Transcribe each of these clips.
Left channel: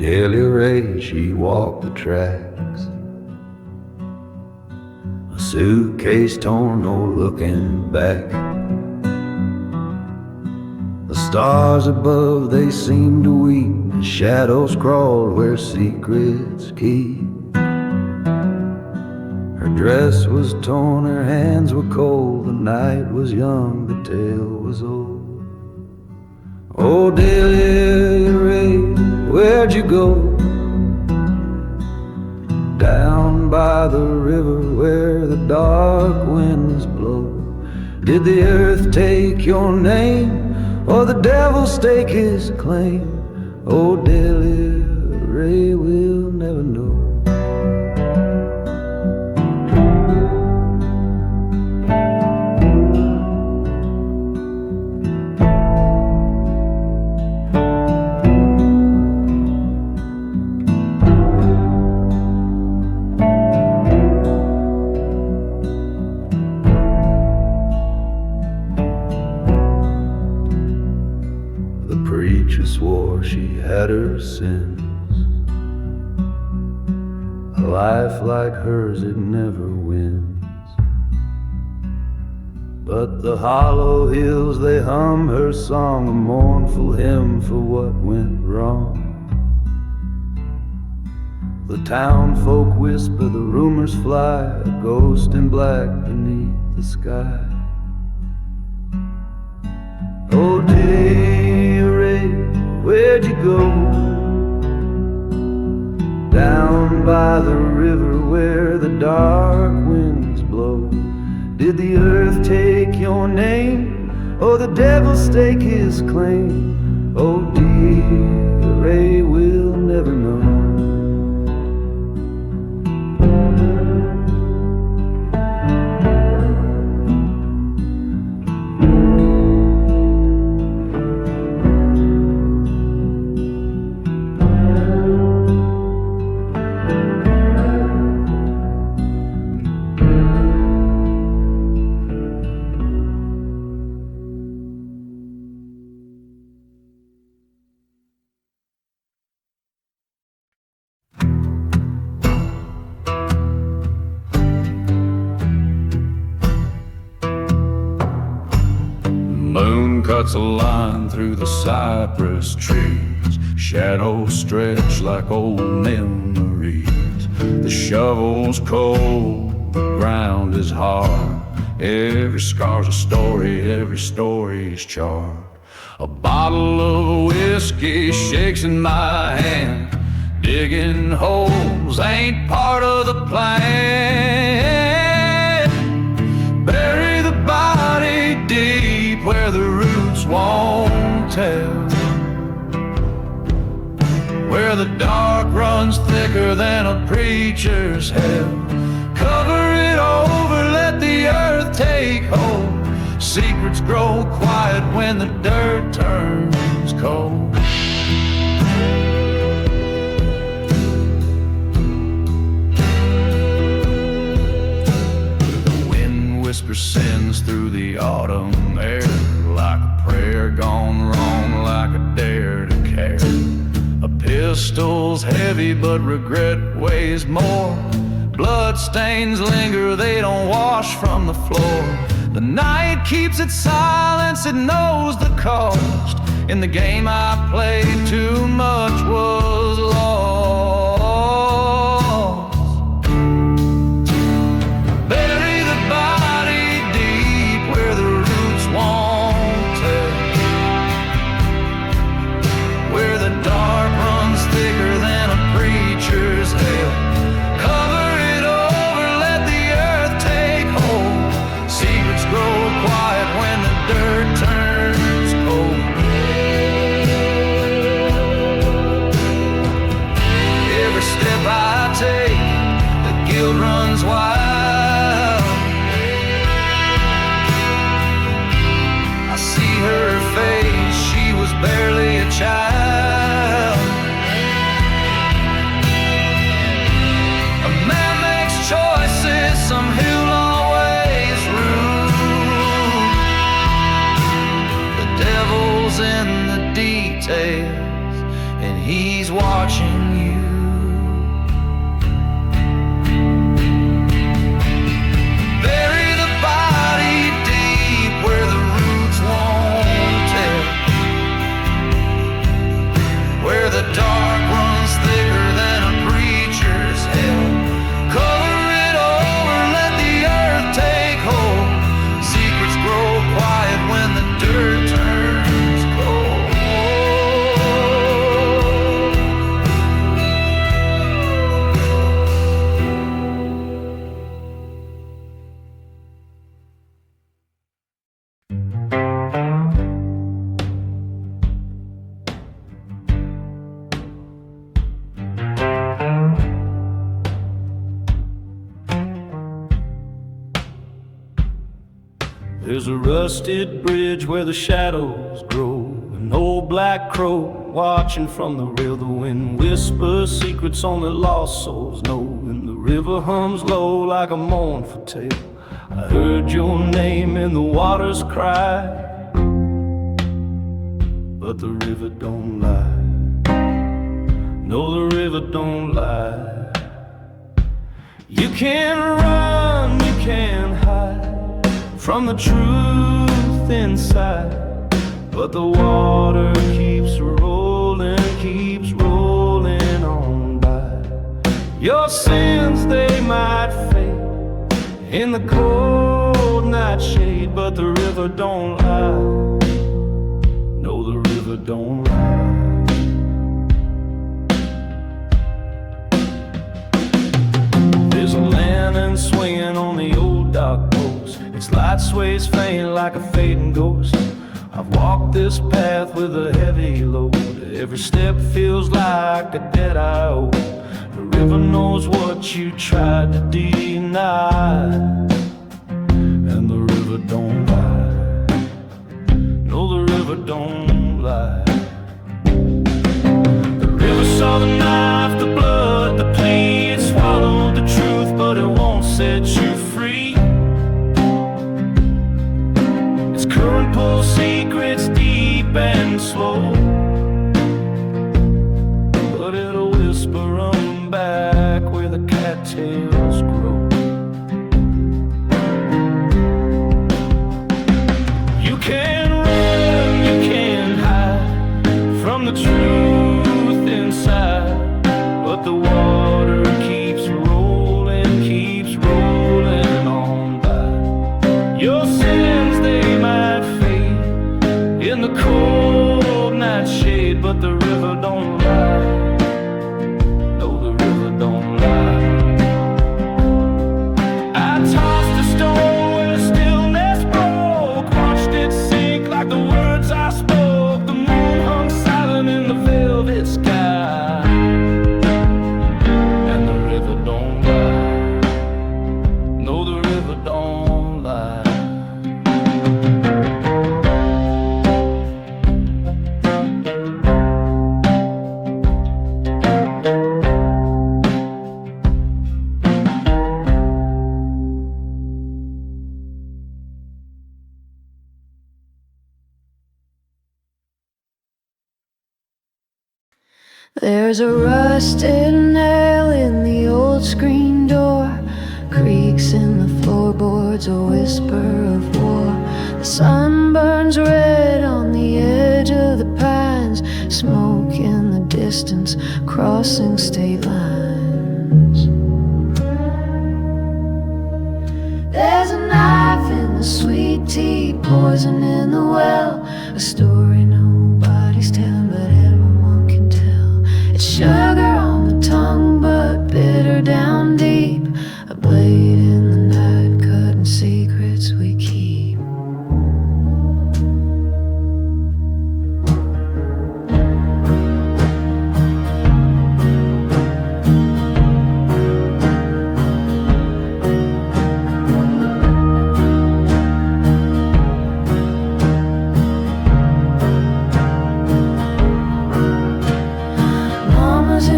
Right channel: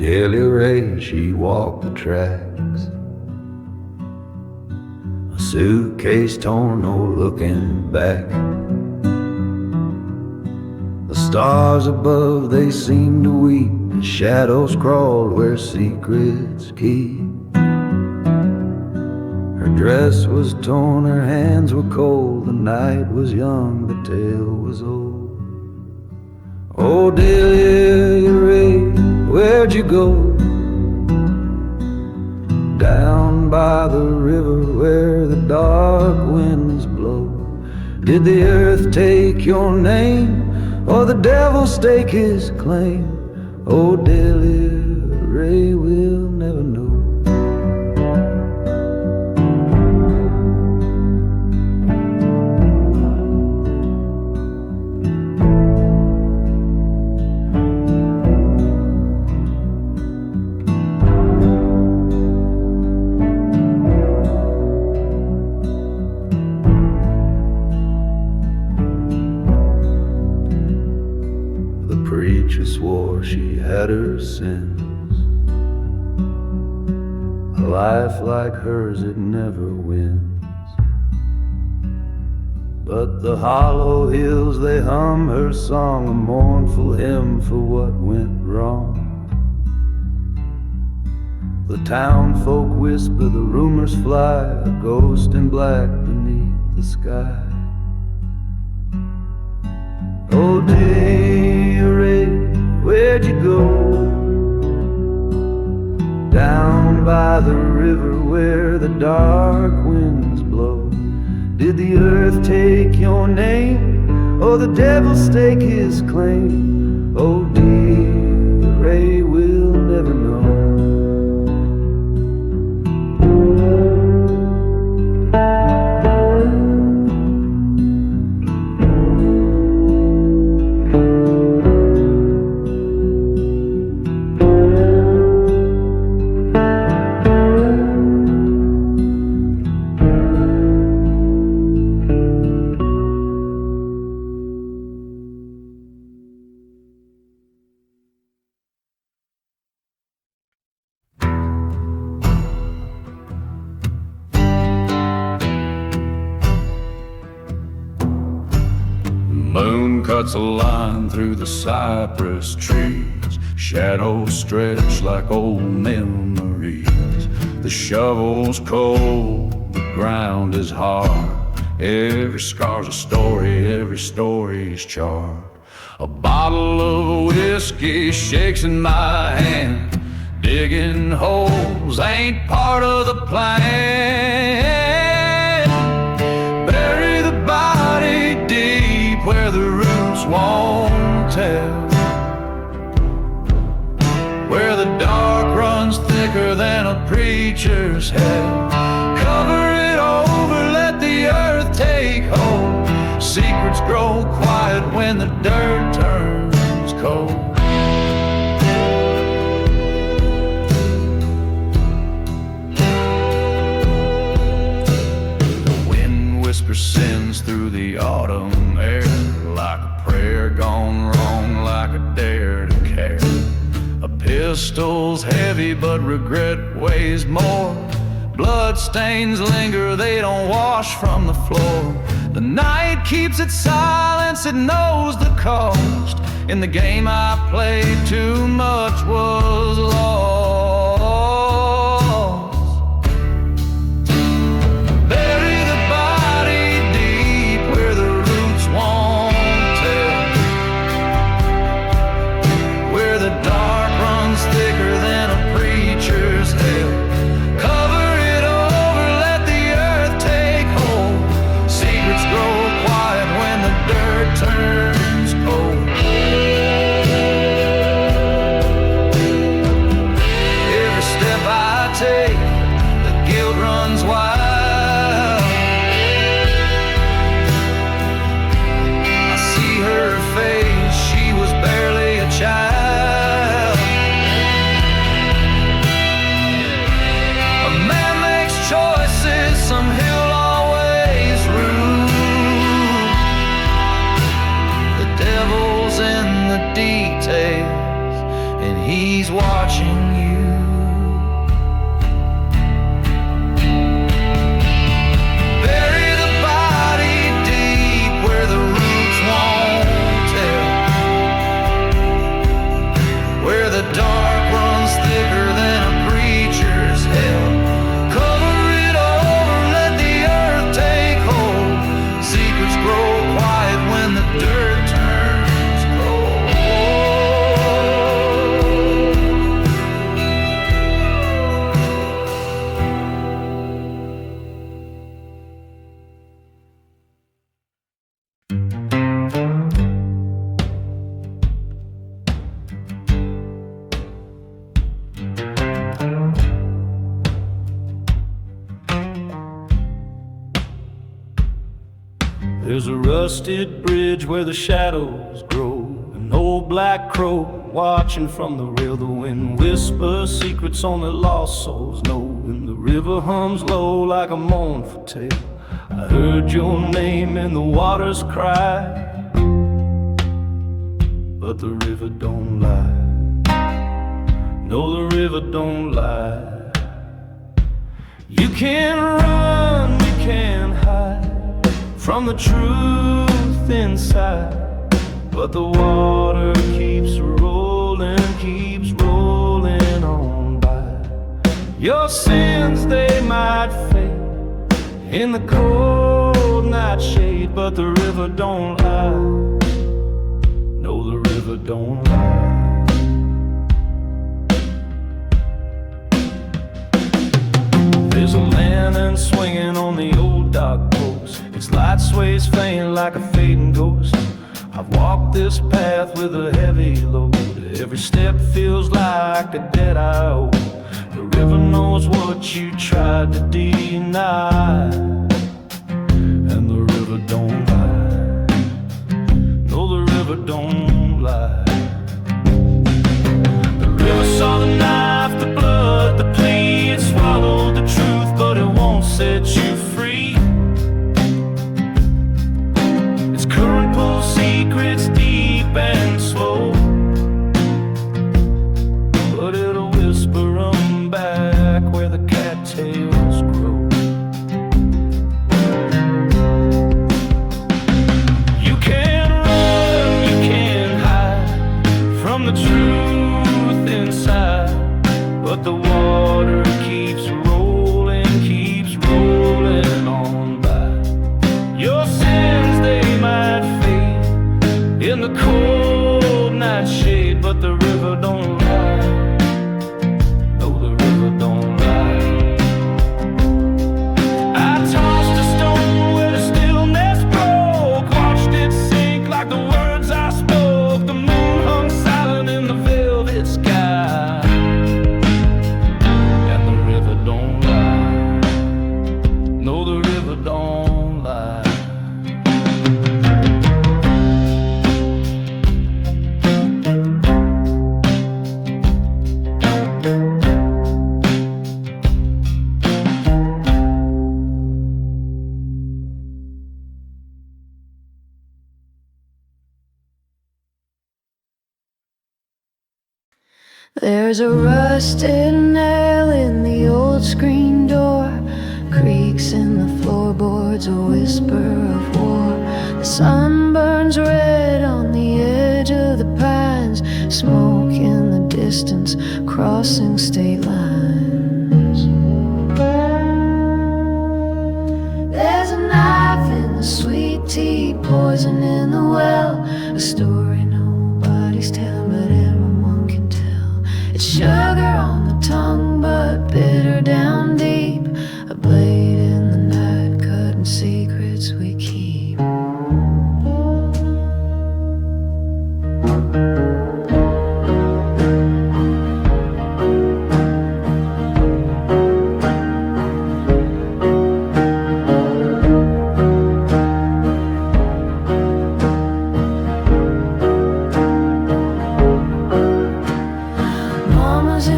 Daily Ray, she walked the tracks, a suitcase torn, no looking back. The stars above, they seemed to weep, the shadows crawled where secrets keep. Her dress was torn, her hands were cold, the night was young, the tale was old. Oh, Delia Ray, where'd you go? Down by the river where the dark winds blow. Did the earth take your name, or the devil stake his claim? Oh, Delia Ray, we'll never know. Preacher swore she had her sins. A life like hers, it never wins. But the hollow hills, they hum her song, a mournful hymn for what went wrong. The town folk whisper, the rumors fly, a ghost in black beneath the sky. Oh, dear Ray, where'd you go? Down by the river where the dark winds blow. Did the earth take your name, or the devil stake his claim? Oh, dear Ray, we'll never know. Moon cuts a line through the cypress trees, shadows stretch like old memories. The shovel's cold, the ground is hard. Every scar's a story, every story's charred. A bottle of whiskey shakes in my hand. Digging holes ain't part of the plan. Bury the body deep where the roots won't tell, where the dark runs thicker than a preacher's hell. Cover it over, let the earth take hold. Secrets grow quiet when the dirt turns cold. Whisper sins through the autumn air, like a prayer gone wrong, like a dare to care. A pistol's heavy, but regret weighs more. Blood stains linger, they don't wash from the floor. The night keeps its silence, it knows the cost. In the game I played, too much was lost. Bury the body deep where the roots won't tell, where the dark runs thicker than a preacher's hell. Cover it over, let the earth take hold. Secrets grow quiet when the dirt turns cold. Every step I take, the guilt runs wild. I see her face, she was barely a child. A man makes choices, some he'll always rue. The devil's in the details, and he's watching you. Bury the body deep where the roots won't tell, where the dark runs thicker than a preacher's hell. Cover it over, let the earth take hold. Secrets grow quiet when the dirt turns cold. There's a rusted bridge where the shadows grow, an old black crow watching from the rail. The wind whispers secrets only lost souls know, and the river hums low like a mournful tale. I heard your name in the water's cry, but the river don't lie. No, the river don't lie. You can run, you can hide from the truth inside, but the water keeps rolling on by. Your sins, they might fade in the cold night shade, but the river don't lie. No, the river don't lie. There's a lantern swinging on the old dock post. Its light sways faint like a fading ghost. I've walked this path with a heavy load. Every step feels like a debt I owe. The river knows what you tried to deny, and the river don't lie. No, the river don't lie. The river saw the knife, the blood, the plea. It swallowed the truth, but it won't set you free. Its current pulls secrets deep and slow, but it'll whisper 'em back where the cattails grow. You can run, you can hide from the truth inside, but the water keeps rolling on by. Your sins, they might fade in the cold night shade, but the river don't lie. No, the river don't lie. I tossed a stone where the stillness broke, watched it sink like the words I spoke. The moon hung silent in the velvet sky, and the river don't lie. No, the river don't lie. There's a rusted nail in the old screen door, creaks in the floorboards, a whisper of war. The sun burns red on the edge of the pines, smoke in the distance, crossing state lines. There's a knife in the sweet tea, poison in the well, a story nobody's telling, but everyone can tell. It's sugar on the tongue, but bitter down deep, a blade in the night, cutting secrets we keep. Mama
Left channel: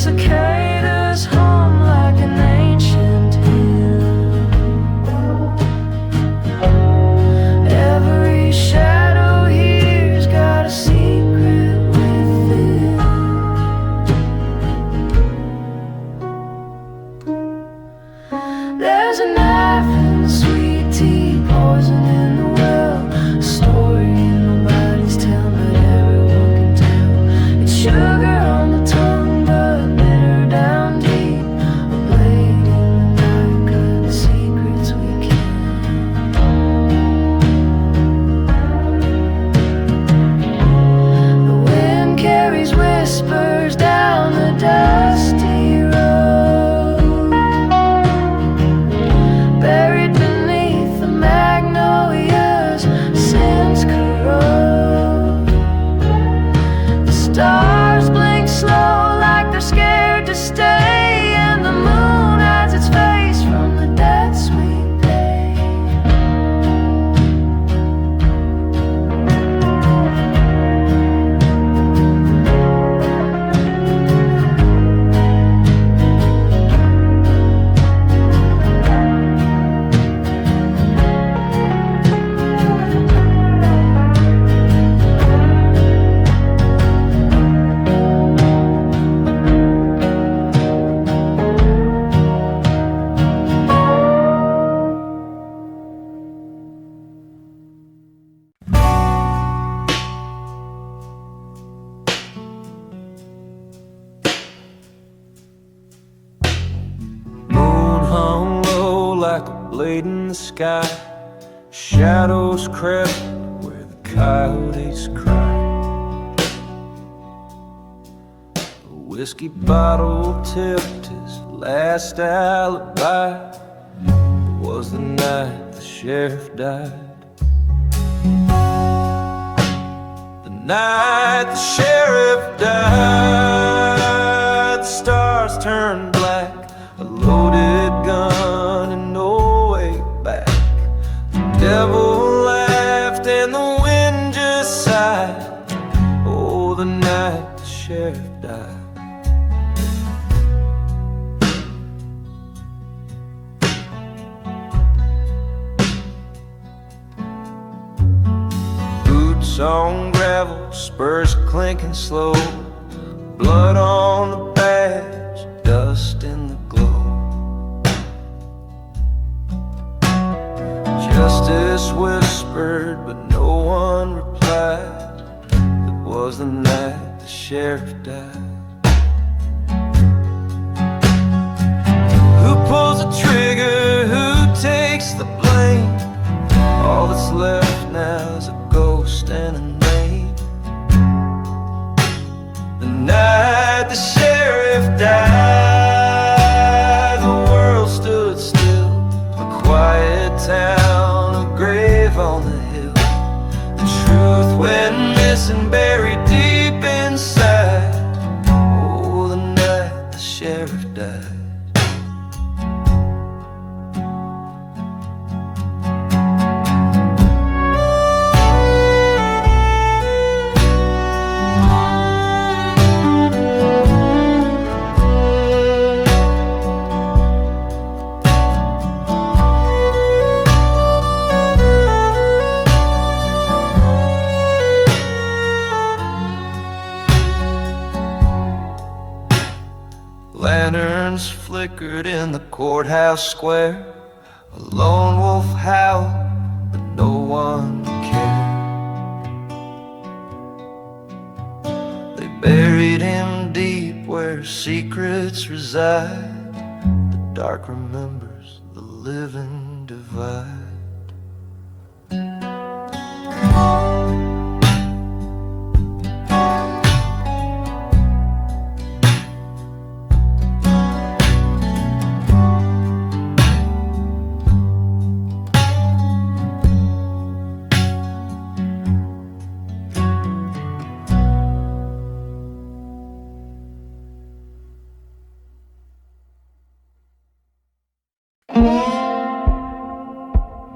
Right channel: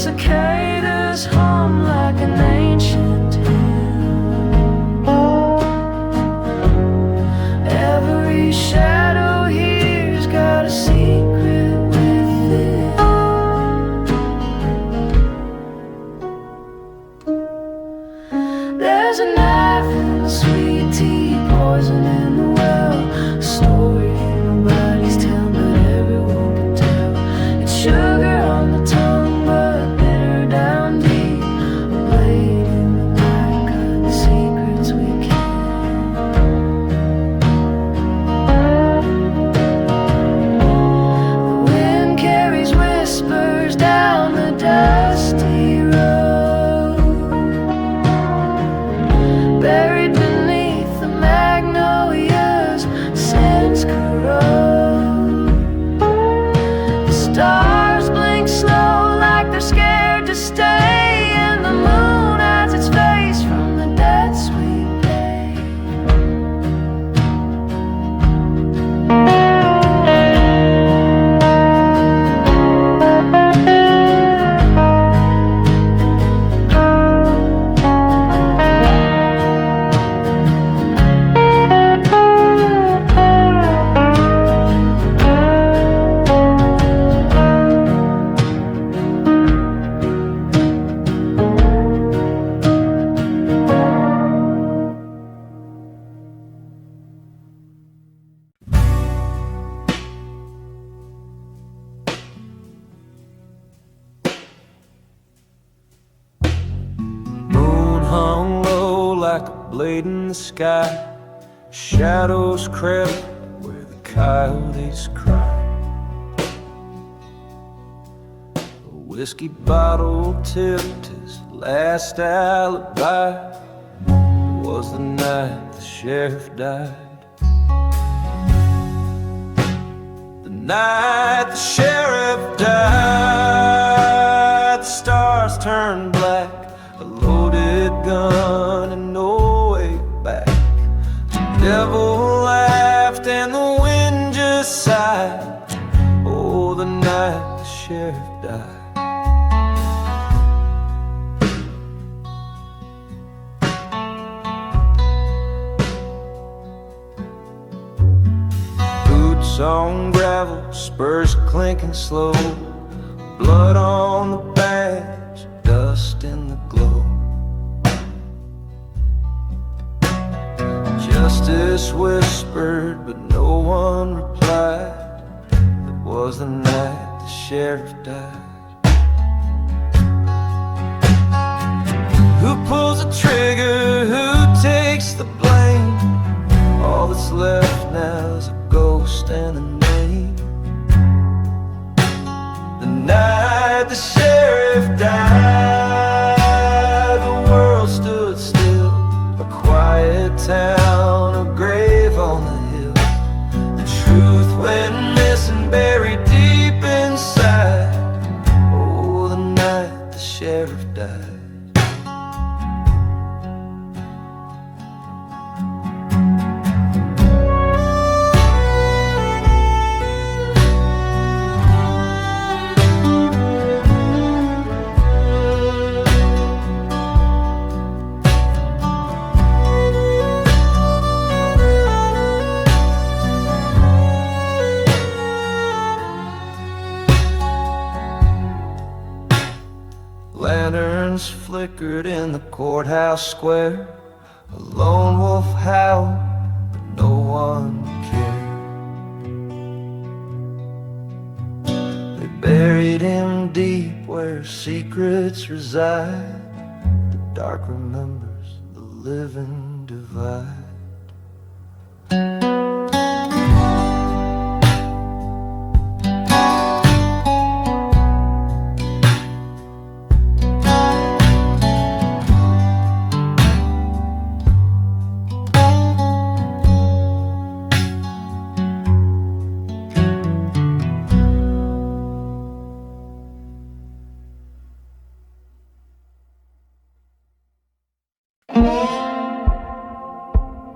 cicadas hum like an ancient hymn. Every shadow here's got a secret within. There's a knife in the sweet tea, poison in the well, a story nobody's telling, but everyone can tell. It's sugar on the tongue, but bitter down deep. A blade in the night, cutting secrets we can't. The wind carries whispers down the dusty road, buried beneath the magnolias, scents corrode. The stars blink slow like they're scared to stay, and the moon hides its face from the debts we pay. Moon hung low like a blade in the sky. Shadows crept where the coyotes cried. A whiskey bottle tipped his last alibi. It was the night the sheriff died. The night the sheriff died. The stars turned black, a loaded gun and no way back. The devil laughed and the wind just sighed. Oh, the night the sheriff died. Boots on gravel, spurs clinking slow, blood on the badge, dust in the glow. Justice whispered, but no one replied. It was the night the sheriff died. Who pulls the trigger? Who takes the blame? All that's left now is a ghost and a name. The night the sheriff died, the world stood still, a quiet town, a grave on the hill. The truth went missing, buried deep inside. Oh, the night the sheriff died. Lanterns flickered in the courthouse square. A lone wolf howled, but no one cared. They buried him deep where secrets reside. The dark remembers, the living divide.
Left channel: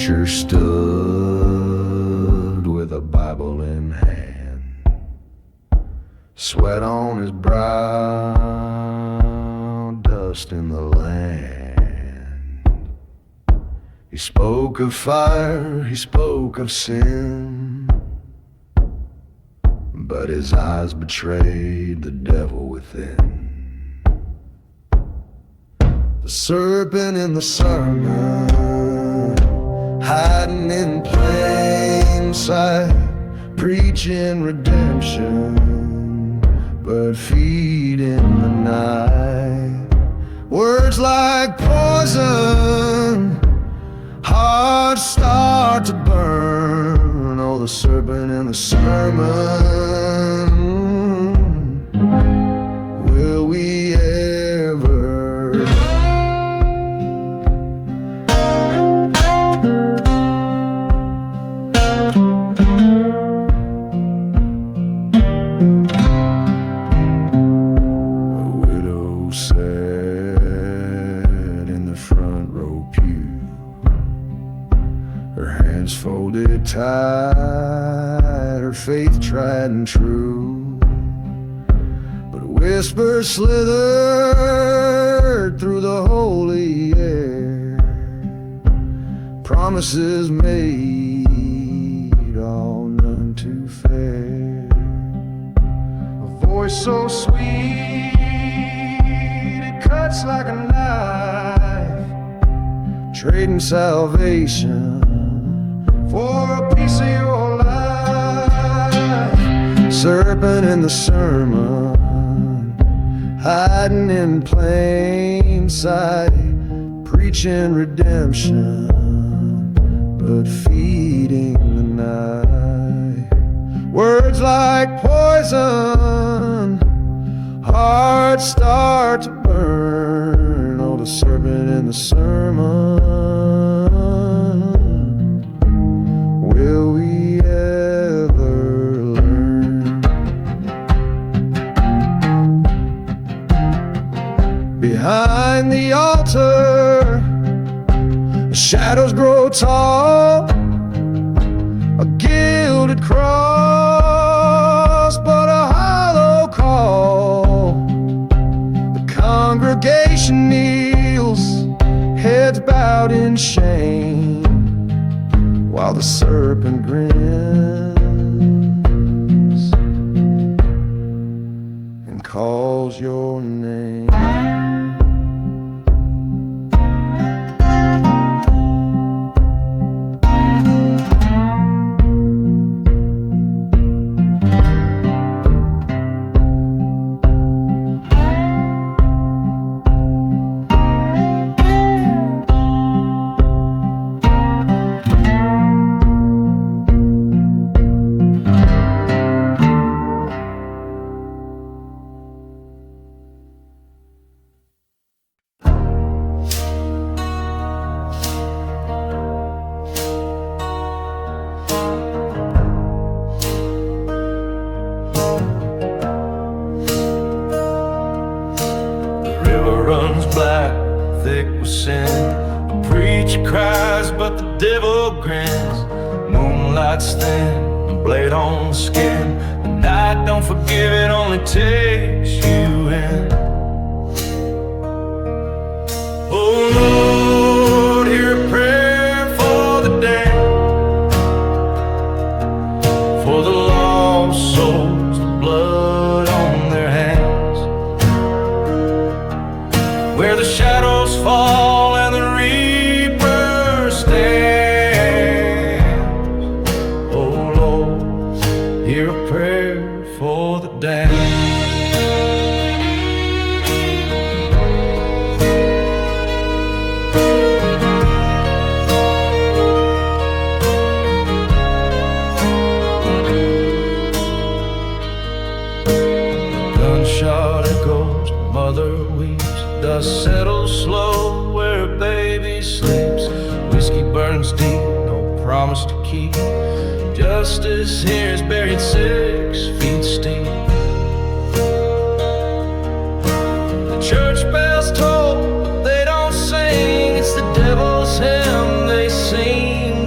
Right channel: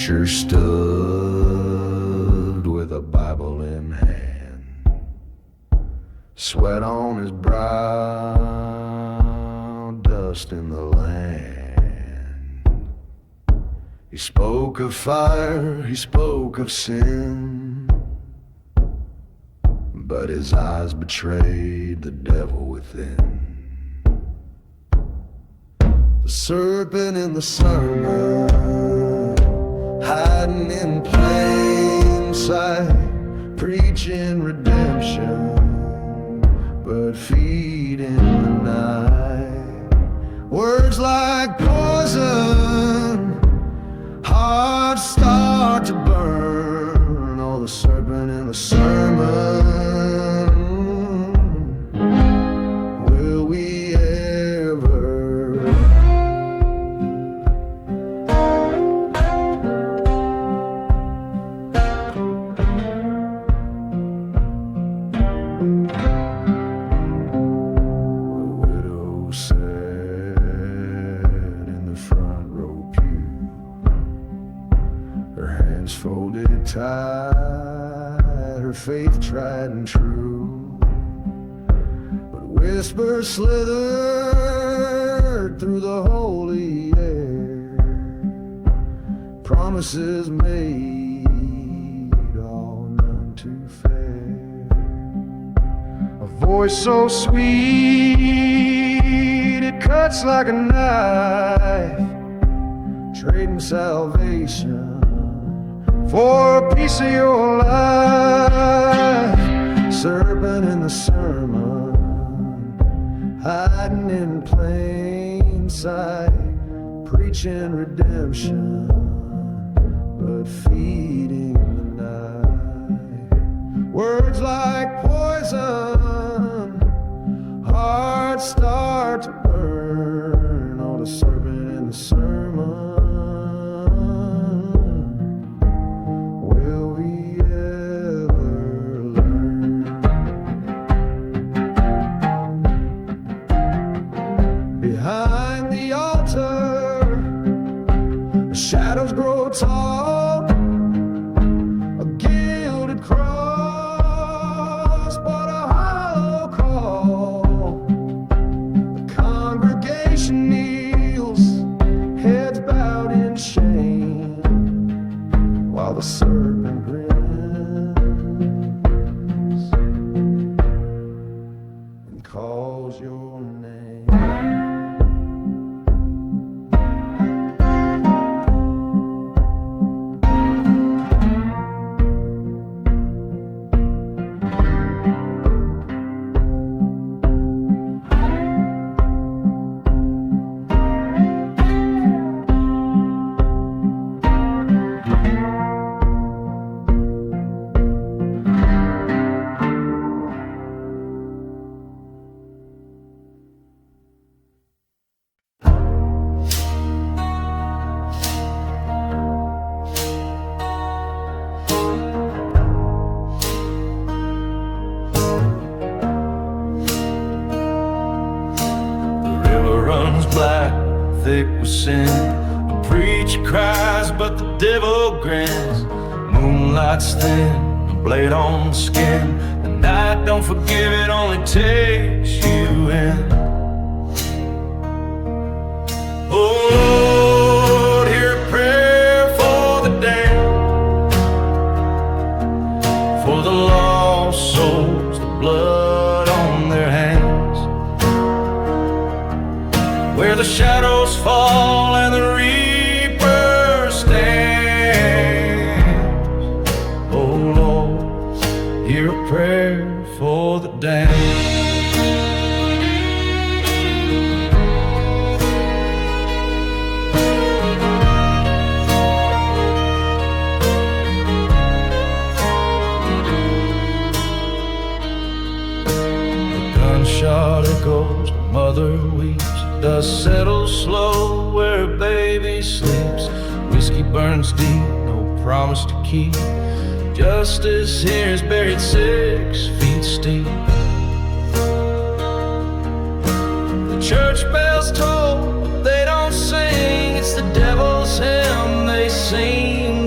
preacher stood with a Bible in hand, sweat on his brow, dust in the land. He spoke of fire, he spoke of sin, but his eyes betrayed the devil within. The serpent in the sermon, hiding in plain sight, preaching redemption, but feeding the night. Words like poison, hearts start to burn. Oh, the serpent in the sermon, will we ever? Sat in the front row pew, her hands folded tight, her faith tried and true, but whispers slithered through the holy air, promises made, all none too fair. A voice so sweet it cuts like a knife, trading salvation for a piece of your life. Serpent in the sermon, hiding in plain sight, preaching redemption, but feeding the night. Words like poison, hearts start to burn. Oh, the serpent in the sermon, will we ever learn? Behind the altar, the shadows grow tall, a gilded cross, but a hollow call. The congregation kneels, heads bowed in shame, while the serpent grins and calls your name. Runs black, thick with sin. A preacher cries, but the devil grins. Moonlight's thin, a blade on the skin. The night don't forgive, it only takes you in. Oh Lord, hear a prayer for the damned, for the lost souls, the blood on their hands. Where the shadows fall and the reaper stands. Oh Lord, hear a prayer for the damned. The gunshot echoes, the mother weeps. Dust settles slow where a baby sleeps. Whiskey burns deep, no promise to keep. Justice here is buried 6 feet steep. The church bells toll, but they don't sing. It's the devil's hymn they sing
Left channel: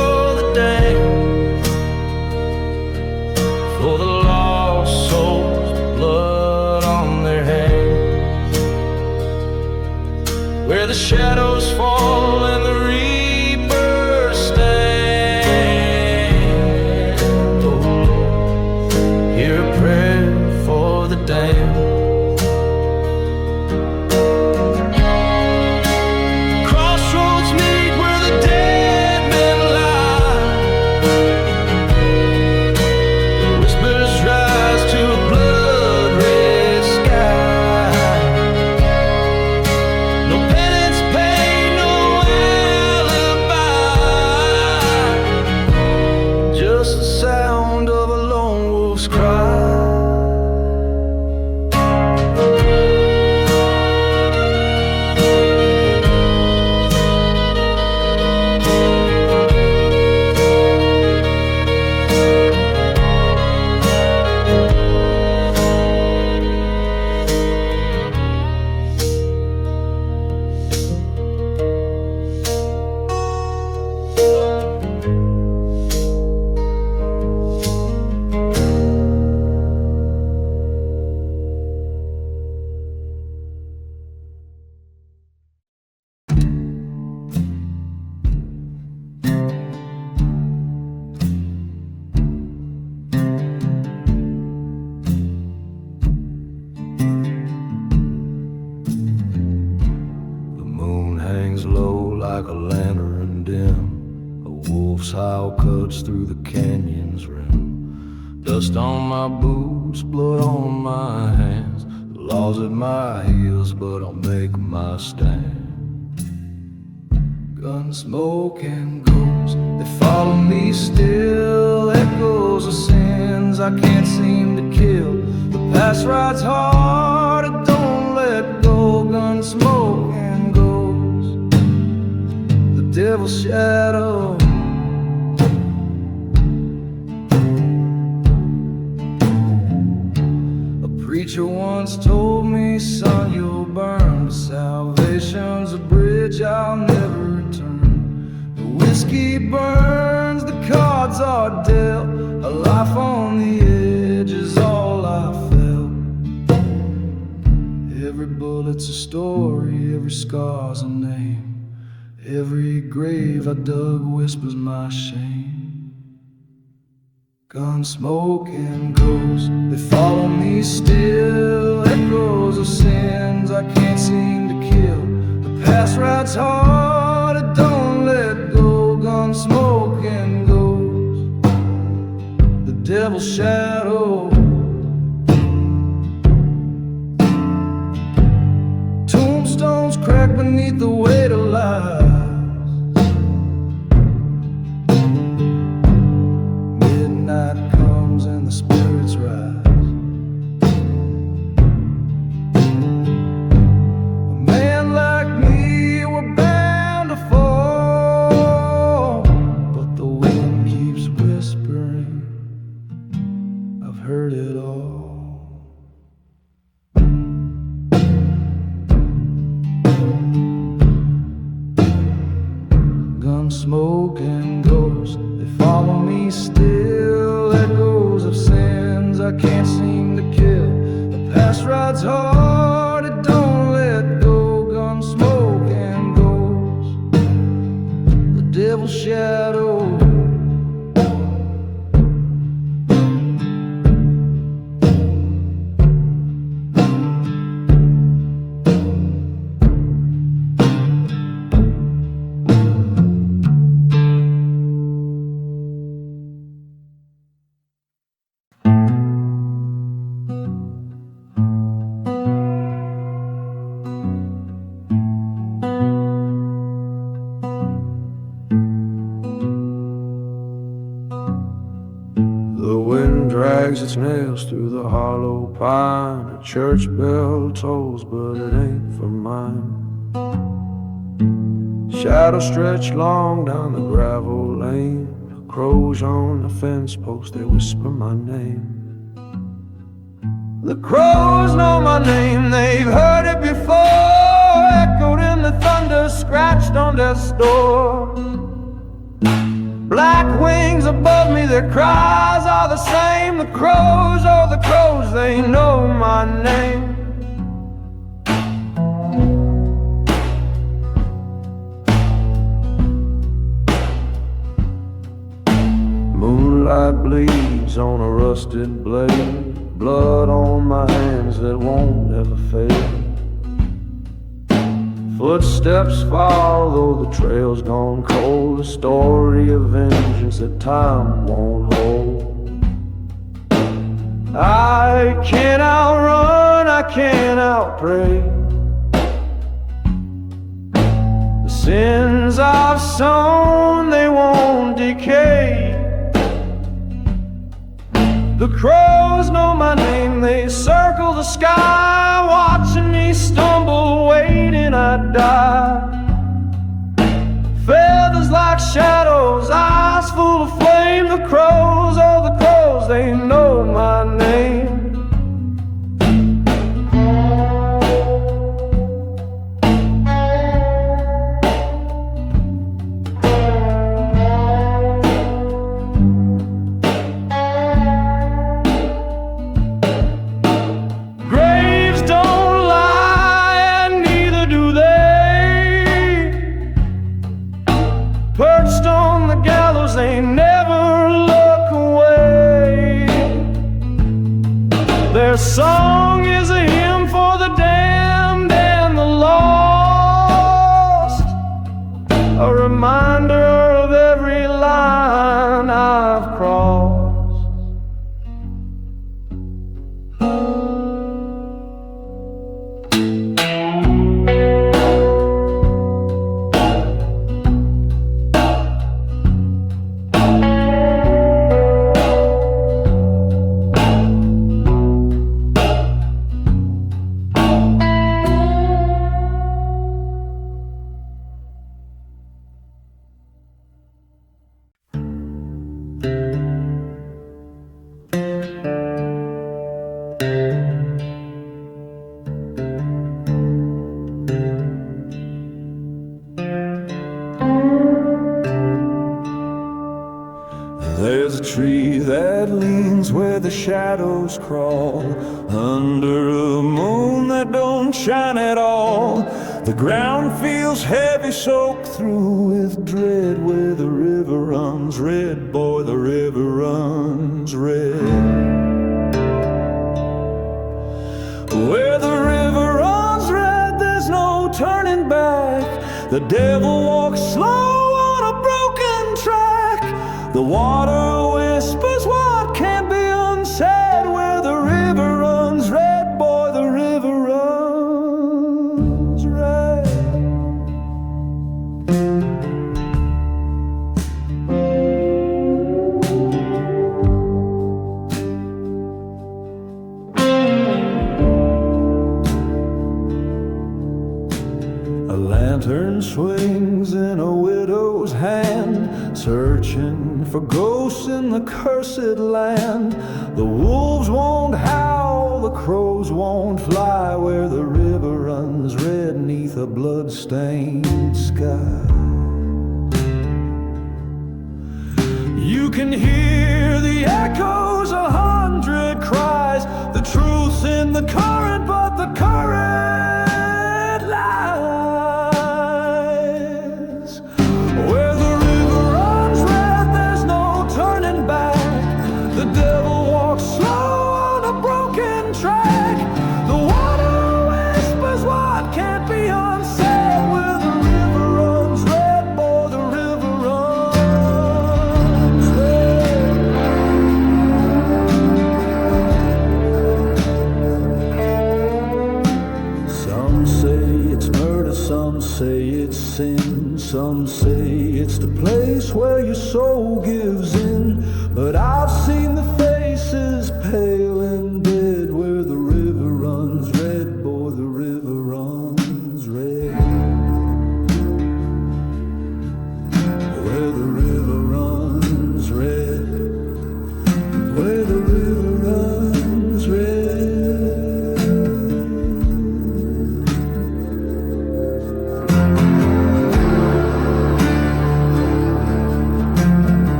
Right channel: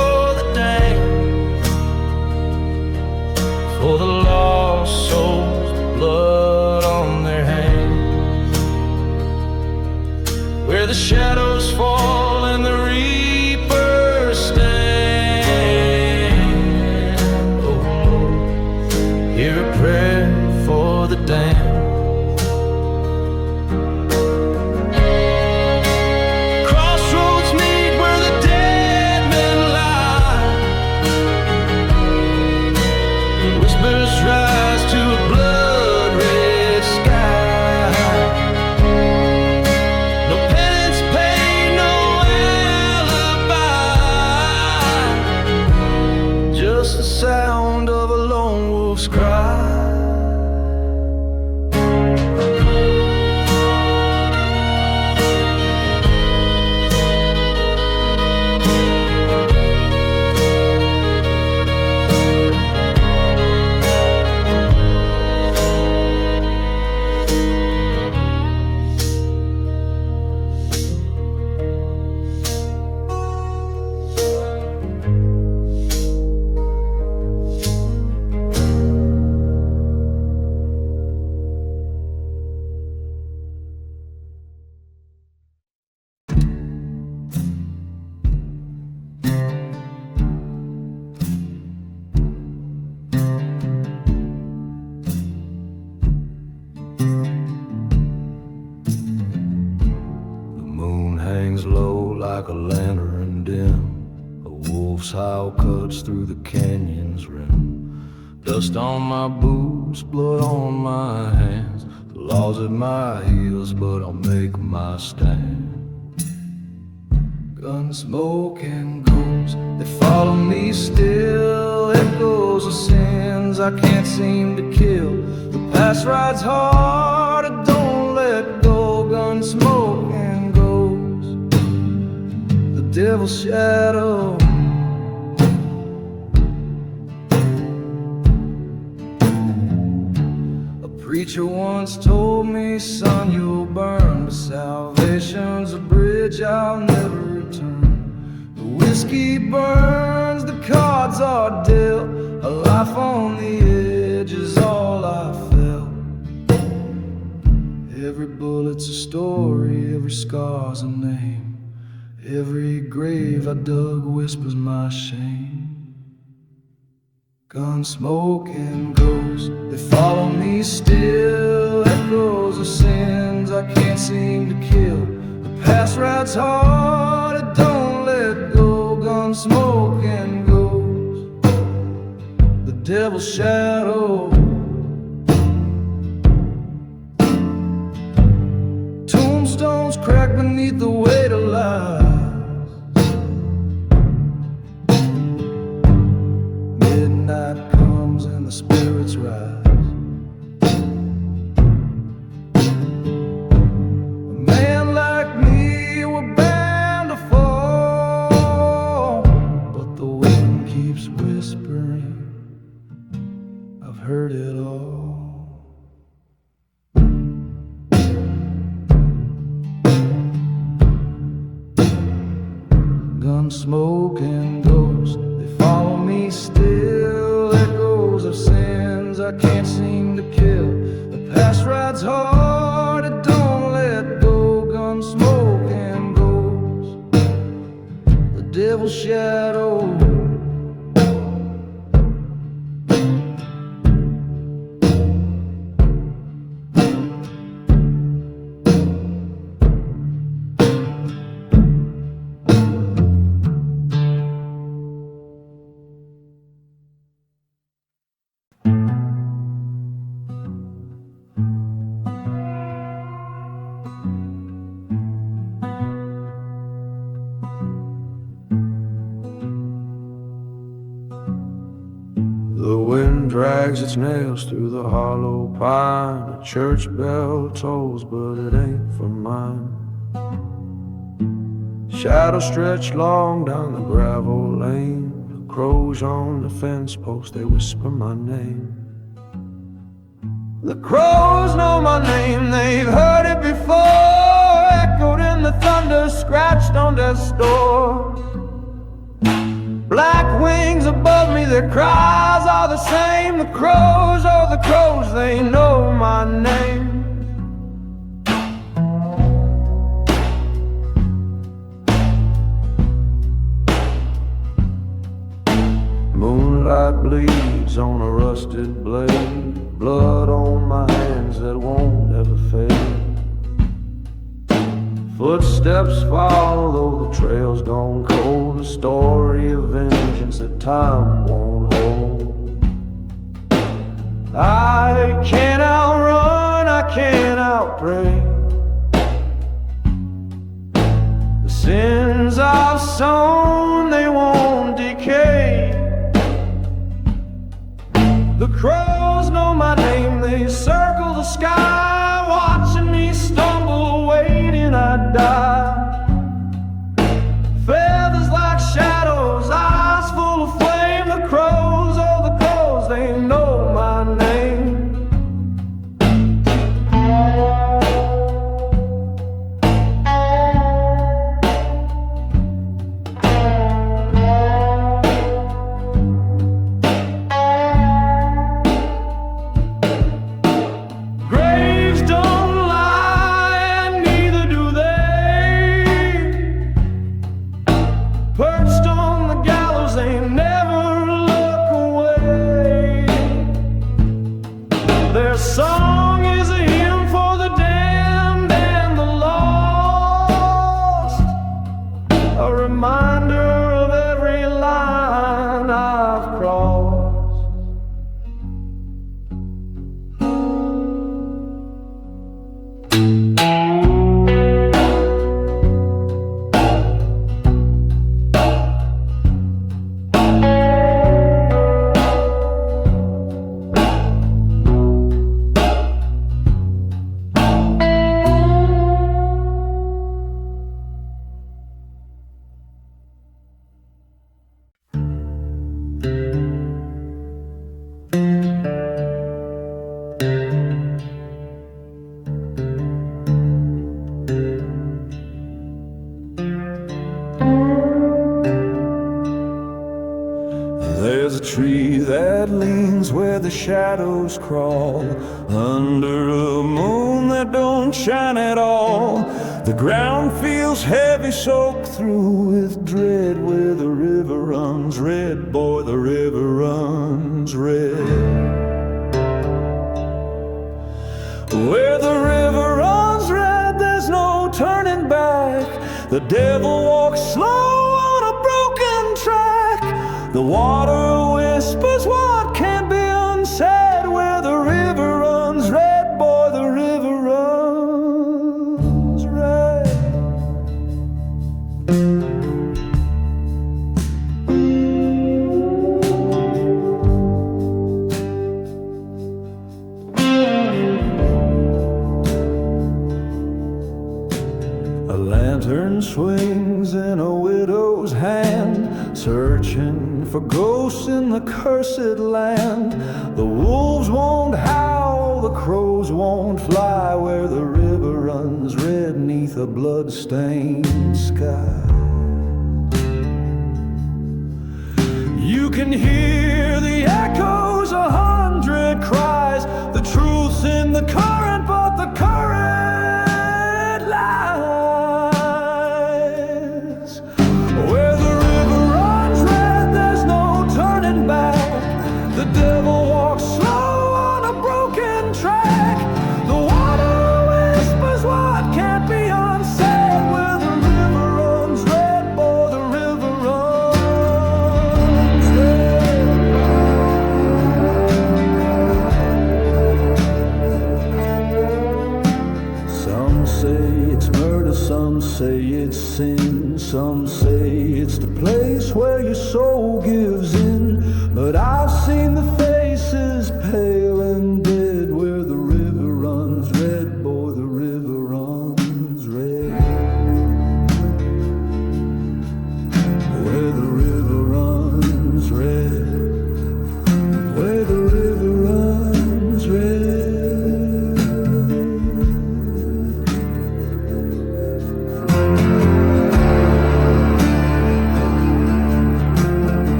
for the lost souls, the blood on their hands, where the shadows fall and the reapers stand. Oh Lord, hear a prayer for the damned. Crossroads meet where the dead men lie. The whispers rise to a blood-red sky. No penance paid, no alibi, just the sound of a lone wolf's cry. Like a lantern dim, a wolf's howl cuts through the canyon's rim. Dust on my boots, blood on my hands, the laws at my heels, but I'll make my stand. Gun smoke and ghosts, they follow me still, echoes of sins I can't seem to kill. The past rides hard, I don't let go. Gun smoke and ghosts, devil's shadow. A preacher once told me, son, you'll burn, but salvation's a bridge I'll never return. The whiskey burns, the cards are dealt, a life on the edge is all I felt. Every bullet's a story, every scar's a name, every grave I dug whispers my shame. Gun smoke and ghosts, they follow me still, echoes of sins I can't seem to kill. The past rides hard, I don't let go. Gun smoke and ghosts, the devil's shadow. Tombstones crack beneath the weight of lies. Midnight comes and the spirits rise. A man like me, we're bound to fall, but the wind keeps whispering, I've heard it all. Gun smoke and ghosts, they follow me still, echoes of sins I can't seem to kill. The past rides hard, it don't let go. Gun smoke and ghosts, the devil's shadow. The wind drags its nails through the hollow pine. A church bell tolls, but it ain't for mine. Shadows stretch long down the gravel lane. The crows on the fence post, they whisper my name. The crows know my name, they've heard it before, echoed in the thunder, scratched on their door. Black wings above me, their cries are the same. The crows, oh the crows, they know my name. Moonlight bleeds on a rusted blade, blood on my hands that won't ever fade. Footsteps follow though the trail's gone cold, a story of vengeance that time won't hold. I can't outrun, I can't outpray the sins I've sown, they won't decay. The crows know my name, they circle the sky, watching me stumble, waiting I die. Feathers like shadows, eyes full of flame. The crows, oh the crows, they know my name. Perched on the gallows, they never look away. Their song is a hymn for the damned and the lost, a reminder of every line I've crossed. There's a tree that leans where the shadows crawl, under a moon that don't shine at all. The ground feels heavy, soaked through with dread, where the river runs red, boy, the river runs red. Where the river runs red, there's no turning back. The devil walks slow on a broken track. The water whispers what can't be unsaid, where the river runs red, boy, the river runs red. A lantern swings in a widow's hand, searching for ghosts in the cursed land. The wolves won't howl, the crows won't fly, where the river runs red neath a blood-stained sky. You can hear the echoes, 100 cries. The truth's in the current, but the current lies. Where the river runs red, there's no turning back. The devil walks slow on a broken track. The water whispers what can't be unsaid, where the river runs red, boy, the river runs red. Some say it's murder, some say it's sin, some say it's the place where your soul gives in. But I've seen the faces pale and dead, where the river runs red, boy, the river runs red. Where the river runs red, where the river runs red.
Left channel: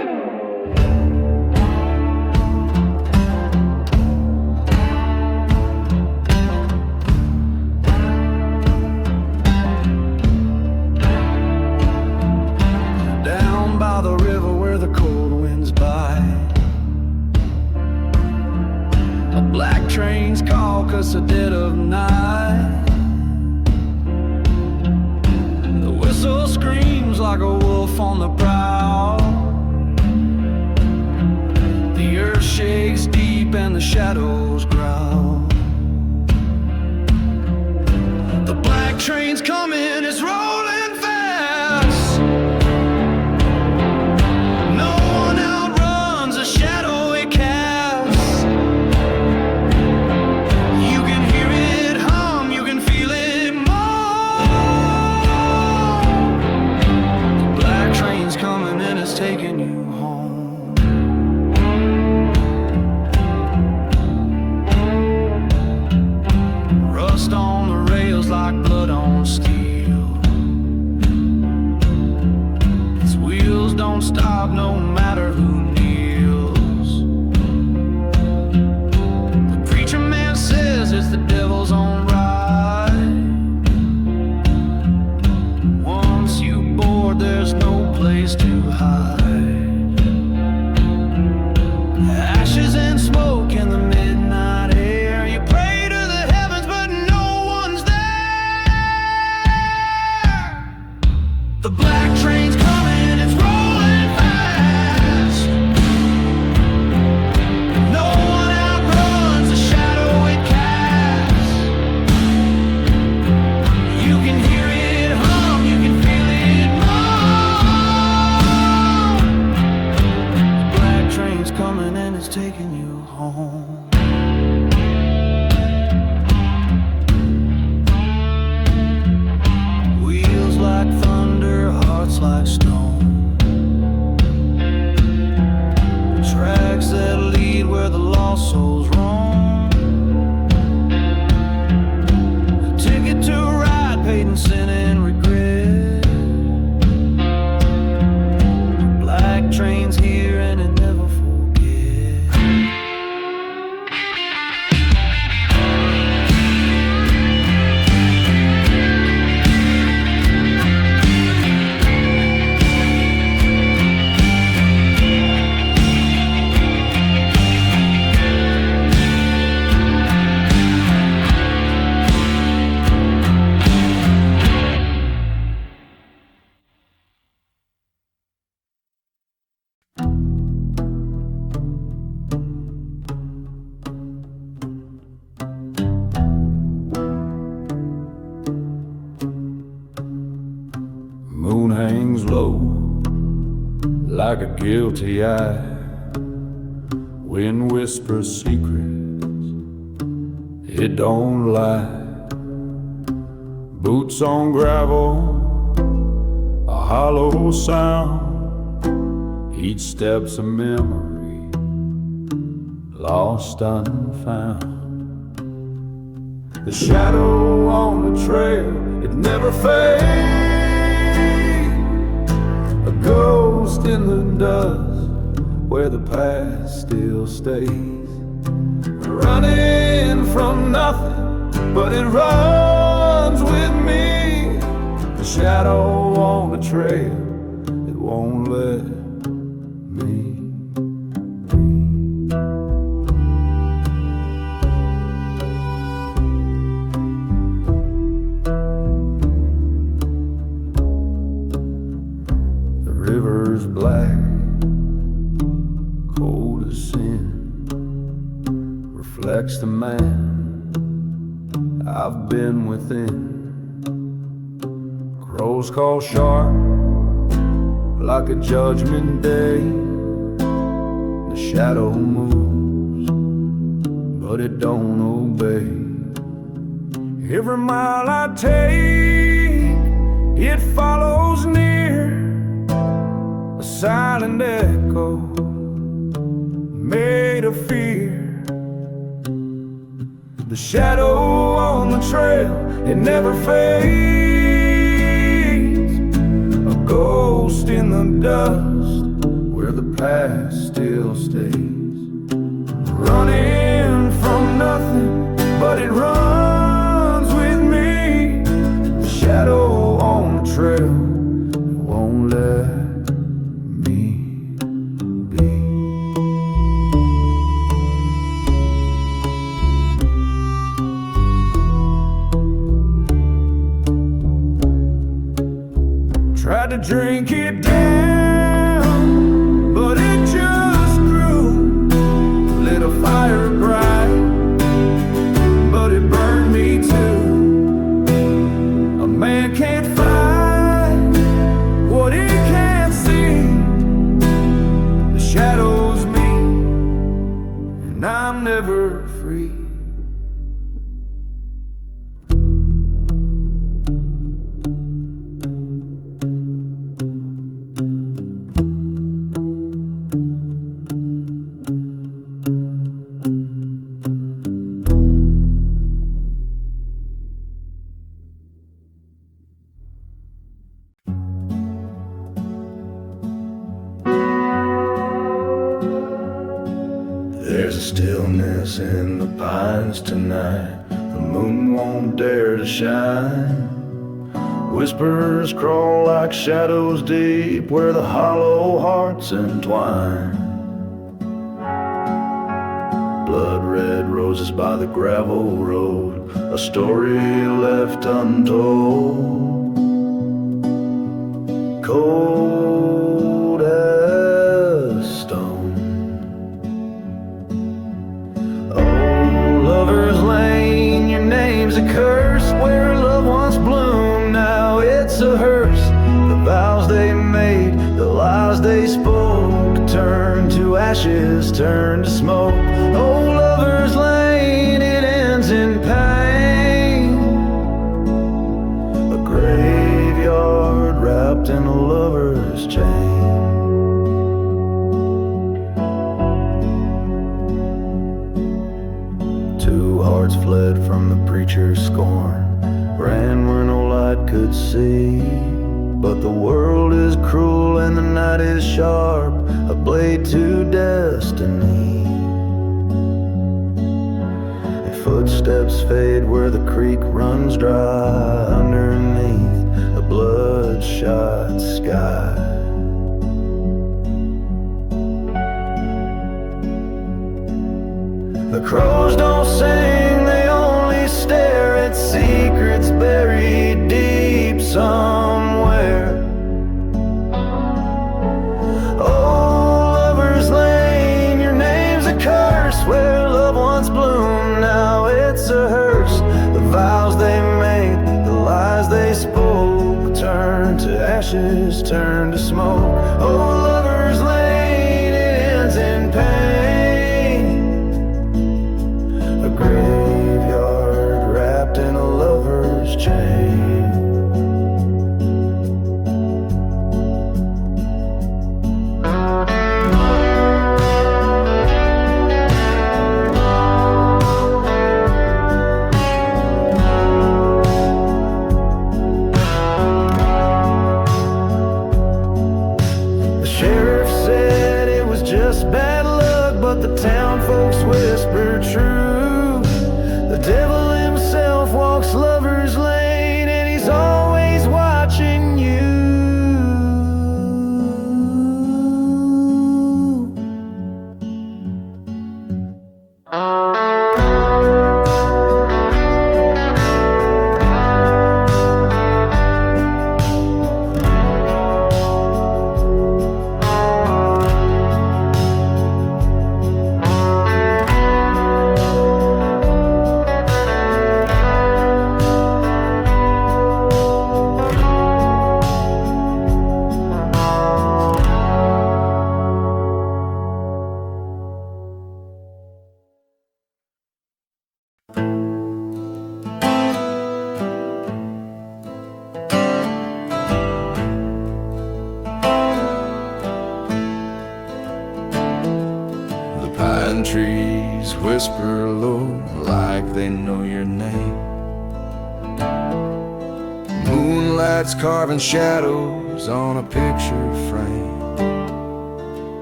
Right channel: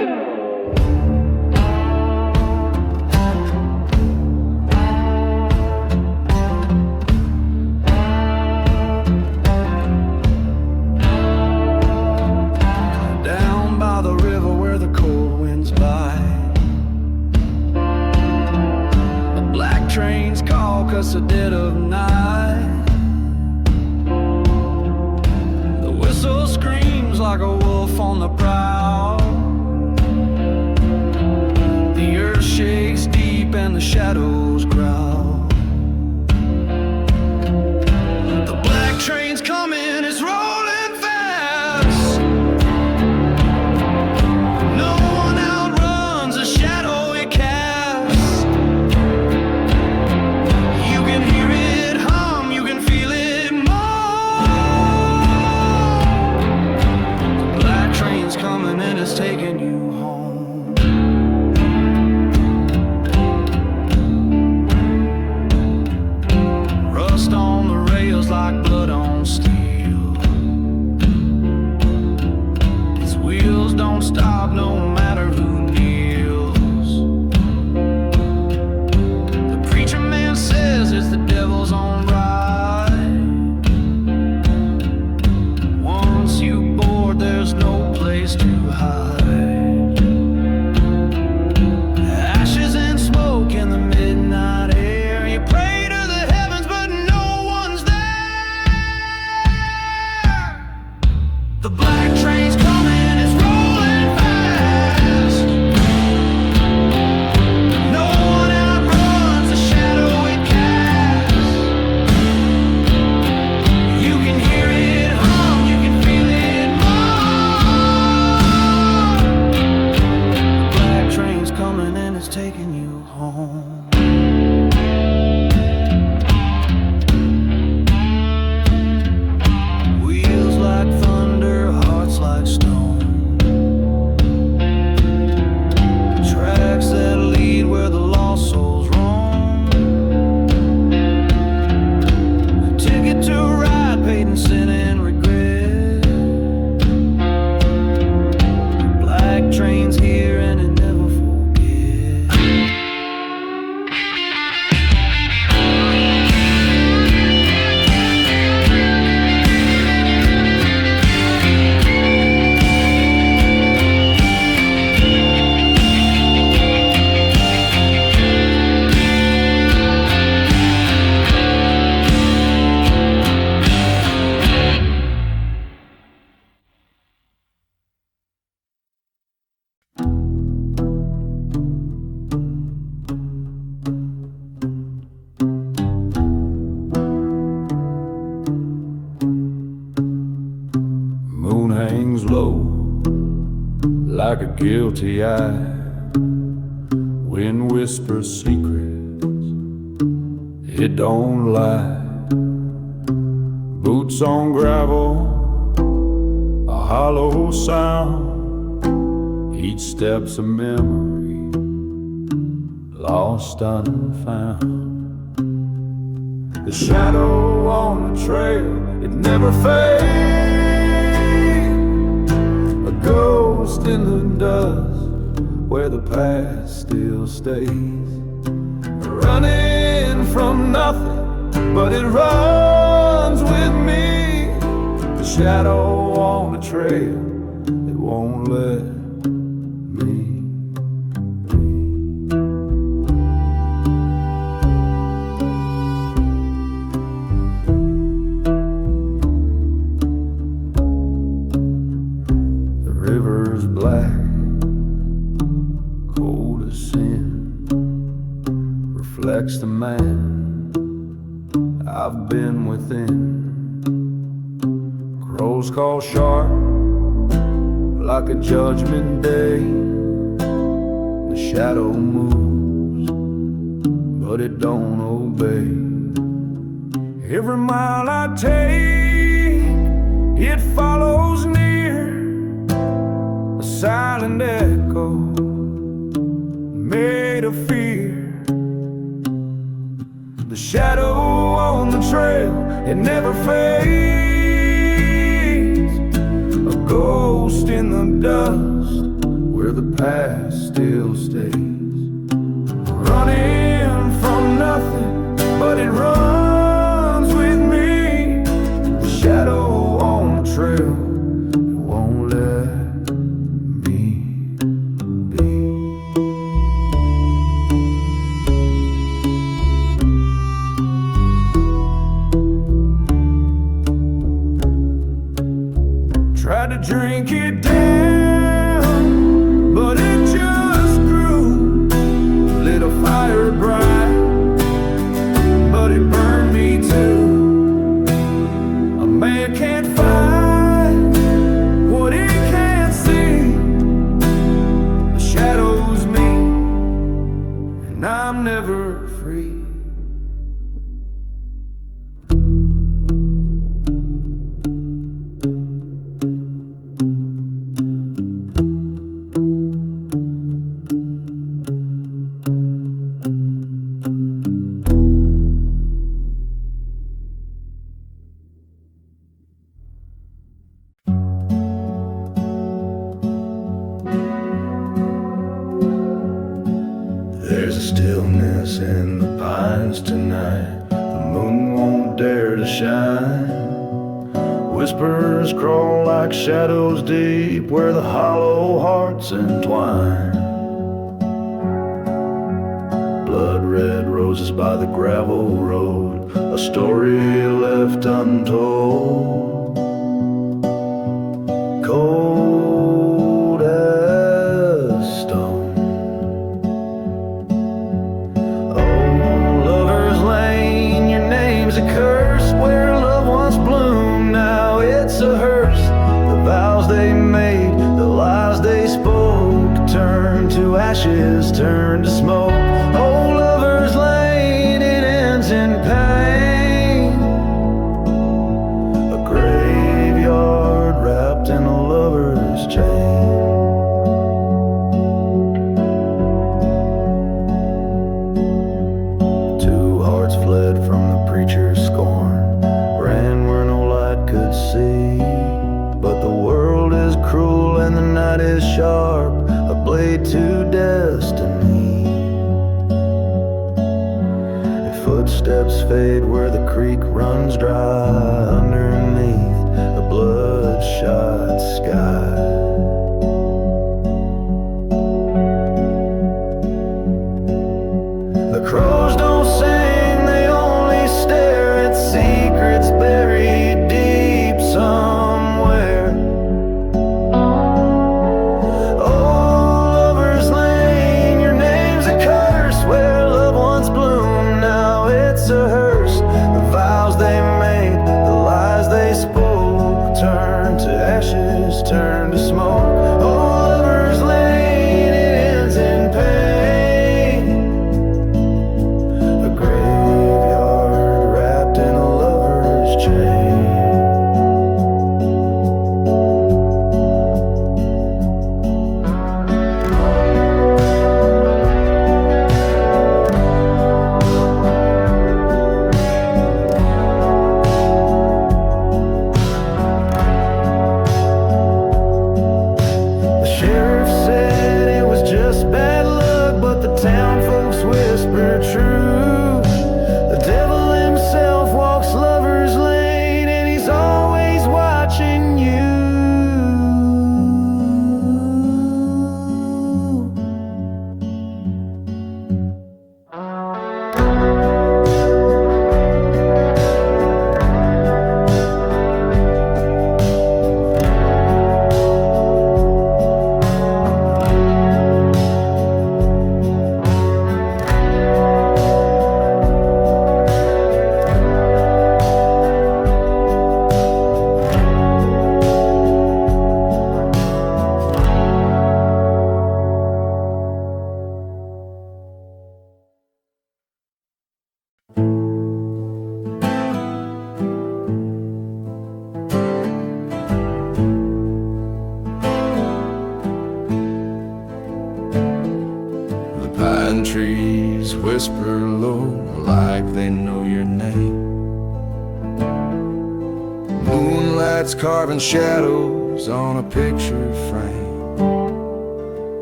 Down by the river where the cold winds bite, a black train's call 'cause the dead of night. The whistle screams like a wolf on the prowl. The earth shakes deep and the shadows growl. The black train's coming, it's rolling fast. No one outruns the shadow it casts. You can hear it hum, you can feel it moan. The black train's coming and it's taking you home. Rust on the rails like blood on steel. Its wheels don't stop no matter who kneels. The preacher man says it's the devil's own ride. Once you board, there's no place to hide. Ashes and smoke in the midnight air. You pray to the heavens, but no one's there. The black train's coming, it's rolling fast. No one outruns the shadow it casts. You can hear it hum, you can feel it moan. The black train's coming and it's taking you home. Wheels like thunder, hearts like stone. Tracks that lead where the lost souls roam. A ticket to ride, paid in sin and regret. Black train's here and it never forgets. Moon hangs low like a guilty eye. Wind whispers secrets, it don't lie. Boots on gravel, a hollow sound. Each step's a memory, lost unfound. The shadow on the trail, it never fades. A ghost in the dust where the past still stays. Running from nothing, but it runs with me. The shadow on the trail, it won't let me. River's black, cold as sin, reflects the man I've been within. Crows call sharp like a judgment day. The shadow moves, but it don't obey. Every mile I take, it follows near. A silent echo made of fear. The shadow on the trail, it never fades. A ghost in the dust where the past still stays. Running from nothing, but it runs with me. The shadow on the trail, it won't let me be. Tried to drink it down, but it just grew. Lit a fire bright, but it burned me too. A man can't fight what he can't see. The shadow's me, and I'm never free. There's a stillness in the pines tonight. The moon won't dare to shine. Whispers crawl like shadows deep where the hollow hearts entwine. Blood red roses by the gravel road, a story left untold. Cold as stone. A curse where love once bloomed, now it's a hearse. The vows they made, the lies they spoke, turn to ashes, turn to smoke. Oh, lover's lane, it ends in pain. A graveyard wrapped in a lover's chain. Hearts fled from the preacher's scorn, ran where no light could see. But the world is cruel and the night is sharp, a blade to destiny. Footsteps fade where the creek runs dry, underneath a bloodshot sky. The crows don't sing, they only stare at secrets buried deep somewhere. Oh, lover's lane, your name's a curse. Where love once bloomed, now it's a hearse. The vows they made, the lies they spoke, turn to ashes, turn to smoke. Oh, lover's lane, it ends in pain. A graveyard wrapped in a lover's chain. The sheriff said it was just bad luck, but the town folks whispered true. The devil himself walks lover's lane, and he's always watching you. The pine trees whisper low like they know your name. Moonlight's carving shadows on a picture frame.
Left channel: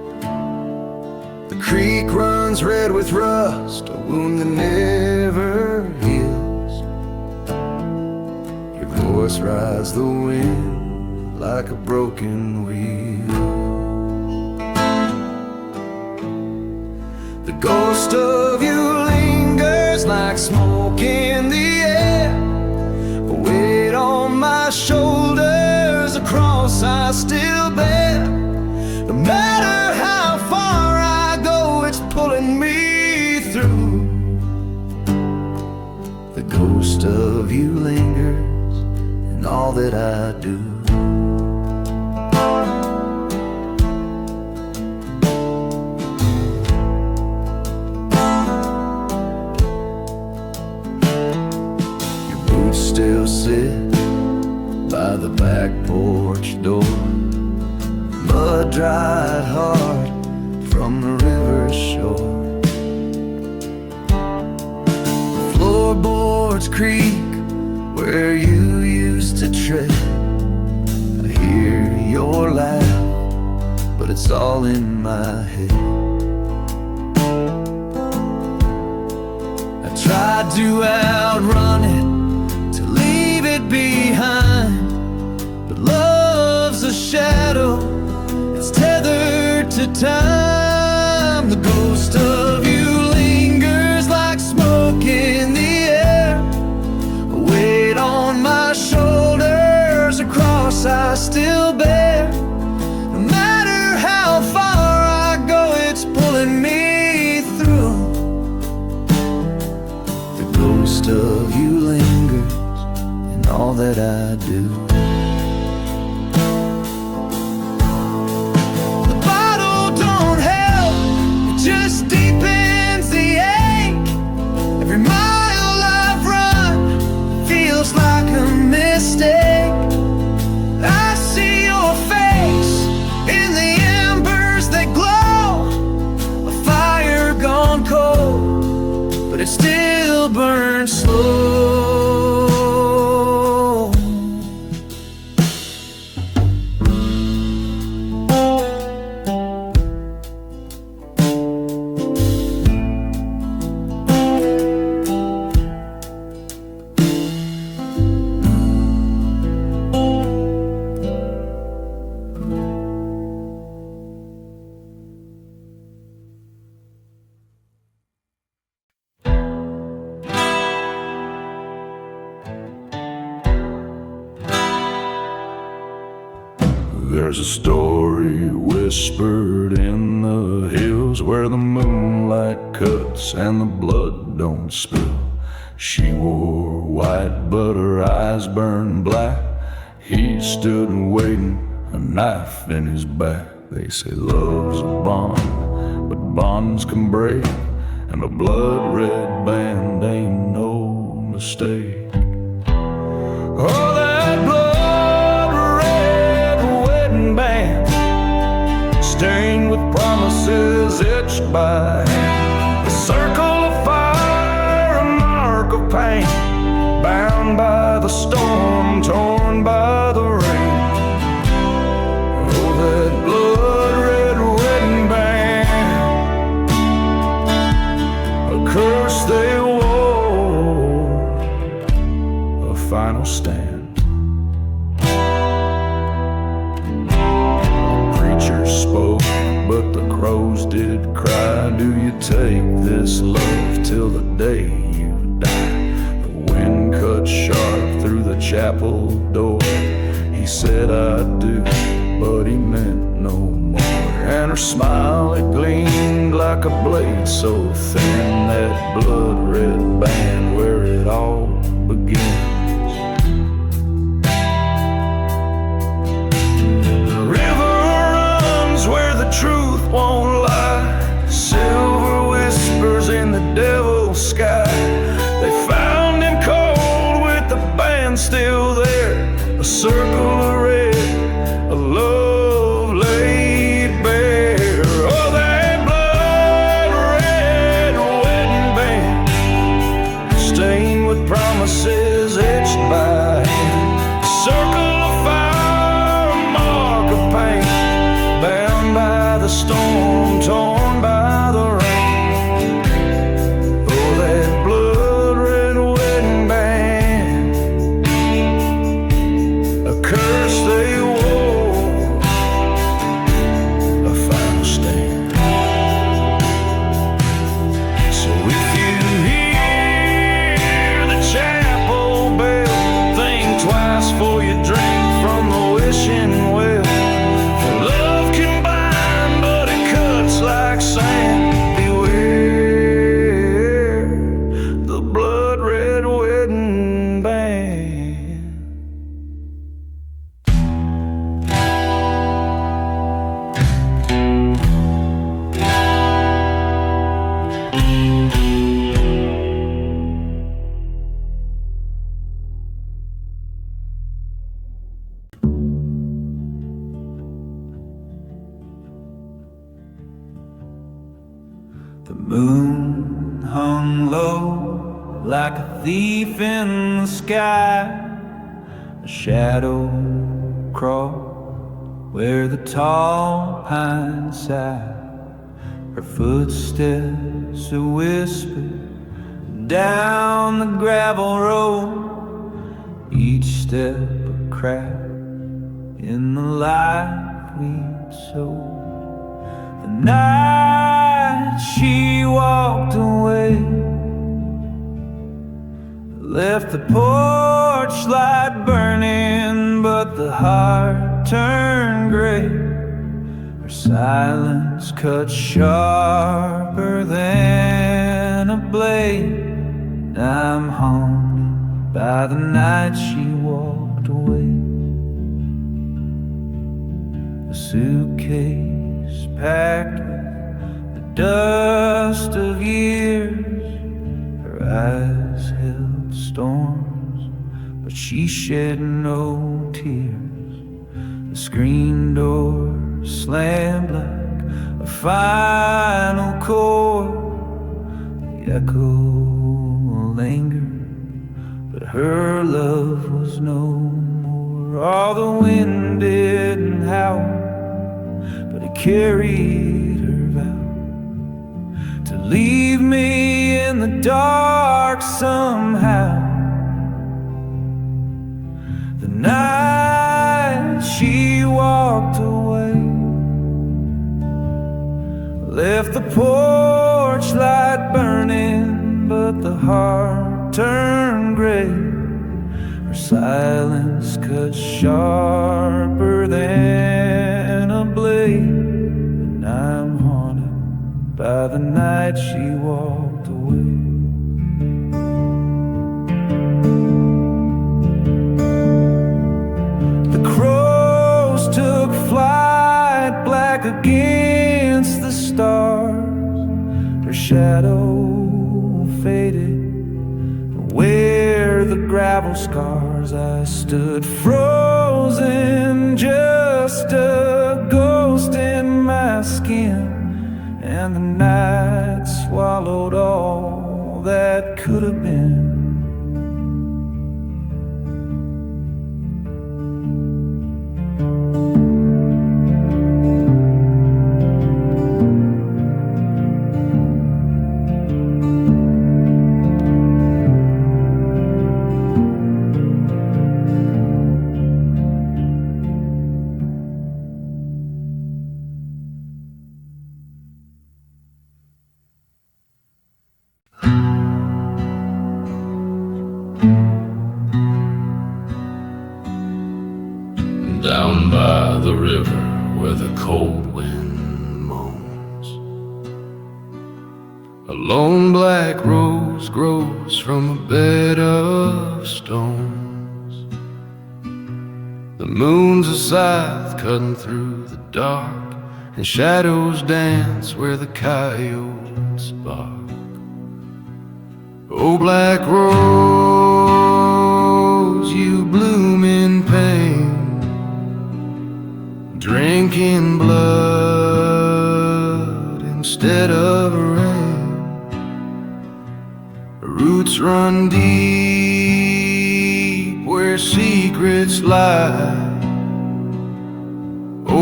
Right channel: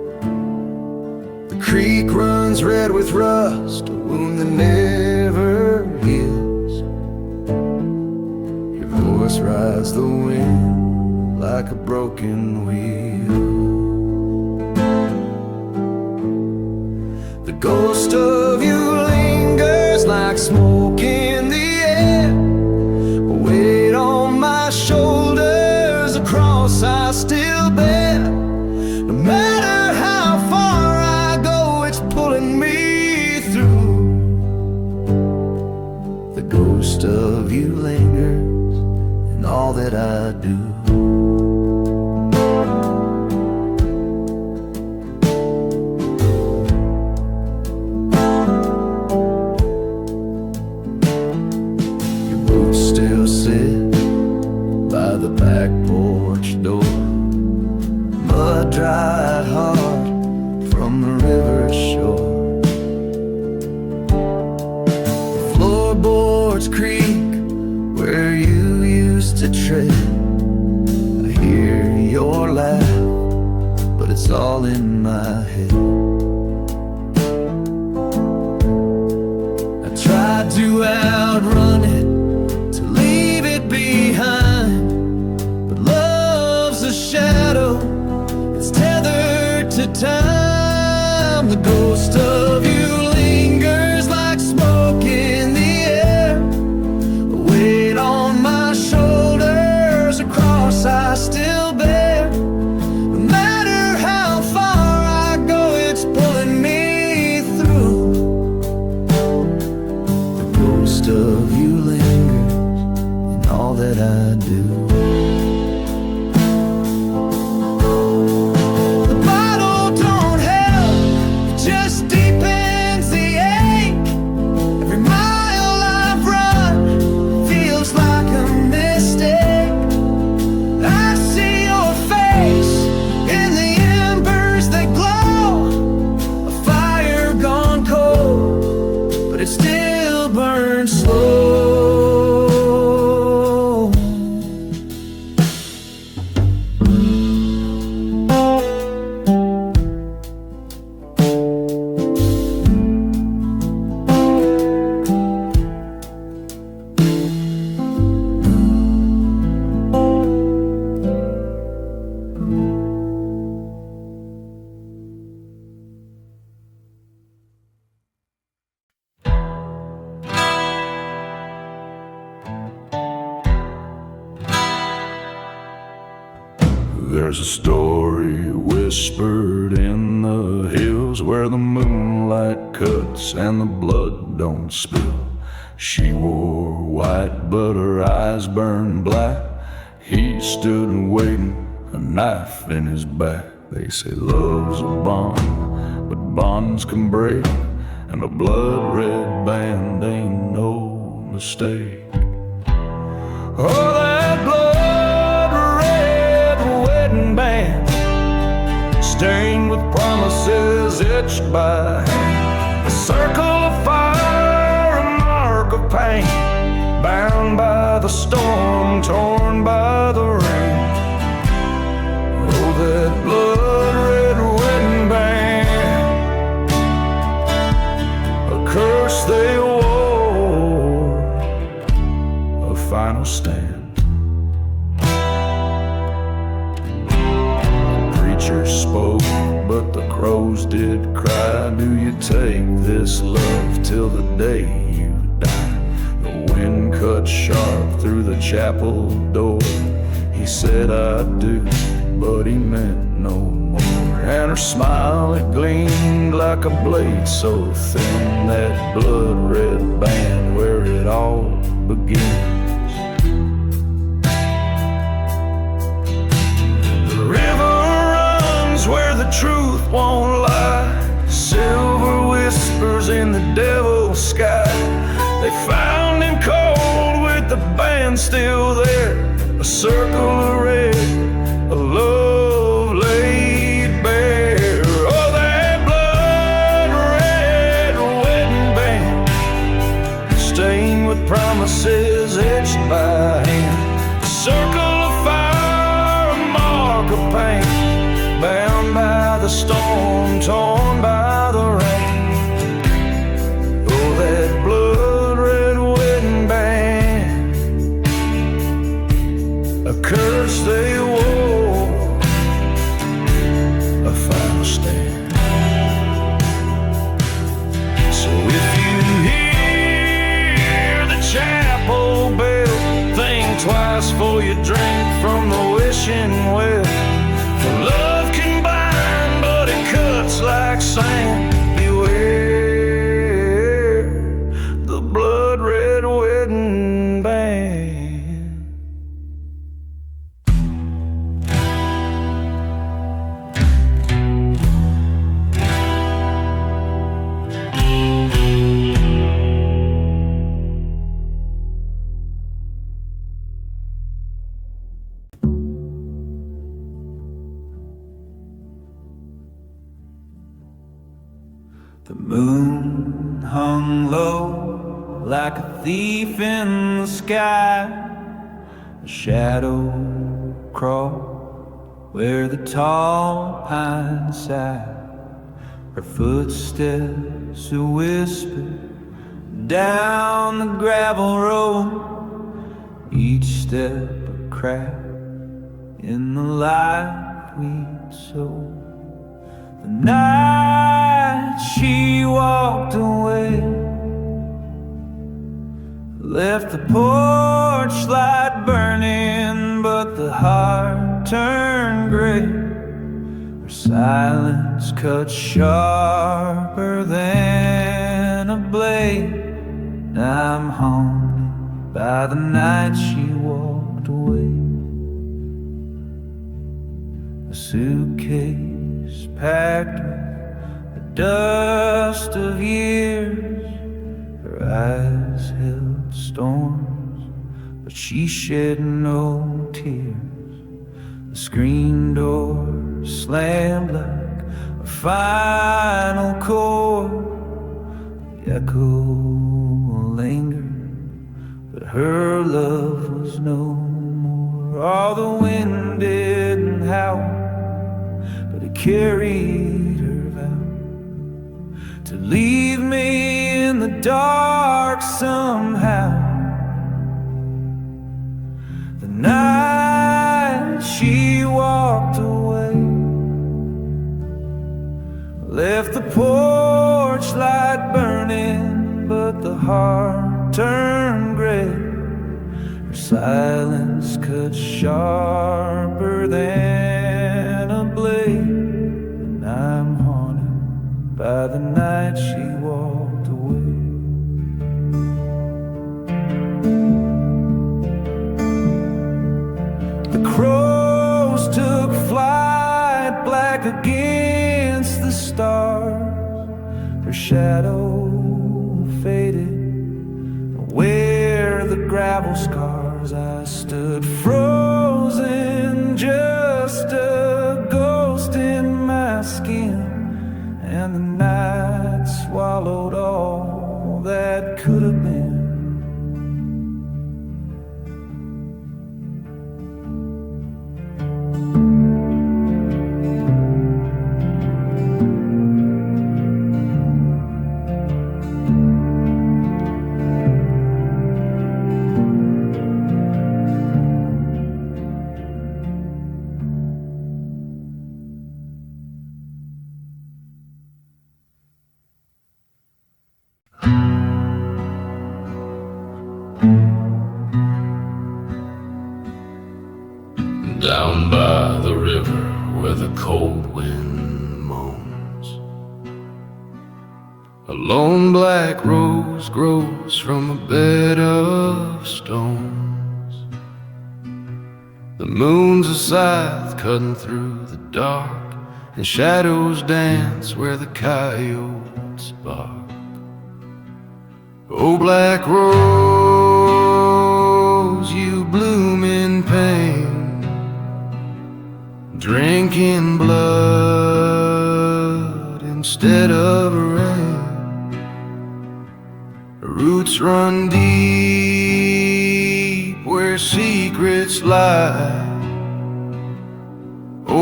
creek runs red with rust, a wound that never heals. Your voice rides the wind like a broken wheel. The ghost of you lingers like smoke in the air, a weight on my shoulders, a cross I still bear. No matter how far I go, it's pulling me through. The ghost of you lingers in all that I do. Your boots still sit by the back porch door, mud dried hard from the river's shore. The floorboards creak where you used to tread. I hear your laugh, but it's all in my head. I tried to outrun it, to leave it behind, but love's a shadow, it's tethered to time. The ghost of you lingers like smoke in the air, a weight on my shoulders, a cross I still bear. No matter how far I go, it's pulling me through. The ghost of you lingers in all that I do. Just deepens the ache. Every mile I've run feels like a mistake. I see your face in the embers that glow, a fire gone cold, but it still burns slow. There's a story whispered in the hills where the moonlight cuts and the blood don't spill. She wore white but her eyes burned black. He stood waiting, a knife in his back. They say love's a bond, but bonds can break, and a blood-red band ain't no mistake. Oh, that blood-red wedding band, stained with promises etched by hand, a circle of fire, a mark of pain, bound by the storm, torn by the rain. Oh, that blood-red wedding band, a curse they wore, a final stand. Preacher spoke, but the crows did cry. Do you take this love till the day you die? The wind cut sharp through the chapel door. He said I do, but he meant no more. And her smile, it gleamed like a blade so thin, that blood-red band where it all begins. The river runs where the truth won't lie, silver whispers in the devil's sky. They found him cold with the band still there, a circle of red, a love laid bare. Oh, that blood-red wedding band, stained with promises etched by hand, a circle of fire, a mark of pain, bound by the storm, torn by the rain. Oh, that blood-red wedding band, a curse they wore, a final stand. So if you hear the chapel bell, think twice before you drink from the wishing well. For love can bind, but it cuts like sand. Beware the blood-red wedding band. The moon hung low like a thief in the sky. A shadow crawled where the tall pines sighed. Her footsteps a whisper down the gravel road, each step a crack in the life we'd sowed. The night she walked away, left the porch light burning, but the heart turned gray. Her silence cut sharper than a blade. I'm haunted by the night she walked away. A suitcase packed with the dust of years. Her eyes held storms, but she shed no tears. The screen door slammed like a final chord. The echo lingered, but her love was no more. Oh, the wind didn't howl, but it carried her vow to leave me in the dark somehow. The night she walked away, left the porch light burning, but the heart turned gray. Her silence cut sharper than a blade. And I'm haunted by the night she walked away. The crows took flight black against the stars. Her shadow faded where the gravel scars. I stood frozen, just a ghost in my skin, and the night swallowed all that could have been. Down by the river where the cold wind moans, a lone black rose grows from a bed of stones. The moon's a scythe cutting through the dark, and shadows dance where the coyotes bark. Oh, black rose, you bloom in pain, drinking blood instead of rain. Roots run deep where secrets lie. Oh,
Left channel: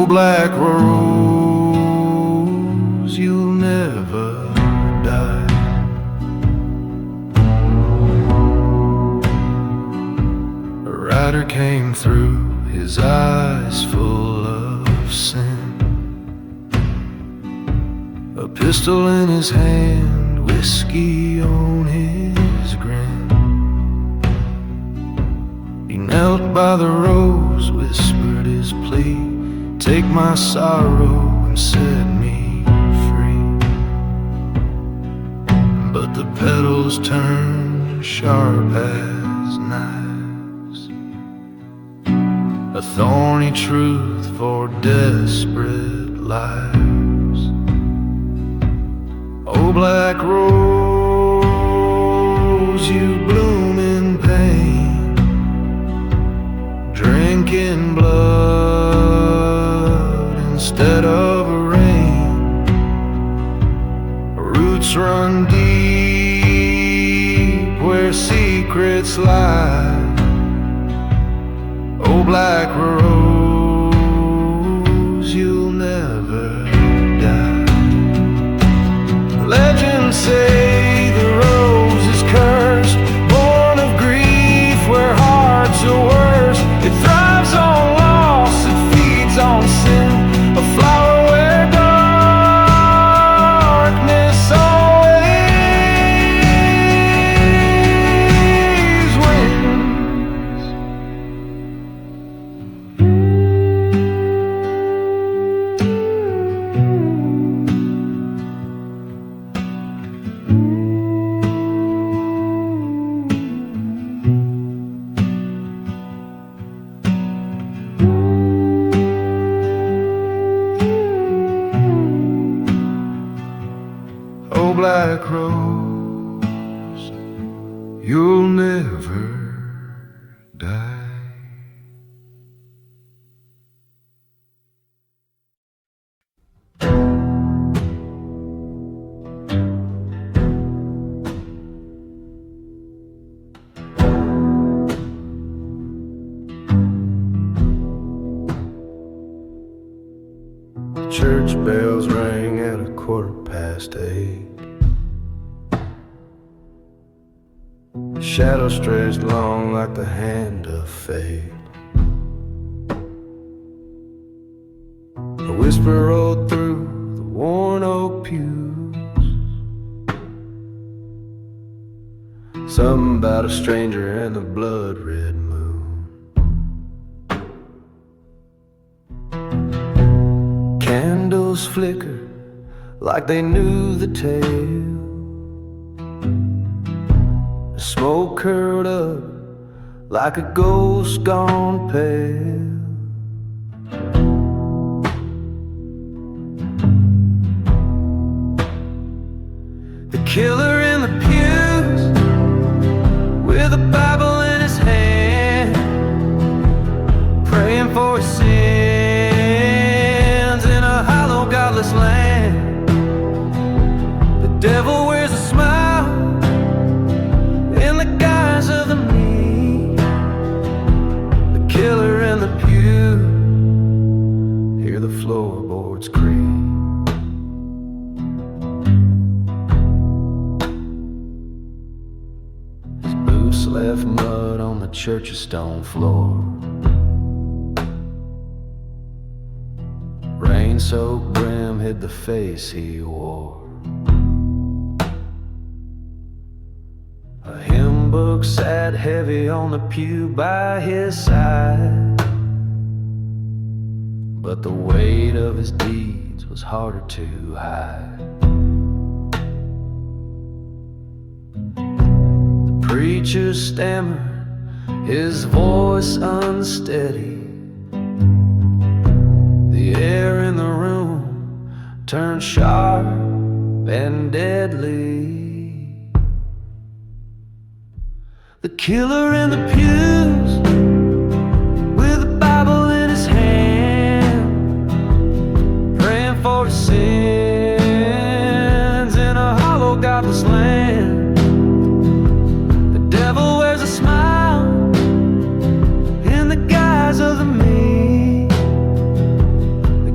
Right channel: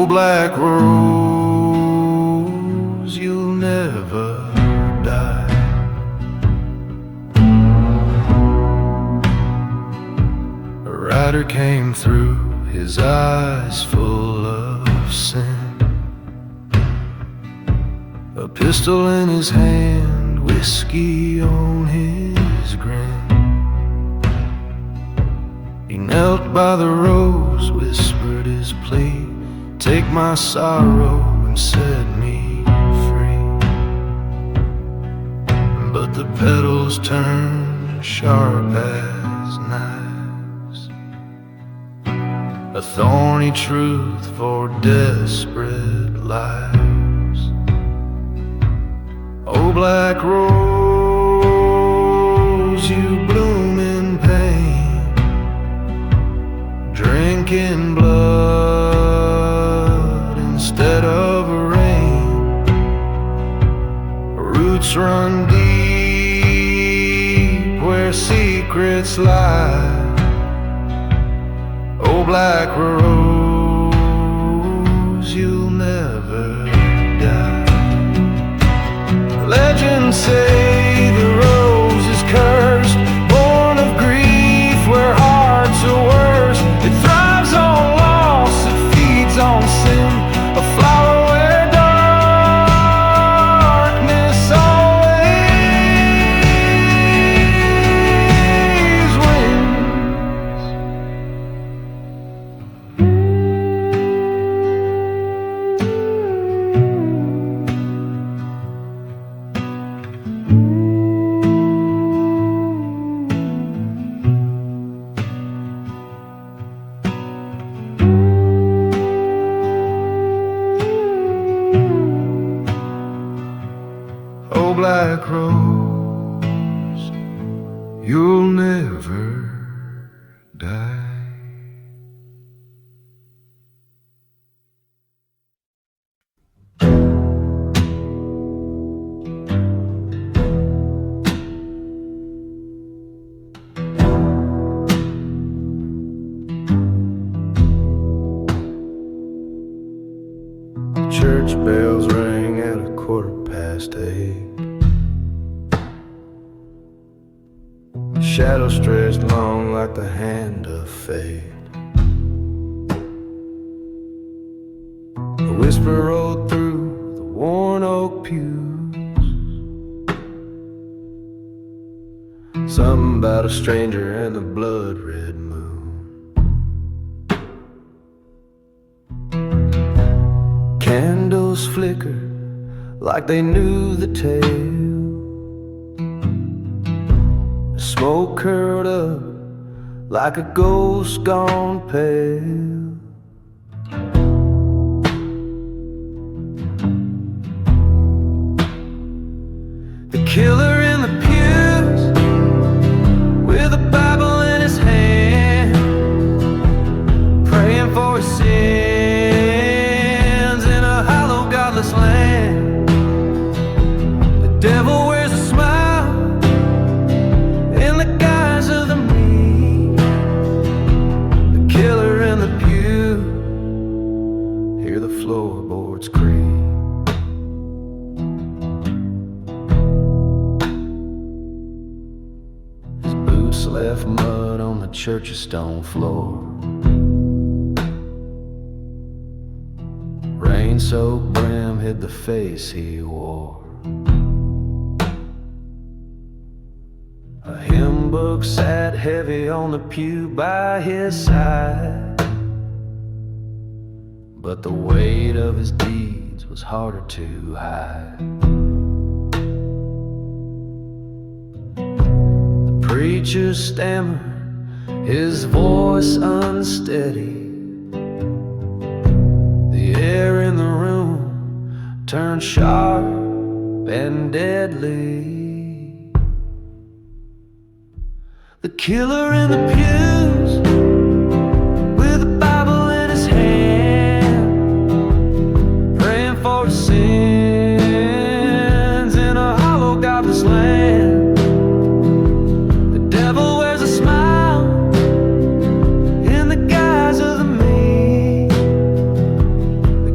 black rose, you'll never die. A rider came through, his eyes full of sin, a pistol in his hand, whiskey on his grin. He knelt by the rose, whispered his plea, take my sorrow and set me free. But the petals turned sharp as knives, a thorny truth for desperate lives. Oh, black rose, you bloom in pain, drinking blood instead of rain. Roots run deep where secrets lie. Oh, black rose, you'll never die. Legends say the rose is cursed, born of grief where hearts are worst. It thrives on loss, it feeds on sin, a flower where darkness always wins. Oh, black rose, you'll never die. The church bells rang at 8:15. Shadow stretched long like the hand of fate. A whisper rolled through the worn oak pews, something about a stranger and the blood-red moon. Candles flickered like they knew the tale. The smoke curled up like a ghost gone pale. The killer in the pews with a Bible in his hand, praying for his sins in a hollow, godless land. The devil wears a smile in the guise of the meek. The killer in the pew, hear the floorboards creak. His boots left mud on the church's stone floor. Rain-soaked brim hid the face he wore. A hymn book sat heavy on the pew by his side, but the weight of his deeds was harder to hide. The preacher stammered, his voice unsteady. The air in the room turned sharp and deadly. The killer in the pews with a Bible in his hand, praying for his sins in a hollow, godless land. The devil wears a smile in the guise of the meek.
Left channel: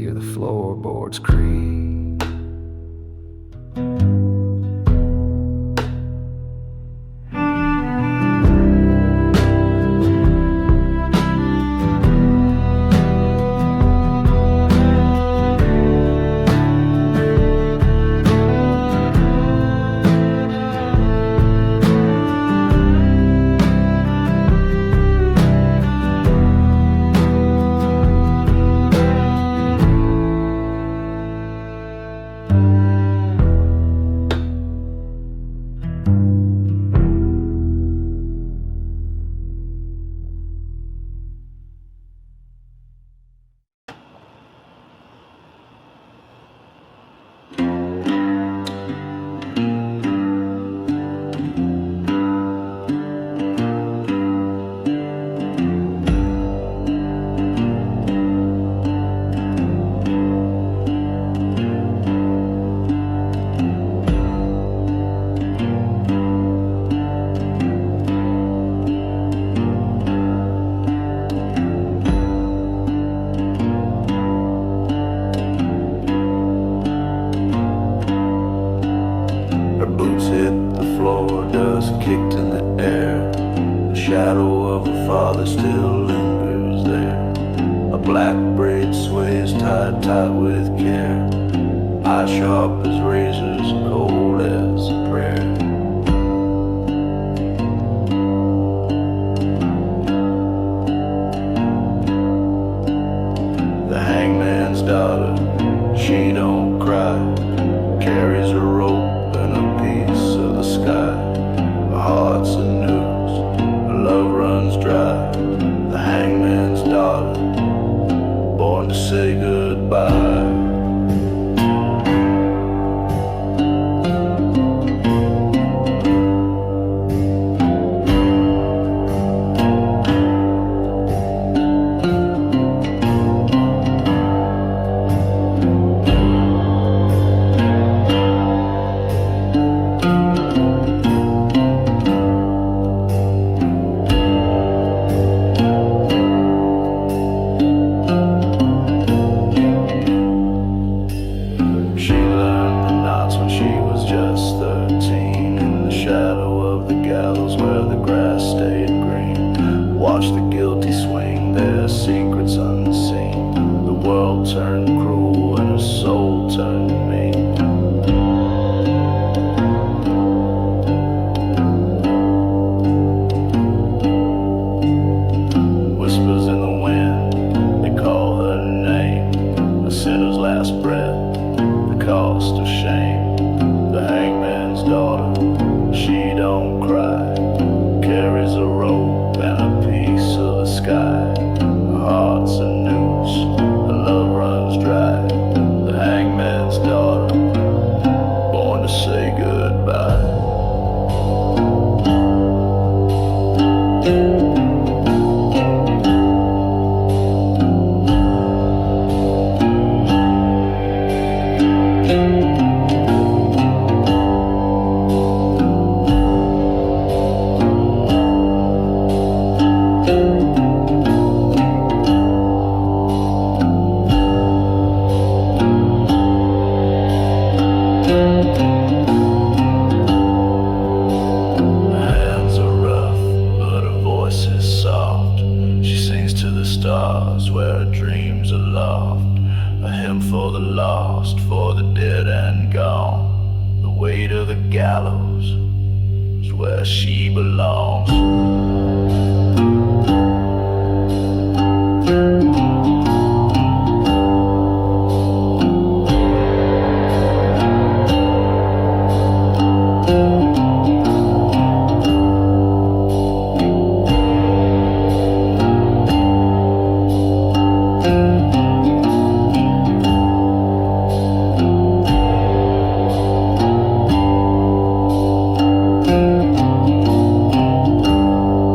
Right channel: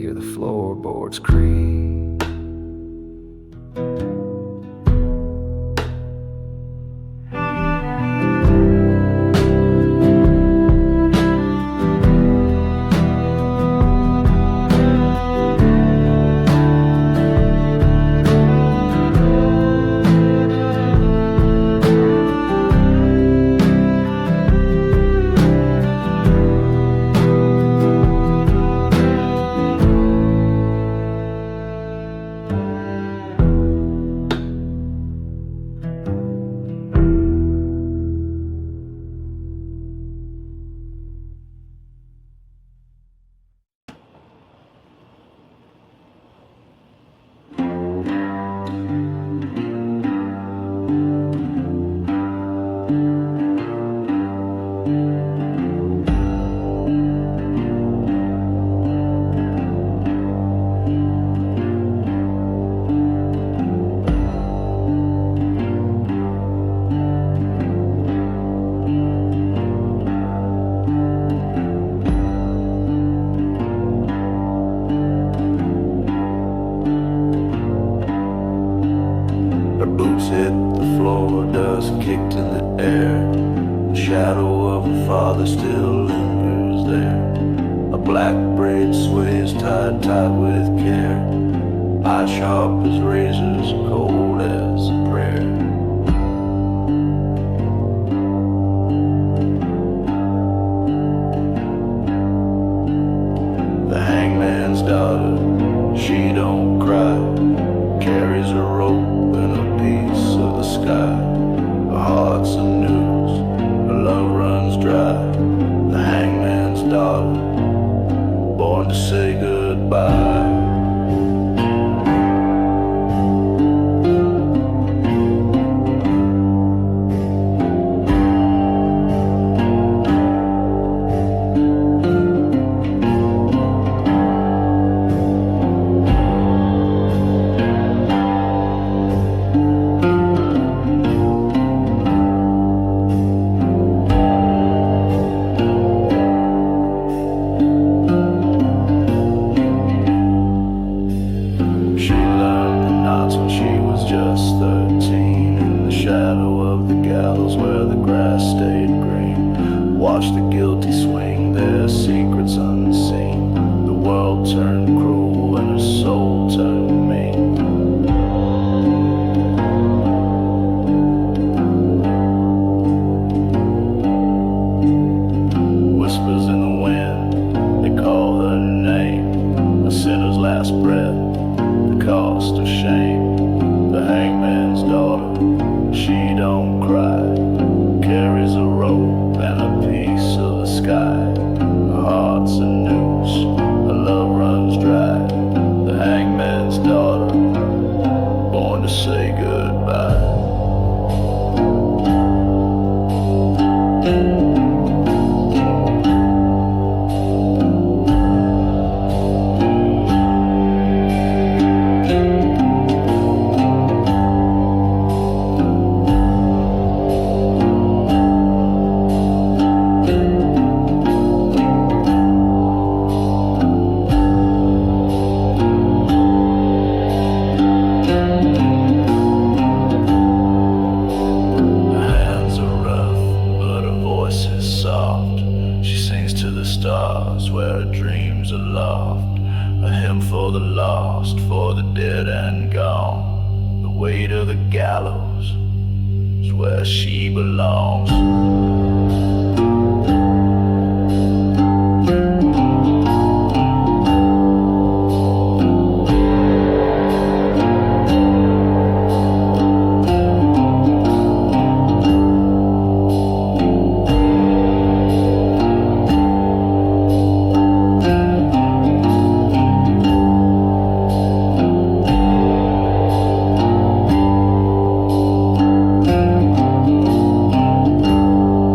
hear the floorboards creak. Her boots hit the floor, dust kicked in the air. The shadow of her father still lingers there. A black braid sways tied tight with care. Eye sharp as razors, cold as a prayer. The hangman's daughter, she don't cry, carries a rope and a piece of the sky. Her heart's a noose, her love runs dry. The hangman's daughter, born to say goodbye. Watch the guilty swing, their secrets unseen. The world turned cruel and her soul turned mean. Whispers in the wind, they call her name. A sinner's last breath, the cost of shame. The hangman's daughter, she don't cry, carries a rope and a piece of the sky. Her heart's a noose, her love runs dry. The hangman's daughter, born to say goodbye. Stars where her dreams are loft, a hymn for the lost, for the dead and gone. The way to the gallows is where she belongs.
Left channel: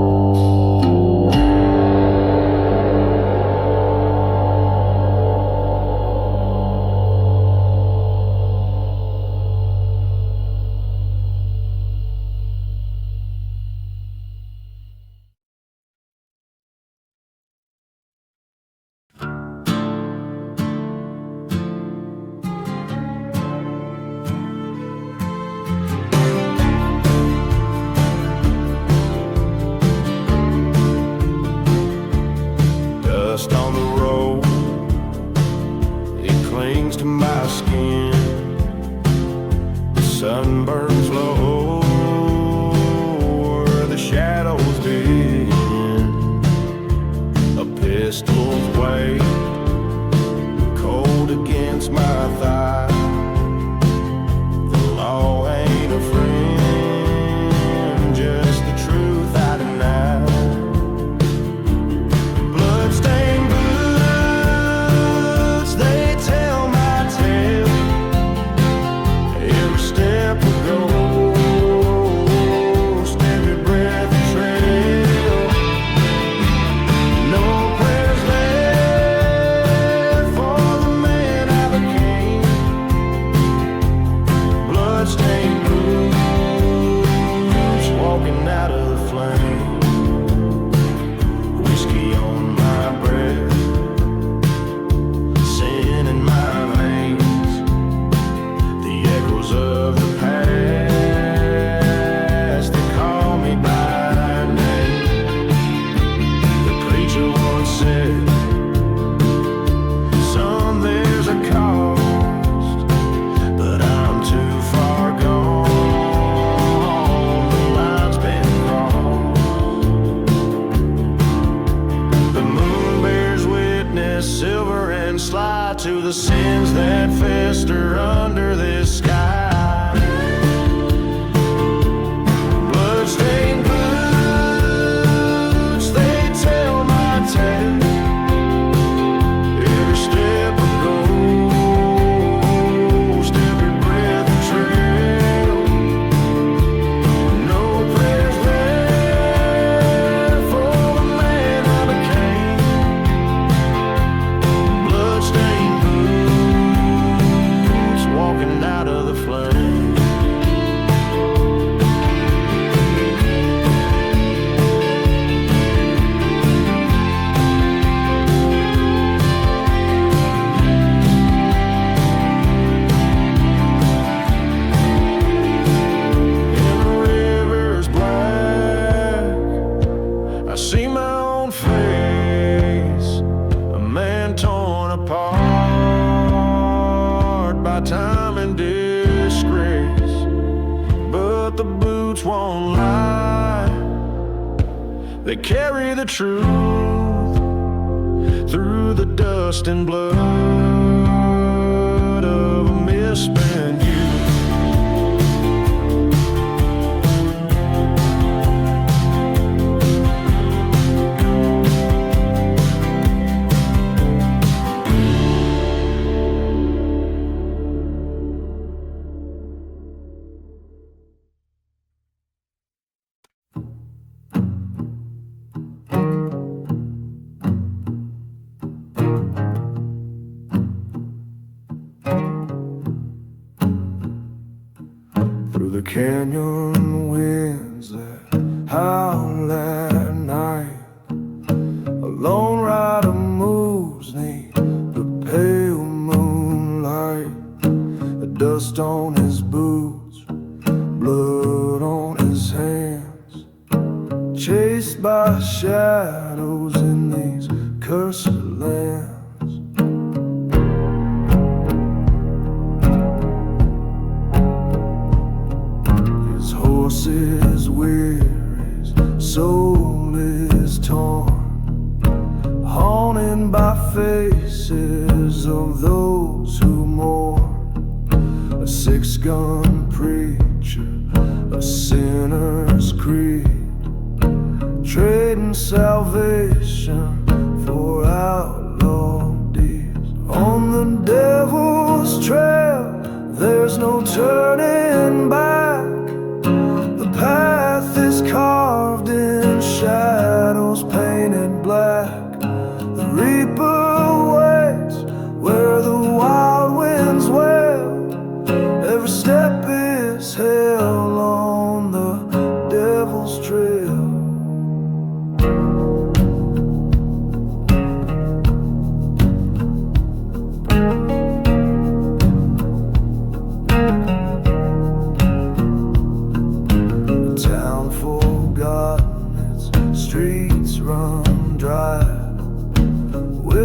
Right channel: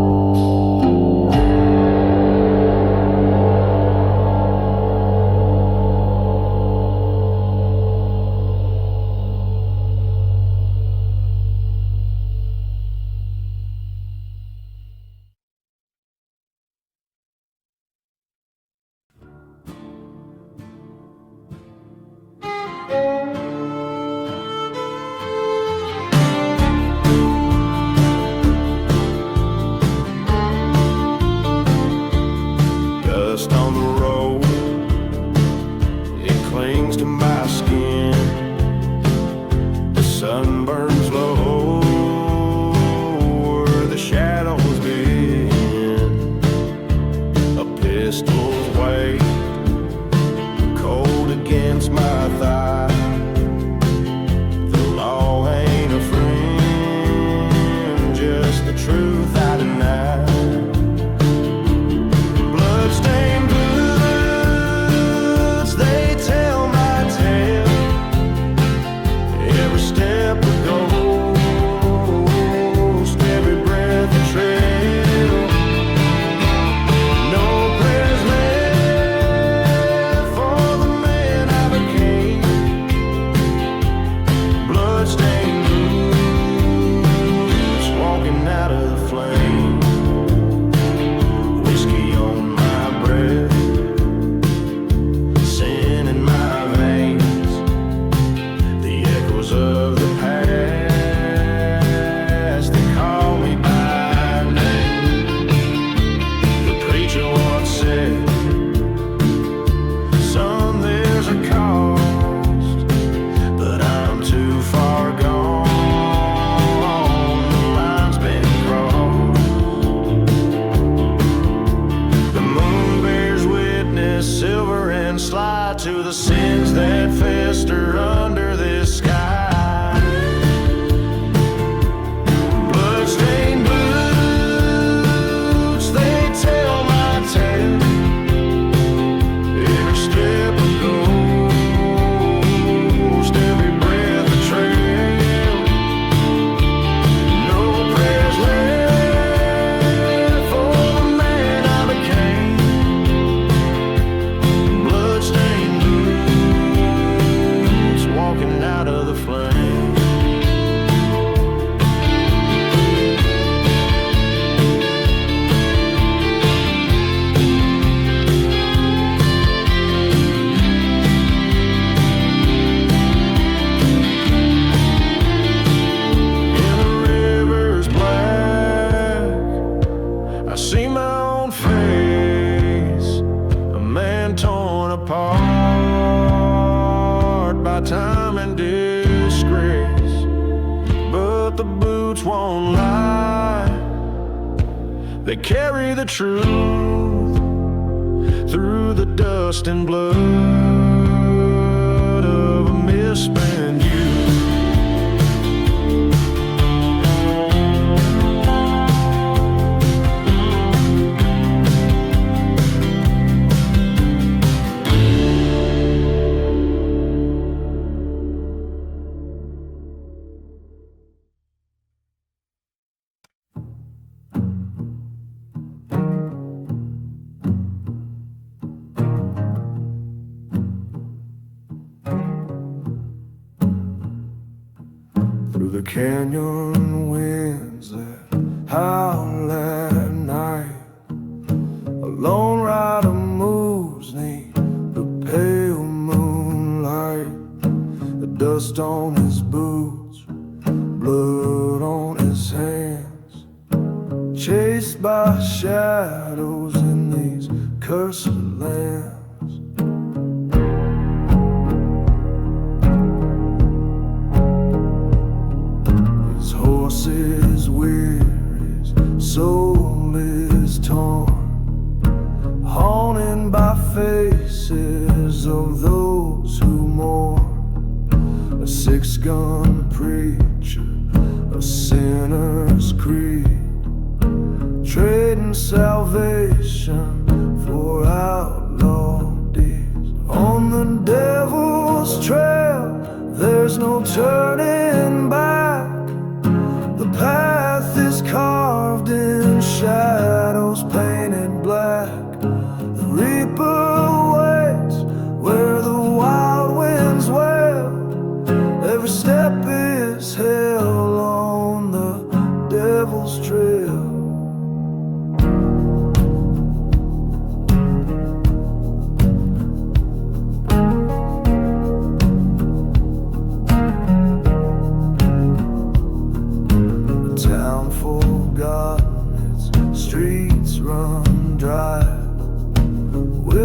dust on the road, it clings to my skin. The sun burns low where the shadows bend. A pistol's weight cold against my thigh. The law ain't a friend, just the truth I deny. Bloodstained boots, they tell my tale. Every step a ghost, every breath a trail. No prayers left for the man I became. Bloodstained boots, walking out of the flame. Whiskey on my breath, sin in my veins. The echoes of the past, they call me by name. The preacher once said, son, there's a cost, but I'm too far gone. The line's been crossed. The moon bears witness, silver and sly, to the sins that fester under this sky. Bloodstained boots, they tell my tale. Every step a ghost, every breath a trail. No prayers left for the man I became. Bloodstained boots, walking out of the flame. In the river's black, I see my own face, a man torn apart by time and disgrace. But the boots won't lie, they carry the truth through the dust and blood of a misspent youth. Through the canyon winds that howl at night, a lone rider moves neath the pale moonlight. The dust on his boots, blood on his hands, chased by shadows in these cursed lands. His horse is weary, his soul is torn, haunted by faces of those who mourn. A six-gun preacher, a sinner's creed, trading salvation for outlaw deeds. On the devil's trail, there's no turning back. The path is carved in shadows painted black. The reaper waits where the wild winds wail. Every step is hell on the devil's trail.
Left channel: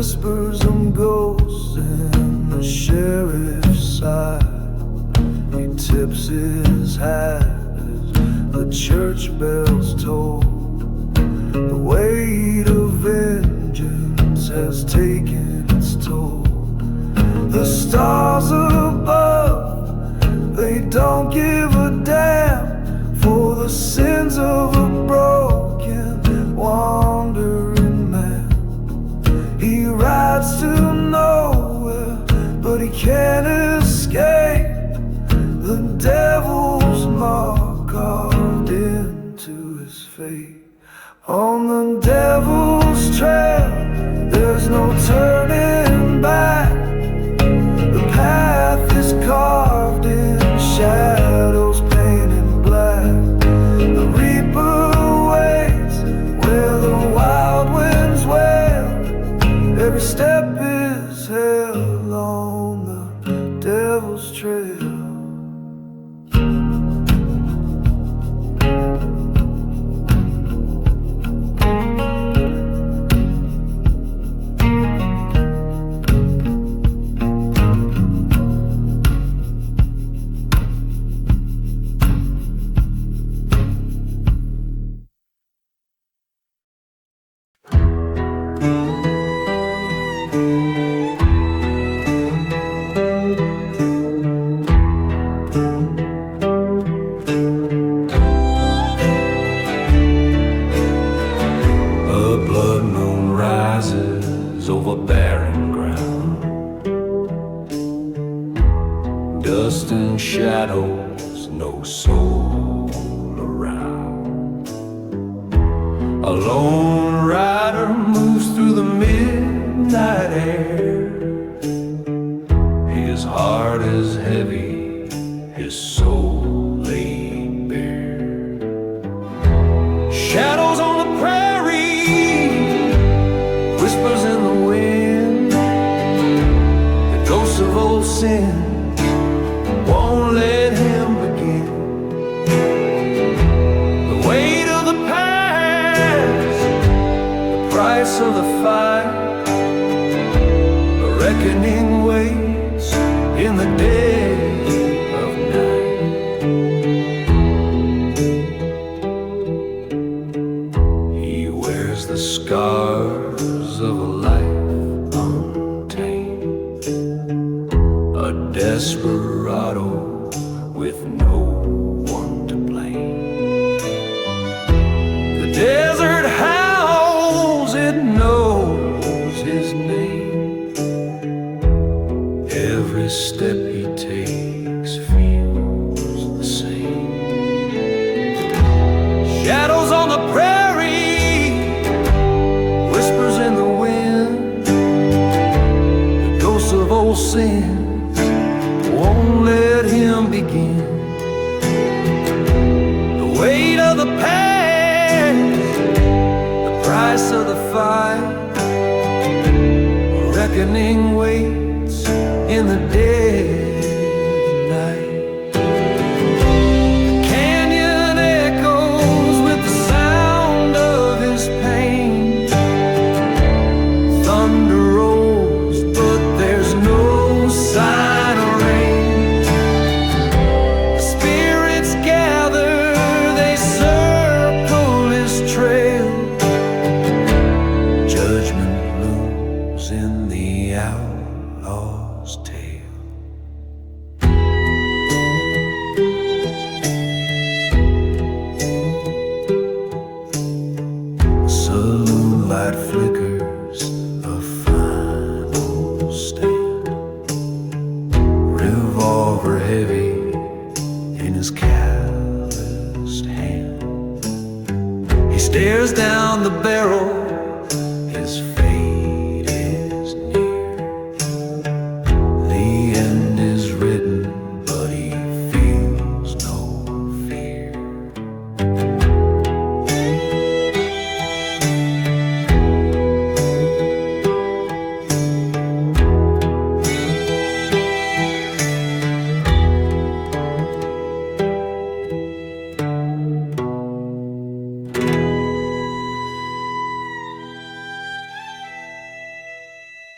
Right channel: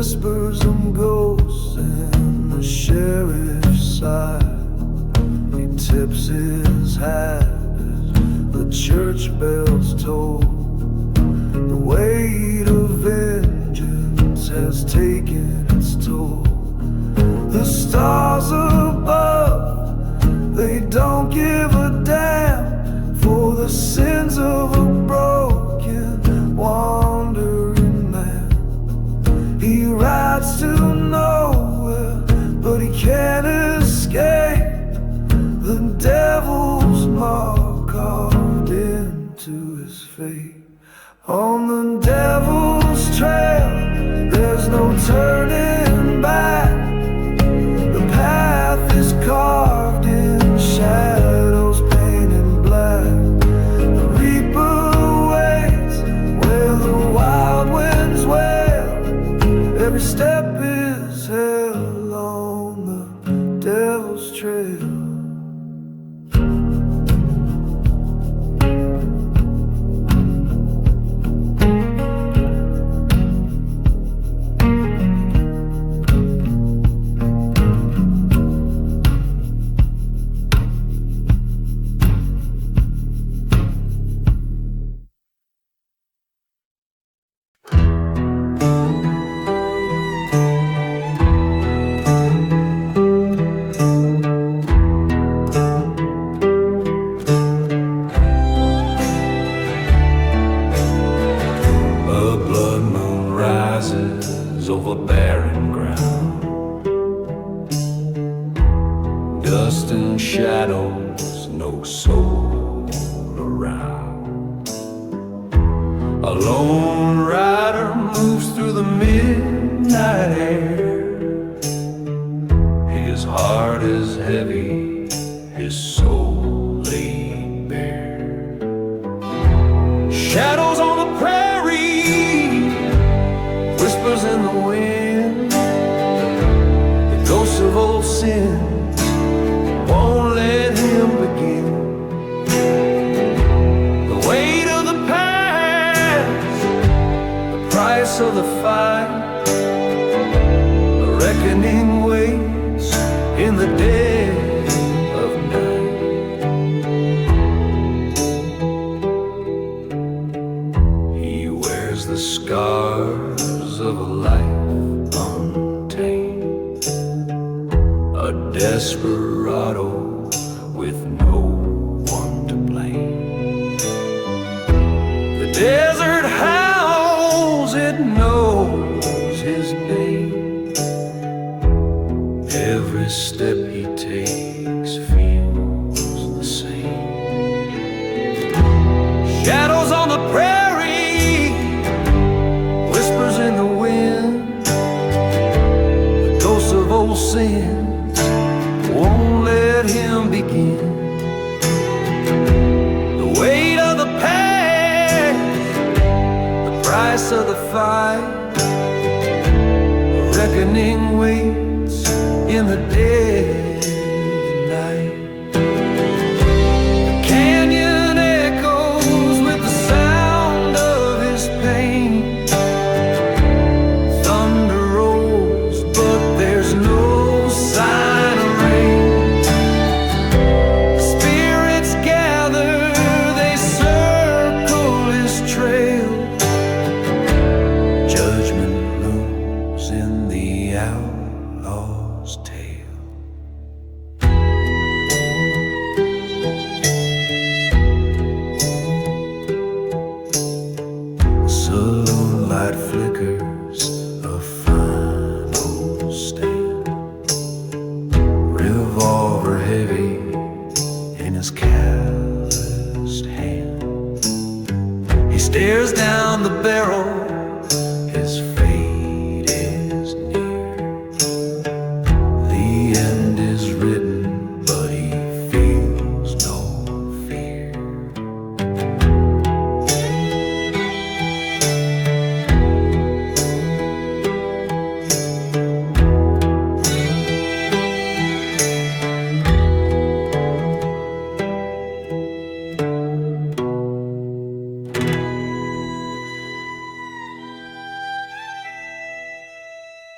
whispers of ghosts in the sheriff's side. He tips his hat as the church bells toll. The weight of vengeance has taken its toll. The stars above, they don't give a damn for the sins of a broken, wandering man. He rides to nowhere, but he can't escape the devil's mark carved into his fate. On the devil's trail, there's no turning back. The path is carved in shadows painted black. The reaper waits where the wild winds wail. Every step is hell on the devil's trail. A blood moon rises over barren ground. Dust and shadows, no soul around. A lone rider moves through the midnight air. His heart is heavy, his soul laid bare. Shadows on the prairie, whispers in the wind. The ghosts of old sins won't let him begin. The weight of the past, the price of the fight. A reckoning waits in the dead of night. The scars of a life untamed, a desperado with no one to blame. The desert howls, it knows his name. Every step he takes feels the same. Shadows on the prairie, whispers in the wind. The ghosts of old sins won't let him begin. The weight of the past, the price of the fight. A reckoning waits in the dead of night. The canyon echoes with the sound of his pain. Thunder rolls, but there's no sign of rain. The spirits gather, they circle his trail. Judgment looms in the outlaw's tale. The saloon light flickers, a final stand. Revolver heavy in his calloused hand. He stares down the barrel, his fate is near. The end is written, but he feels no fear.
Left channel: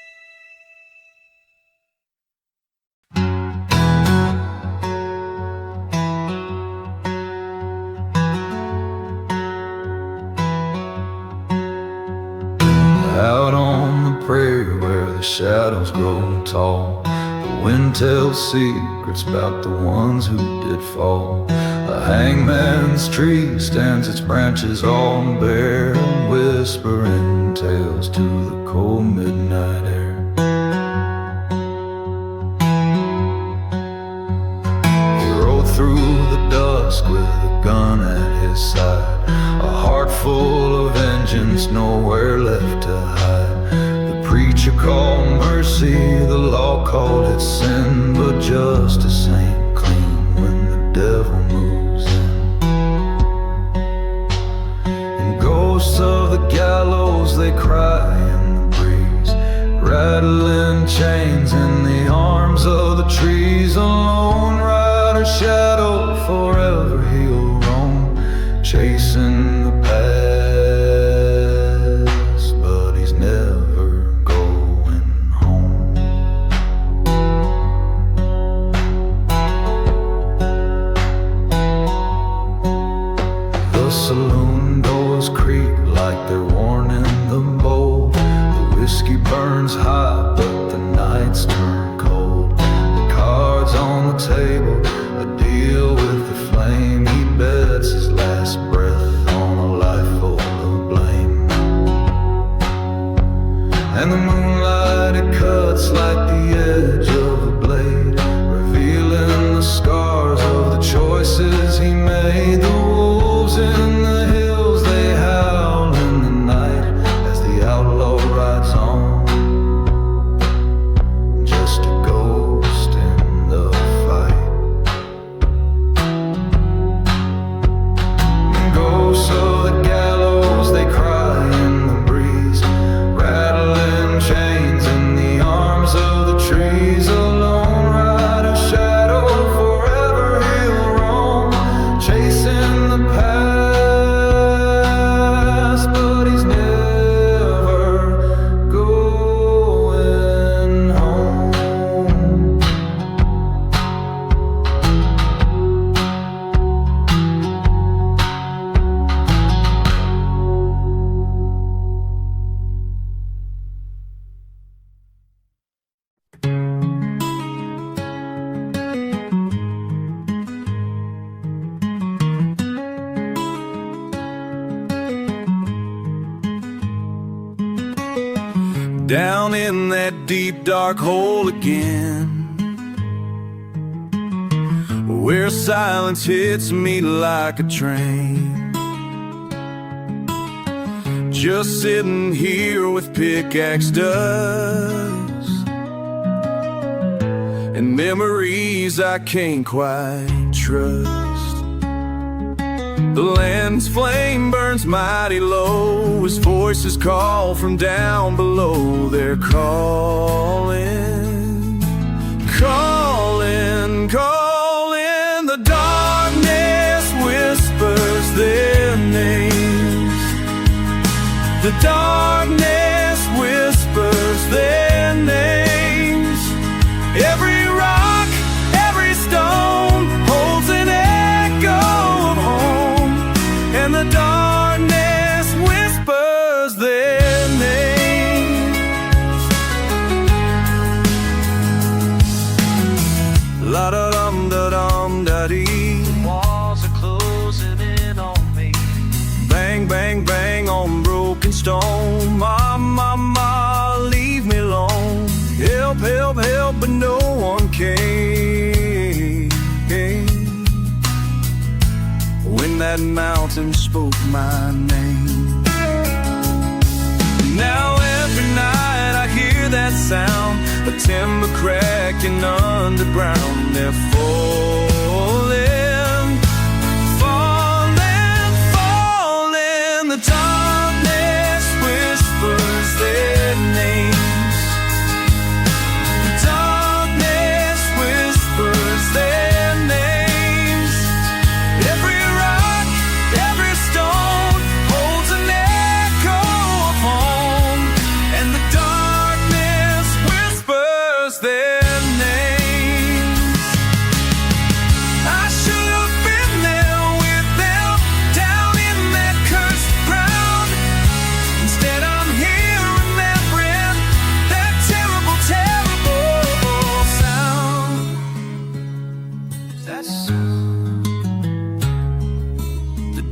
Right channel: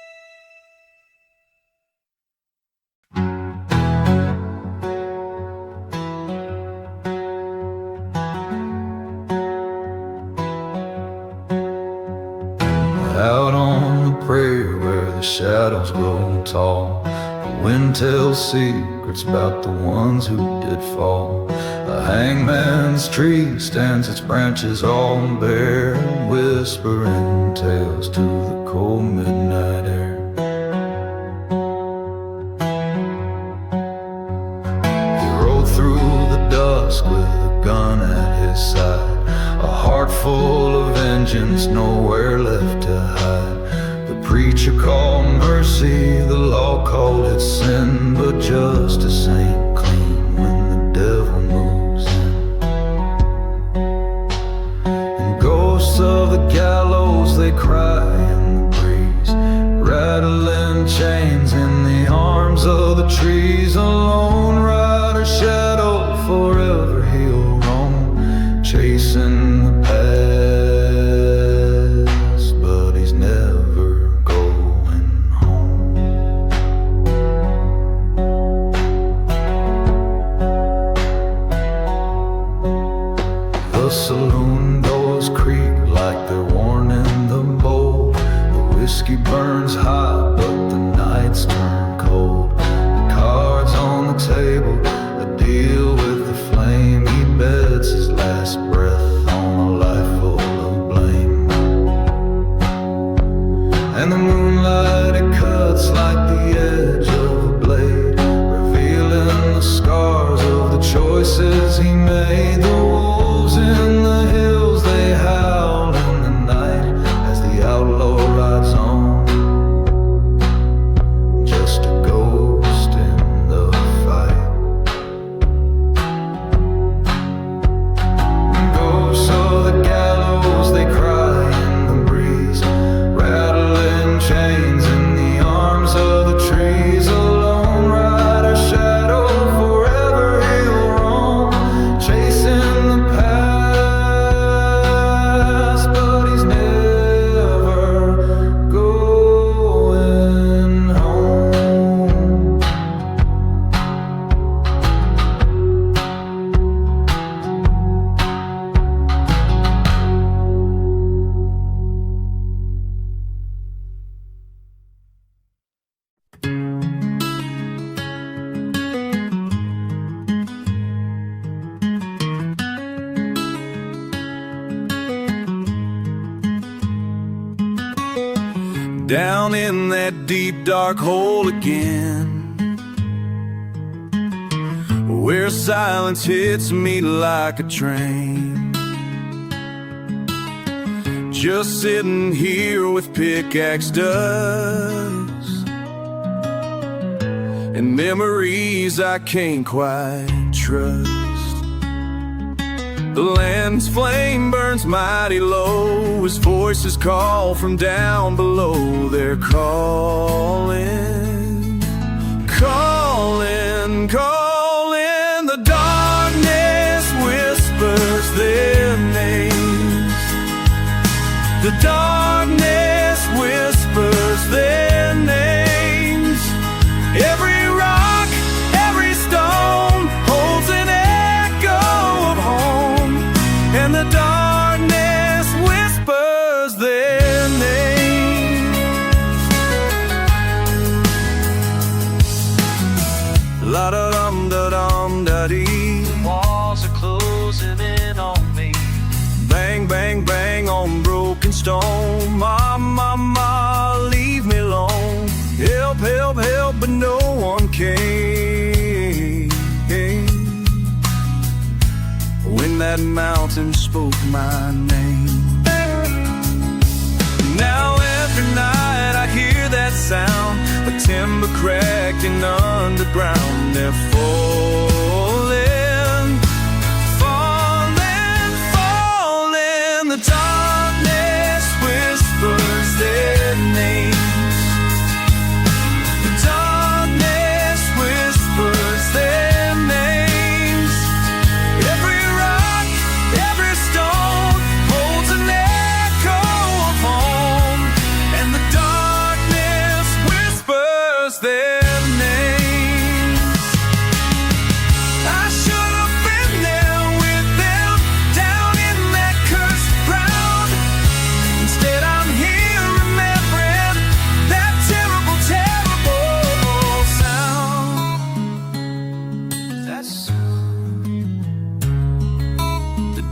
shadows grow tall. The wind tells secrets about the ones who did fall. A hangman's tree stands its branches all bare, whispering tales to the cold midnight air. He rode through the dusk with a gun at his side, a heart full of vengeance, nowhere left to hide. The preacher called mercy, the law called it sin, but justice ain't clean when the devil moves in. And ghosts of the gallows, they cry in the breeze, rattling chains in the arms of the trees. A lone rider shadow, forever he'll roam, chasing the past, but he's never going home. The saloon doors creak like they're warning the bold. The whiskey burns hot, but the nights turn cold. The cards on the table, a deal with the flame. He bets his last breath on a life full of blame. And the moonlight, it cuts like the edge of a blade, revealing the scars of the choices he made. The wolves in the hills, they howl in the night as the outlaw rides on, just a ghost in the fight. Ghosts of the gallows, they cry in the breeze, rattling chains in the arms of the trees. A lone rider shadow, forever he'll roam, chasing the past, but he's never going home. Down in that deep dark hole again, where silence hits me like a train. Just sitting here with pickaxe dust and memories I can't quite trust. The land's flame burns mighty low as voices call from down below. They're calling, calling, calling. The darkness whispers their names. The darkness whispers their names. Every rock, every stone holds an echo of home, and the darkness whispers their names. La da dum da dum da dee. The walls are closing in on me. Bang, bang, bang on broken stone. Ma, ma, ma, leave me alone. Help, help, help, but no one came. When that mountain spoke my name. Now every night I hear that sound, a timber cracking underground. They're falling, falling, falling. The darkness whispers their names. The darkness whispers their names. Every rock, every stone holds an echo of home, and the darkness whispers their names.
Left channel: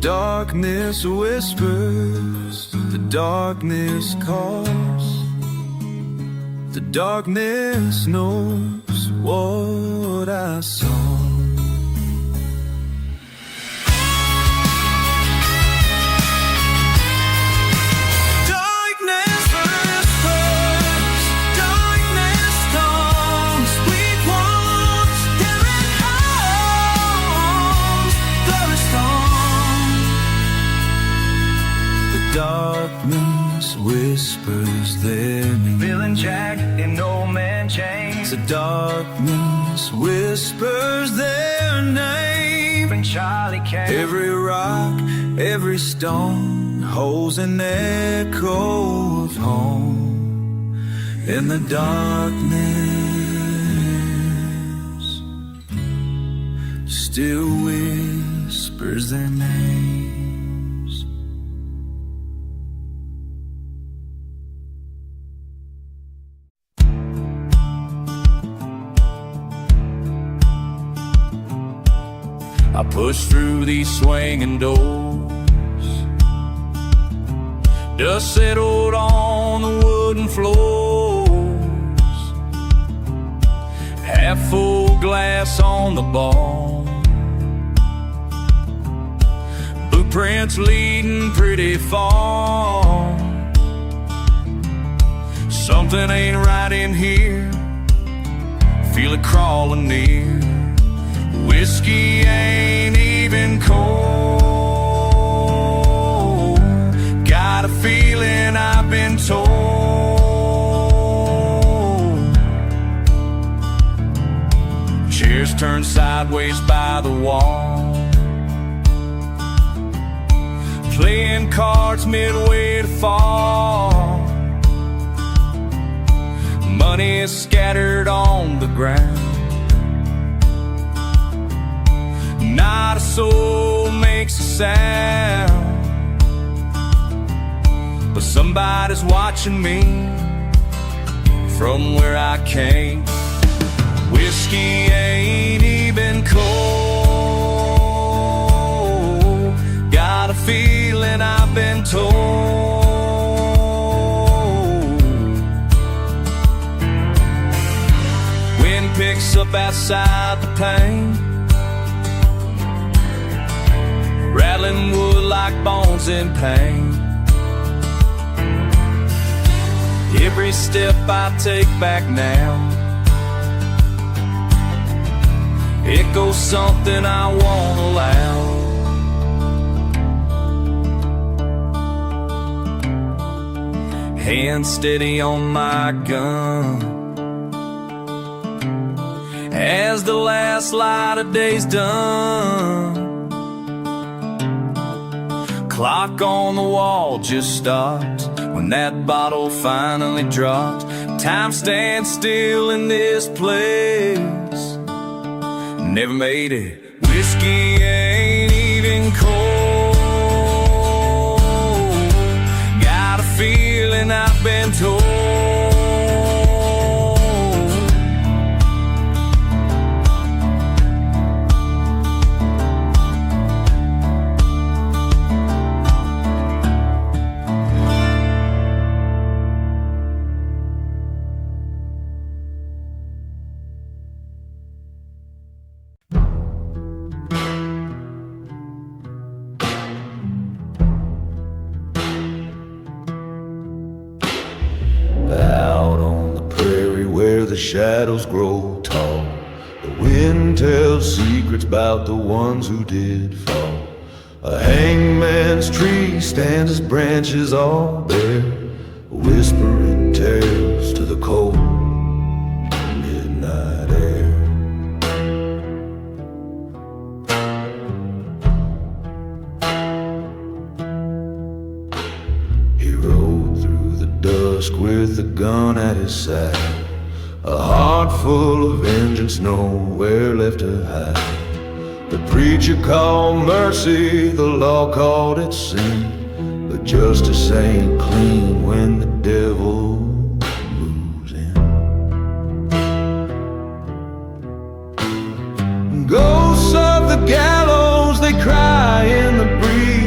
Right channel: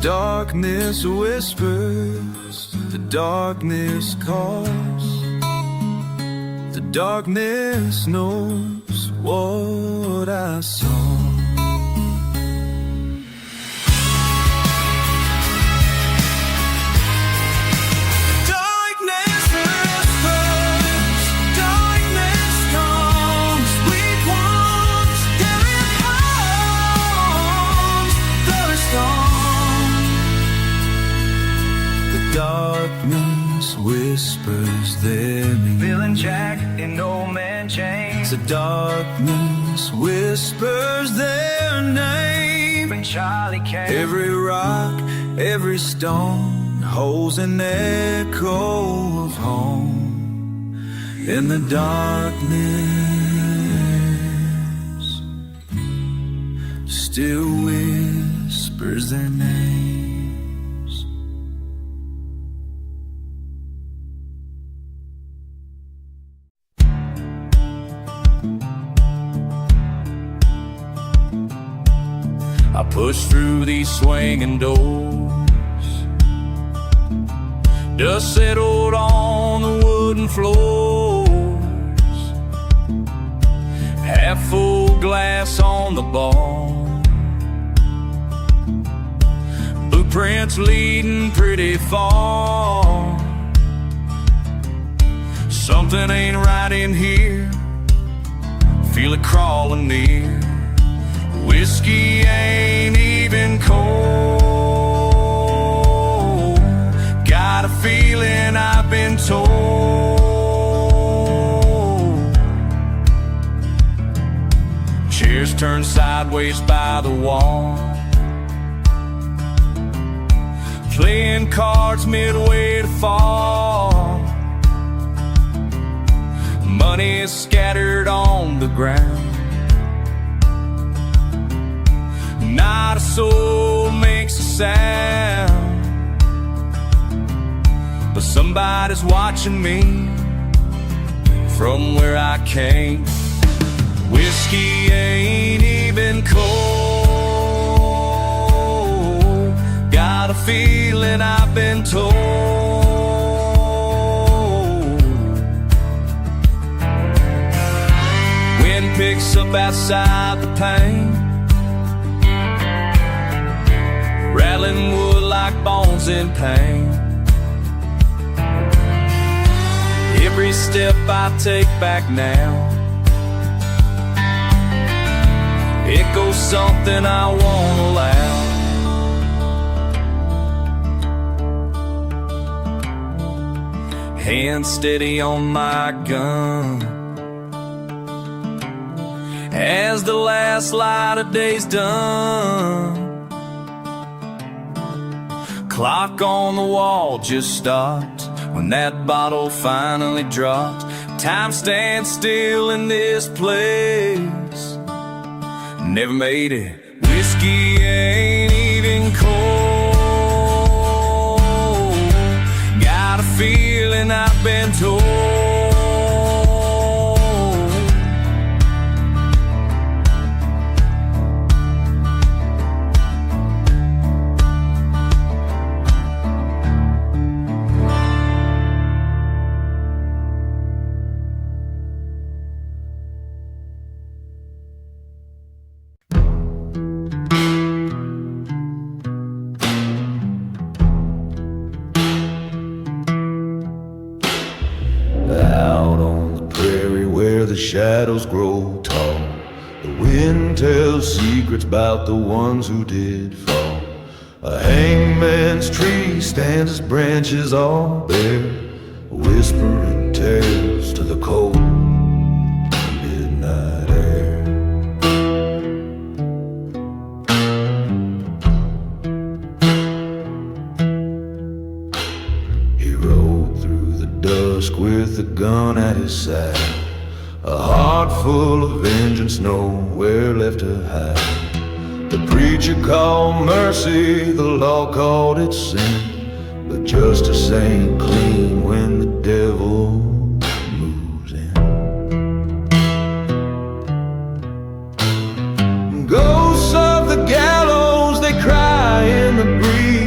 darkness whispers, the darkness calls. The darkness knows what I saw. Darkness whispers their name. Bill and Jack in No Man Chains. The darkness whispers their name. And Charlie came. Every rock, every stone holds an echo of home. In the darkness still whispers their name. I push through these swinging doors. Dust settled on the wooden floors. Half full glass on the bar. Blueprints leading pretty far. Something ain't right in here. Feel it crawling near. Whiskey ain't even cold. Got a feeling I've been told. Chairs turned sideways by the wall. Playing cards midway to fall. Money is scattered on the ground. Not a soul makes a sound, but somebody's watching me from where I came. Whiskey ain't even cold. Got a feeling I've been told. Wind picks up outside the pane, rattling wood like bones in pain. Every step I take back now echoes something I won't allow. Hand steady on my gun as the last light of day's done. Clock on the wall just stopped when that bottle finally dropped. Time stands still in this place. Never made it. Whiskey ain't even cold. Got a feeling I've been told. Out on the prairie where the shadows grow tall, the wind tells secrets about the ones who did fall. A hangman's tree stands its branches all bare, whispering tales to the cold midnight air. He rode through the dusk with a gun at his side, a heart full of vengeance, nowhere left to hide. The preacher called mercy, the law called it sin, but justice ain't clean when the devil moves in. Ghosts of the gallows, they cry in the breeze.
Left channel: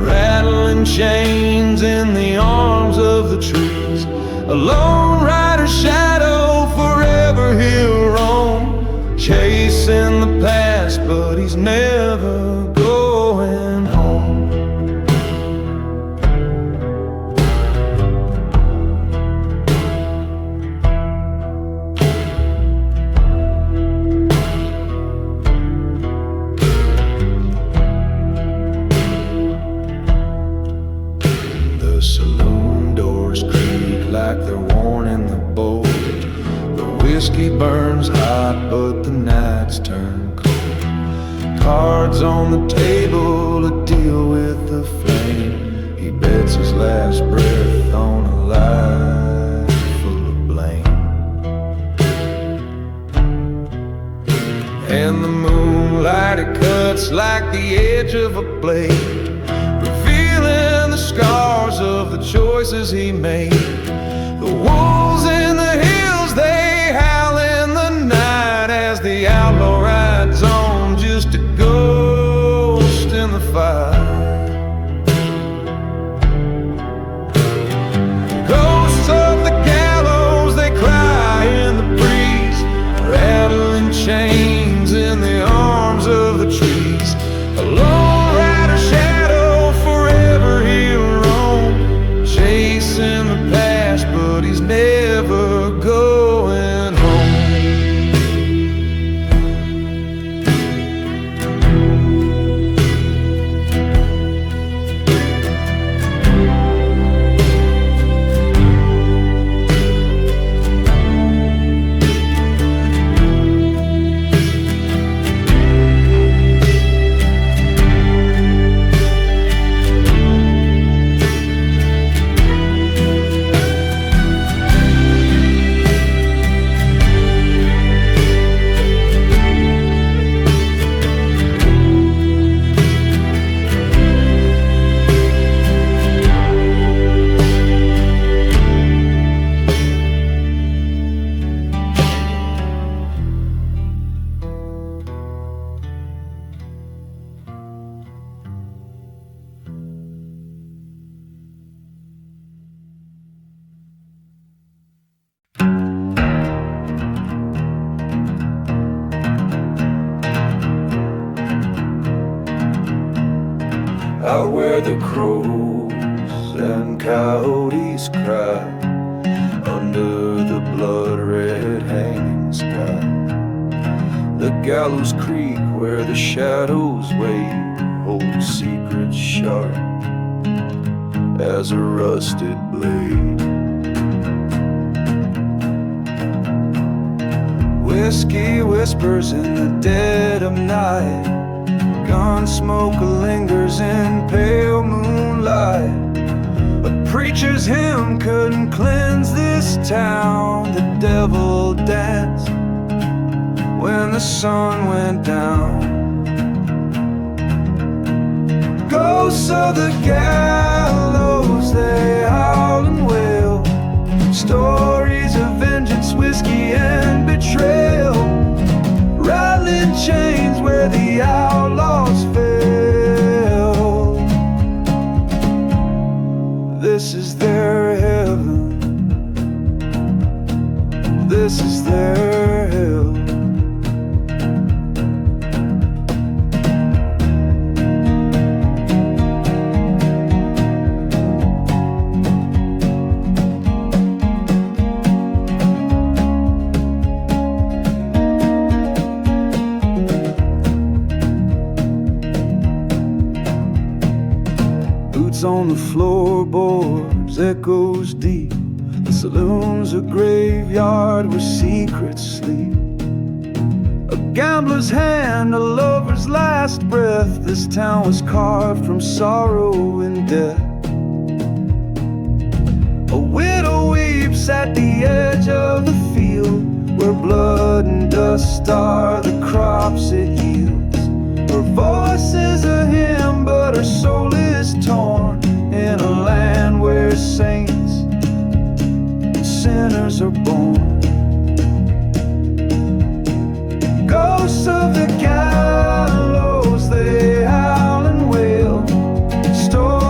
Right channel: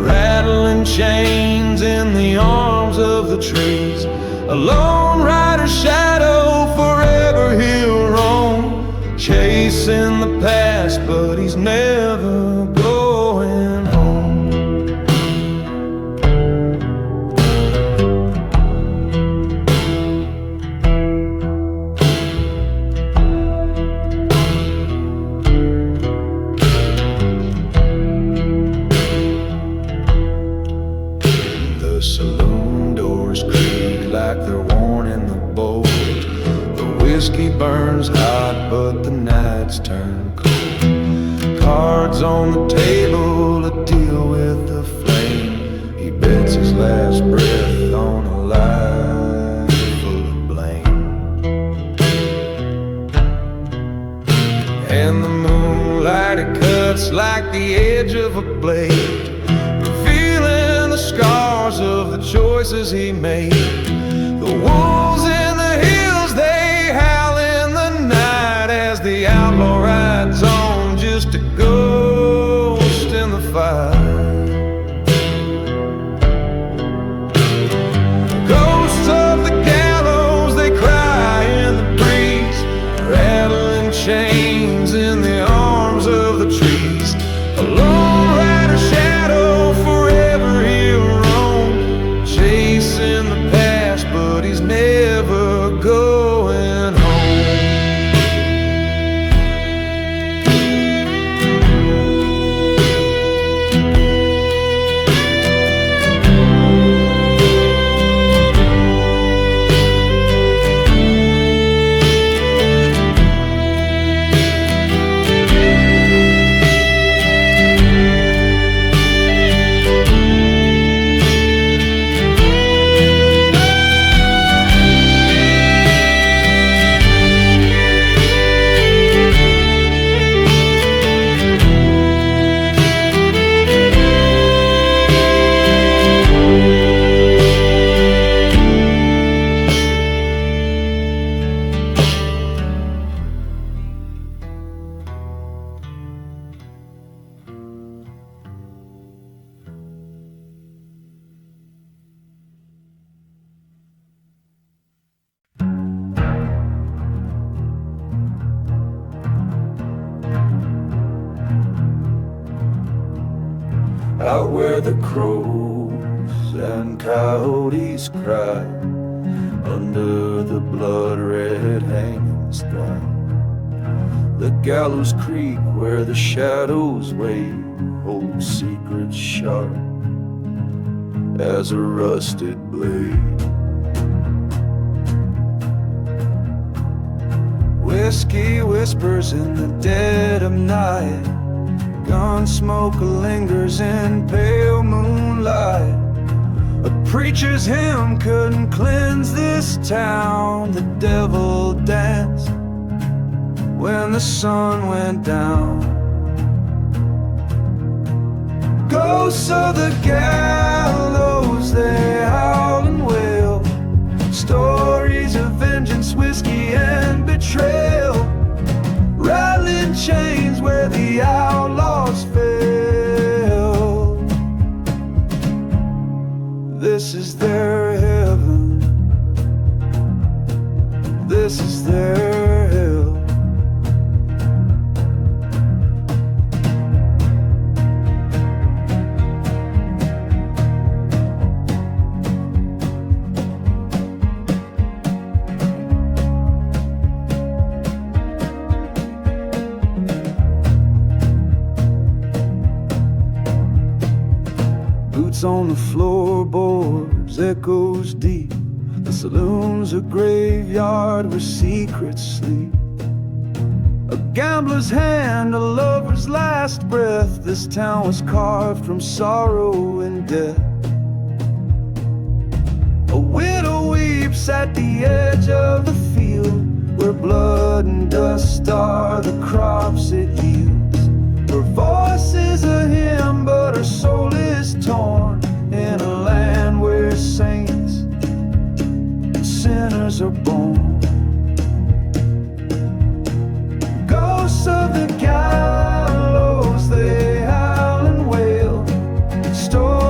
rattling chains in the arms of the trees. A lone rider's shadow, forever he'll roam, chasing the past, but he's never going home. The saloon doors creak like they're warning the bold. The whiskey burns hot, but the nights turn cold. Cards on the table to deal with the flame. He bets his last breath on a life full of blame. And the moonlight, it cuts like the edge of a blade, revealing the scars of the choices he made. The wolves in the hills, they howl in the night as the outlaw rides on, just a ghost in the fight. Ghosts of the gallows, they cry in the breeze, rattling chains in the arms of the trees. A lone rider's shadow, forever he'll roam, chasing the past, but he's never going home. Out where the crows and coyotes cry, under the blood-red hanging sky. The gallows creak where the shadows wait, hold secrets sharp as a rusted blade. Whiskey whispers in the dead of night, gun smoke lingers in pale moonlight. A preacher's hymn couldn't cleanse this town. The devil danced when the sun went down. Ghosts of the gallows, they howl and wail, stories of vengeance, whiskey and betrayal, rattling chains where the outlaws fail. This is their heaven, this is their hell. Boots on the floorboards, echoes deep. The saloon's a graveyard where secrets sleep. A gambler's hand, a lover's last breath. This town was carved from sorrow and death. A widow weeps at the edge of the field, where blood and dust are the crops it yields. Her voice is a hymn, but her soul is torn in a land where saints and sinners are born. Ghosts of the gallows, they howl and wail, stories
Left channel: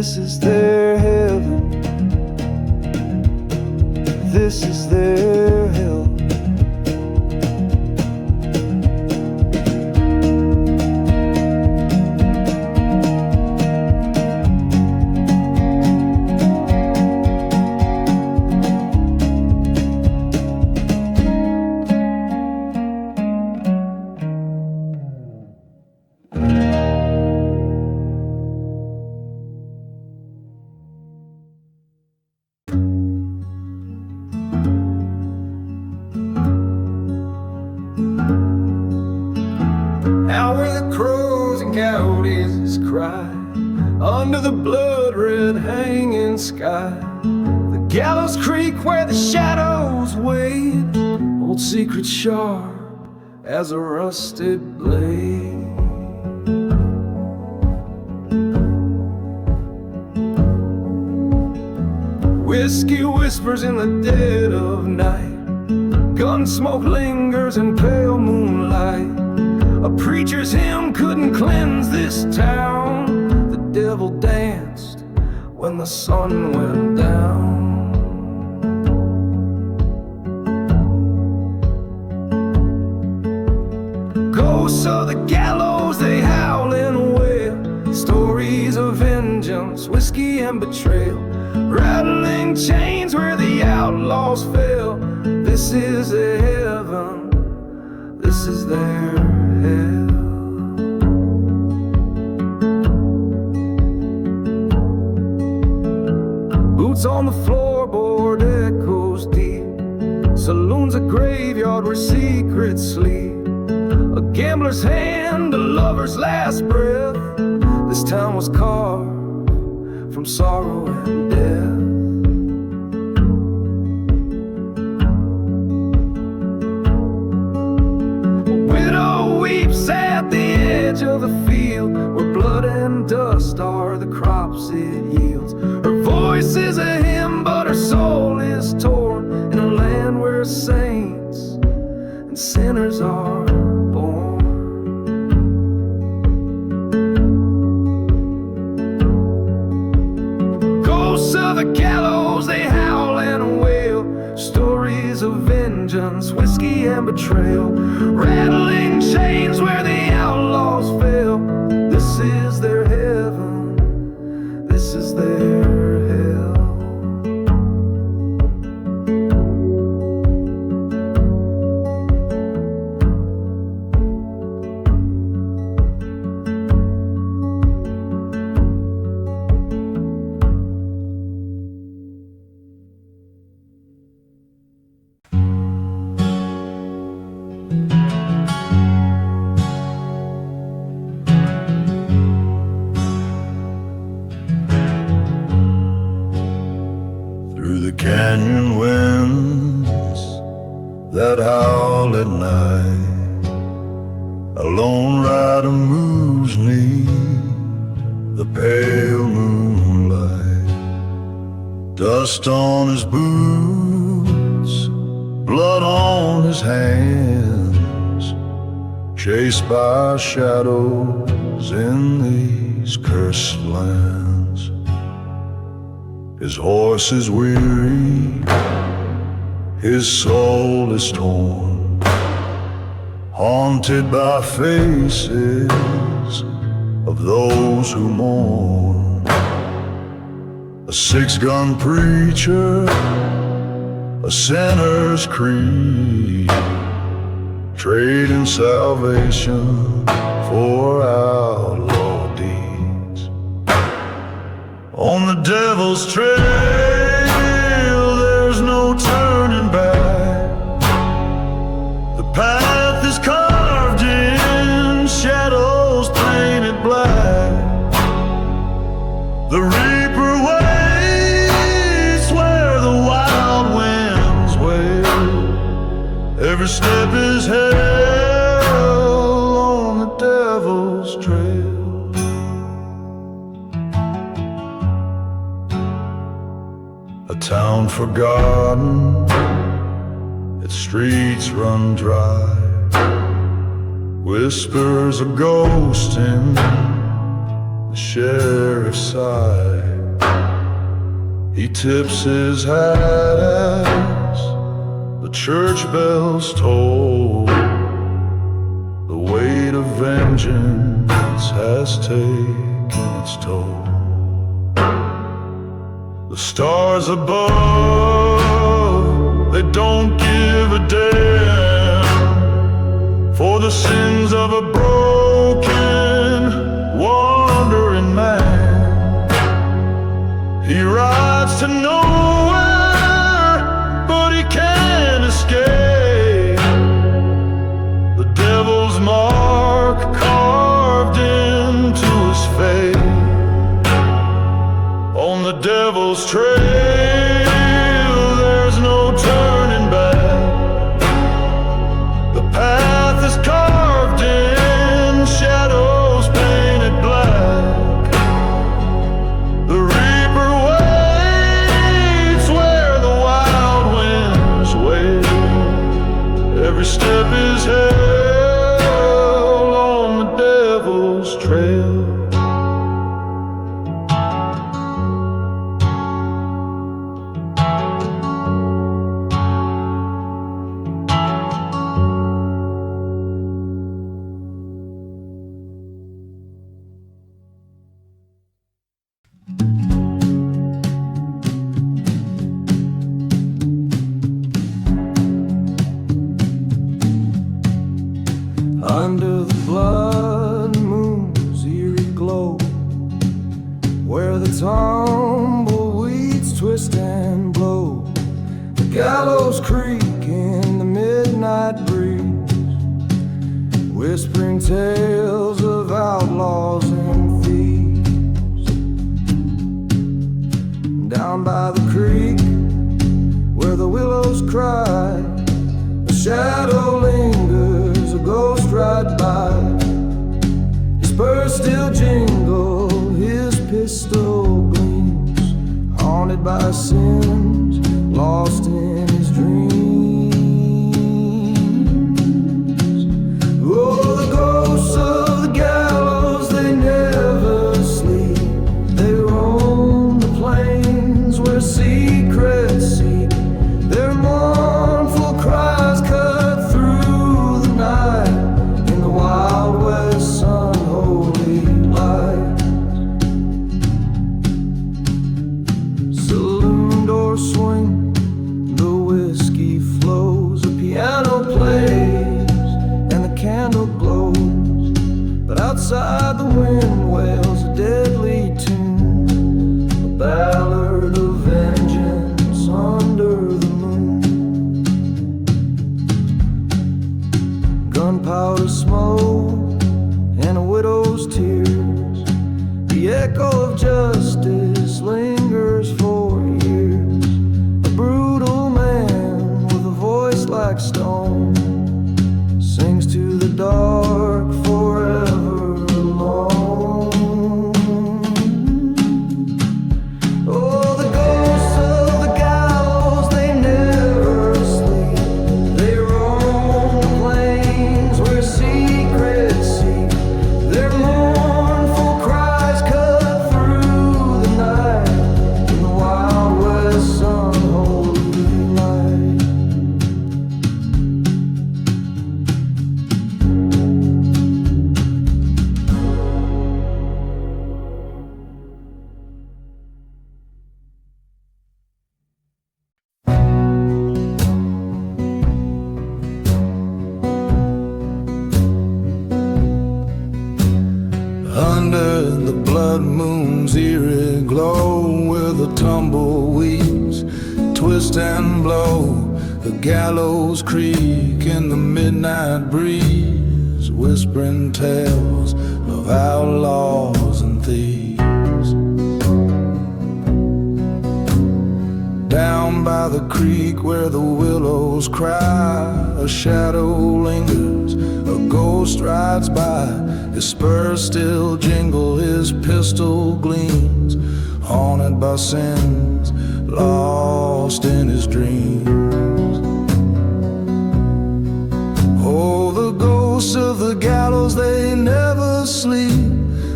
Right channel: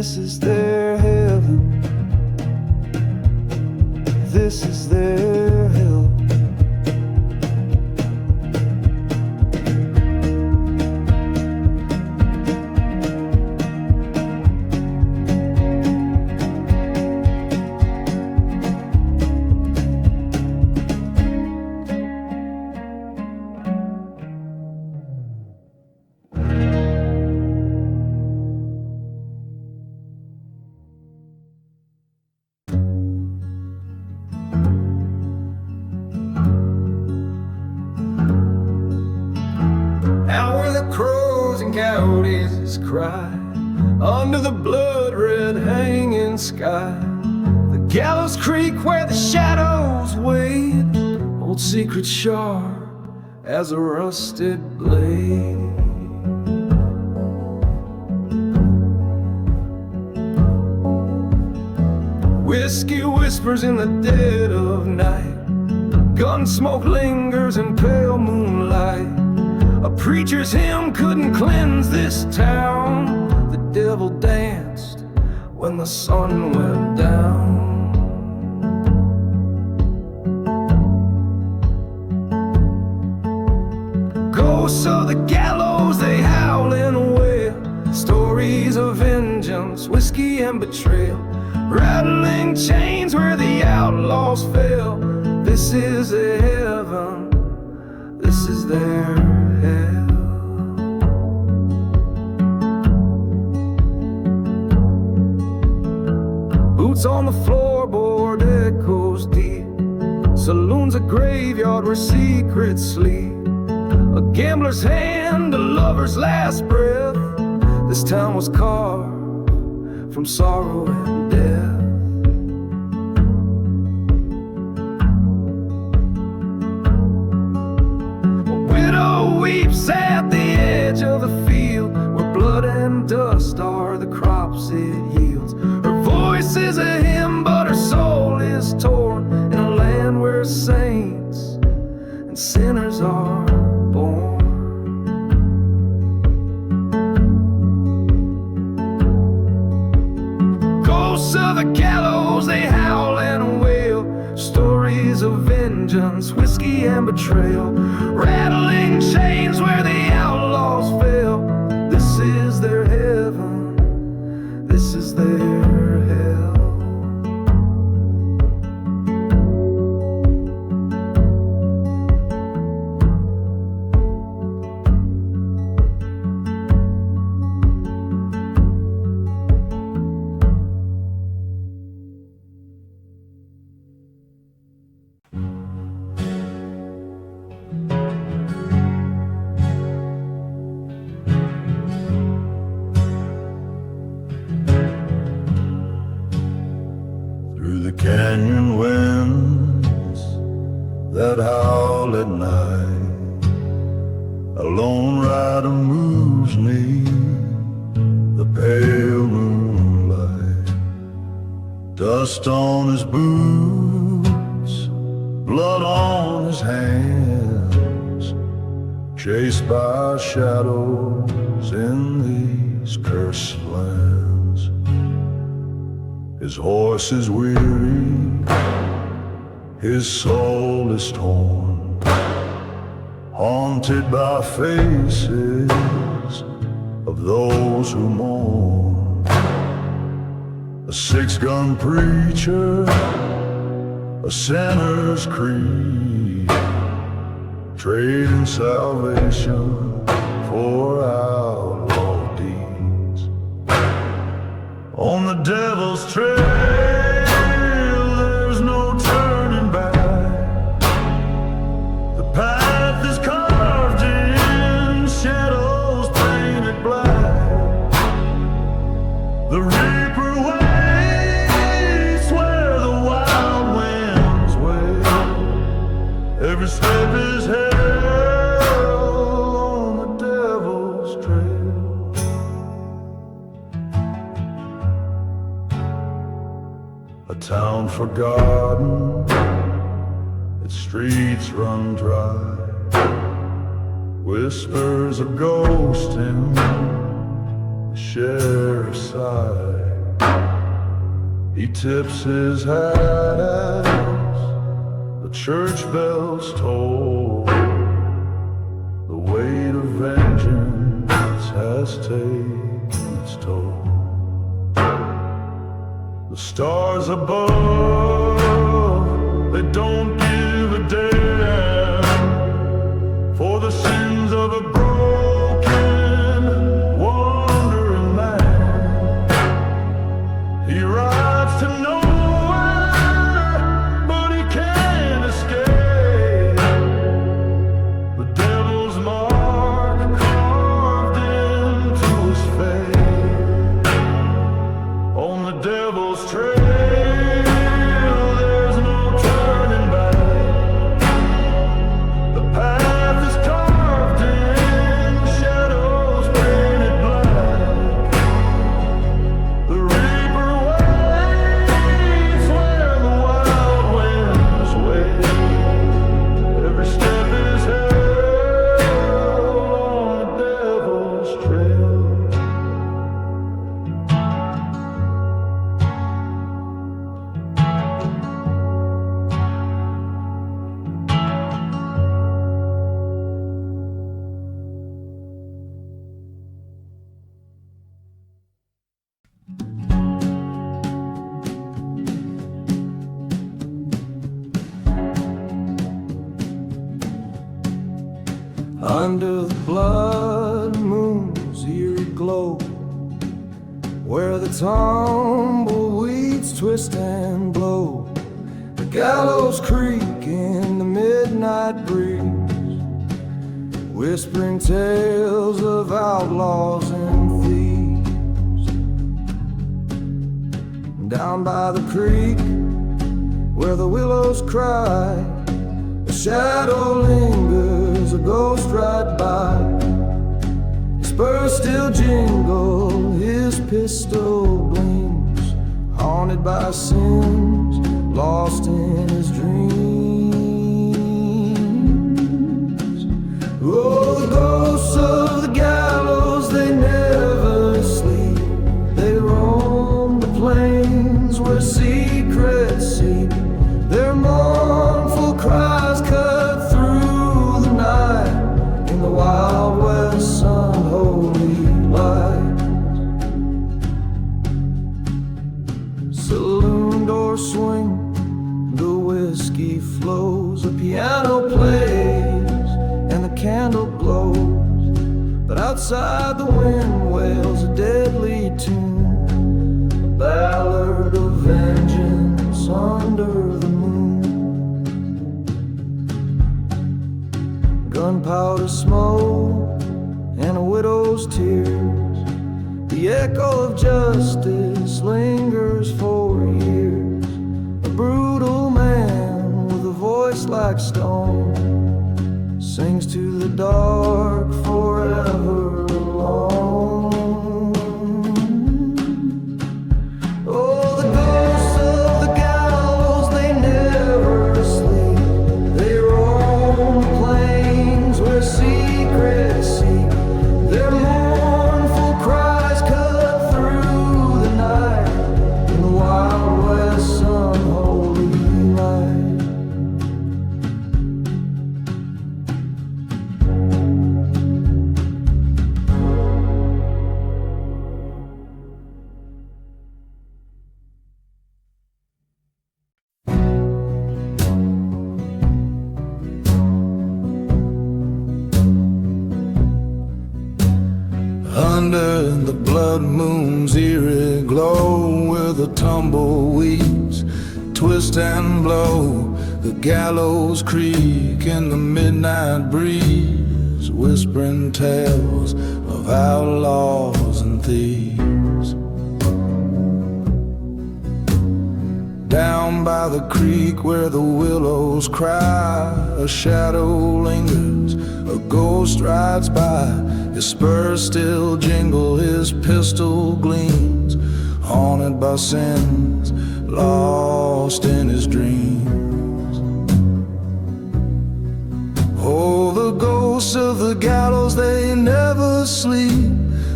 This is their heaven, this is their hell. Out where the crows and coyotes cry, under the blood-red hanging sky, the gallows creek where the shadows wait, old secret sharp as a rusted blade. Whiskey whispers in the dead of night, gun smoke lingers in pale moonlight. A preacher's hymn couldn't cleanse this town. The devil danced when the sun went down. Ghosts of the gallows, they howl and wail, stories of vengeance, whiskey and betrayal, rattling chains where the outlaws fell. This is their heaven, this is their hell. Boots on the floorboard, echoes deep. Saloon's a graveyard where secrets sleep. A gambler's hand, a lover's last breath. This town was carved from sorrow and death. Weeps at the edge of the field where blood and dust are the crops it yields. Her voice is a hymn, but her soul is torn in a land where saints and sinners are born. Ghosts of the gallows, they howl and wail, stories of vengeance, whiskey and betrayal, rattling chains where the outlaws fell. This is their heaven, this is their hell. Through the canyon winds that howl at night, a lone rider moves me, the pale moonlight. Dust on his boots, blood on his hands, chased by shadows in these cursed lands. His horse is weary, his soul is torn, haunted by faces of those who mourn. A six-gun preacher, a sinner's creed, trading salvation for outlaw deeds. On the devil's trail, there's no turning back. The path is carved in shadows painted black. The reaper waits where the wild winds wail. Every step is hell on the devil's trail. A town forgotten, its streets run dry. Whispers of ghosting the sheriff's side. He tips his hat as the church bells toll. The weight of vengeance has taken its toll. The stars above, they don't give a damn for the sins of a broken, wandering man. He rides to nowhere, but he can't escape the devil's mark carved into his fate. On the devil's trail, there's no turning back. The path is carved in shadows painted black. The reaper waits where the wild winds wail. Every step is held on the devil's trail. Under the blood moon's eerie glow, where the tumbleweeds twist and blow, the gallows creak in the midnight breeze, whispering tales of outlaws and thieves. Down by the creek, where the willows cry, a shadow lingers, a ghost ride by. His spurs still jingle, his pistol gleams, haunted by sins, lost in his dreams. Oh, the ghosts of the gallows, they never sleep. They roam the plains where secrets seek. Their mournful cries cut through the night in the Wild West's unholy light. Saloon doors swing, the whiskey flows, a piano plays and the candle glows, but outside the wind wails a deadly tune, a ballad of vengeance under the moon. Gunpowder smoke and a widow's tears, the echo of justice lingers for years. A brutal man with a voice like stone sings to the dark forever alone. Oh, the ghosts of the gallows, they never sleep. They roam the plains where secrets seek. Their mournful cries cut through the night in the Wild West's unholy light. Under the blood moon's eerie glow, where the tumbleweeds twist and blow, the gallows creak in the midnight breeze, whispering tales of outlaws and thieves. Down by the creek where the willows cry, a shadow lingers, a ghost rides by. His spurs still jingle, his pistol gleams, haunted by sins, lost in his dreams. Oh, the ghosts of the gallows, they never sleep.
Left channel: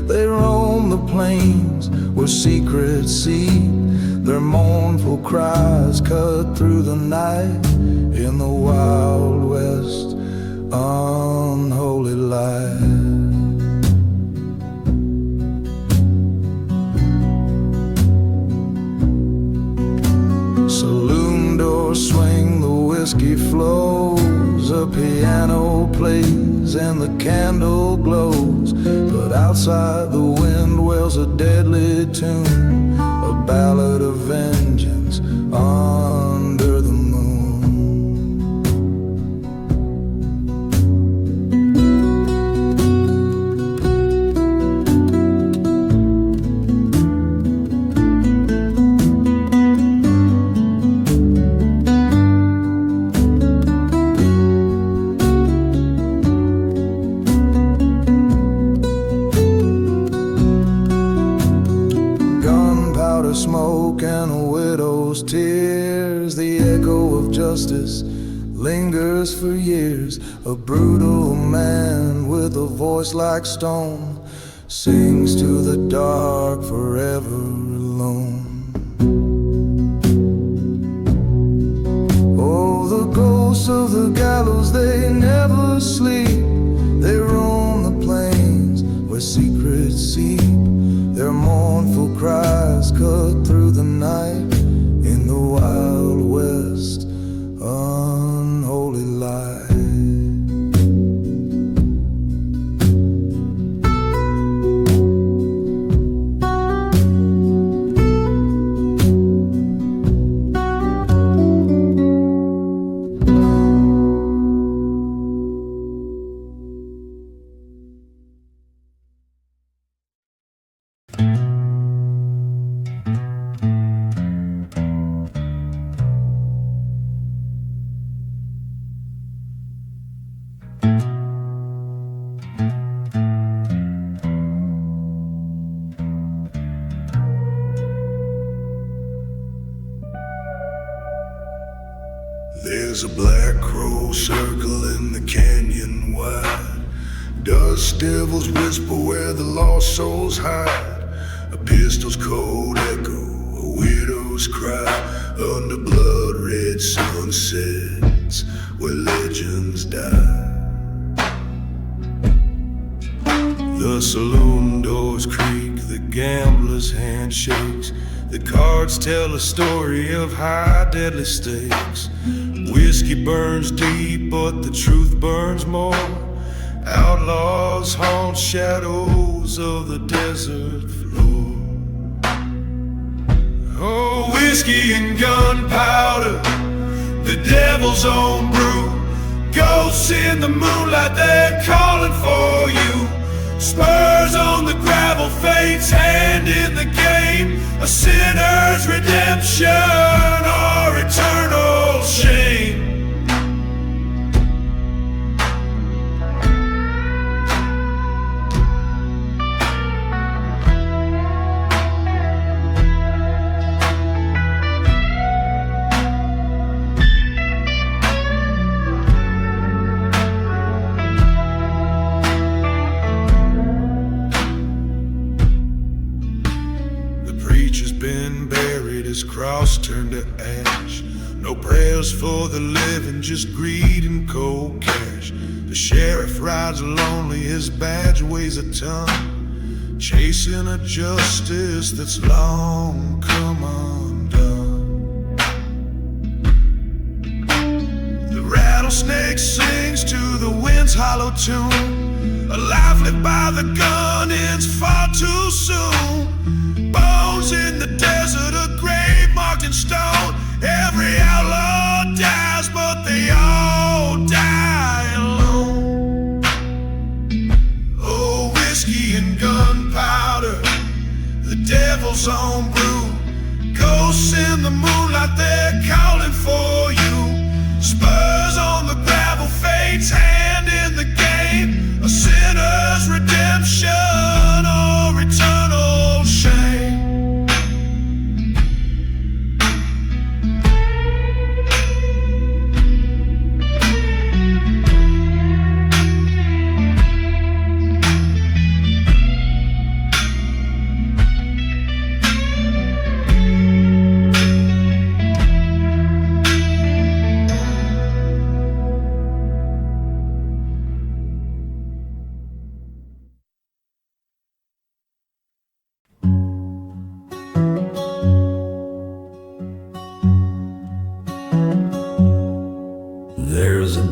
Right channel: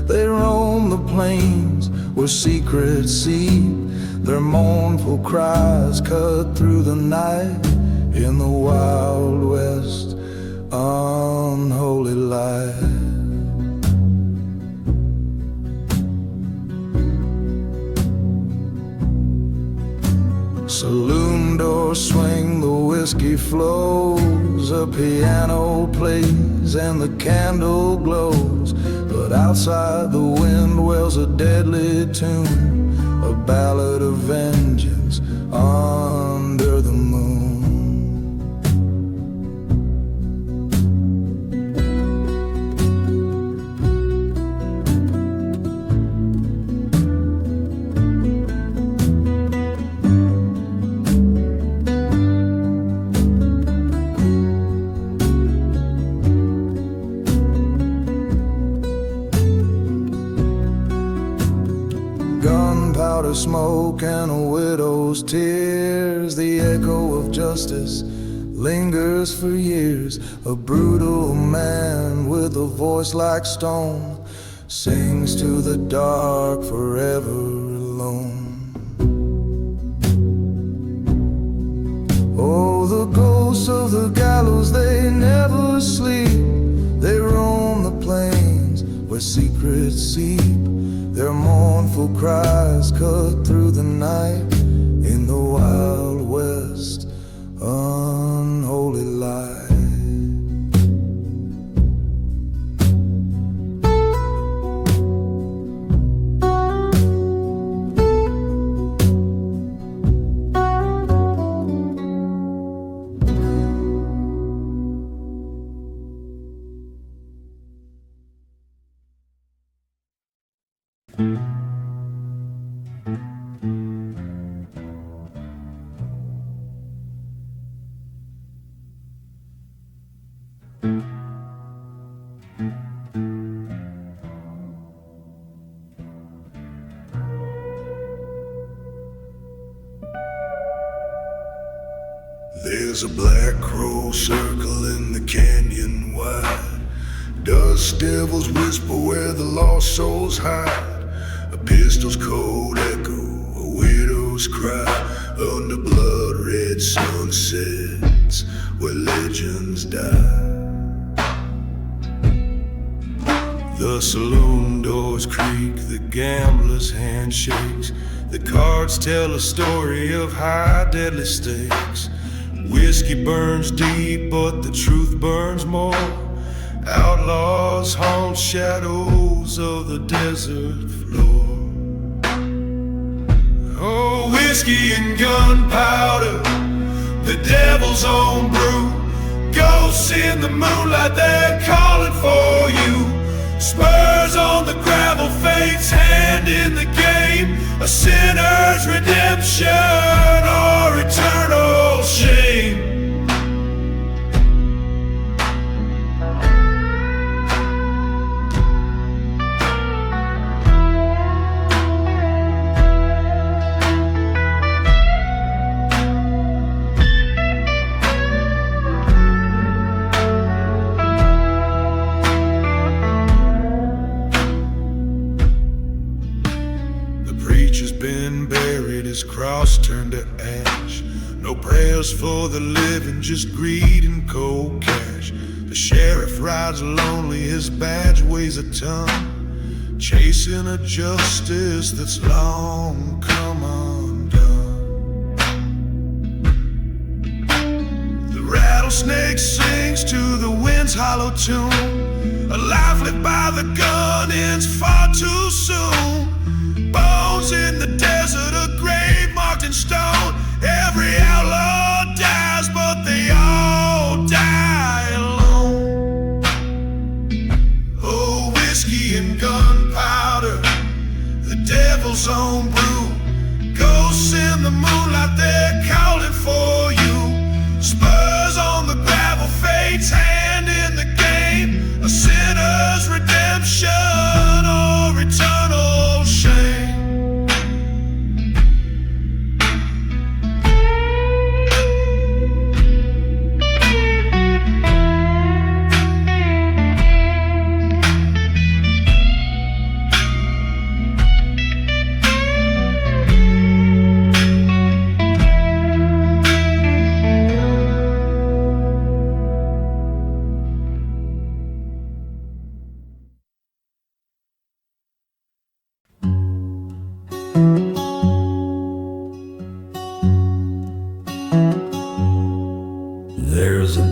They roam the plains where secrets seep. Their mournful cries cut through the night. In the wild west, unholy light. Saloon doors swing, the whiskey flows, a piano plays and the candle glows. But outside the wind wails a deadly tune, a ballad of vengeance under the moon. Smoke and a widow's tears, the echo of justice lingers for years. A brutal man with a voice like stone sings to the dark, forever alone. Oh, the ghosts of the gallows, they never sleep. They roam the plains where secrets seep. Their mournful cries cut through the night. In the wild west, unholy light. There's a black crow circling the canyon wide. Dust devils whisper where the lost souls hide. A pistol's cold echo, a widow's cry, under blood-red sunsets where legends die. The saloon doors creak, the gambler's hand shakes. The cards tell a story of high deadly stakes. Whiskey burns deep, but the truth burns more. Outlaws haunt shadows of the desert floor. Oh, whiskey and gunpowder, the devil's own brew. Ghosts in the moonlight, they're calling for you. Spurs on the gravel, fate's hand in the game. A sinner's redemption or eternal shame. Preacher's been buried, his cross turned to ash. No prayers for the living, just greed and cold cash. The sheriff rides lonely, his badge weighs a ton, chasing a justice that's long come undone. The rattlesnake sings to the wind's hollow tune. A life lived by the gun ends far too soon. Bones in the desert, a grave marked in stone. Every outlaw dies, but they all die alone. Oh, whiskey and gunpowder, the devil's own brew. Ghosts in the moonlight, they're calling for you. Spurs on the gravel, fate's hand in the game. A sinner's redemption or eternal shame.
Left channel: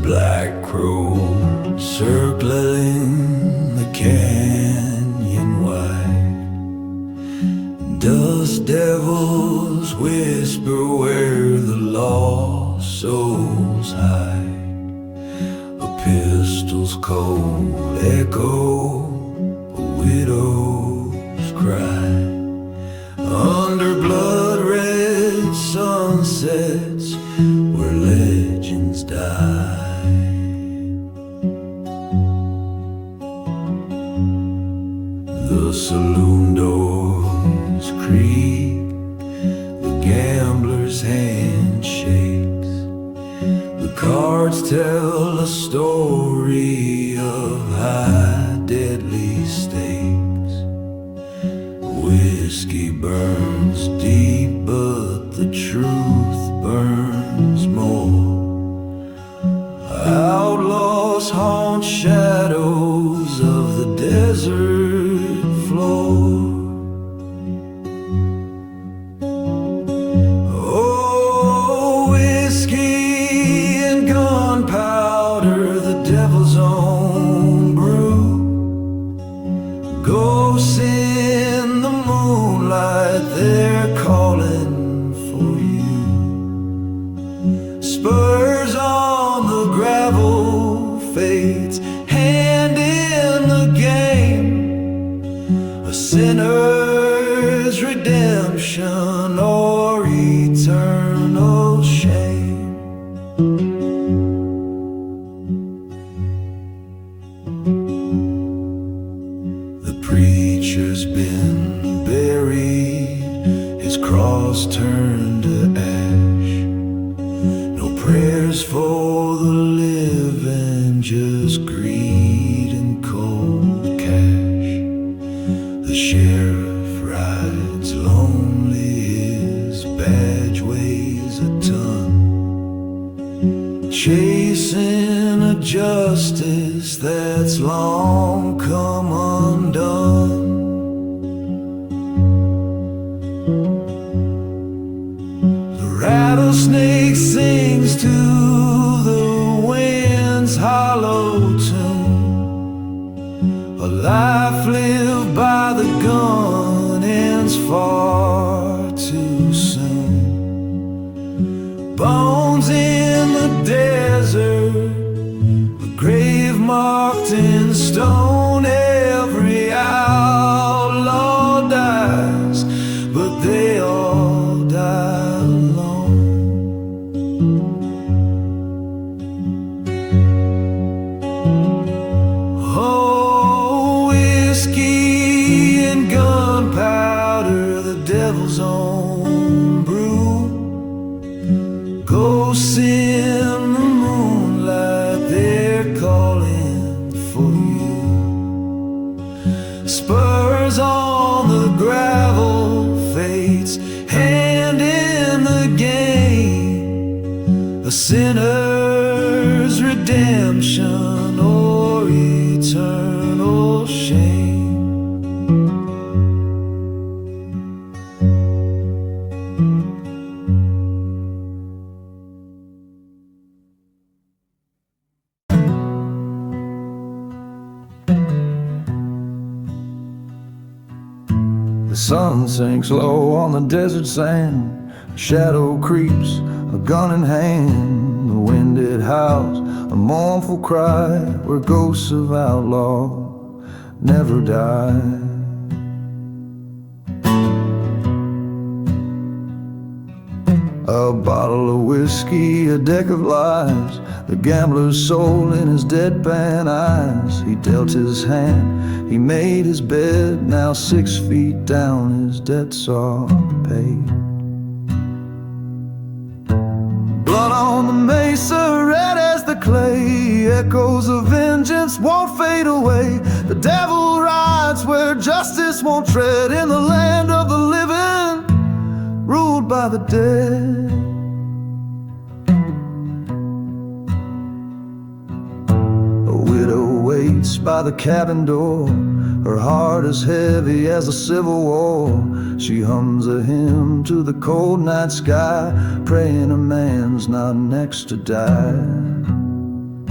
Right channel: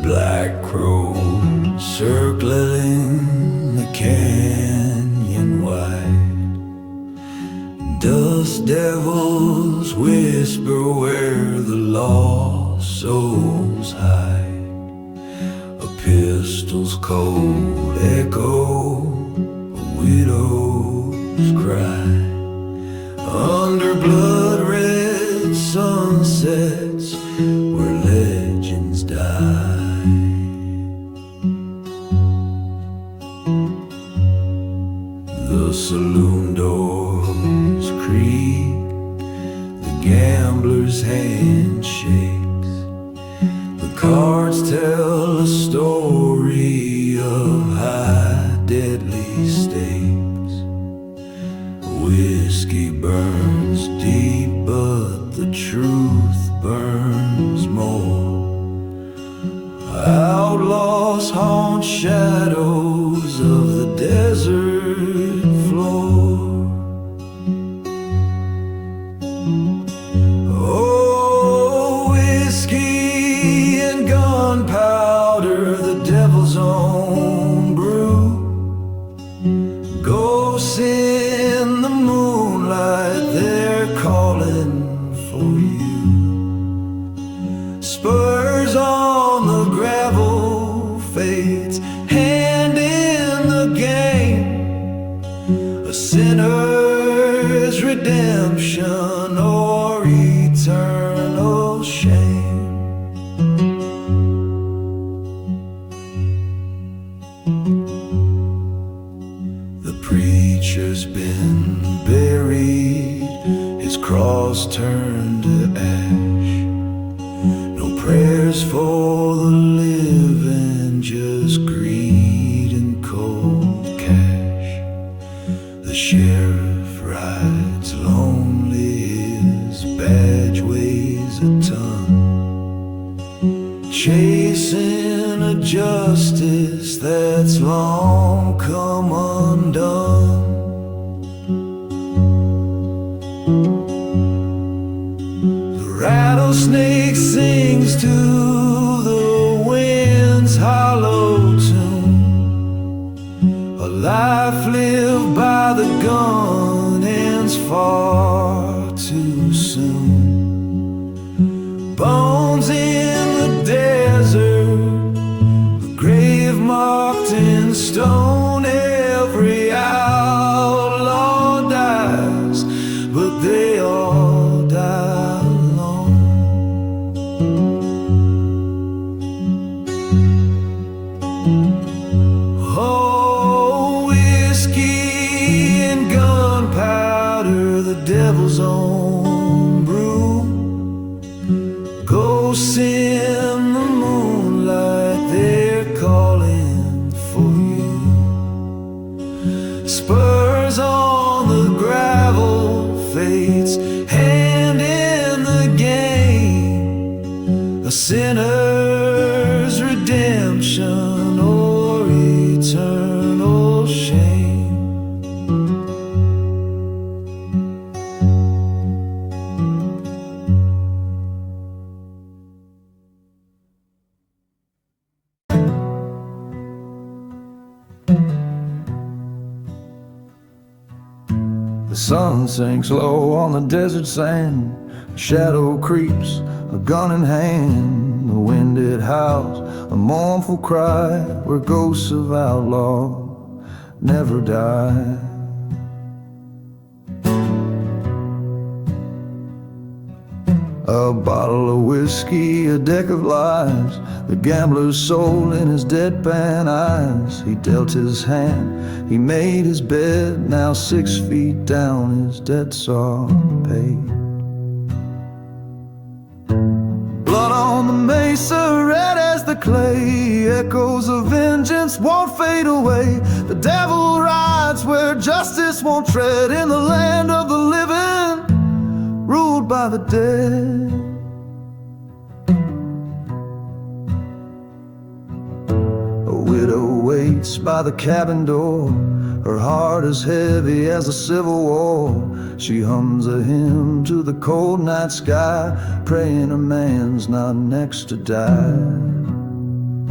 black crow circling the canyon wide. Dust devils whisper where the lost souls hide. A pistol's cold echo, a widow's cry. Under blood-red sunsets where legends die. The saloon doors creak, the gambler's hand shakes. The cards tell a story of high deadly stakes. Whiskey burns deep, but the truth burns more. Outlaws haunt shadows of the desert floor. Oh, whiskey and gunpowder, the devil's own brew. Ghosts in the moonlight, they're calling for you. Spurs on the gravel, fate's hand in the game. A sinner's redemption or eternal shame. The preacher's been buried, his cross turned to ash. No prayers for the living, just greed and cold cash. The sheriff rides lonely, his badge weighs a ton, chasing a justice that's long come undone. Rattlesnake sings to the wind's hollow tune. A life lived by the gun ends far too soon. Bones in the desert, a grave marked in stone. Every outlaw dies, but they all die alone. Oh, whiskey and gunpowder, the devil's own brew. Ghosts in the moonlight, they're calling for you. Spurs on the gravel, fate's hand in the game. A sinner's redemption or eternal shame. The sun sinks low on the desert sand. A shadow creeps, a gun in hand. The wind it howls, a mournful cry, where ghosts of outlaw never die. A bottle of whiskey, a deck of lies, the gambler's soul in his deadpan eyes. He dealt his hand, he made his bed. Now 6 feet down, his debts are paid. Blood on the mesa, red as the clay. Echoes of vengeance won't fade away. The devil rides where justice won't tread. In the land of the living, ruled by the dead. A widow waits by the cabin door. Her heart is heavy as a civil war. She hums a hymn to the cold night sky, praying a man's not next to die.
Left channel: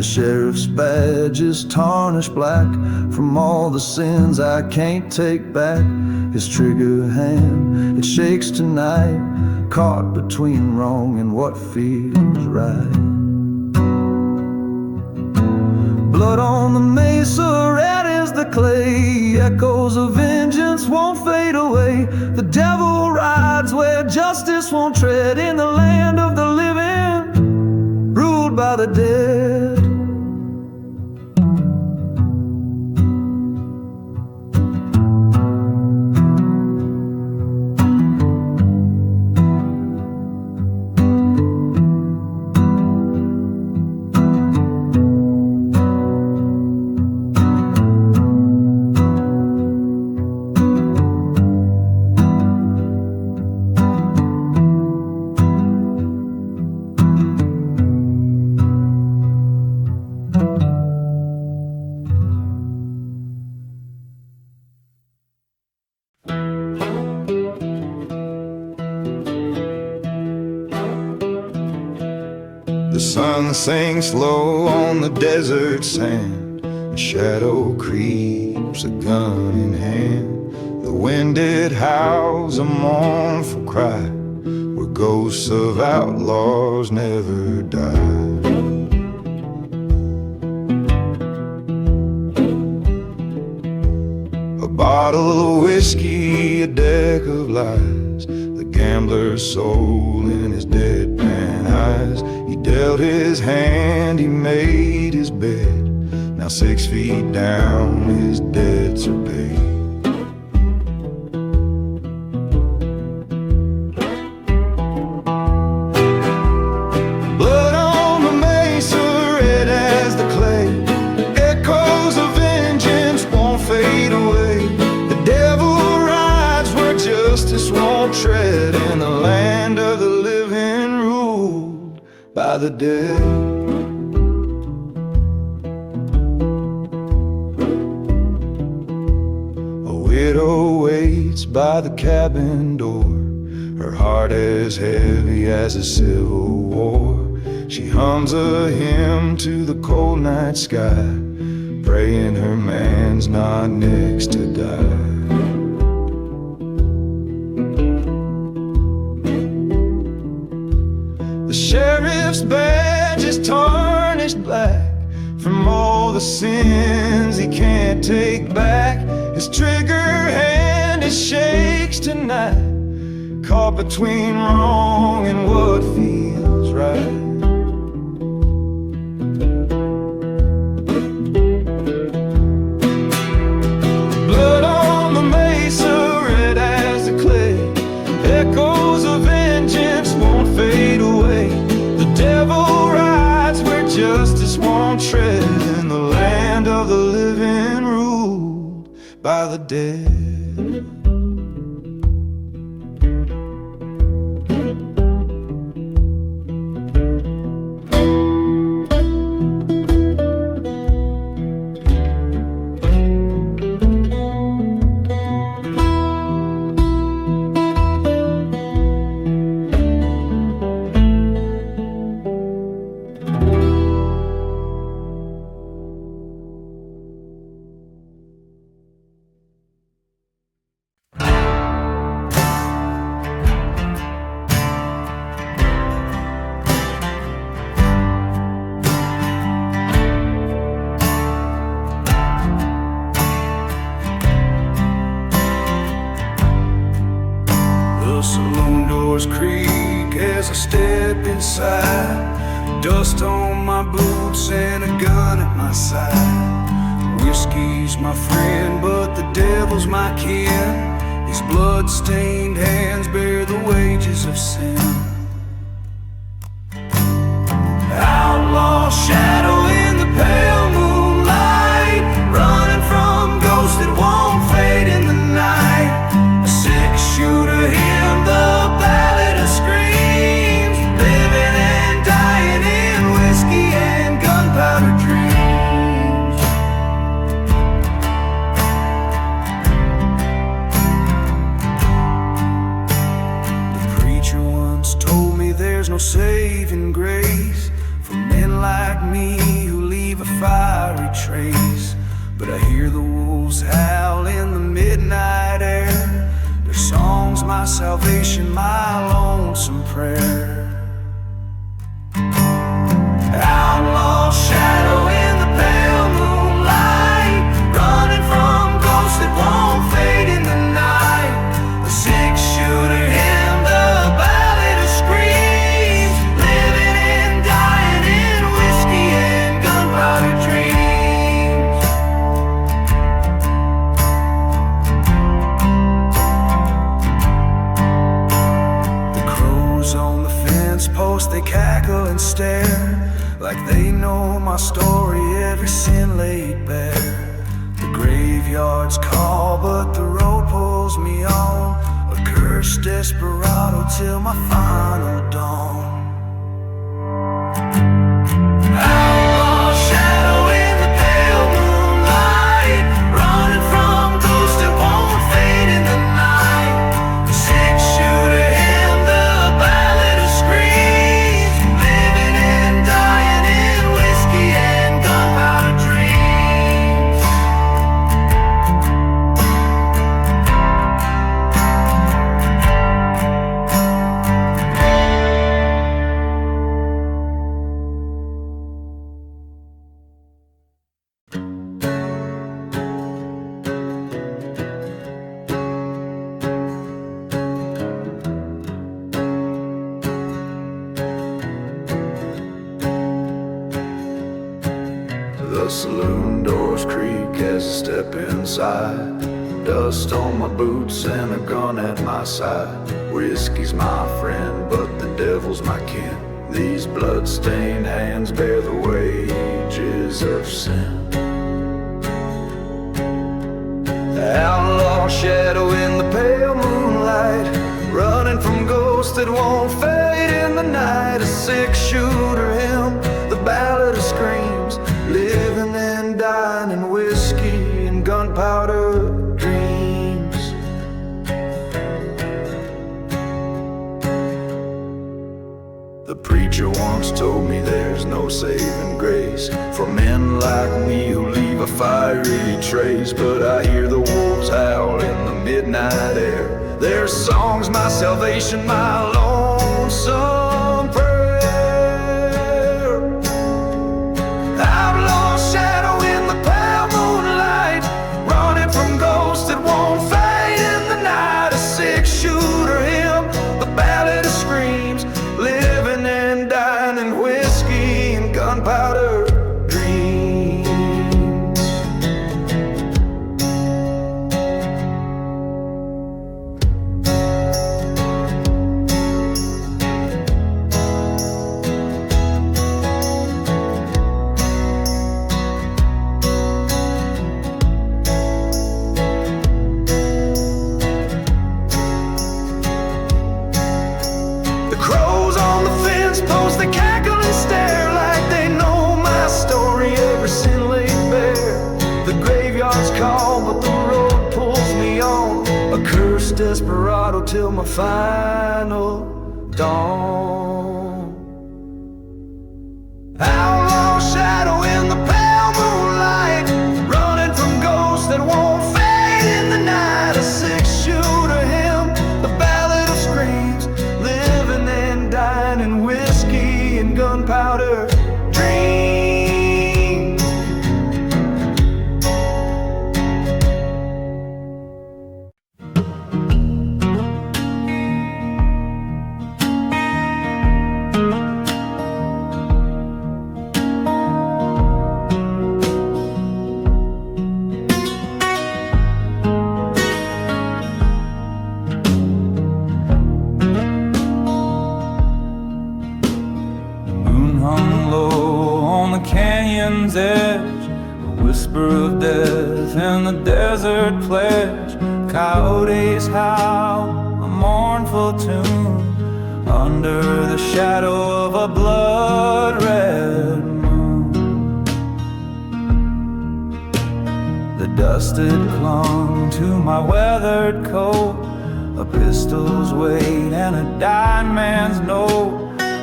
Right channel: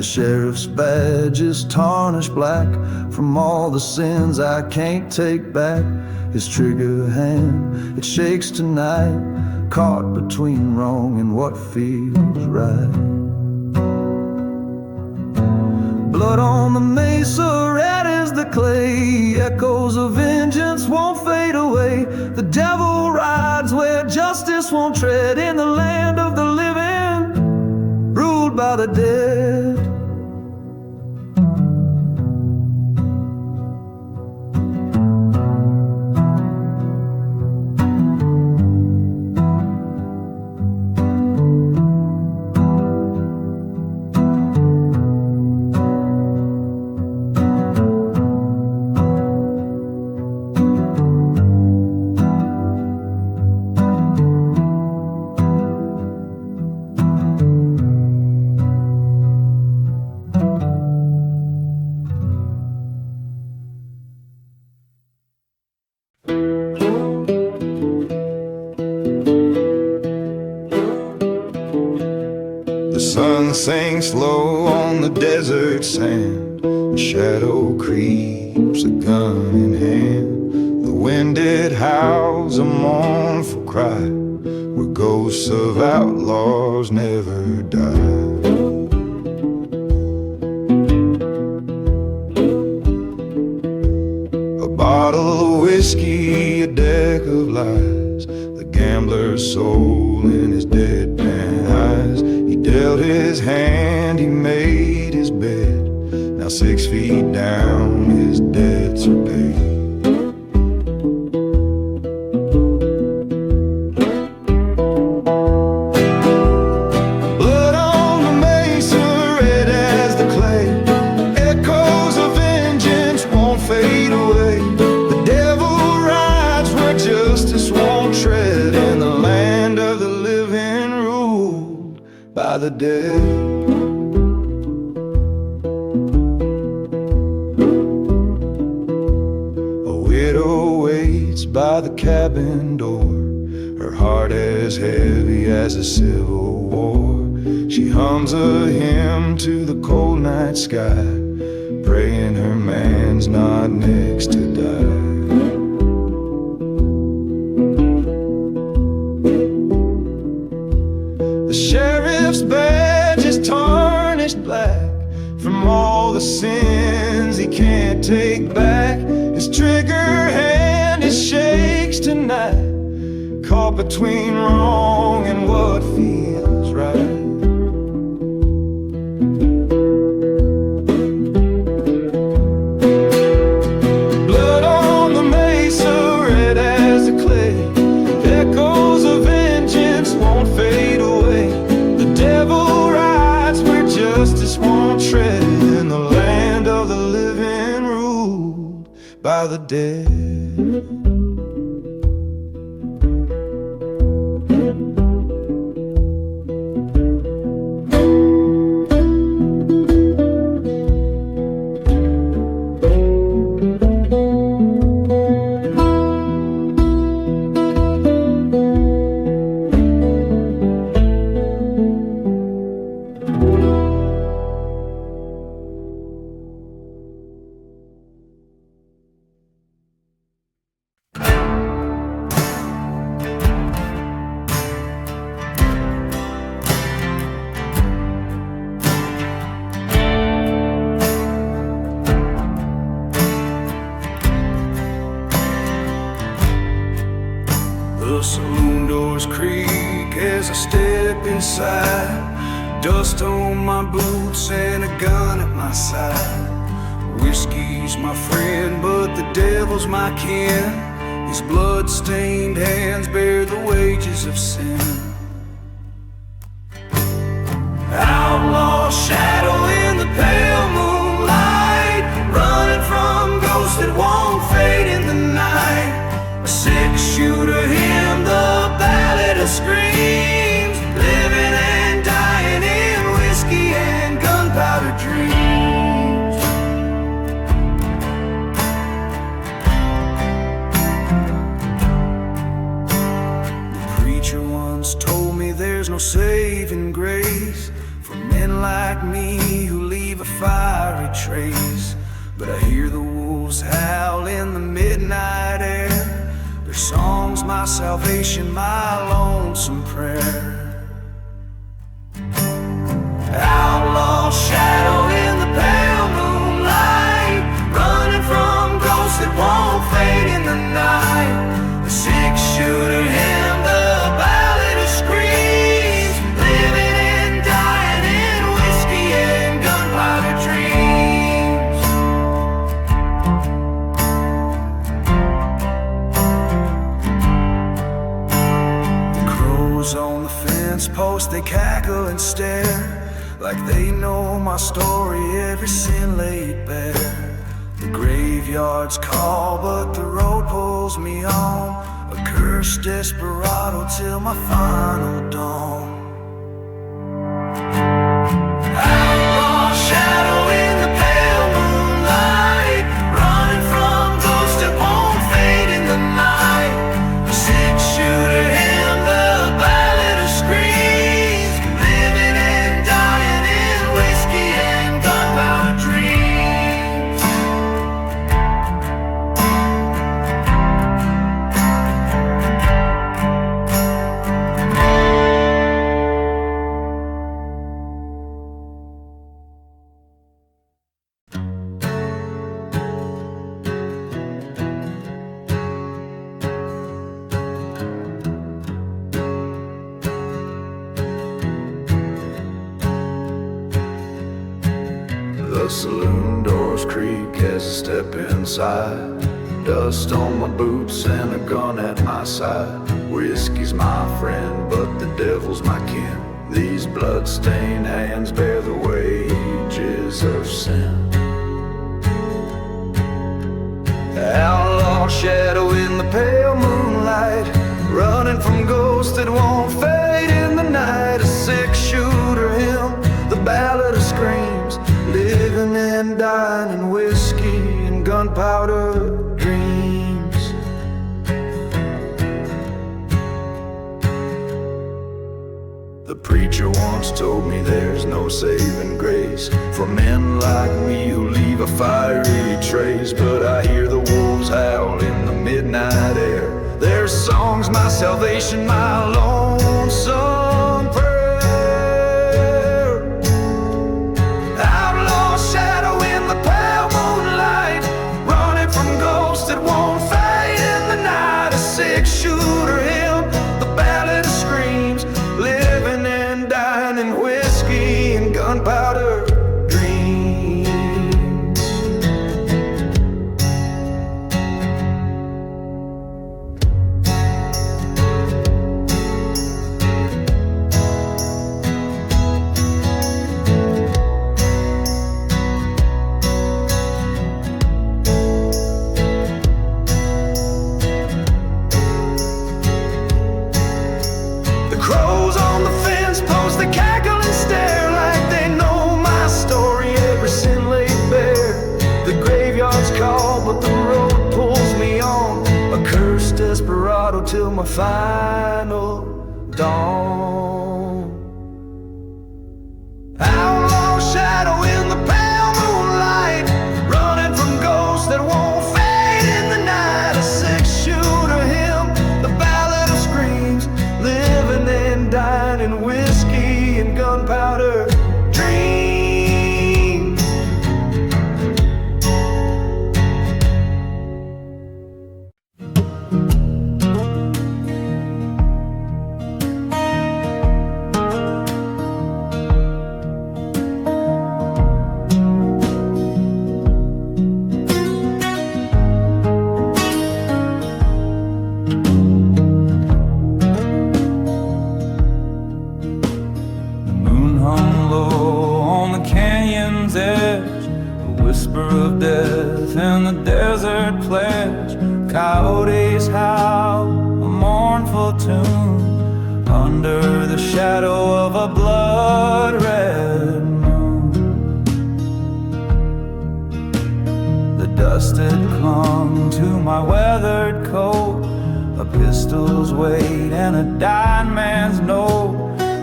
The sheriff's badge is tarnished black from all the sins I can't take back. His trigger hand, it shakes tonight, caught between wrong and what feels right. Blood on the mesa, red as the clay, echoes of vengeance won't fade away. The devil rides where justice won't tread, in the land of the living, ruled by the dead. The sun sinks low on the desert sand, a shadow creeps, a gun in hand. The wind it howls a mournful cry, where ghosts of outlaws never die. A bottle of whiskey, a deck of lies, the gambler's soul in his deadpan eyes. He dealt his hand, he made his bed. Now 6 feet down, his debts are paid. Blood on the mesa, red as the clay, echoes of vengeance won't fade away. The devil rides where justice won't tread, in the land of the living, ruled by the dead. A widow waits by the cabin door, her heart as heavy as a civil war. She hums a hymn to the cold night sky, praying her man's not next to die. The sheriff's badge is tarnished black from all the sins he can't take back. His trigger hand, it shakes tonight, caught between wrong and what feels right. Blood on the mesa, red as the clay, echoes of vengeance won't fade away. The devil rides where justice won't tread, in the land of the living, ruled by the dead. The saloon doors creak as I step inside, dust on my boots and a gun at my side. Whiskey's my friend, but the devil's my kin. These blood-stained hands bear the wages of sin. Outlaw shadow in the pale moonlight, running from ghosts that won't fade in the night. A six-shooter hymn, the ballad of screams, living and dying in whiskey and gunpowder dreams. The preacher once told me there's no saving grace for men like me who leave a fiery trace. But I hear the wolves howl in the midnight air. Their song's my salvation, my lonesome prayer. Outlaw shadow in the pale moonlight, running from ghosts that won't fade in the night. A six-shooter hymn, the ballad of screams, living and dying in whiskey and gunpowder dreams. The crows on the fence post, they cackle and stare, like they know my story, every sin laid bare. The graveyards call, but the road pulls me on, a cursed desperado till my final dawn. Outlaw shadow in the pale moonlight, running from ghosts that won't fade in the night. A six-shooter hymn, the ballad of screams, living and dying in whiskey and gunpowder dreams. The saloon doors creak as I step inside. Dust on my boots and a gun at my side. Whiskey's my friend, but the devil's my kin. These blood-stained hands bear the wages of sin. Outlaw shadow in the pale moonlight, running from ghosts that won't fade in the night. A six-shooter hymn, the ballad of screams, living and dying in whiskey and gunpowder dreams. The preacher once told me there's no saving grace for men like me who leave a fiery trace. But I hear the wolves howl in the midnight air. Their song's my salvation, my lonesome prayer. Outlaw shadow in the pale moonlight, running from ghosts that won't fade in the night. A six-shooter hymn, the ballad of screams, living and dying in whiskey and gunpowder dreams. Crows on the fence post, they cackle and stare like they know my story, every sin laid bare. The graveyards call, but the road pulls me on, a cursed desperado till my final dawn. Outlaw shadow in the pale moonlight, running from ghosts that won't fade in the night. A six-shooter hymn, the ballad of screams, living and dying in whiskey and gunpowder dreams. Canyon's edge, a whisper of death in the desert pledge. Coyotes howl a mournful tune under the shadow of a blood-red moon. The dust had clung to my weathered coat, a pistol's weight and a dying man's note.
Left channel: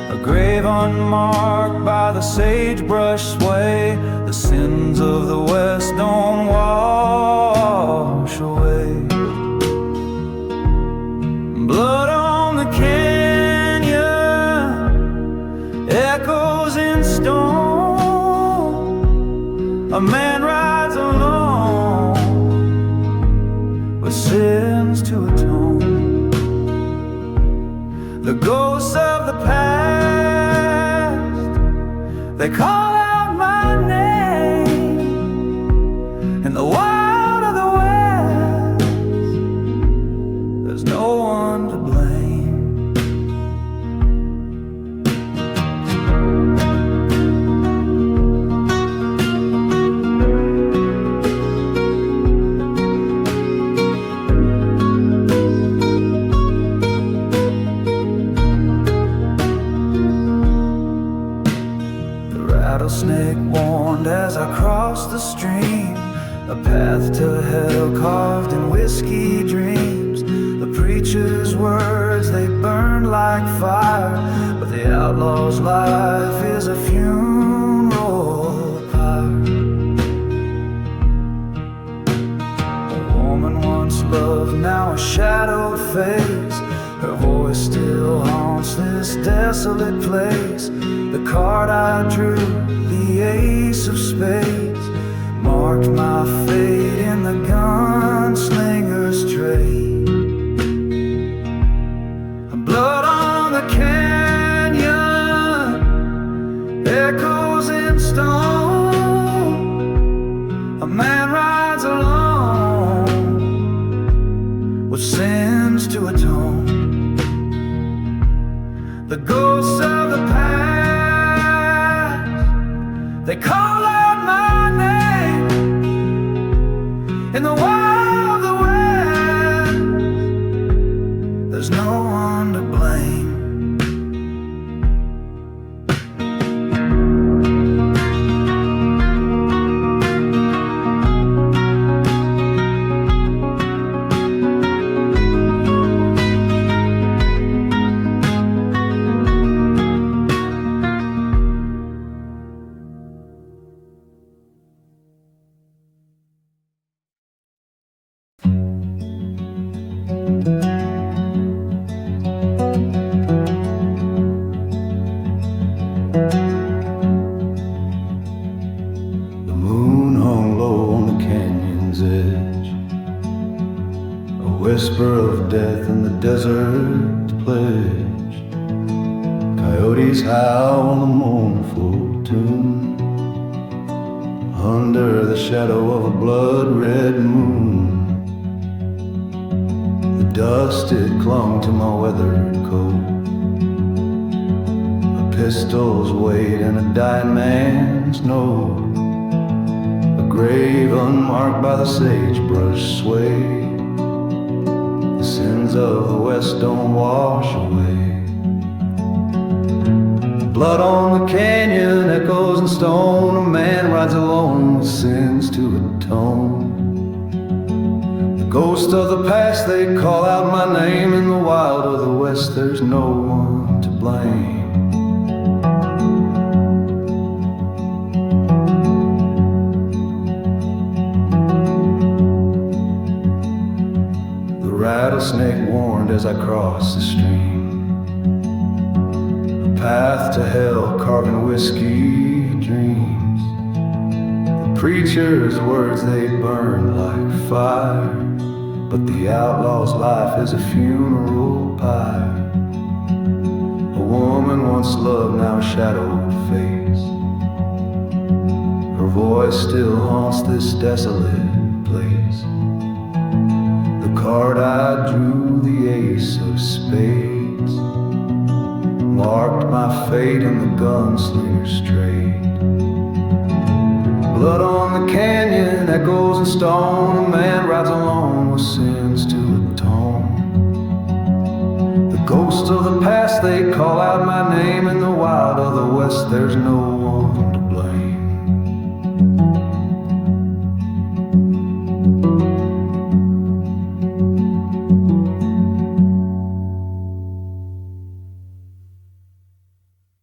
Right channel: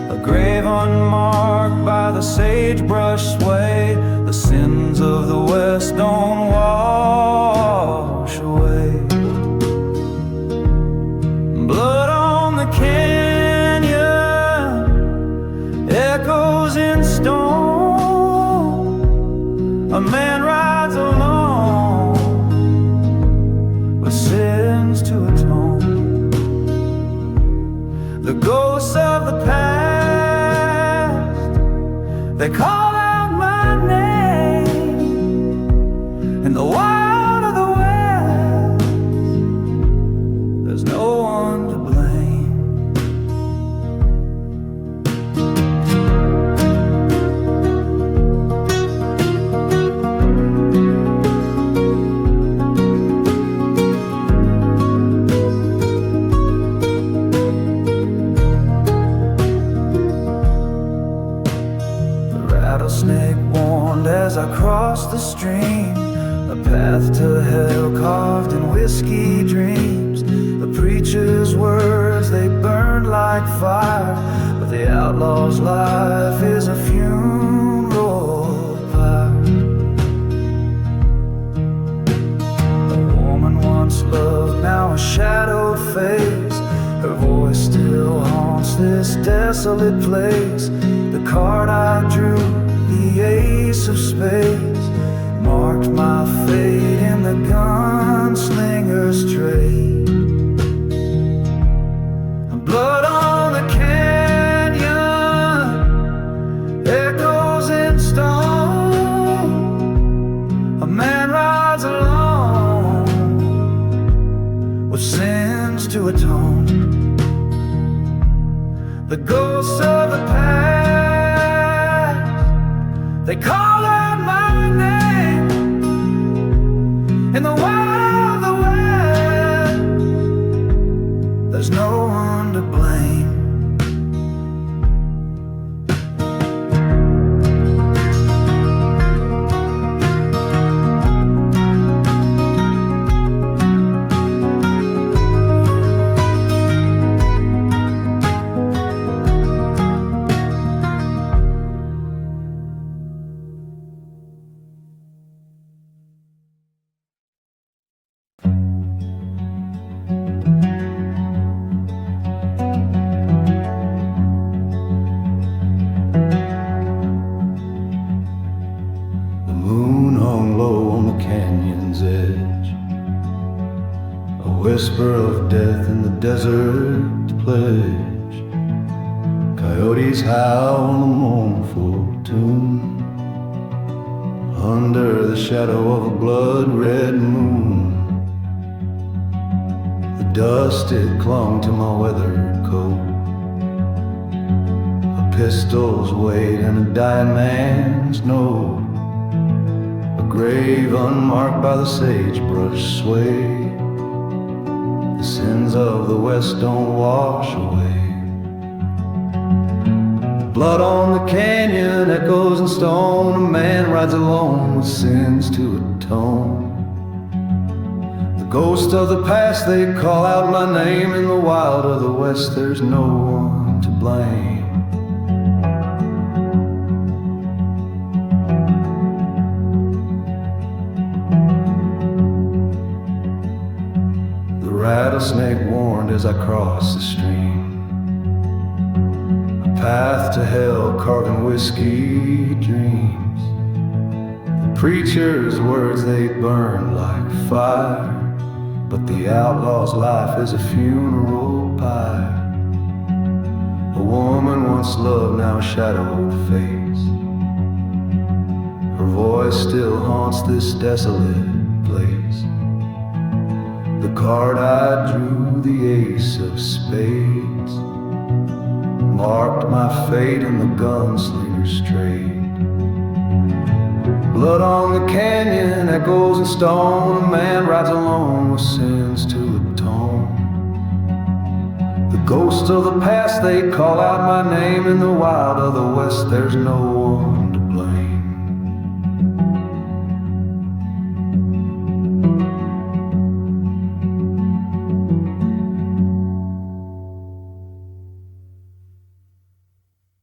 a grave unmarked by the sagebrush sway. The sins of the West don't wash away. Blood on the canyon echoes in stone. A man rides alone with sins to atone. The ghosts of the past, they call out my name. In the wild of the West, there's no one to blame. Rattlesnake warned as I crossed the stream, a path to hell carved in whiskey dreams. The preacher's words, they burned like fire, but the outlaw's life is a funeral pyre. A woman once loved, now a shadowed face. Her voice still haunts this desolate place. The card I drew, the ace of spades, marked my fate in the gunslinger's trade. Blood on the canyon echoes in stone. A man rides alone with sins to atone. The ghosts of the past, they call out my name. In the wild of the West, there's no one to blame. Whisper of death in the desert pledge. Coyotes howl on the mournful tune. Under the shadow of a blood-red moon, the dust it clung to my weathered coat. A pistol's weight and a dying man's note. A grave unmarked by the sagebrush sway. The sins of the West don't wash away. Blood on the canyon echoes in stone. A man rides alone with sins to atone. The ghosts of the past, they call out my name. In the wild of the West, there's no one to blame. Rattlesnake warned as I crossed the stream. A path to hell carved in whiskey dreams. The preacher's words, they burned like fire, but the outlaw's life is a funeral pyre. A woman once loved, now a shadowed face. Her voice still haunts this desolate place. The card I drew, the ace of spades, marked my fate in the gunslinger's trade. Blood on the canyon echoes in stone. A man rides alone with sins to atone. The ghosts of the past, they call out my name. In the wild of the West, there's no one to blame.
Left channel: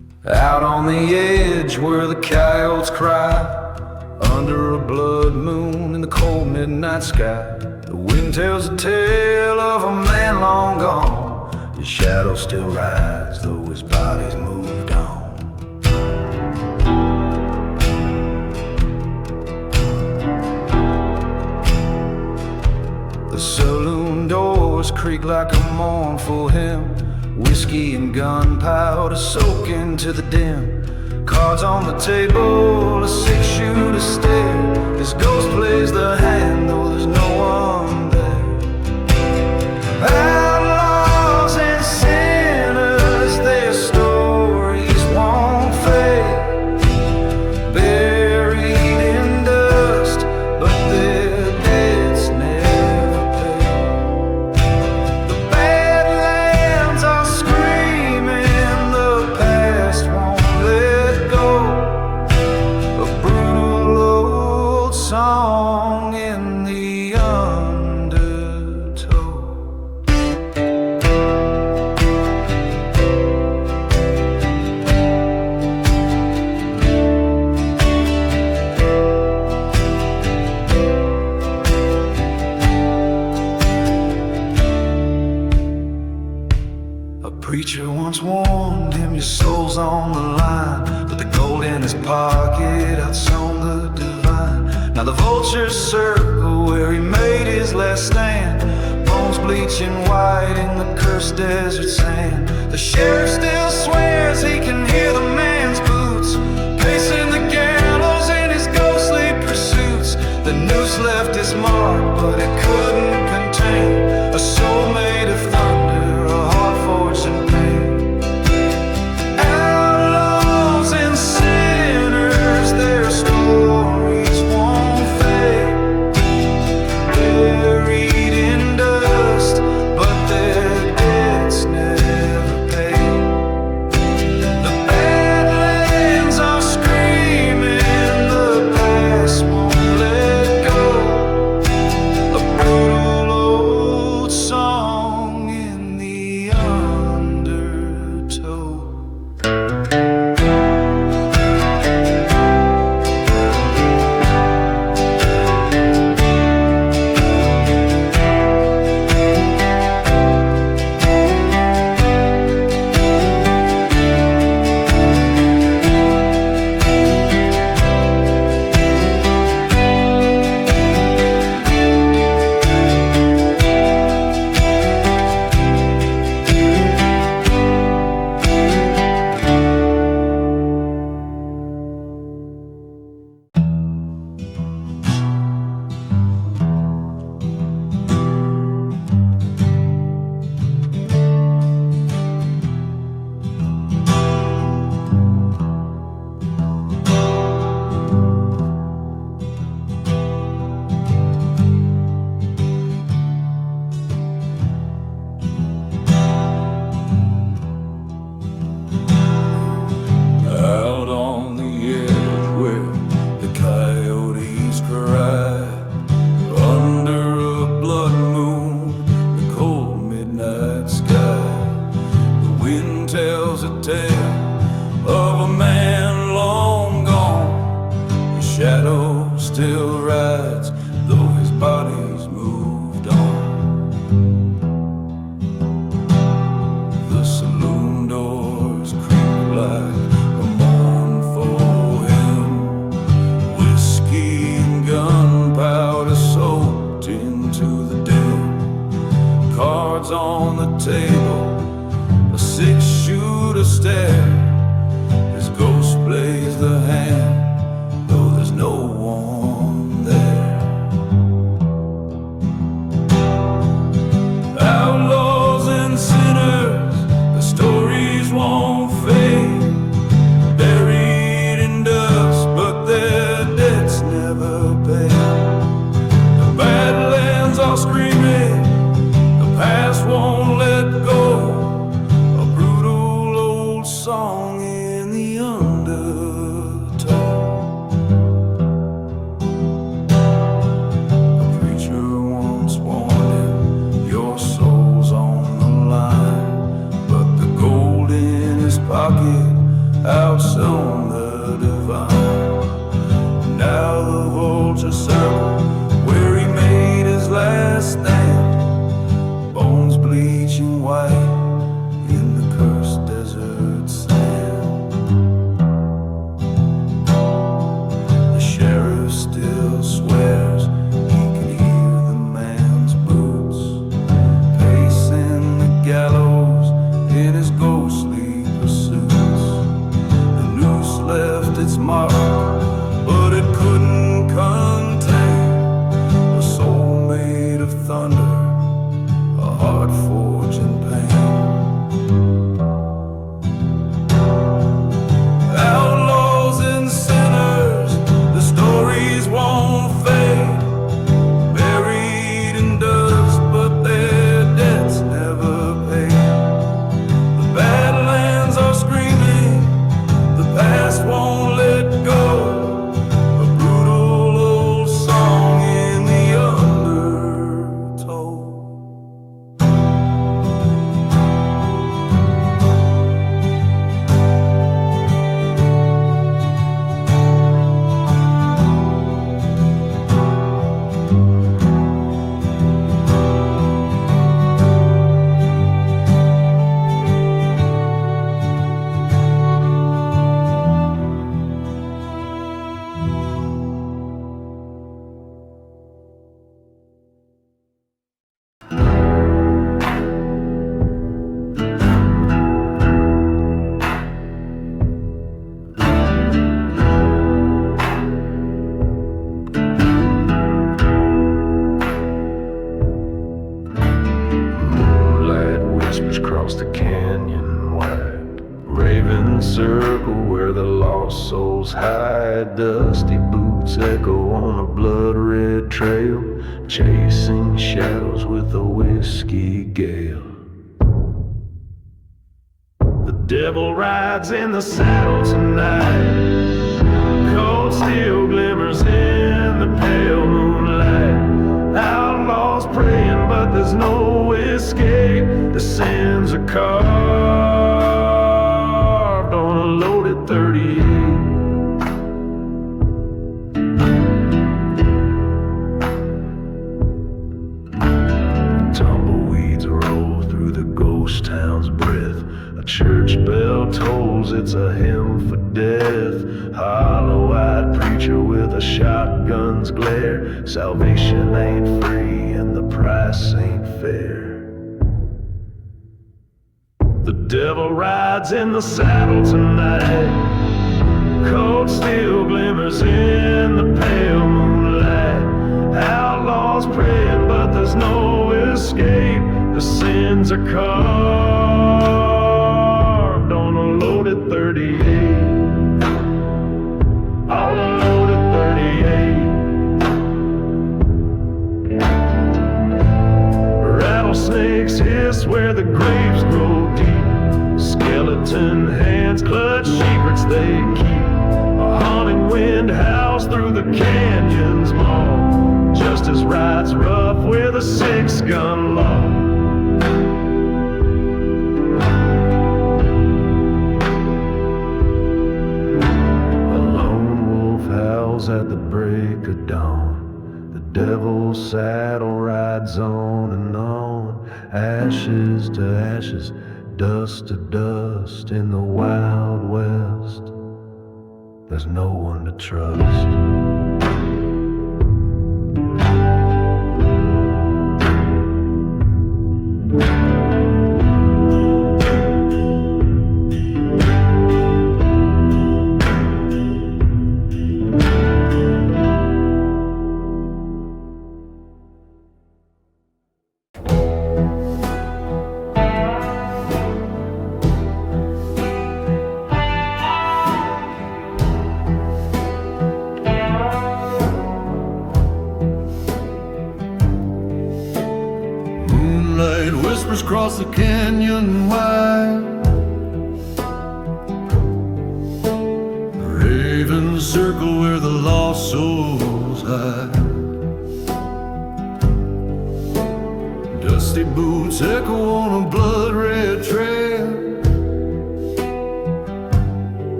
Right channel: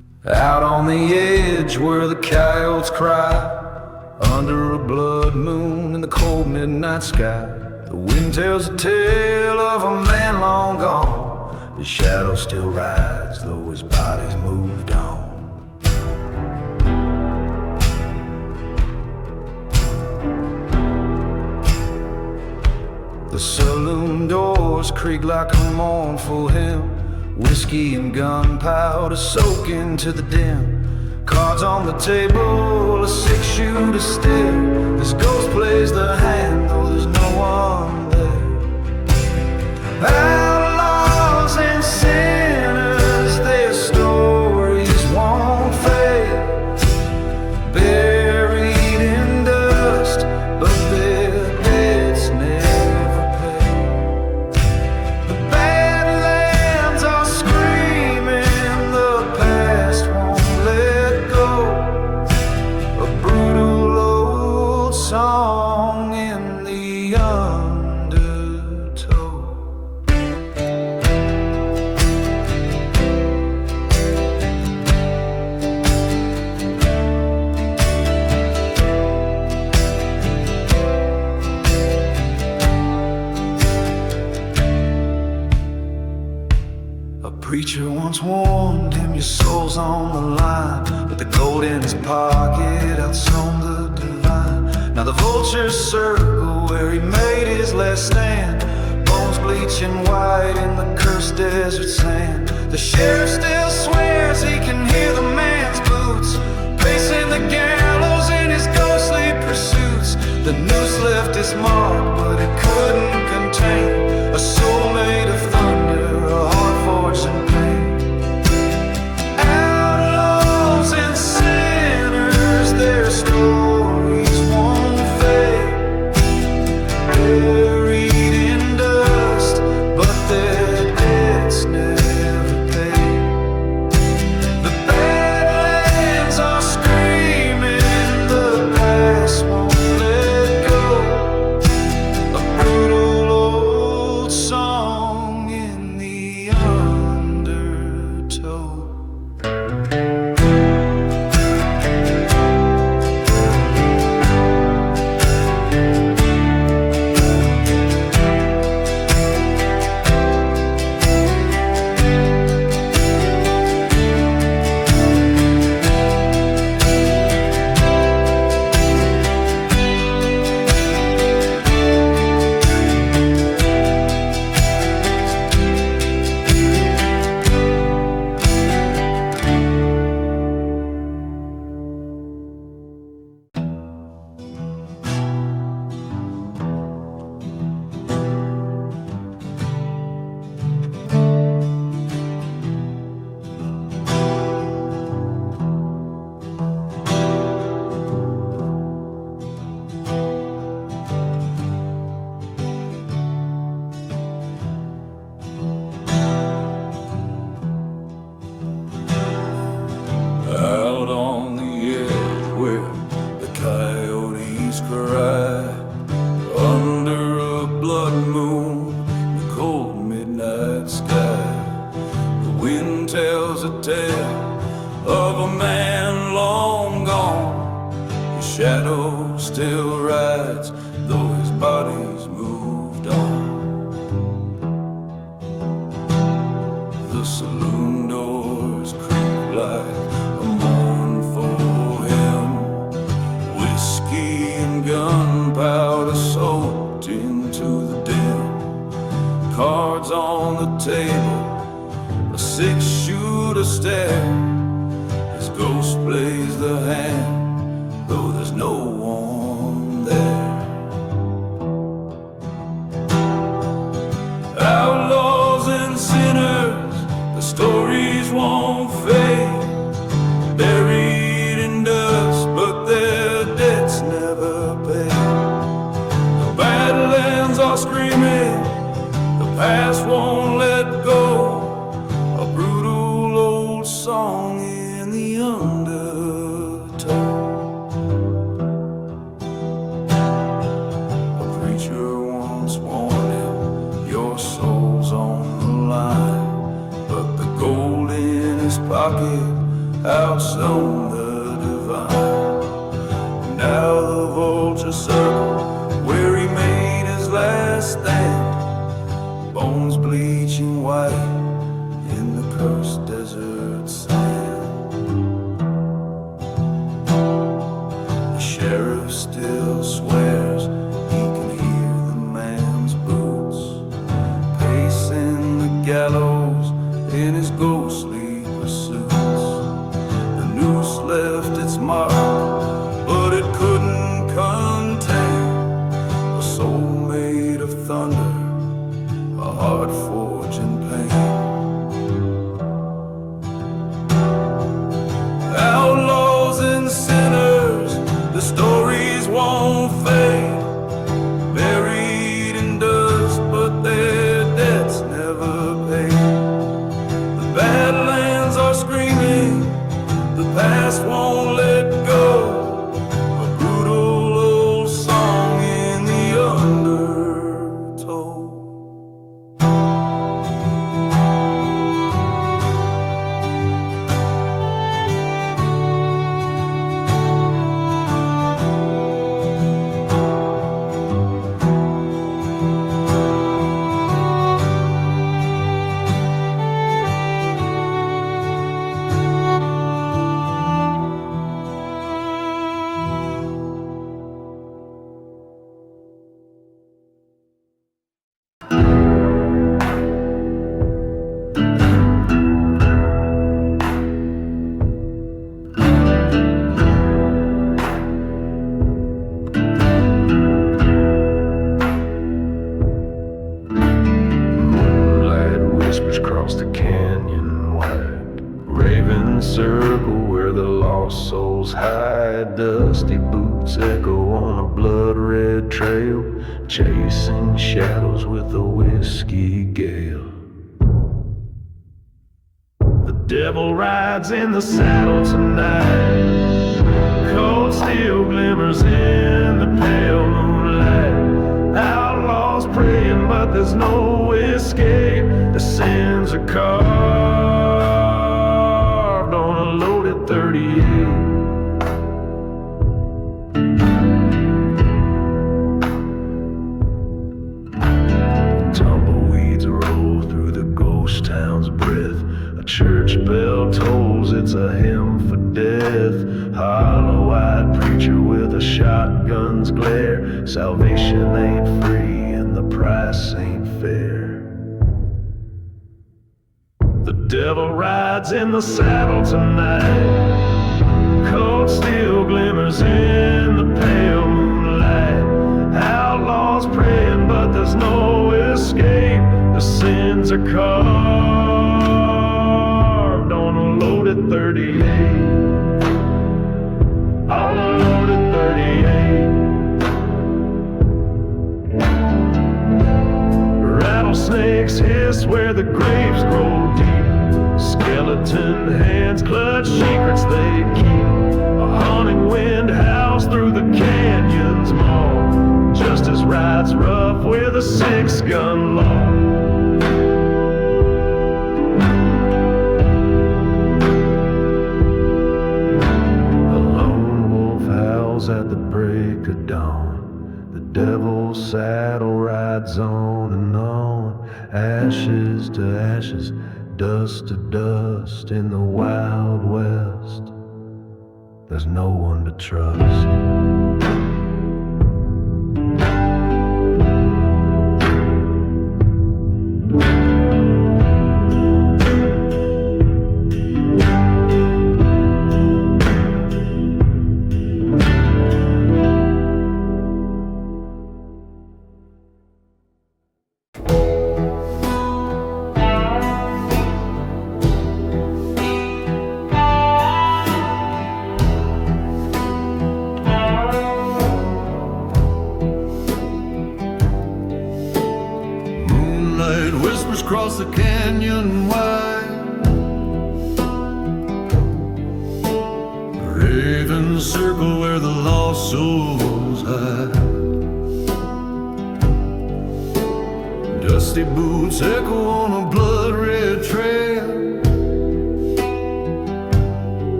Out on the edge where the coyotes cry, under a blood moon in the cold midnight sky, the wind tells a tale of a man long gone. His shadow still rides, though his body's moved on. The saloon doors creak like a mournful hymn, whiskey and gunpowder soak into the dim. Cards on the table, a 6-shooter stare. His ghost plays the hand, though there's no one there. Outlaws and sinners, their stories won't fade, buried in dust, but their debts never paid. The badlands are screaming, the past won't let go. A brutal old song in the undertow. A preacher once warned him, your soul's on the line, but the gold in his pocket outshone the divine. Now the vultures circle where he made his last stand, bones bleaching white in the cursed desert sand. The sheriff still swears he can hear the man's boots pacing the gallows in his ghostly pursuits. The noose left its mark, but it couldn't contain a soul made of thunder, a heart forged in pain. Outlaws and sinners, their stories won't fade, buried in dust, but their debts never paid. The badlands are screaming, the past won't let go. A brutal old song in the undertow. Out on the edge where the coyotes cry, under a blood moon, the cold midnight sky, the wind tells a tale of a man long gone. His shadow still rides, though his body's moved on. The saloon doors creak like a mournful hymn, whiskey and gunpowder soaked into the dim. Cards on the table, a 6-shooter stare. His ghost plays the hand, though there's no one there. Outlaws and sinners, the stories won't fade, buried in dust, but their debts never paid. The badlands are screaming, the past won't let go. A brutal old song in the undertow. A preacher once warned him, your soul's on the line, but the gold in his pocket outshone the divine. Now the vulture circle where he made his last stand, bones bleaching white in the cursed desert sand. The sheriff still swears he can hear the man's boots pacing the gallows in his ghostly pursuits. The noose left its mark, but it couldn't contain a soul made of thunder, a heart forged in pain. Outlaws and sinners, the stories won't fade, buried in dust, but their debts never paid. The Badlands are screaming, the past won't let go, a brutal old song in the undertow. Across the canyon wide, raven circle where the lost souls hide. Dusty boots echo on a blood-red trail, chasing shadows with a whiskey gale. The devil rides in the saddle tonight, cold steel glimmers in the pale moonlight. Outlaws praying, but there's no escape. The sins are carved on a loaded 38. Tumbleweeds roll through the ghost town's breath. A church bell tolls, it's a hymn for death. Hollow-eyed preacher with a shotgun's glare. Salvation ain't free and the price ain't fair. The devil rides in the saddle tonight, cold steel glimmers in the pale moonlight. Outlaws praying, but there's no escape. The sins are carved on a loaded 38. On a loaded 38. Rattlesnakes hiss where the graves grow deep. Skeleton hands clutch secrets they keep. A haunting wind howls through the canyon's maw. Justice rides rough with a 6-gun law. At the break of dawn, the devil's saddle rides on and on. Ashes to ashes, dust to dust. In the Wild West, there's no one to trust. Whispers across the canyon wide, raven circle where the lost souls hide. Dusty boots echo on a blood-red trail,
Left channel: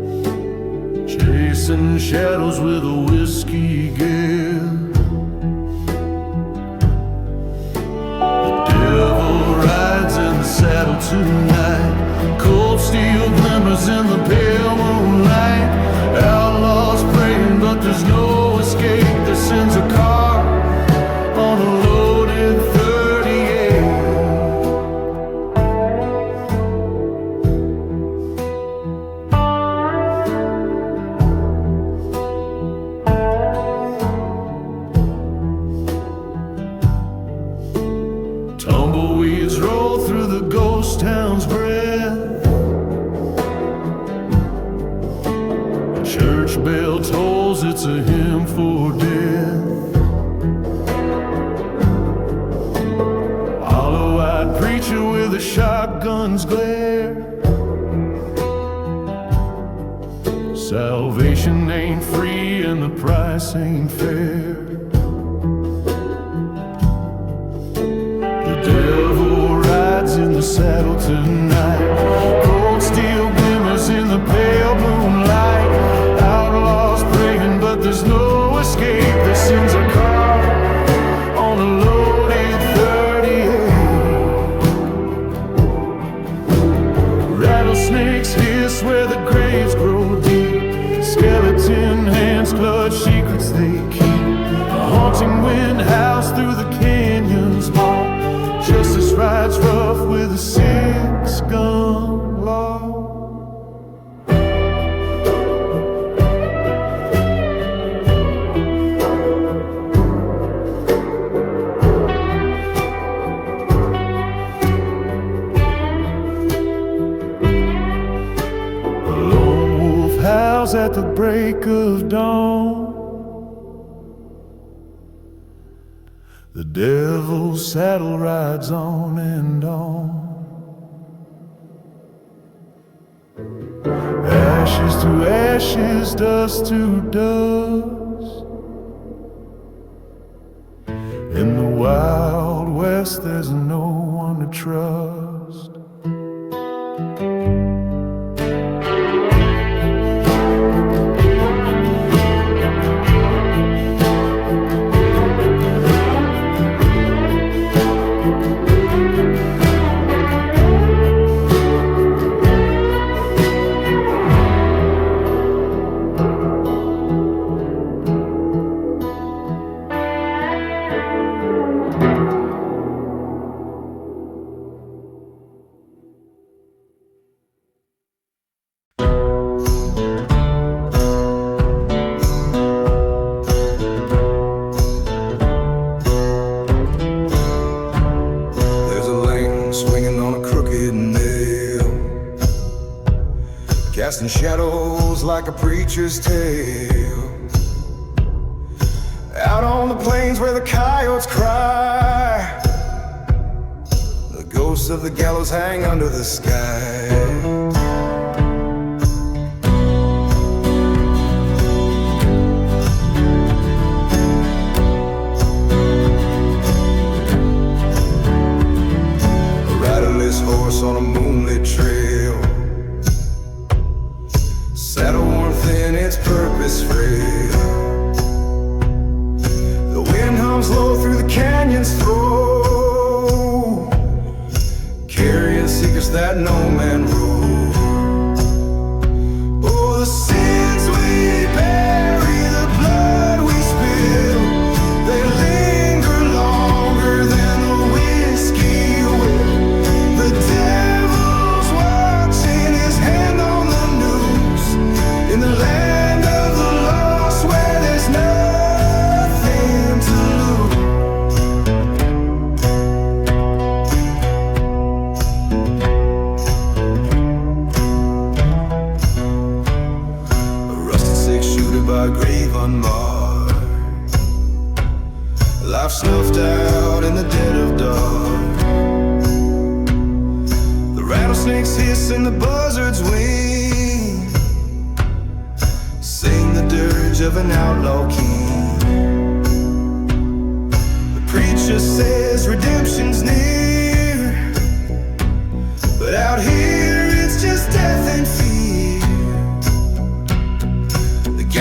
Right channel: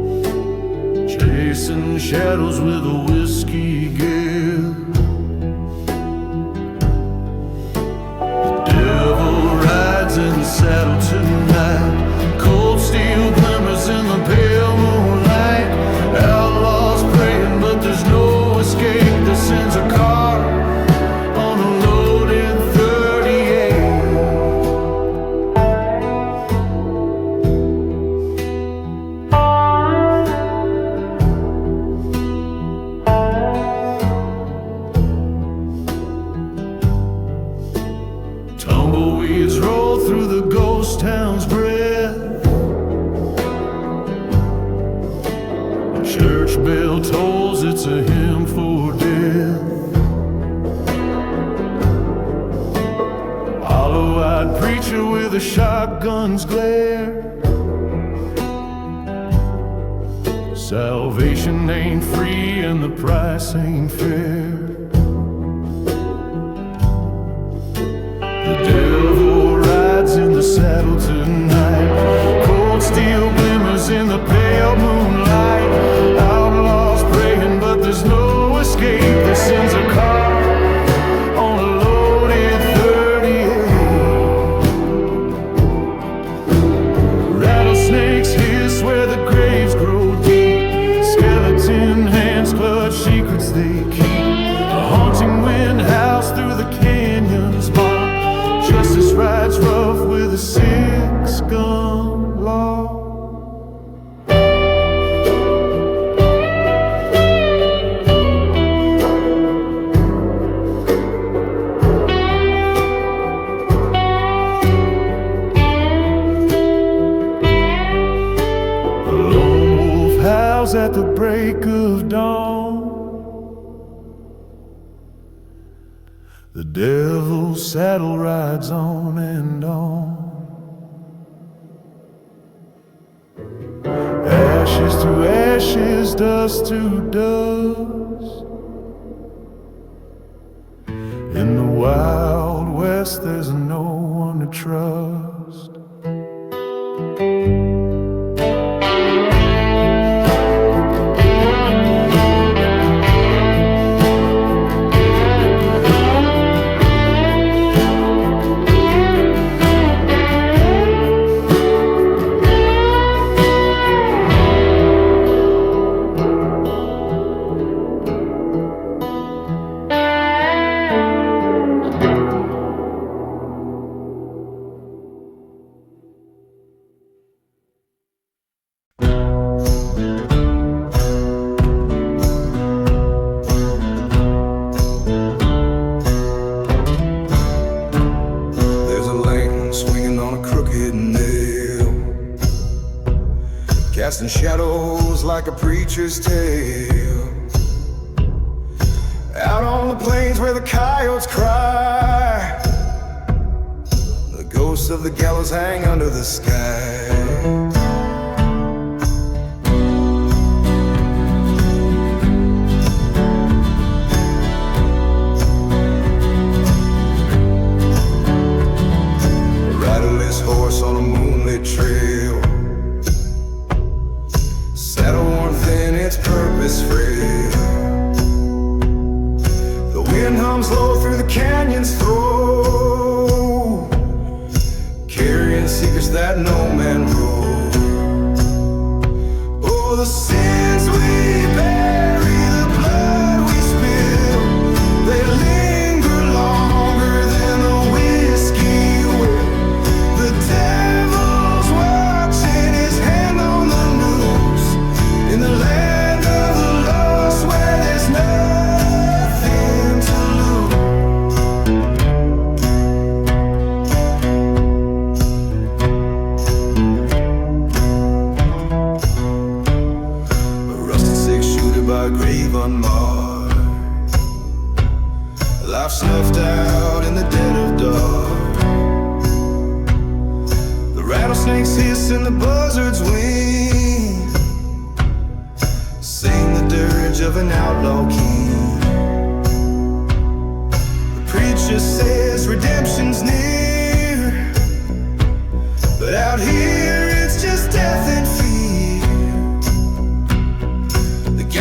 chasing shadows with a whiskey gale. The devil rides in the saddle tonight. Cold steel glimmers in the pale moonlight. Outlaws praying, but there's no escape. Their sins are carved on a loaded 38. Tumbleweeds roll through the ghost town's breath. The church bell tolls, it's a hymn for death. Hollow-eyed preacher with a shotgun's glare. Salvation ain't free and the price ain't fair. The devil rides in the saddle tonight. Cold steel glimmers in the pale moonlight. Outlaws praying, but there's no escape. Their sins are carved on a loaded 38. Rattlesnakes hiss where the graves grow deep. Skeleton hands clutch secrets they keep. A haunting wind howls through the canyon's heart. Justice rides rough with a 6-gun law. A lone wolf howls at the break of dawn. The devil's saddle rides on and on. Ashes to ashes, dust to dust. In the Wild West, there's no one to trust. Casting shadows like a preacher's tale. Out on the plains where the coyotes cry, the ghosts of the gallows hang under the sky. A riderless horse on a moonlit trail, saddle worn thin, its purpose frail. The wind hums low through the canyon's throat, carrying secrets that no man wrote. Oh, the sins we bury, the blood we spill, they linger longer than the whiskey will. The devil's watching, his hand on the noose, in the land of the lost where there's nothing to lose. A rusted six-shooter by a grave unmarked, life snuffed out in the dead of dark. The rattlesnakes hiss and the buzzards wing, sing the dirge of an outlaw king. The preacher says redemption's near, but out here it's just death and fear. The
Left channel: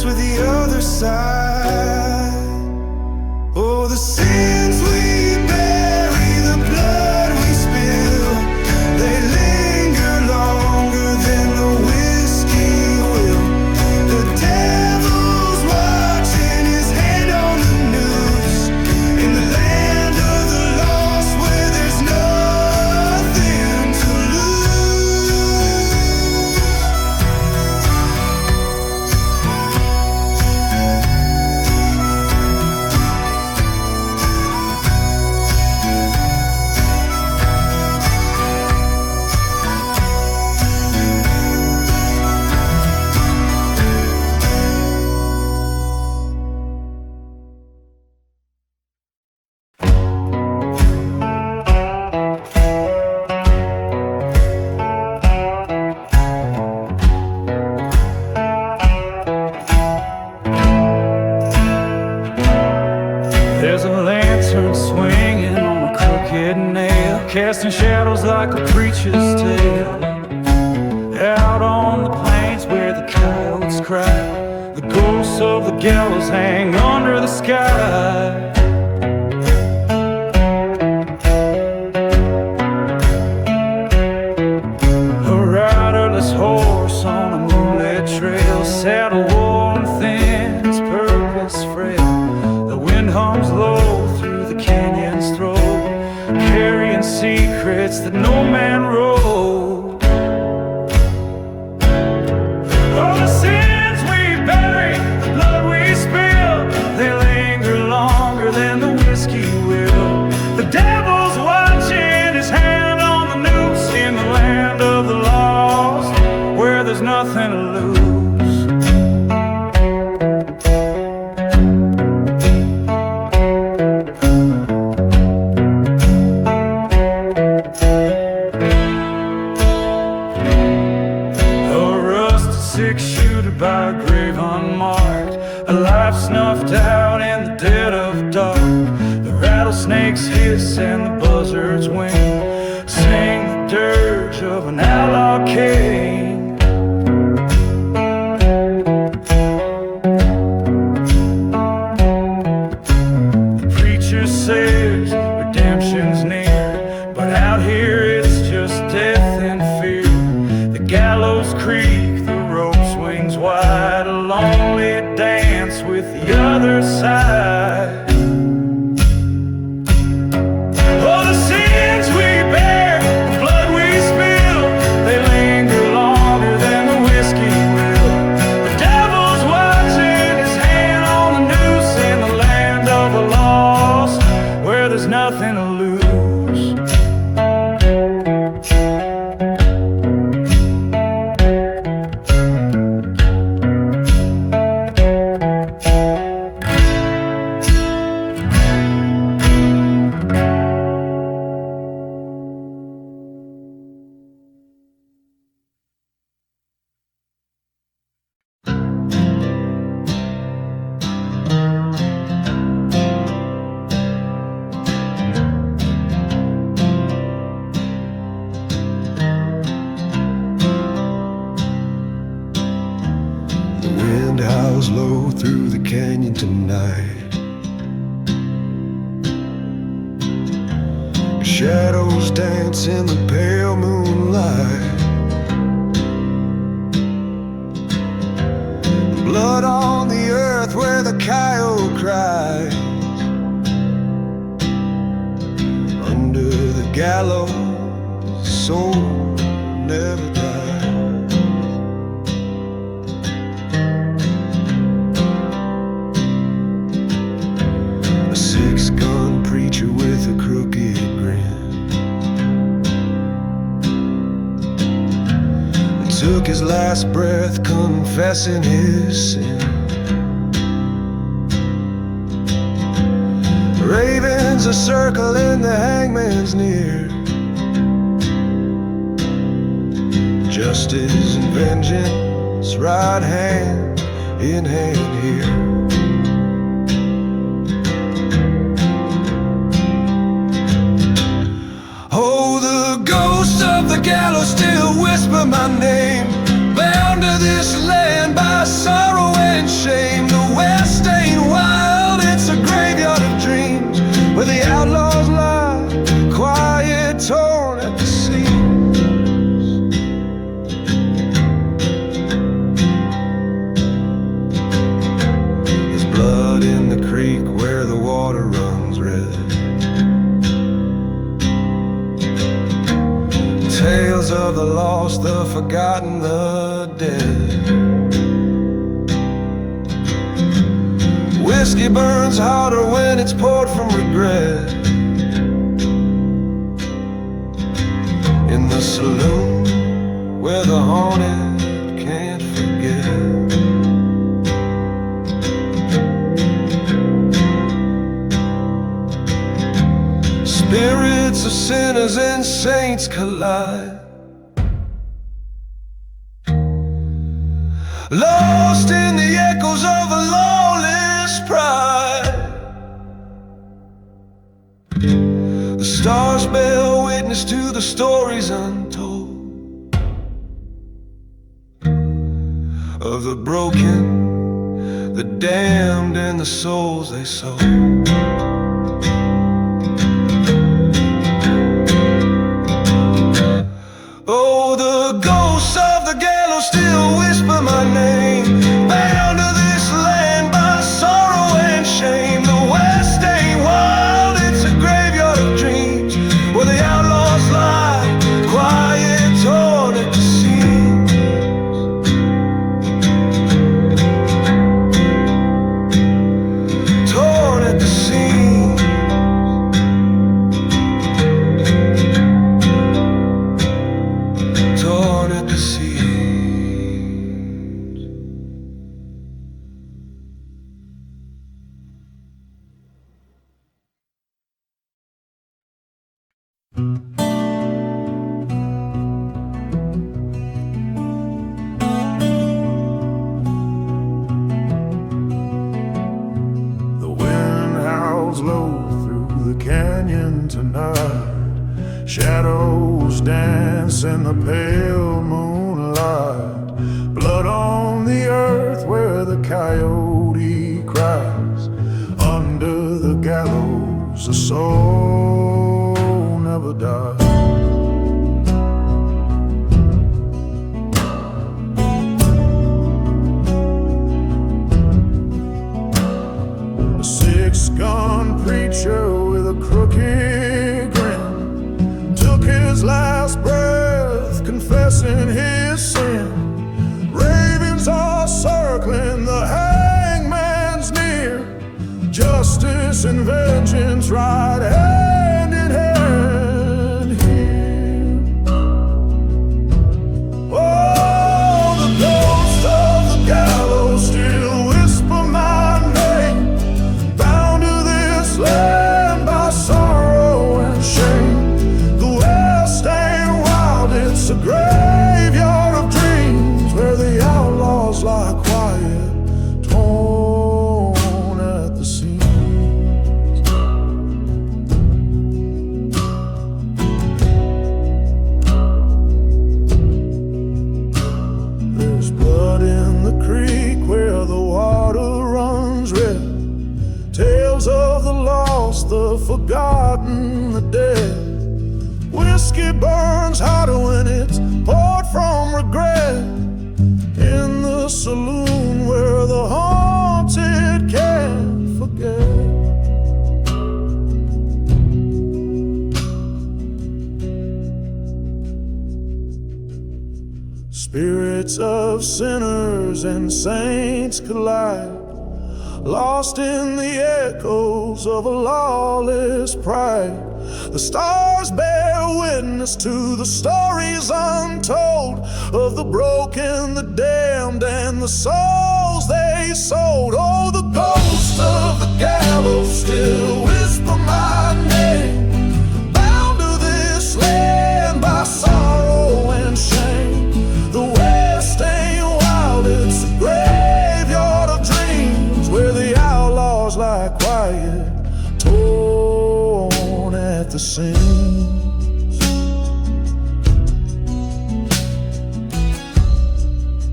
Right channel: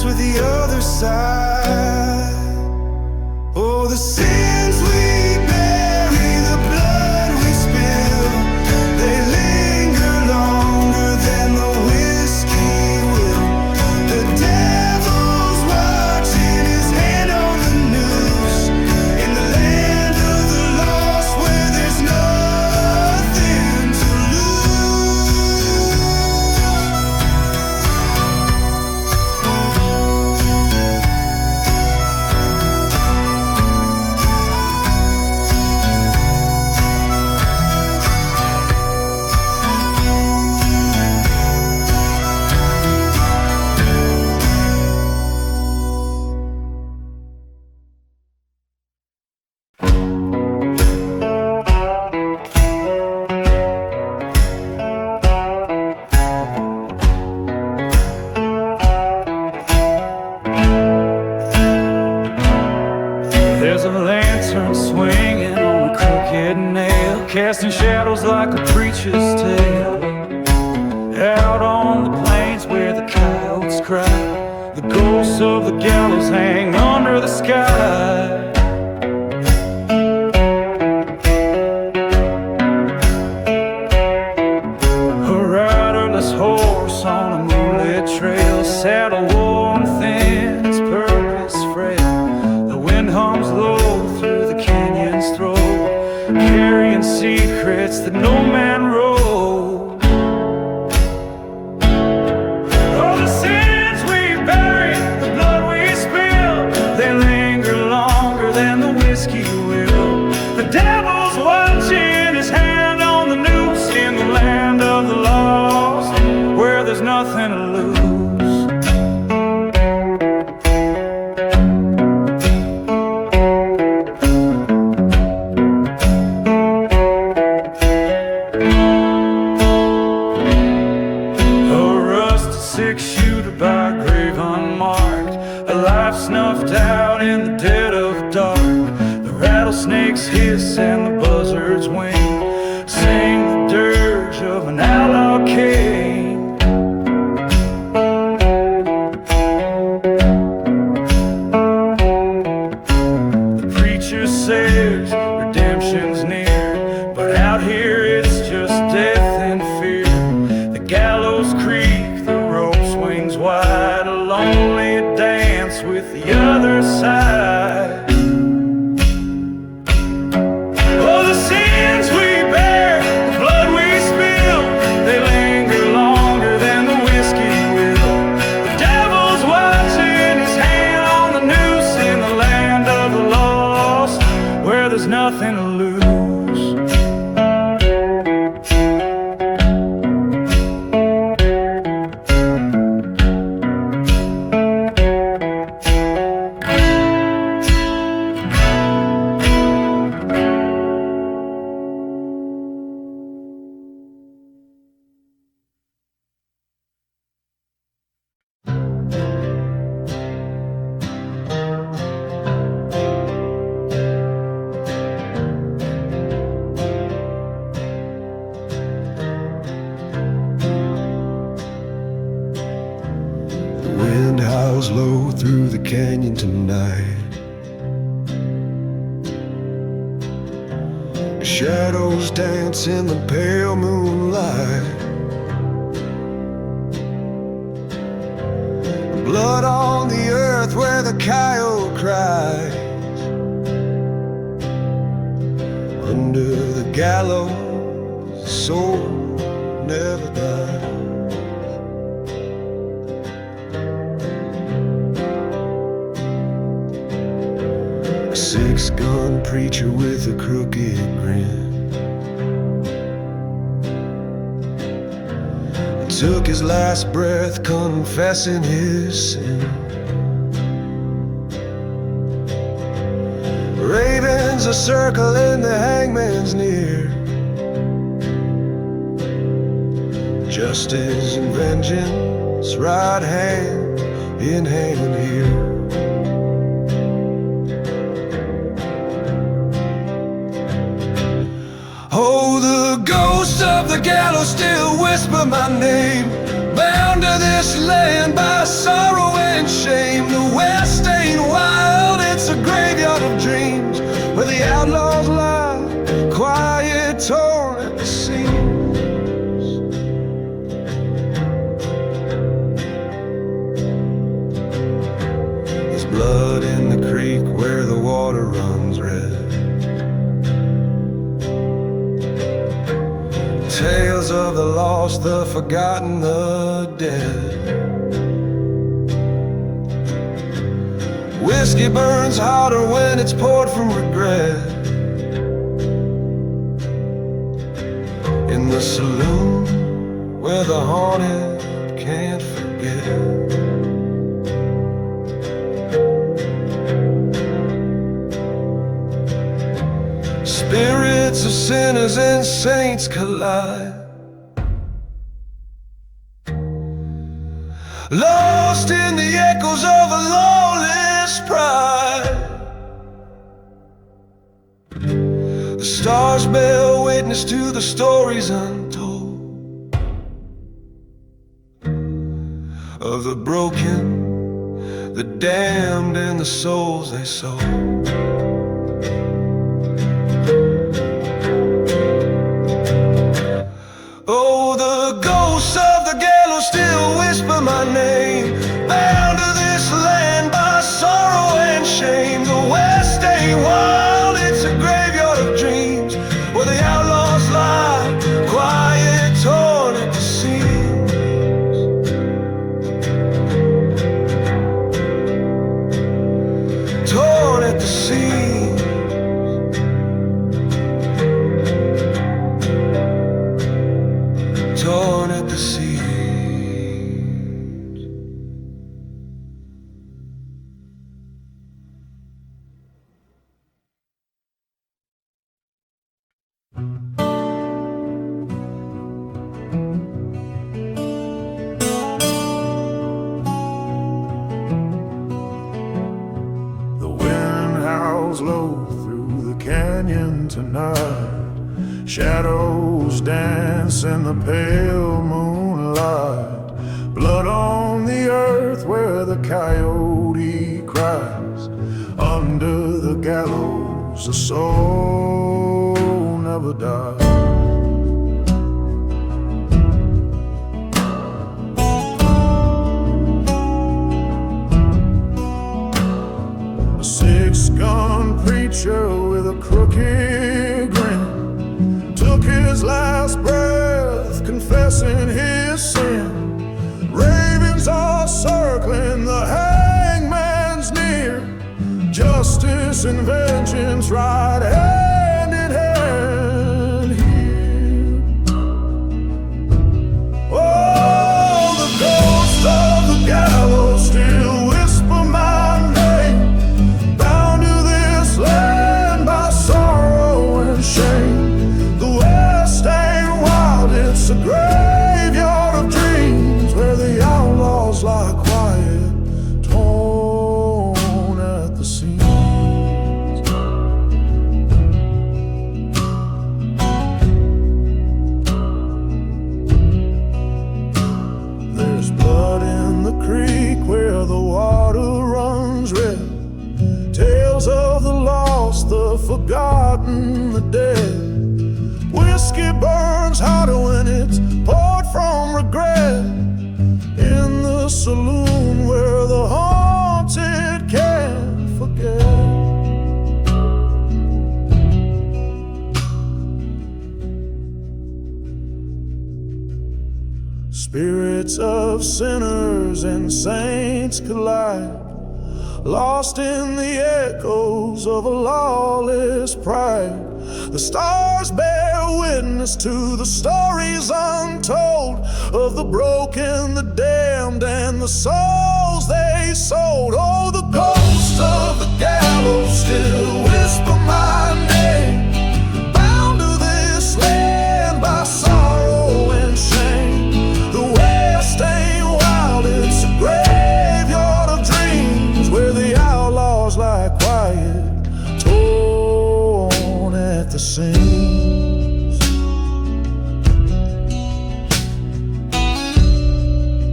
dance with the other side. Oh, the sins we bury, the blood we spill, they linger longer than the whiskey will. The devil's watching, his hand on the noose, in the land of the lost where there's nothing to lose. There's a lantern swinging on a crooked nail, casting shadows like a preacher's tale. Out on the plains where the coyotes cry, the ghosts of the gallows hang under the sky. A riderless horse on a moonlit trail, saddle worn thin, its purpose frail. The wind hums low through the canyon's throat, carrying secrets that no man wrote. Oh, the sins we bury, the blood we spill, they linger longer than the whiskey will. The devil's watching, his hand on the noose, in the land of the lost, where there's nothing to lose. Six-shooter by a grave unmarked, a life snuffed out in the dead of dark. The rattlesnakes hiss and the buzzards wing, sing the dirge of an outlaw king. The preacher says redemption's near, but out here it's just death and fear. The gallows creak, the rope swings wide, a lonely dance with the other side. Oh, the sins we bear, the blood we spill, they linger longer than the whiskey will. The devil's watching, his hand on the noose, in the land of the lost, where there's nothing to lose. Howls low through the canyon tonight. Shadows dance in the pale moonlight. Blood on the earth where the coyote cries. Under the gallows, soul never dies. A six-gun preacher with a crooked grin took his last breath confessing his sin. Ravens are circling, the hangman's near. Justice and vengeance, right hand in hand here. Oh, the ghosts of the gallows still whisper my name, bound to this land by sorrow and shame. The West ain't wild, it's a graveyard of dreams, where the outlaws lie, quiet, torn at the seams. There's blood in the creek where the water runs red. Tales of the lost, the forgotten, the dead. Whiskey burns hotter when it's poured from regret. In the saloon where the haunted can't forget. Spirits of sinners and saints collide, lost in the echoes of a lawless pride. The stars bear witness to the stories untold of the broken, the damned, and the souls they sold. Oh, the ghosts of the gallows still whisper my name, bound to this land by sorrow and shame. The West ain't wild, it's a graveyard of dreams, where the outlaws lie, quiet, torn at the seams. Torn at the seams. Torn at the seams. The wind howls low through the canyon tonight. Shadows dance in the pale moonlight. Blood on the earth where the coyote cries. Under the gallows a soul never dies. A six-gun preacher with a crooked grin took his last breath, confessing his sin. Ravens are circling, the hangman's near. Justice and vengeance ride hand in hand here. Oh, the ghost of the gallows still whisper my name, bound to this land by sorrow and shame. It's a graveyard of dreams, where the outlaws lie quiet, torn at the seams. There's blood in the creek where the water runs red. Tales of the lost, the forgotten, the dead. Whiskey burns hotter when it's poured from regret. In the saloon where the haunted can't forget. Spirits of sinners and saints collide, lost in the echoes of a lawless pride. The stars bear witness to the stories untold of the broken, the damned, and the souls they sold. Oh, the ghosts of the gallows still whisper my name, bound to this land by sorrow and shame. The West ain't wild, it's a graveyard of dreams, where the outlaws lie quiet, torn at the seams.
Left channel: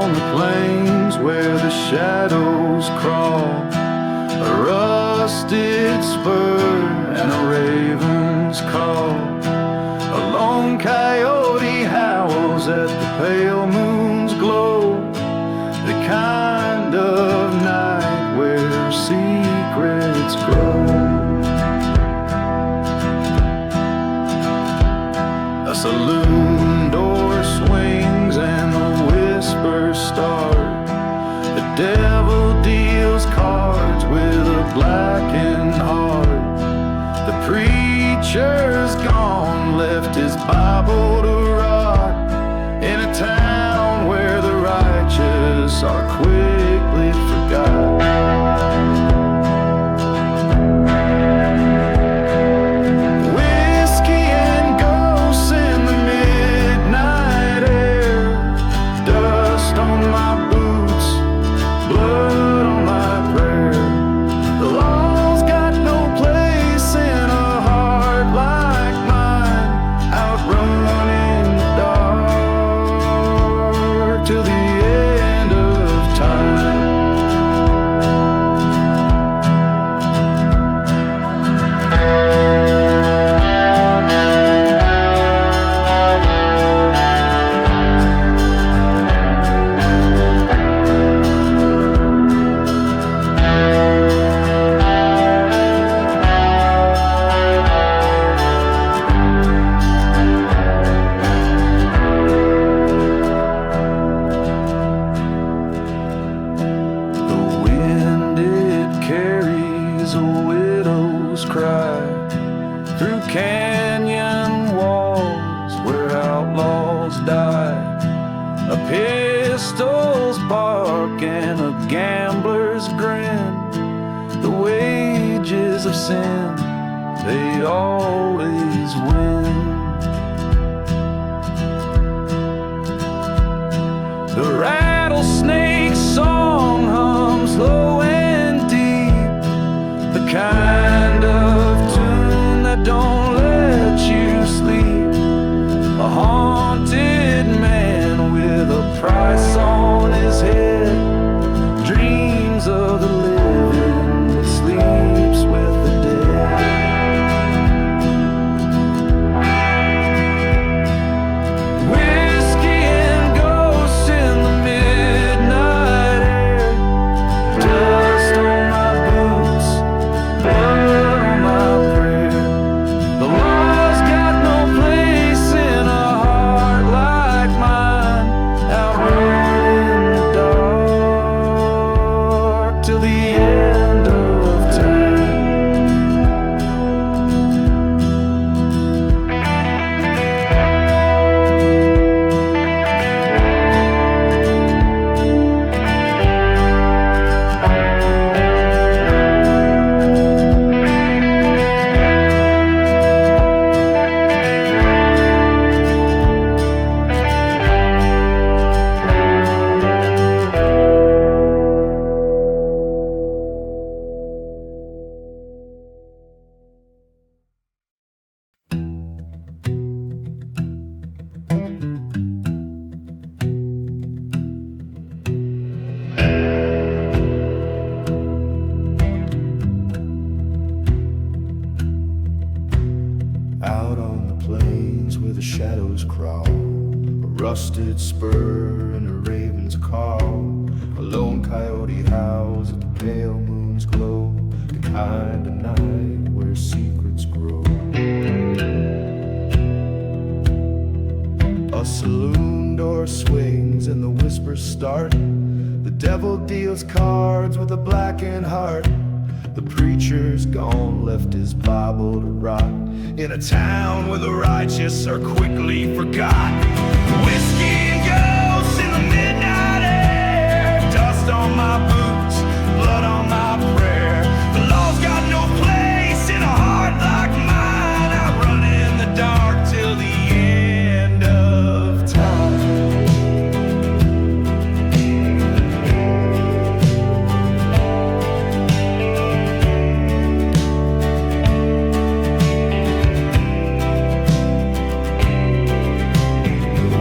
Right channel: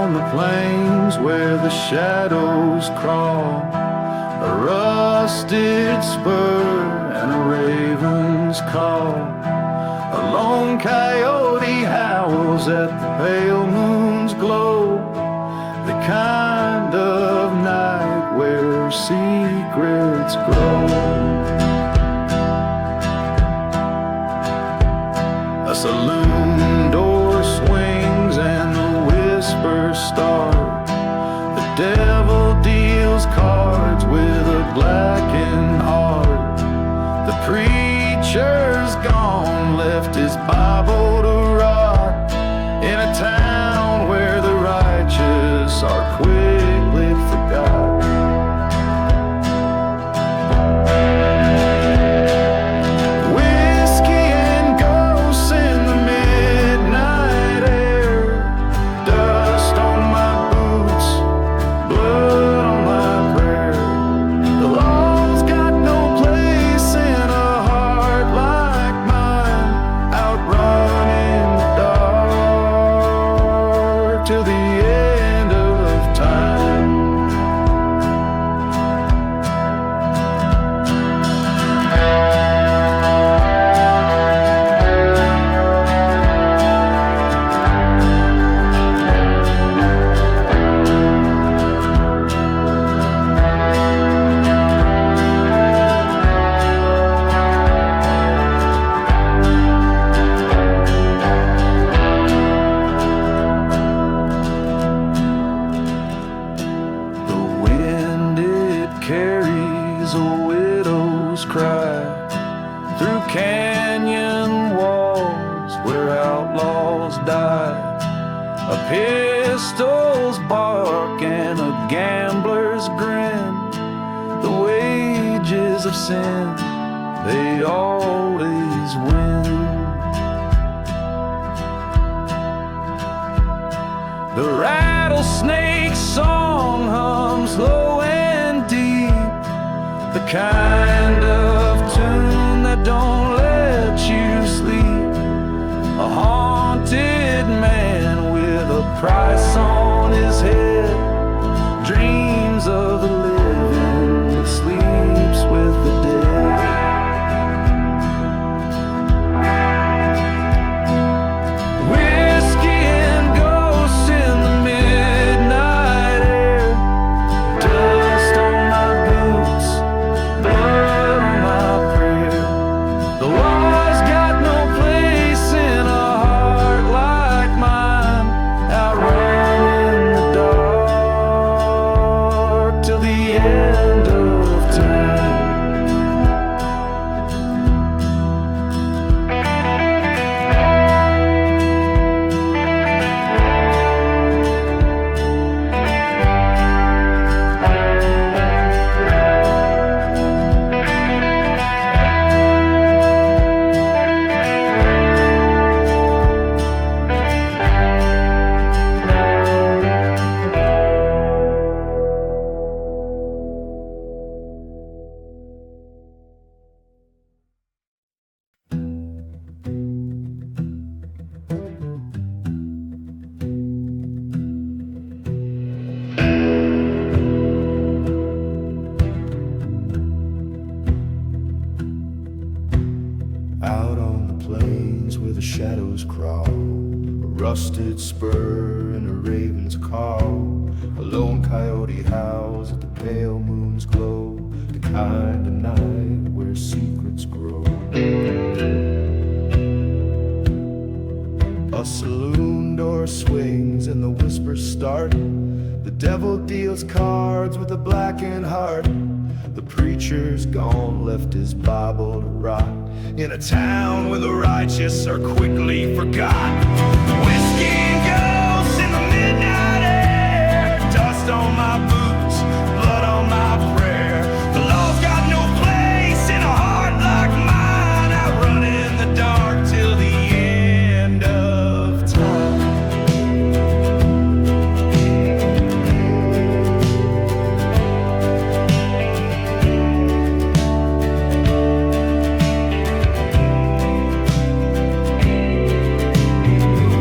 on the plains where the shadows crawl, a rusted spur and a raven's call. A lone coyote howls at the pale moon's glow, the kind of night where secrets grow. A saloon door swings and the whispers start. The devil deals cards with a blackened heart. The preacher's gone, left his Bible to rot in a town where the righteous are quickly forgot. Whiskey and ghosts in the midnight air, dust on my boots, blood on my prayer. The law's got no place in a heart like mine, outrunning the dark till the end of time. Carries a widow's cry through canyon walls where outlaws die. A pistol's bark and a gambler's grin, the wages of sin, they always win. The rattlesnake's song hums low and deep, the kind of tune that don't let you sleep. A haunted man with a price on his head dreams of the living but sleeps with the dead. Whiskey and ghosts in the midnight air, dust on my boots, blood on my prayer. The law's got no place in a heart like mine, outrunning the dark till the end of time. Out on the plains where the shadows crawl, a rusted spur and a raven's call. A lone coyote howls at the pale moon's glow, the kind of night where secrets grow. A saloon door swings and the whispers start. The devil deals cards with a blackened heart. The preacher's gone, left his Bible to rot in a town where the righteous are quickly forgot. Whiskey and ghosts in the midnight air, dust on my boots, blood on my prayer. The law's got no place in a heart like mine, outrunning the dark till the end of time.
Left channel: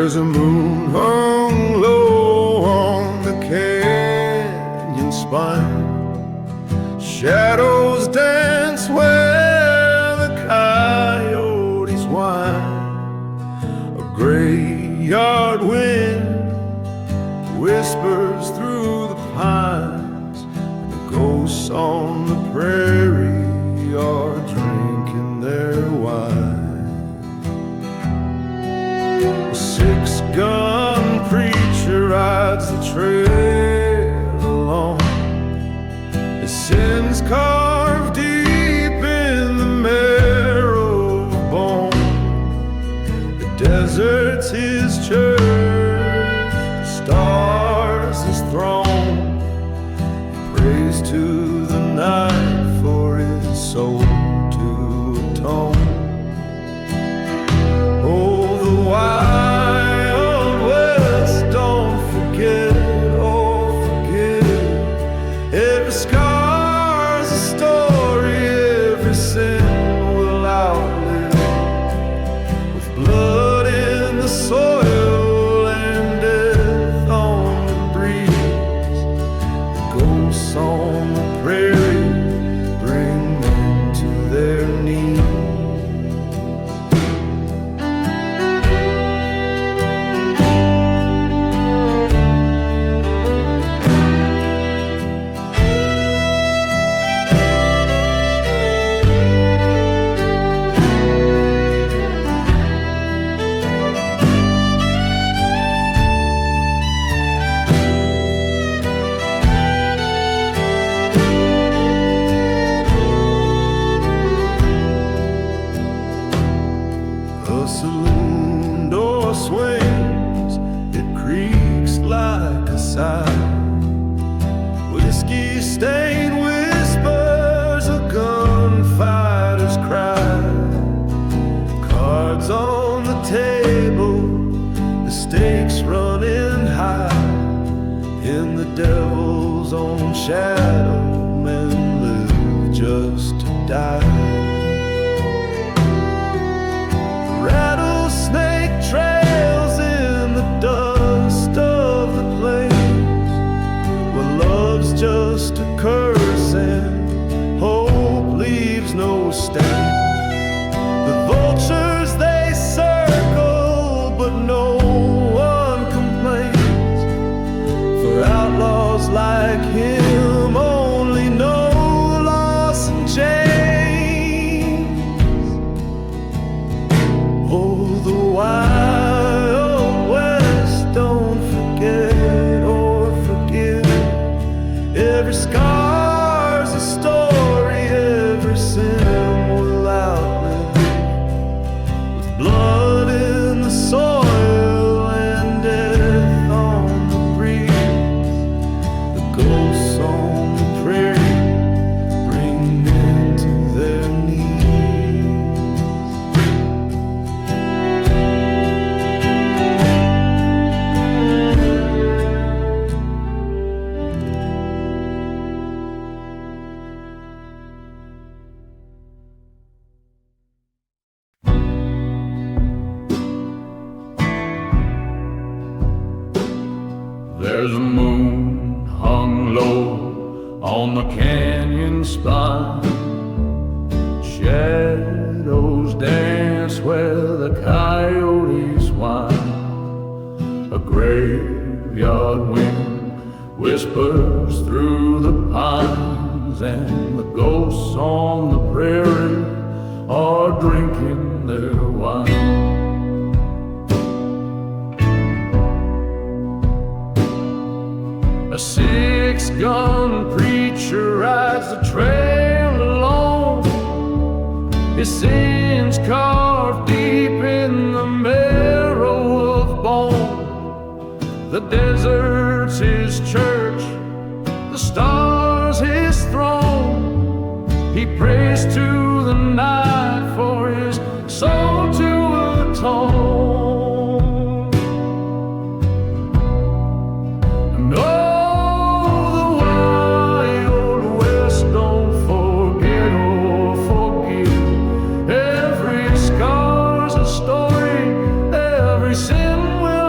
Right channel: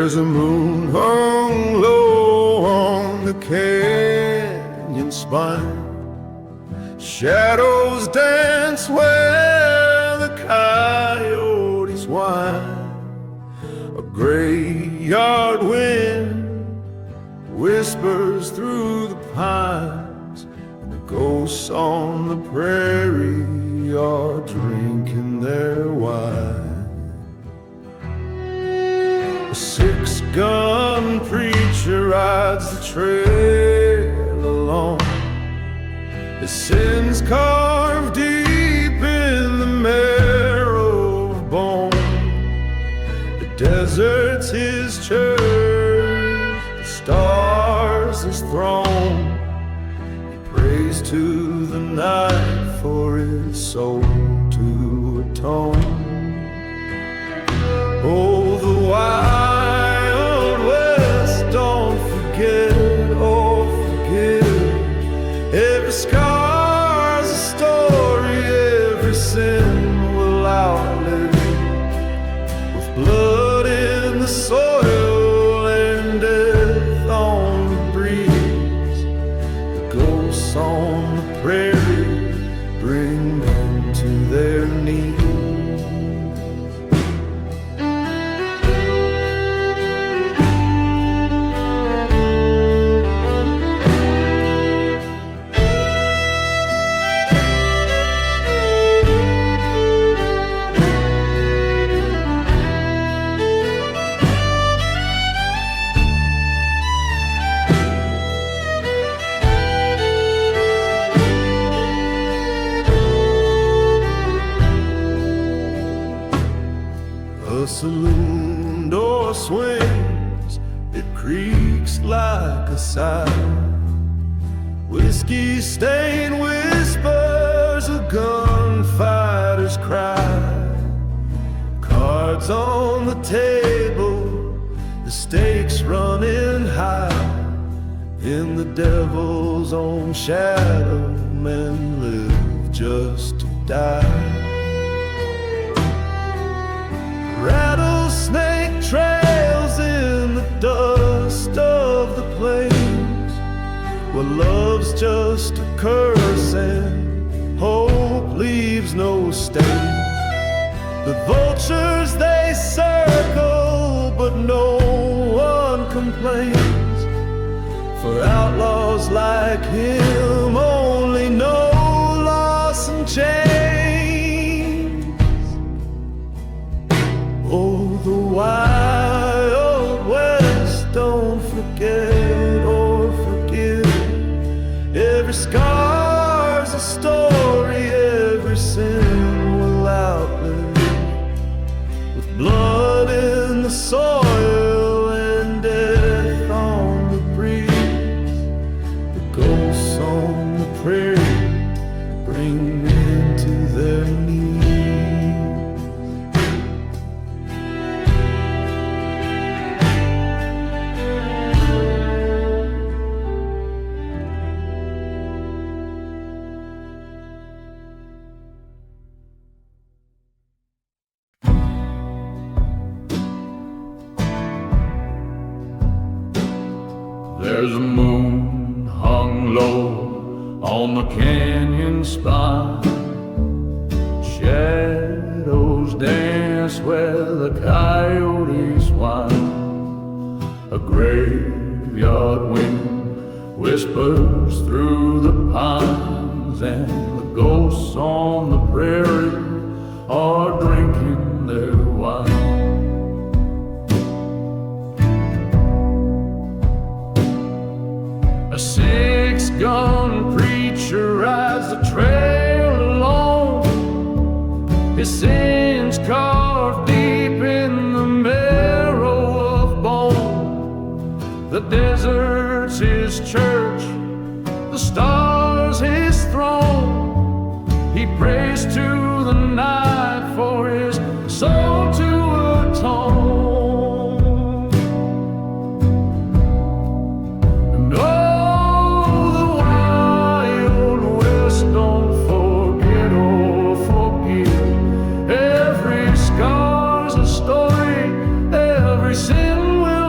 There's a moon hung low on the canyon spine. Shadows dance where the coyotes whine. A graveyard wind whispers through the pines, and the ghosts on the prairie are drinking their wine. A six-gun preacher rides the trail along, his sins carved deep in the marrow of bone. The desert's his church, the stars his throne. He prays to the night for his soul to atone. Oh, the wild west, don't forget or forgive. Every scar's a story, every sin will outlive. With blood in the soil and death on the breeze, the ghosts on the prairie bring men to their knees. The saloon door swings, it creaks like a sigh. Whiskey-stained whispers, a gunfighter's cry. Cards on the table, the stakes running high. In the devil's own shadow, men live just to die. Rattlesnake trails in the dust of the plains, where love's just a curse and hope leaves no stain. The vultures they circle, but no one complains, for outlaws like him only know loss and change. Oh, the wild west, don't forget or forgive. Every scar's a story, every sin will outlive. With blood in the soil and death on the breeze, the ghosts on the prairie bring men to their knees. There's a moon hung low on the canyon spine. Shadows dance where the coyotes whine. A graveyard wind whispers through the pines, and the ghosts on the prairie are drinking their wine. A six-gun preacher rides the trail alone, his sins carved deep in the marrow of bone. The desert's his church, the stars his throne. He prays to the night for his soul to atone. And oh, the wild west, don't forget or forgive. Every scar's a story, every sin will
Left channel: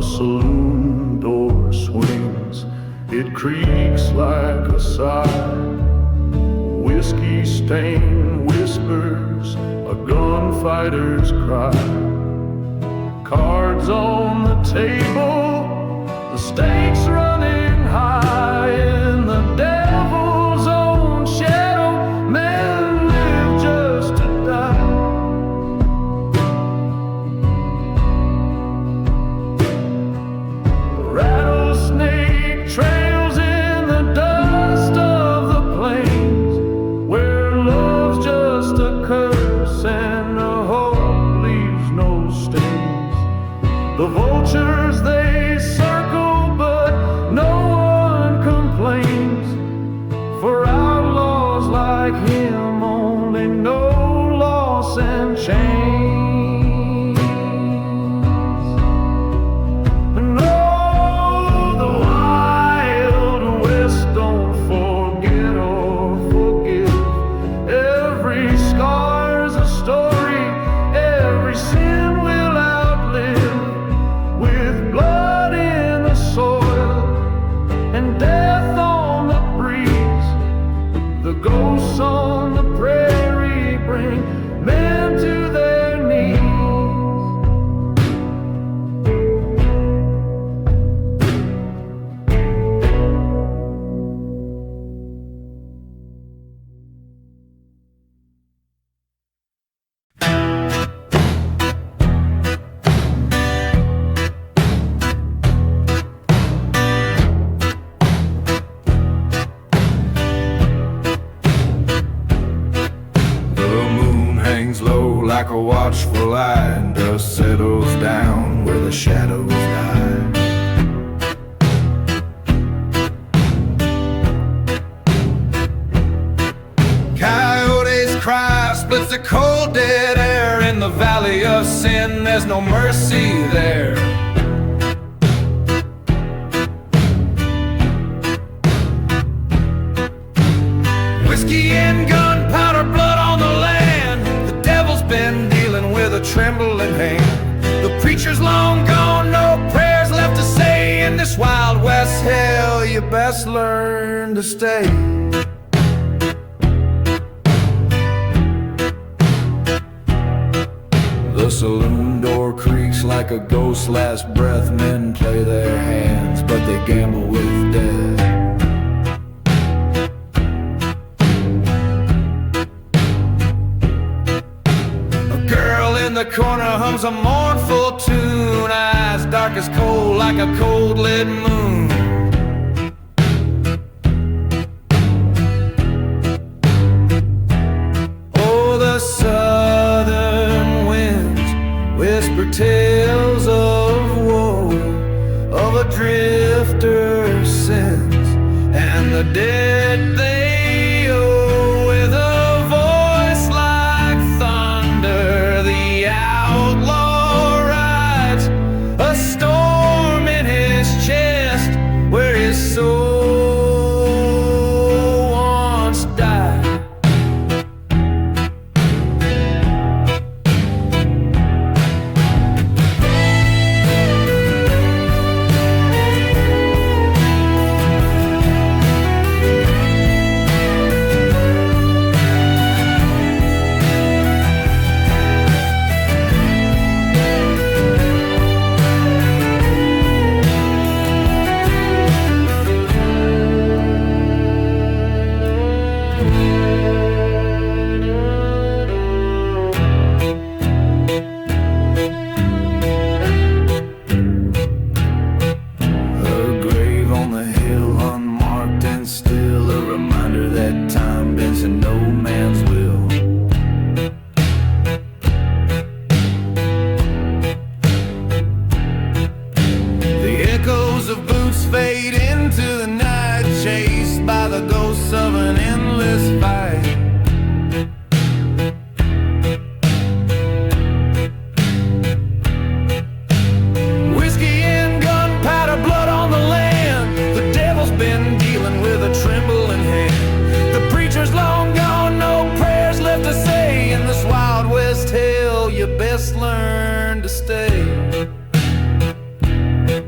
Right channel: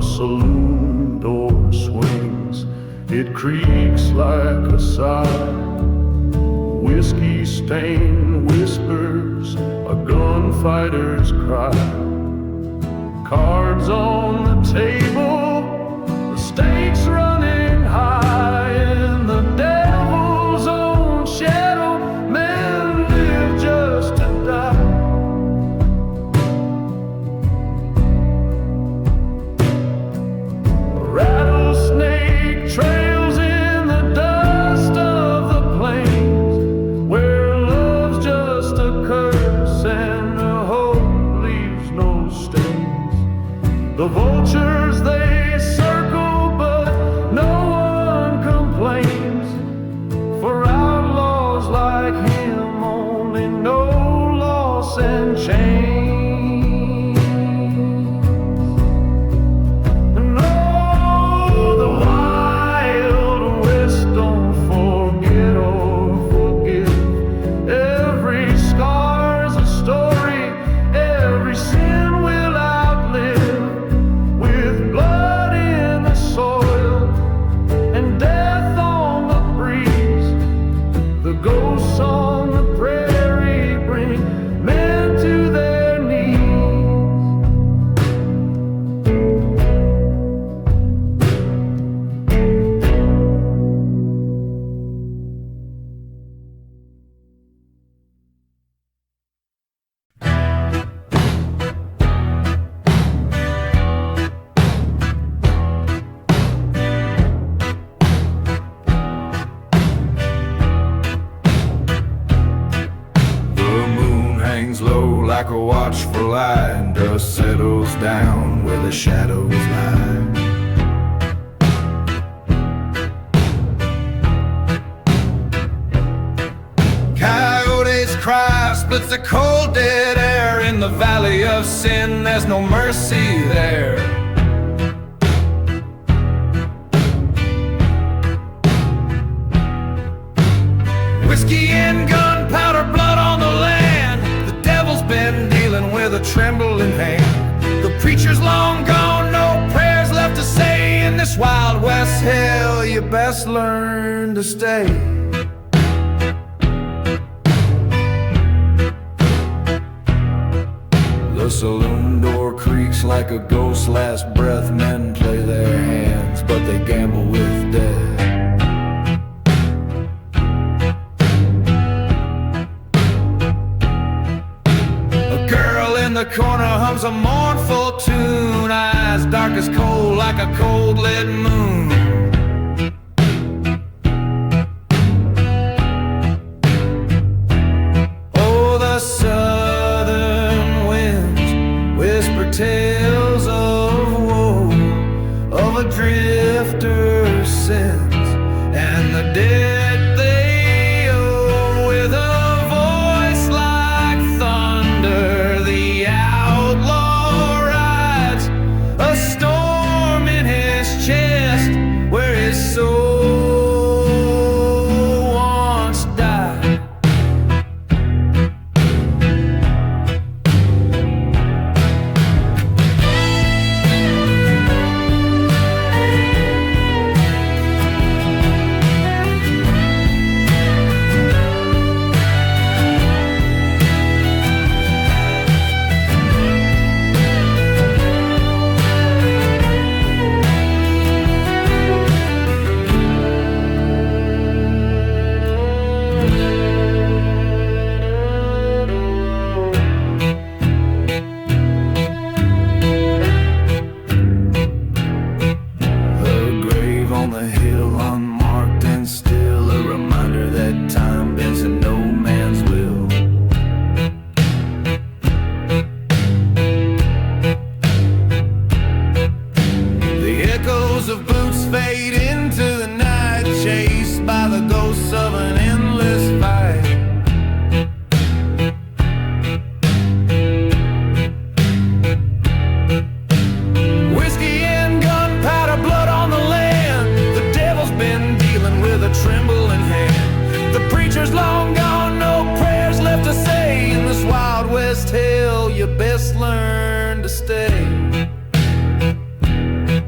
A saloon door swings, it creaks like a sigh. Whiskey stain whispers a gunfighter's cry. Cards on the table, the stakes running high. In the devil's own shadow, men live just to die. A rattlesnake trails in the dust of the plains, where love's just a curse and a hope leaves no stains. The vultures, they circle, but no one complains. For outlaws like him only know loss and change. And oh, the Wild West don't forget or forgive. Every scar's a story, every sin will outlive. With blood in the soil and death on the breeze, the ghosts on the prairie bring men to their knees. Low like a watchful eye, and dust settles down where the shadows lie. Coyotes cry, splits the cold dead air. In the valley of sin, there's no mercy there. Whiskey and gunpowder, blood on the land. The devil's been dealing with a trembling hand. The preacher's long gone, no prayers left to say. In this Wild West hell, you best learn to stay. The saloon door creaks like a ghost's last breath. Men play their hands, but they gamble with death. Girl in the corner hums a mournful tune, eyes dark as coal like a cold lit moon. Oh, the southern winds whisper tales of woe, of a drifter's sins and the dead they owe. With a voice like thunder, the outlaw rides, a storm in his chest where his soul once died. Echoes of boots fade into the night, chased by the ghosts of an endless fight. Whiskey and gunpowder, blood on the land. The devil's been dealing with a trembling hand. The preacher's long gone, no prayers left to say. In this Wild West hell, you best learn to stay.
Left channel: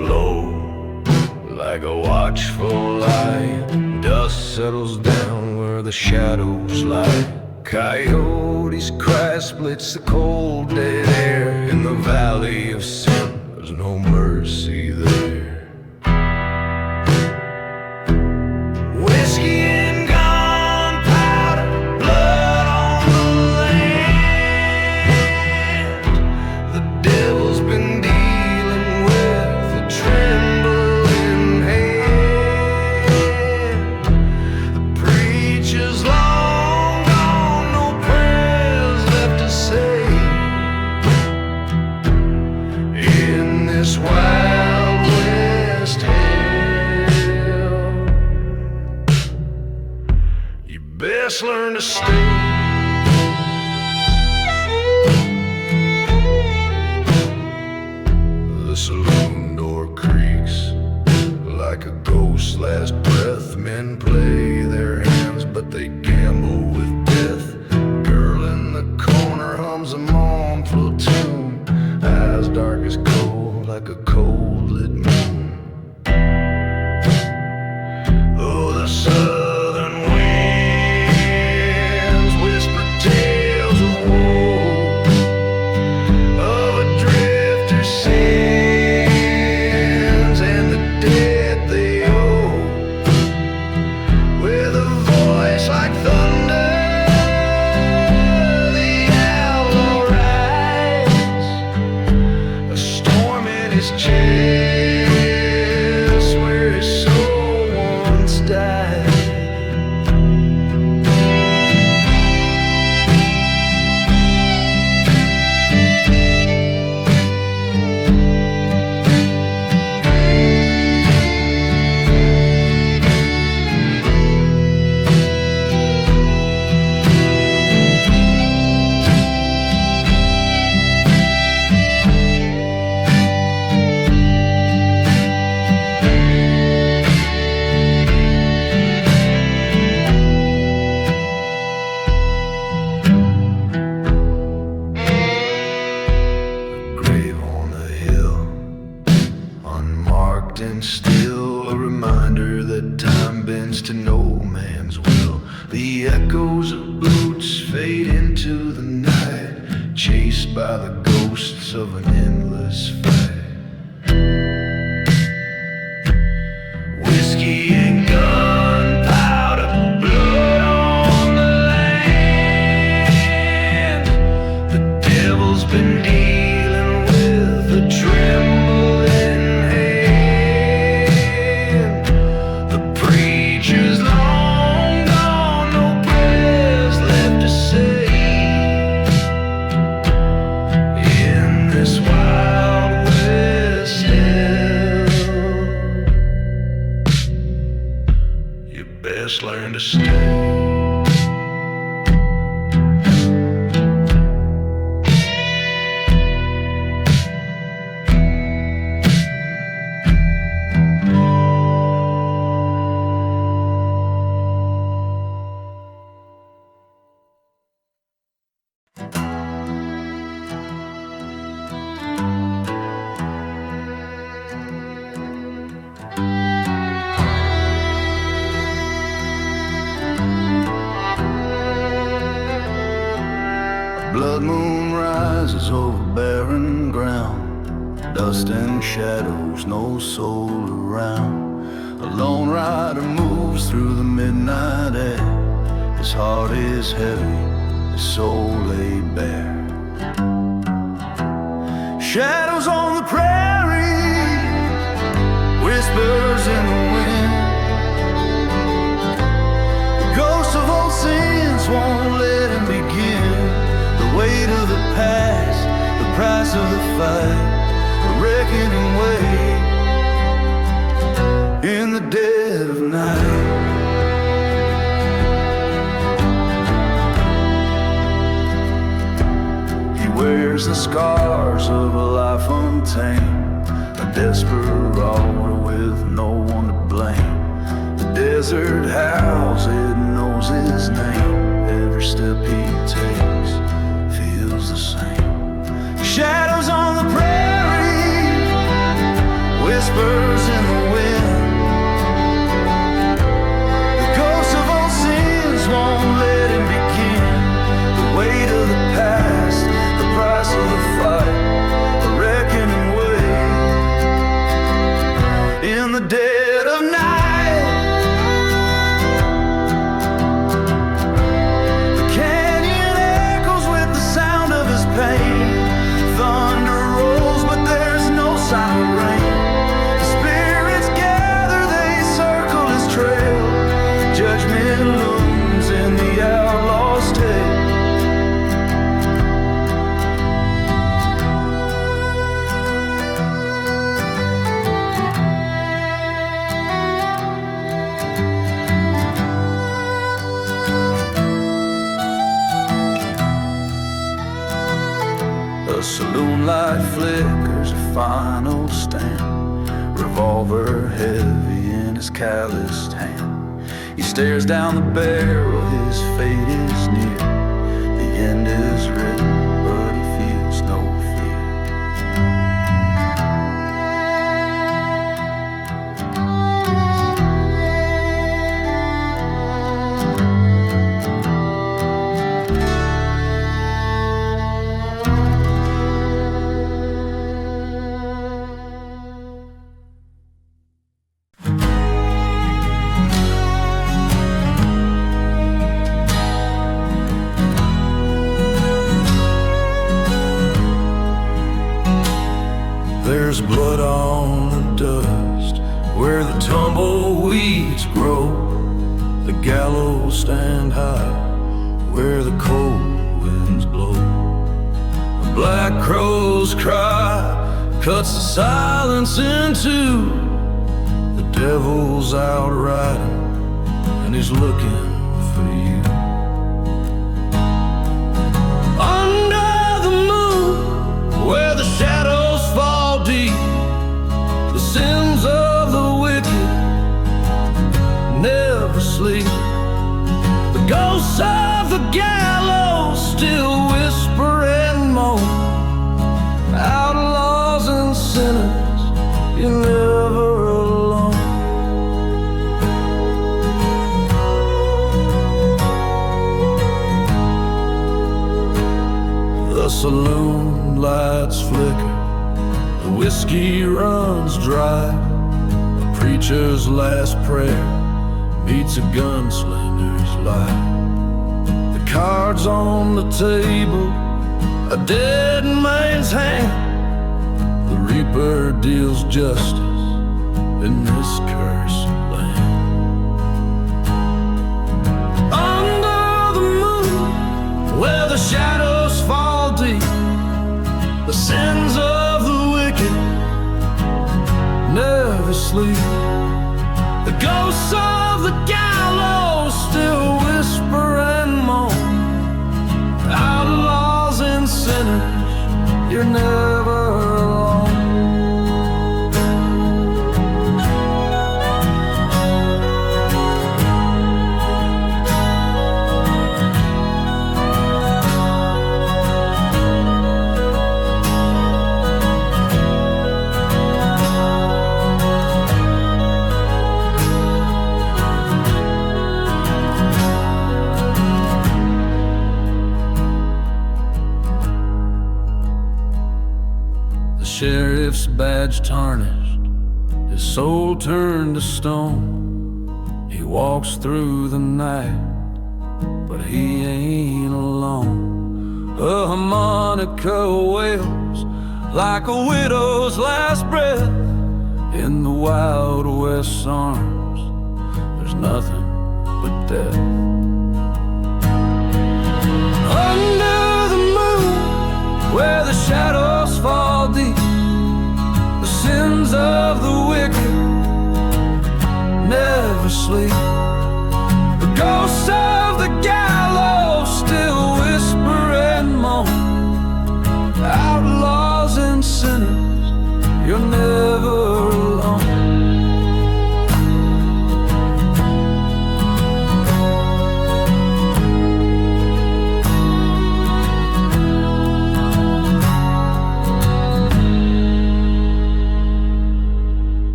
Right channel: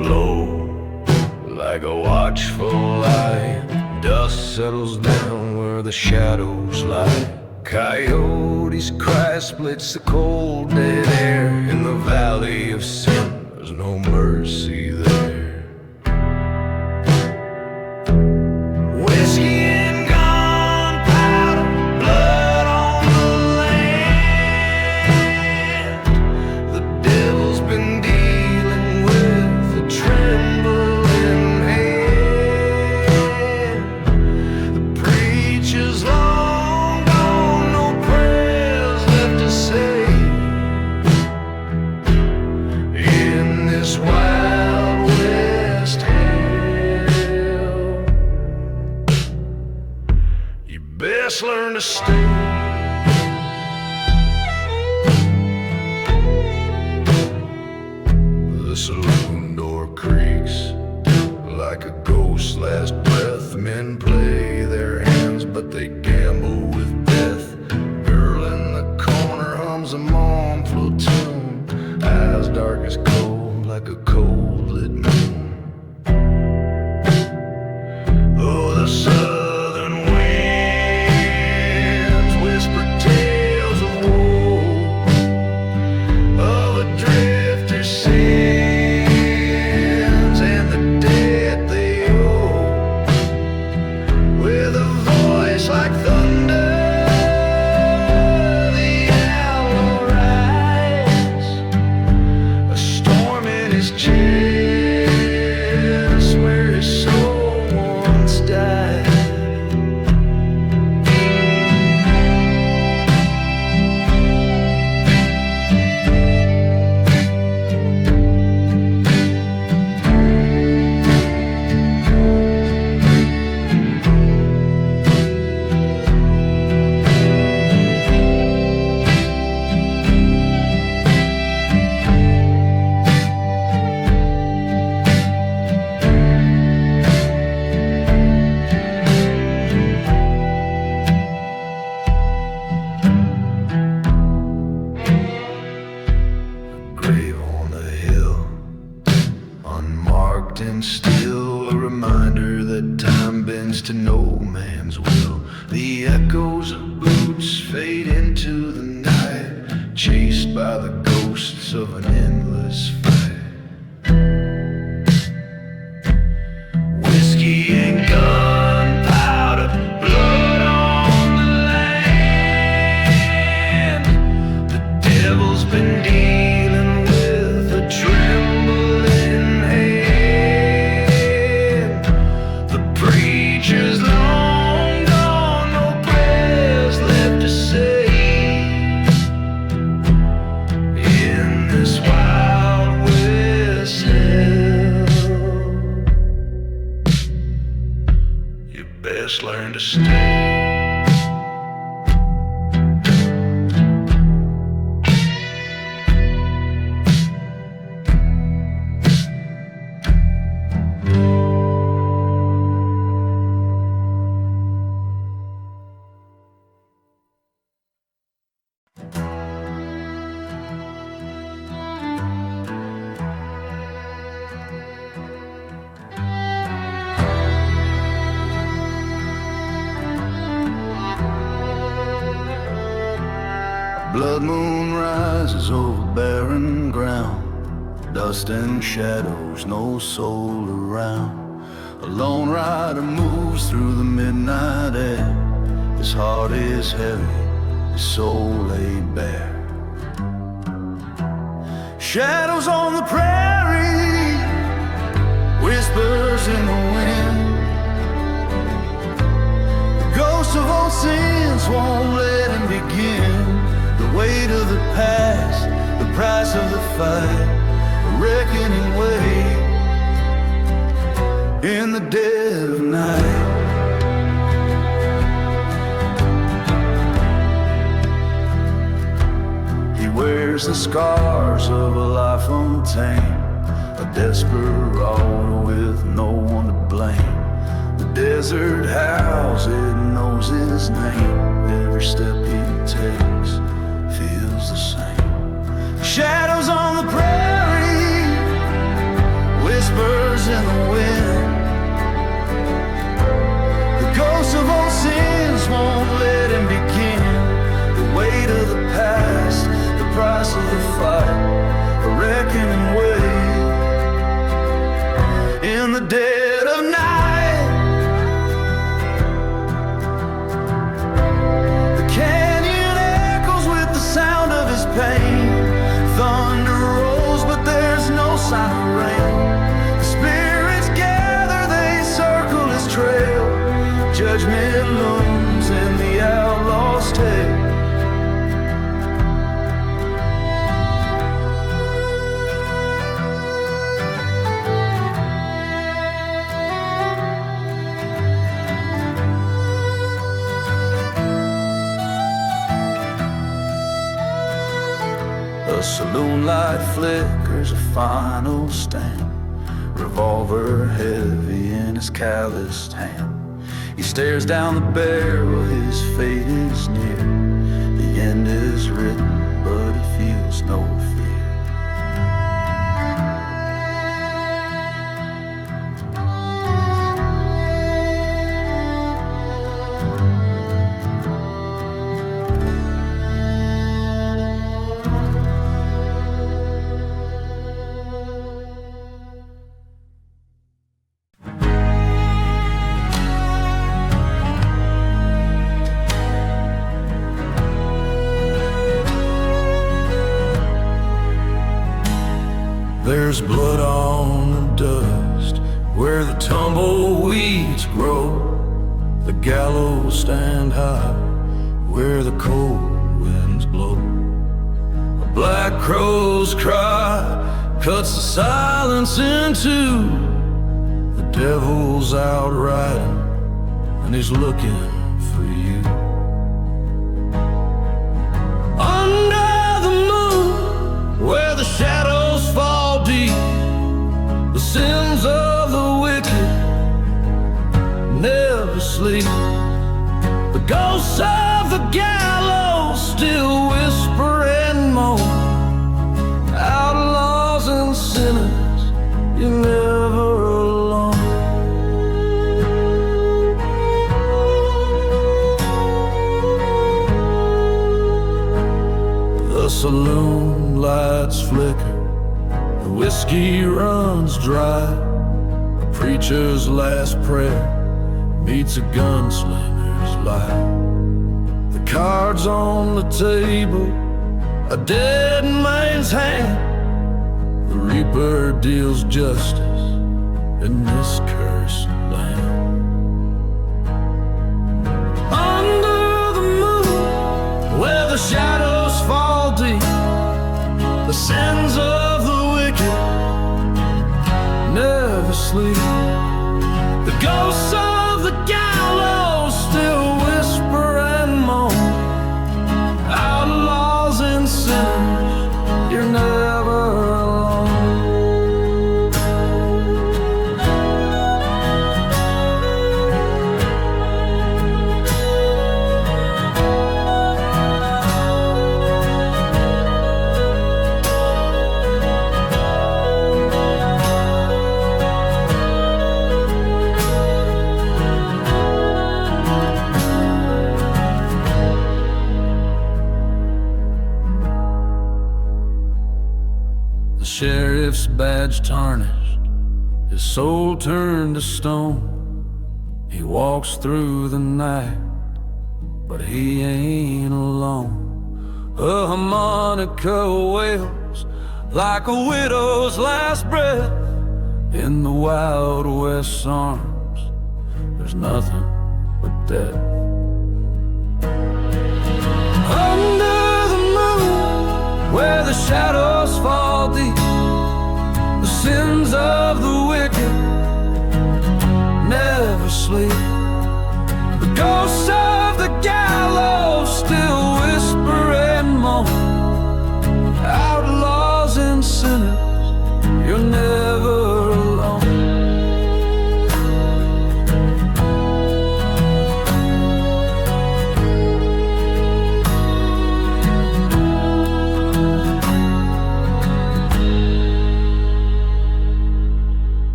flow like a watchful eye. Dust settles down where the shadows lie. Coyotes cry, splits the cold dead air. In the valley of sin, there's no mercy there. Whiskey and gunpowder, blood on the land. The devil's been dealing with a trembling hand. The preacher's long gone, no prayers left to say. In this wild west hell, you best learn to stay. The saloon door creaks like a ghost's last breath. Men play their hands, but they gamble with death. Girl in the corner hums a mournful tune, eyes dark as coal like a cold lit moon. Oh, the southern winds whisper tales of woe, of a drifter's sins and the debt they owe. With a voice like thunder, the outlaw rides, a storm in his chest where his soul once died. Grave on the hill, unmarked and still, a reminder that time bends to no man's will. The echoes of boots fade into the night, chased by the ghosts of an endless fight. Whiskey and gunpowder, blood on the land. The devil's been dealing with a trembling hand. The preacher's long gone, no prayers left to say. In this wild west hell, you best learn to stay. Blood moon rises over barren ground, dust and shadows, no soul around. A lone rider moves through the midnight air. His heart is heavy, his soul laid bare. Shadows on the prairie, whispers in the wind. The ghosts of old sins won't let him begin. The weight of the past, the price of the fight, the reckoning weight in the dead of night. He wears the scars of a life untamed, a desperado with no one to blame. The desert howls, it knows his name. Every step he takes feels the same. Shadows on the prairie, whispers whispers in the wind. The ghosts of old sins won't let him begin. The weight of the past, the price of the fight, a reckoning wait. In the dead of night, the canyon echoes with the sound of his pain. Thunder rolls, but there's no sign of rain. The spirits gather, they circle his trail. Judgment looms in the outlaw's tale. A saloon light flickers a final stand. Revolver heavy in his calloused hand. He stares down the barrel, his fate is near. The end is written, but he feels no fear. There's blood on the dust where the tumbleweeds grow. The gallows stand high where the cold winds blow. A black crow's cry cuts the silence in two. The devil's out riding and he's looking for you. Under the moon where the shadows fall deep, the sins of the wicked never sleep. The ghosts of the gallows still whisper and moan. Outlaws and sinners, you're never alone. The saloon lights flicker, the whiskey runs dry. A preacher's last prayer meets a gunslinger's lie. The cards on the table, a dead man's hand. The reaper deals justice in this cursed land. Under the moon, where the shadows fall deep, the sins of the wicked never sleep. The ghosts of the gallows still whisper and moan. Outlaws and sinners, you're never alone. Sheriff's badge tarnished, his soul turned to stone. He walks through the night, but he ain't alone. A harmonica wails like a widow's last breath. In the Wild West's arms, there's nothing but death. Under the moon, where the shadows fall deep, the sins of the wicked never sleep. The ghosts of the gallows still whisper and moan. Outlaws and sinners, you're never alone.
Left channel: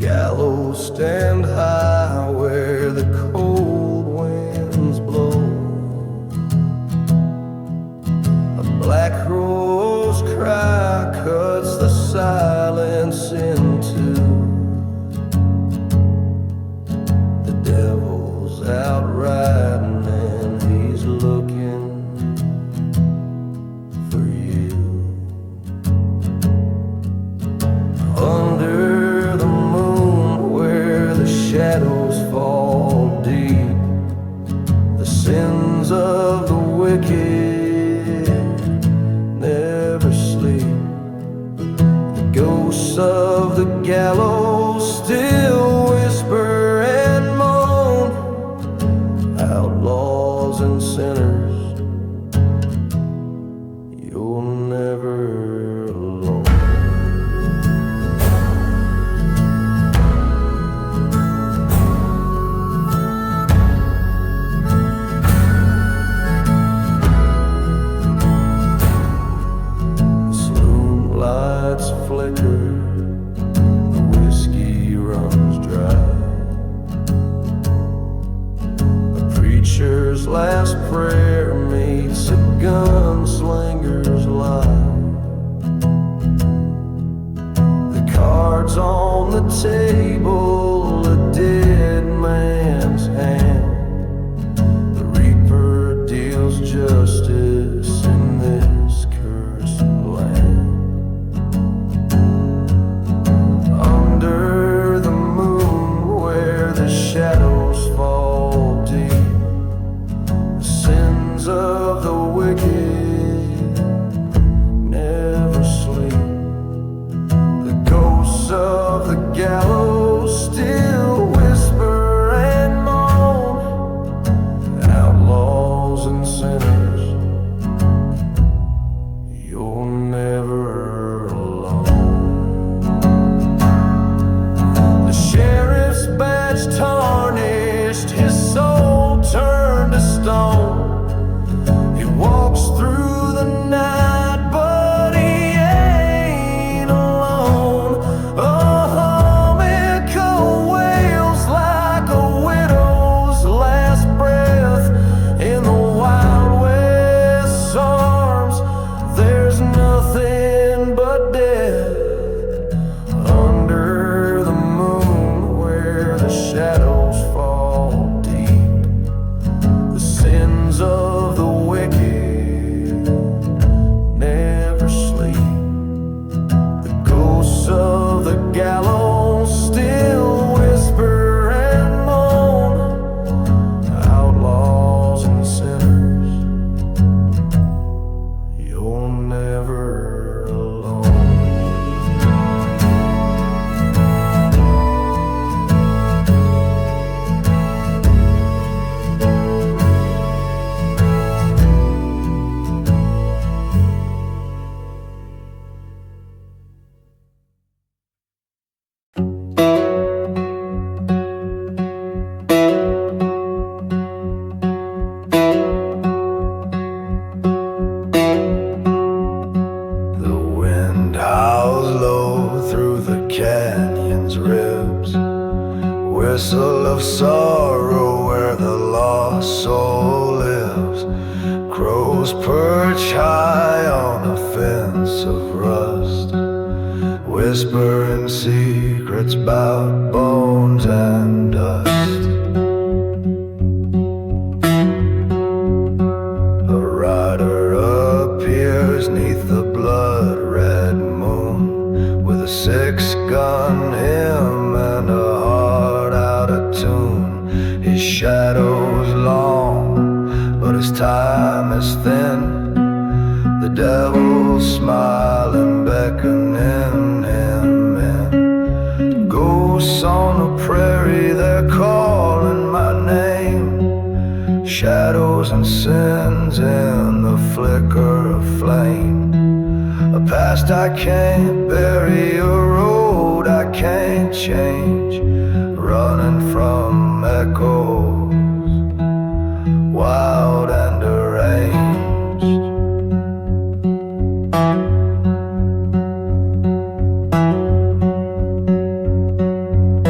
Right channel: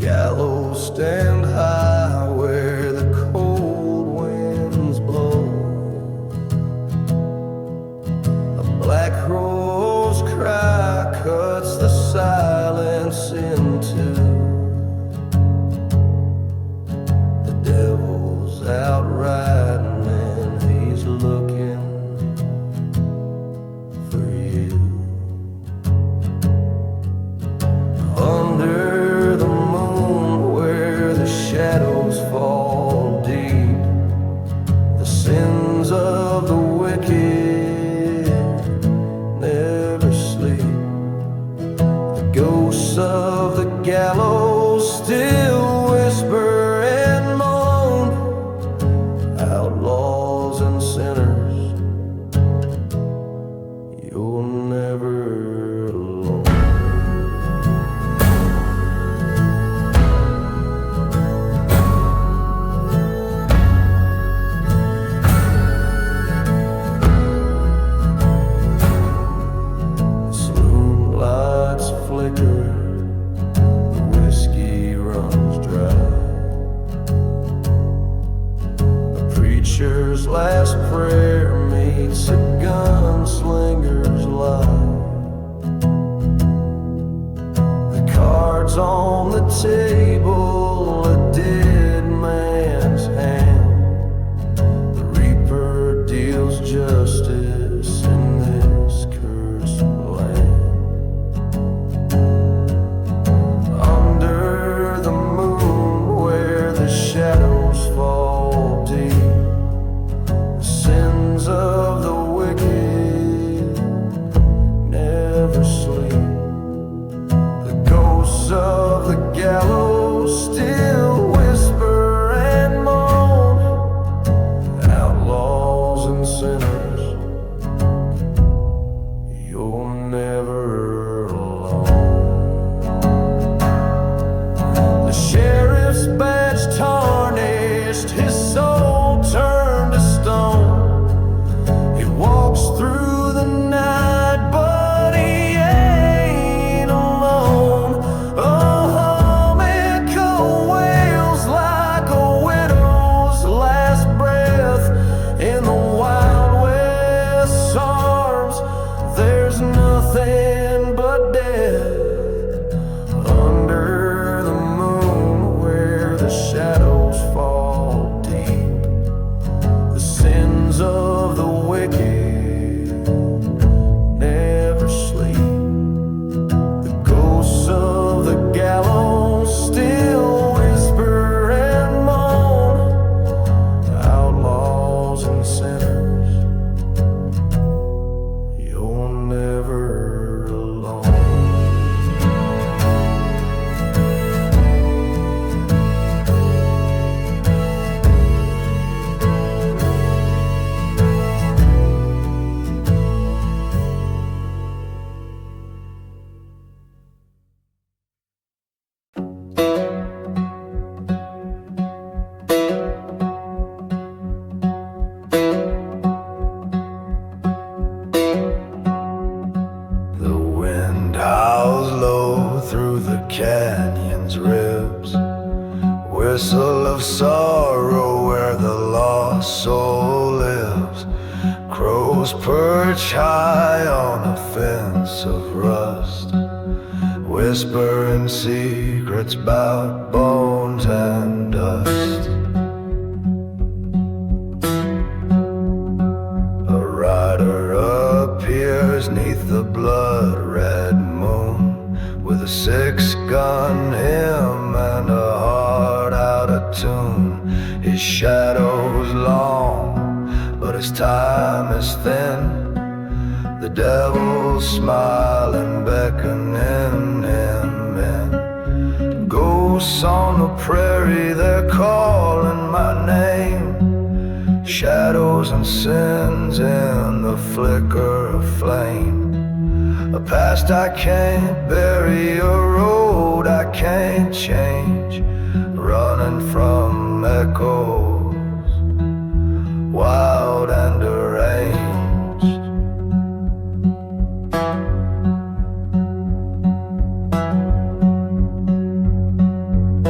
gallows stand high where the cold winds blow. A black crow's cry cuts the silence in two. The devil's out riding and he's looking for you. Under the moon where the shadows fall deep, the sins of the wicked never sleep. The ghosts of the gallows still whisper and moan. Outlaws and sinners, you're never alone. Saloon lights flicker, the whiskey runs dry. A preacher's last prayer meets a gunslinger's lie. The cards on the table, a dead man's hand. The reaper deals justice in this cursed land. Under the moon where the shadows fall deep, the sins of the wicked never sleep. The ghosts of the gallows still whisper and moan. Outlaws and sinners, you're never alone. The sheriff's badge tarnished, his soul turned to stone. He walks through the night, but he ain't alone. Oh, Amigo wails like a widow's last breath in the Wild West's arms. There's nothing but death. Under the moon where the shadows fall deep, the sins of the wicked never sleep. The ghosts of the gallows still whisper and moan. Outlaws and sinners, you're never alone. The wind howls low through the canyon's ribs, whistle of sorrow where the lost soul lives. Crows perch high on a fence of rust, whispering secrets about bones and dust. A rider appears neath the blood-red moon, with a six-gun hymn and a heart out of tune. His shadow's long, but his time is thin. The devil's smiling, beckoning him in. Ghosts on the prairie, they're calling my name. Shadows and sins in the flicker of flame. A past I can't bury, a road I can't change, running from echoes, wild and deranged.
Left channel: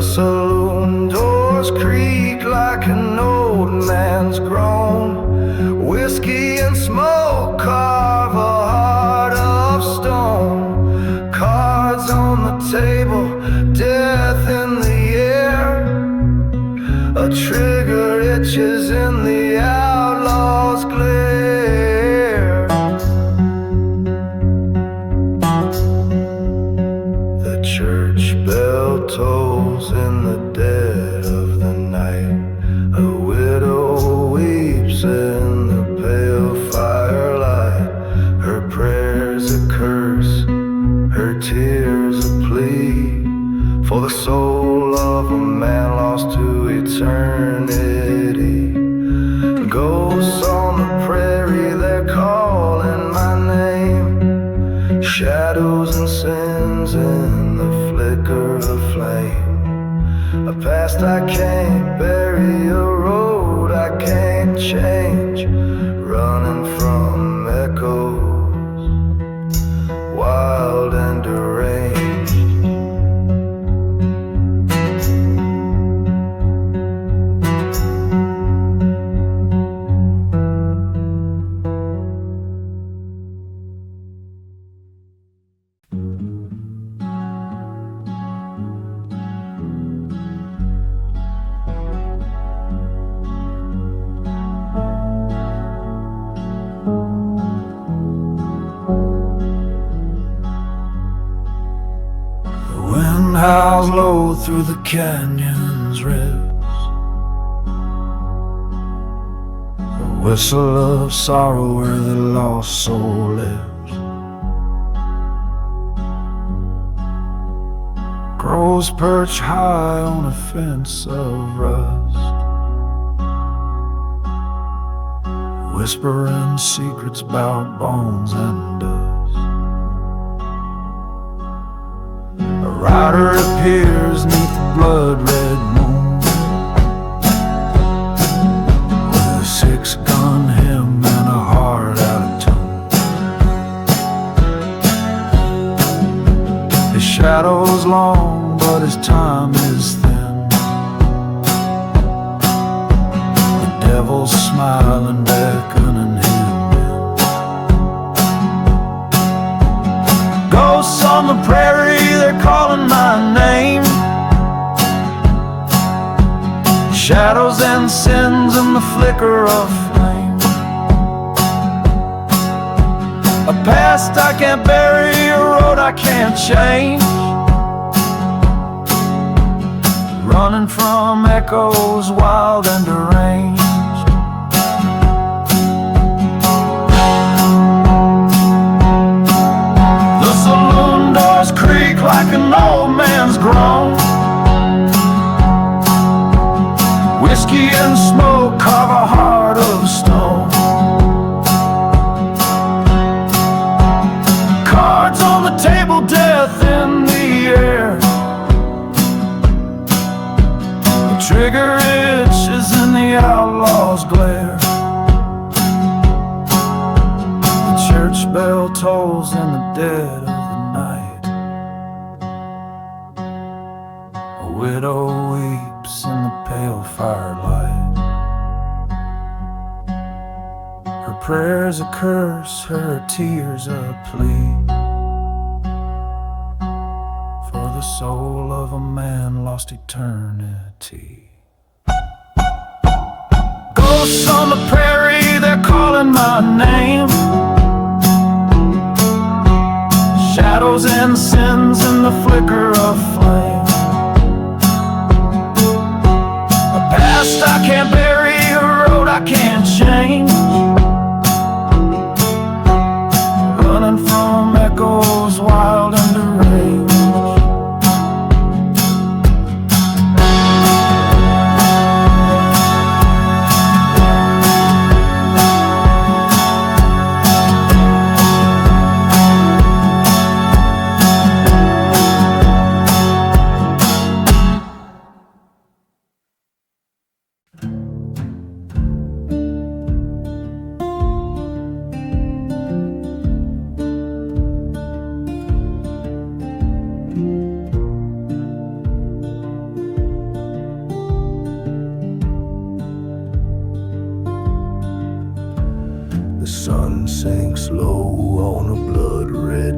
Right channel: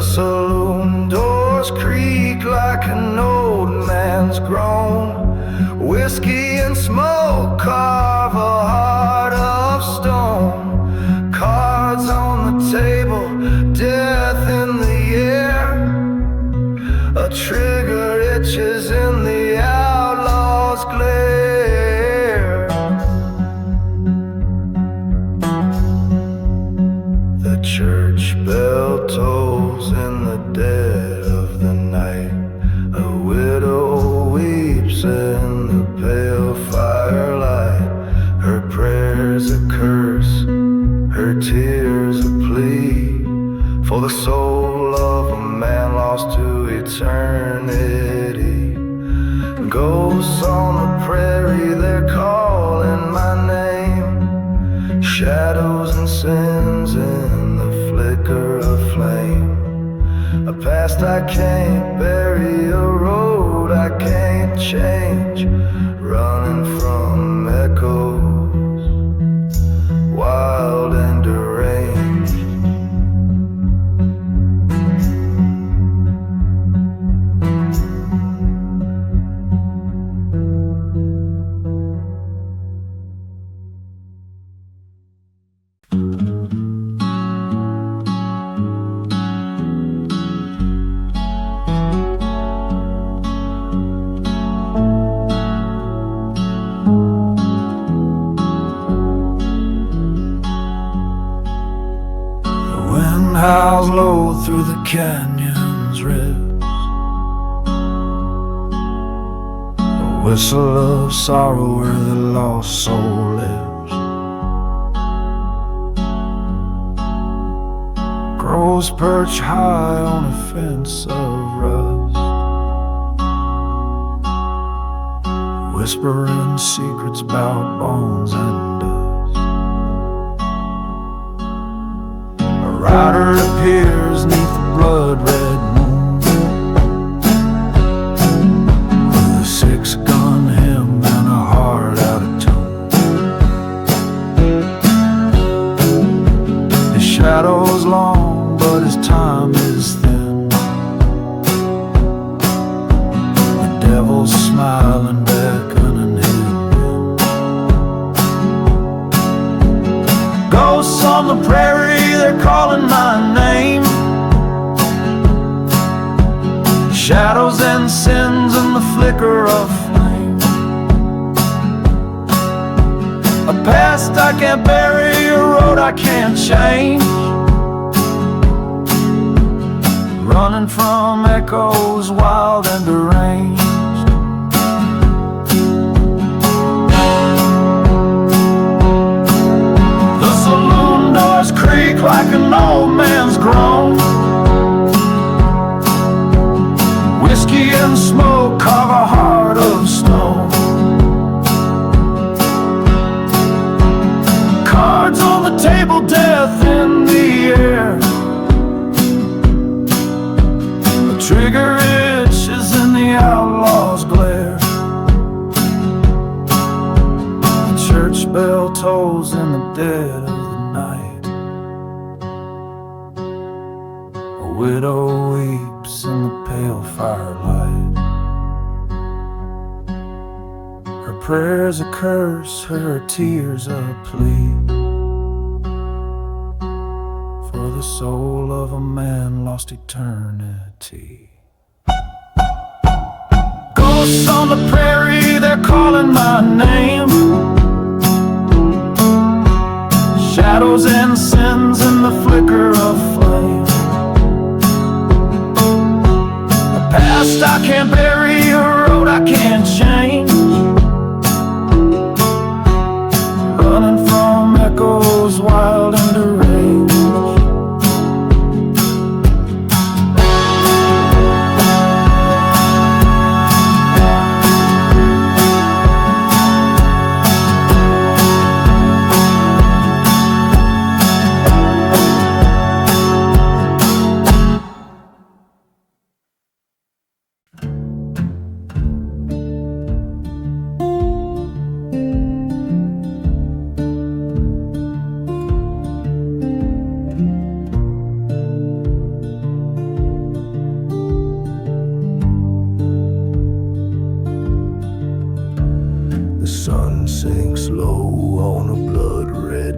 The saloon doors creak like an old man's groan. Whiskey and smoke carve a heart of stone. Cards on the table, death in the air. A trigger itches in the outlaw's glare. The church bell tolls in the dead of the night. A widow weeps in the pale firelight. Her prayers a curse, her tears a plea, for the soul of a man lost to eternity. Ghosts on the prairie, they're calling my name. Shadows and sins in the flicker of flame. A past I can't bury, a road I can't change. Running from echoes, wild and deranged. Howls low through the canyon's ribs. A whistle of sorrow where the lost soul lives. Crows perch high on a fence of rust, whispering secrets about bones and dust. A rider appears neath the blood-red moon, with a six-gun hymn and a heart out of tune. His shadow's long, but his time is thin. The devil's smiling, beckoning him in. Ghosts on the prairie, they're calling my name. Shadows and sins in the flicker of flame. A past I can't bury, a road I can't change. Running from echoes, wild and deranged. The saloon doors creak like an old man's groan. Whiskey and smoke carve a heart of stone. Cards on the table, death in the air. A trigger itches in the outlaw's glare. The church bell tolls in the dead of the night. A widow weeps in the pale firelight. Her prayers a curse, her tears a plea, for the soul of a man lost eternity. Ghosts on the prairie, they're calling my name. Shadows and sins in the flicker of flame. A past I can't bury, a road I can't change. Running from echoes, wild and deranged.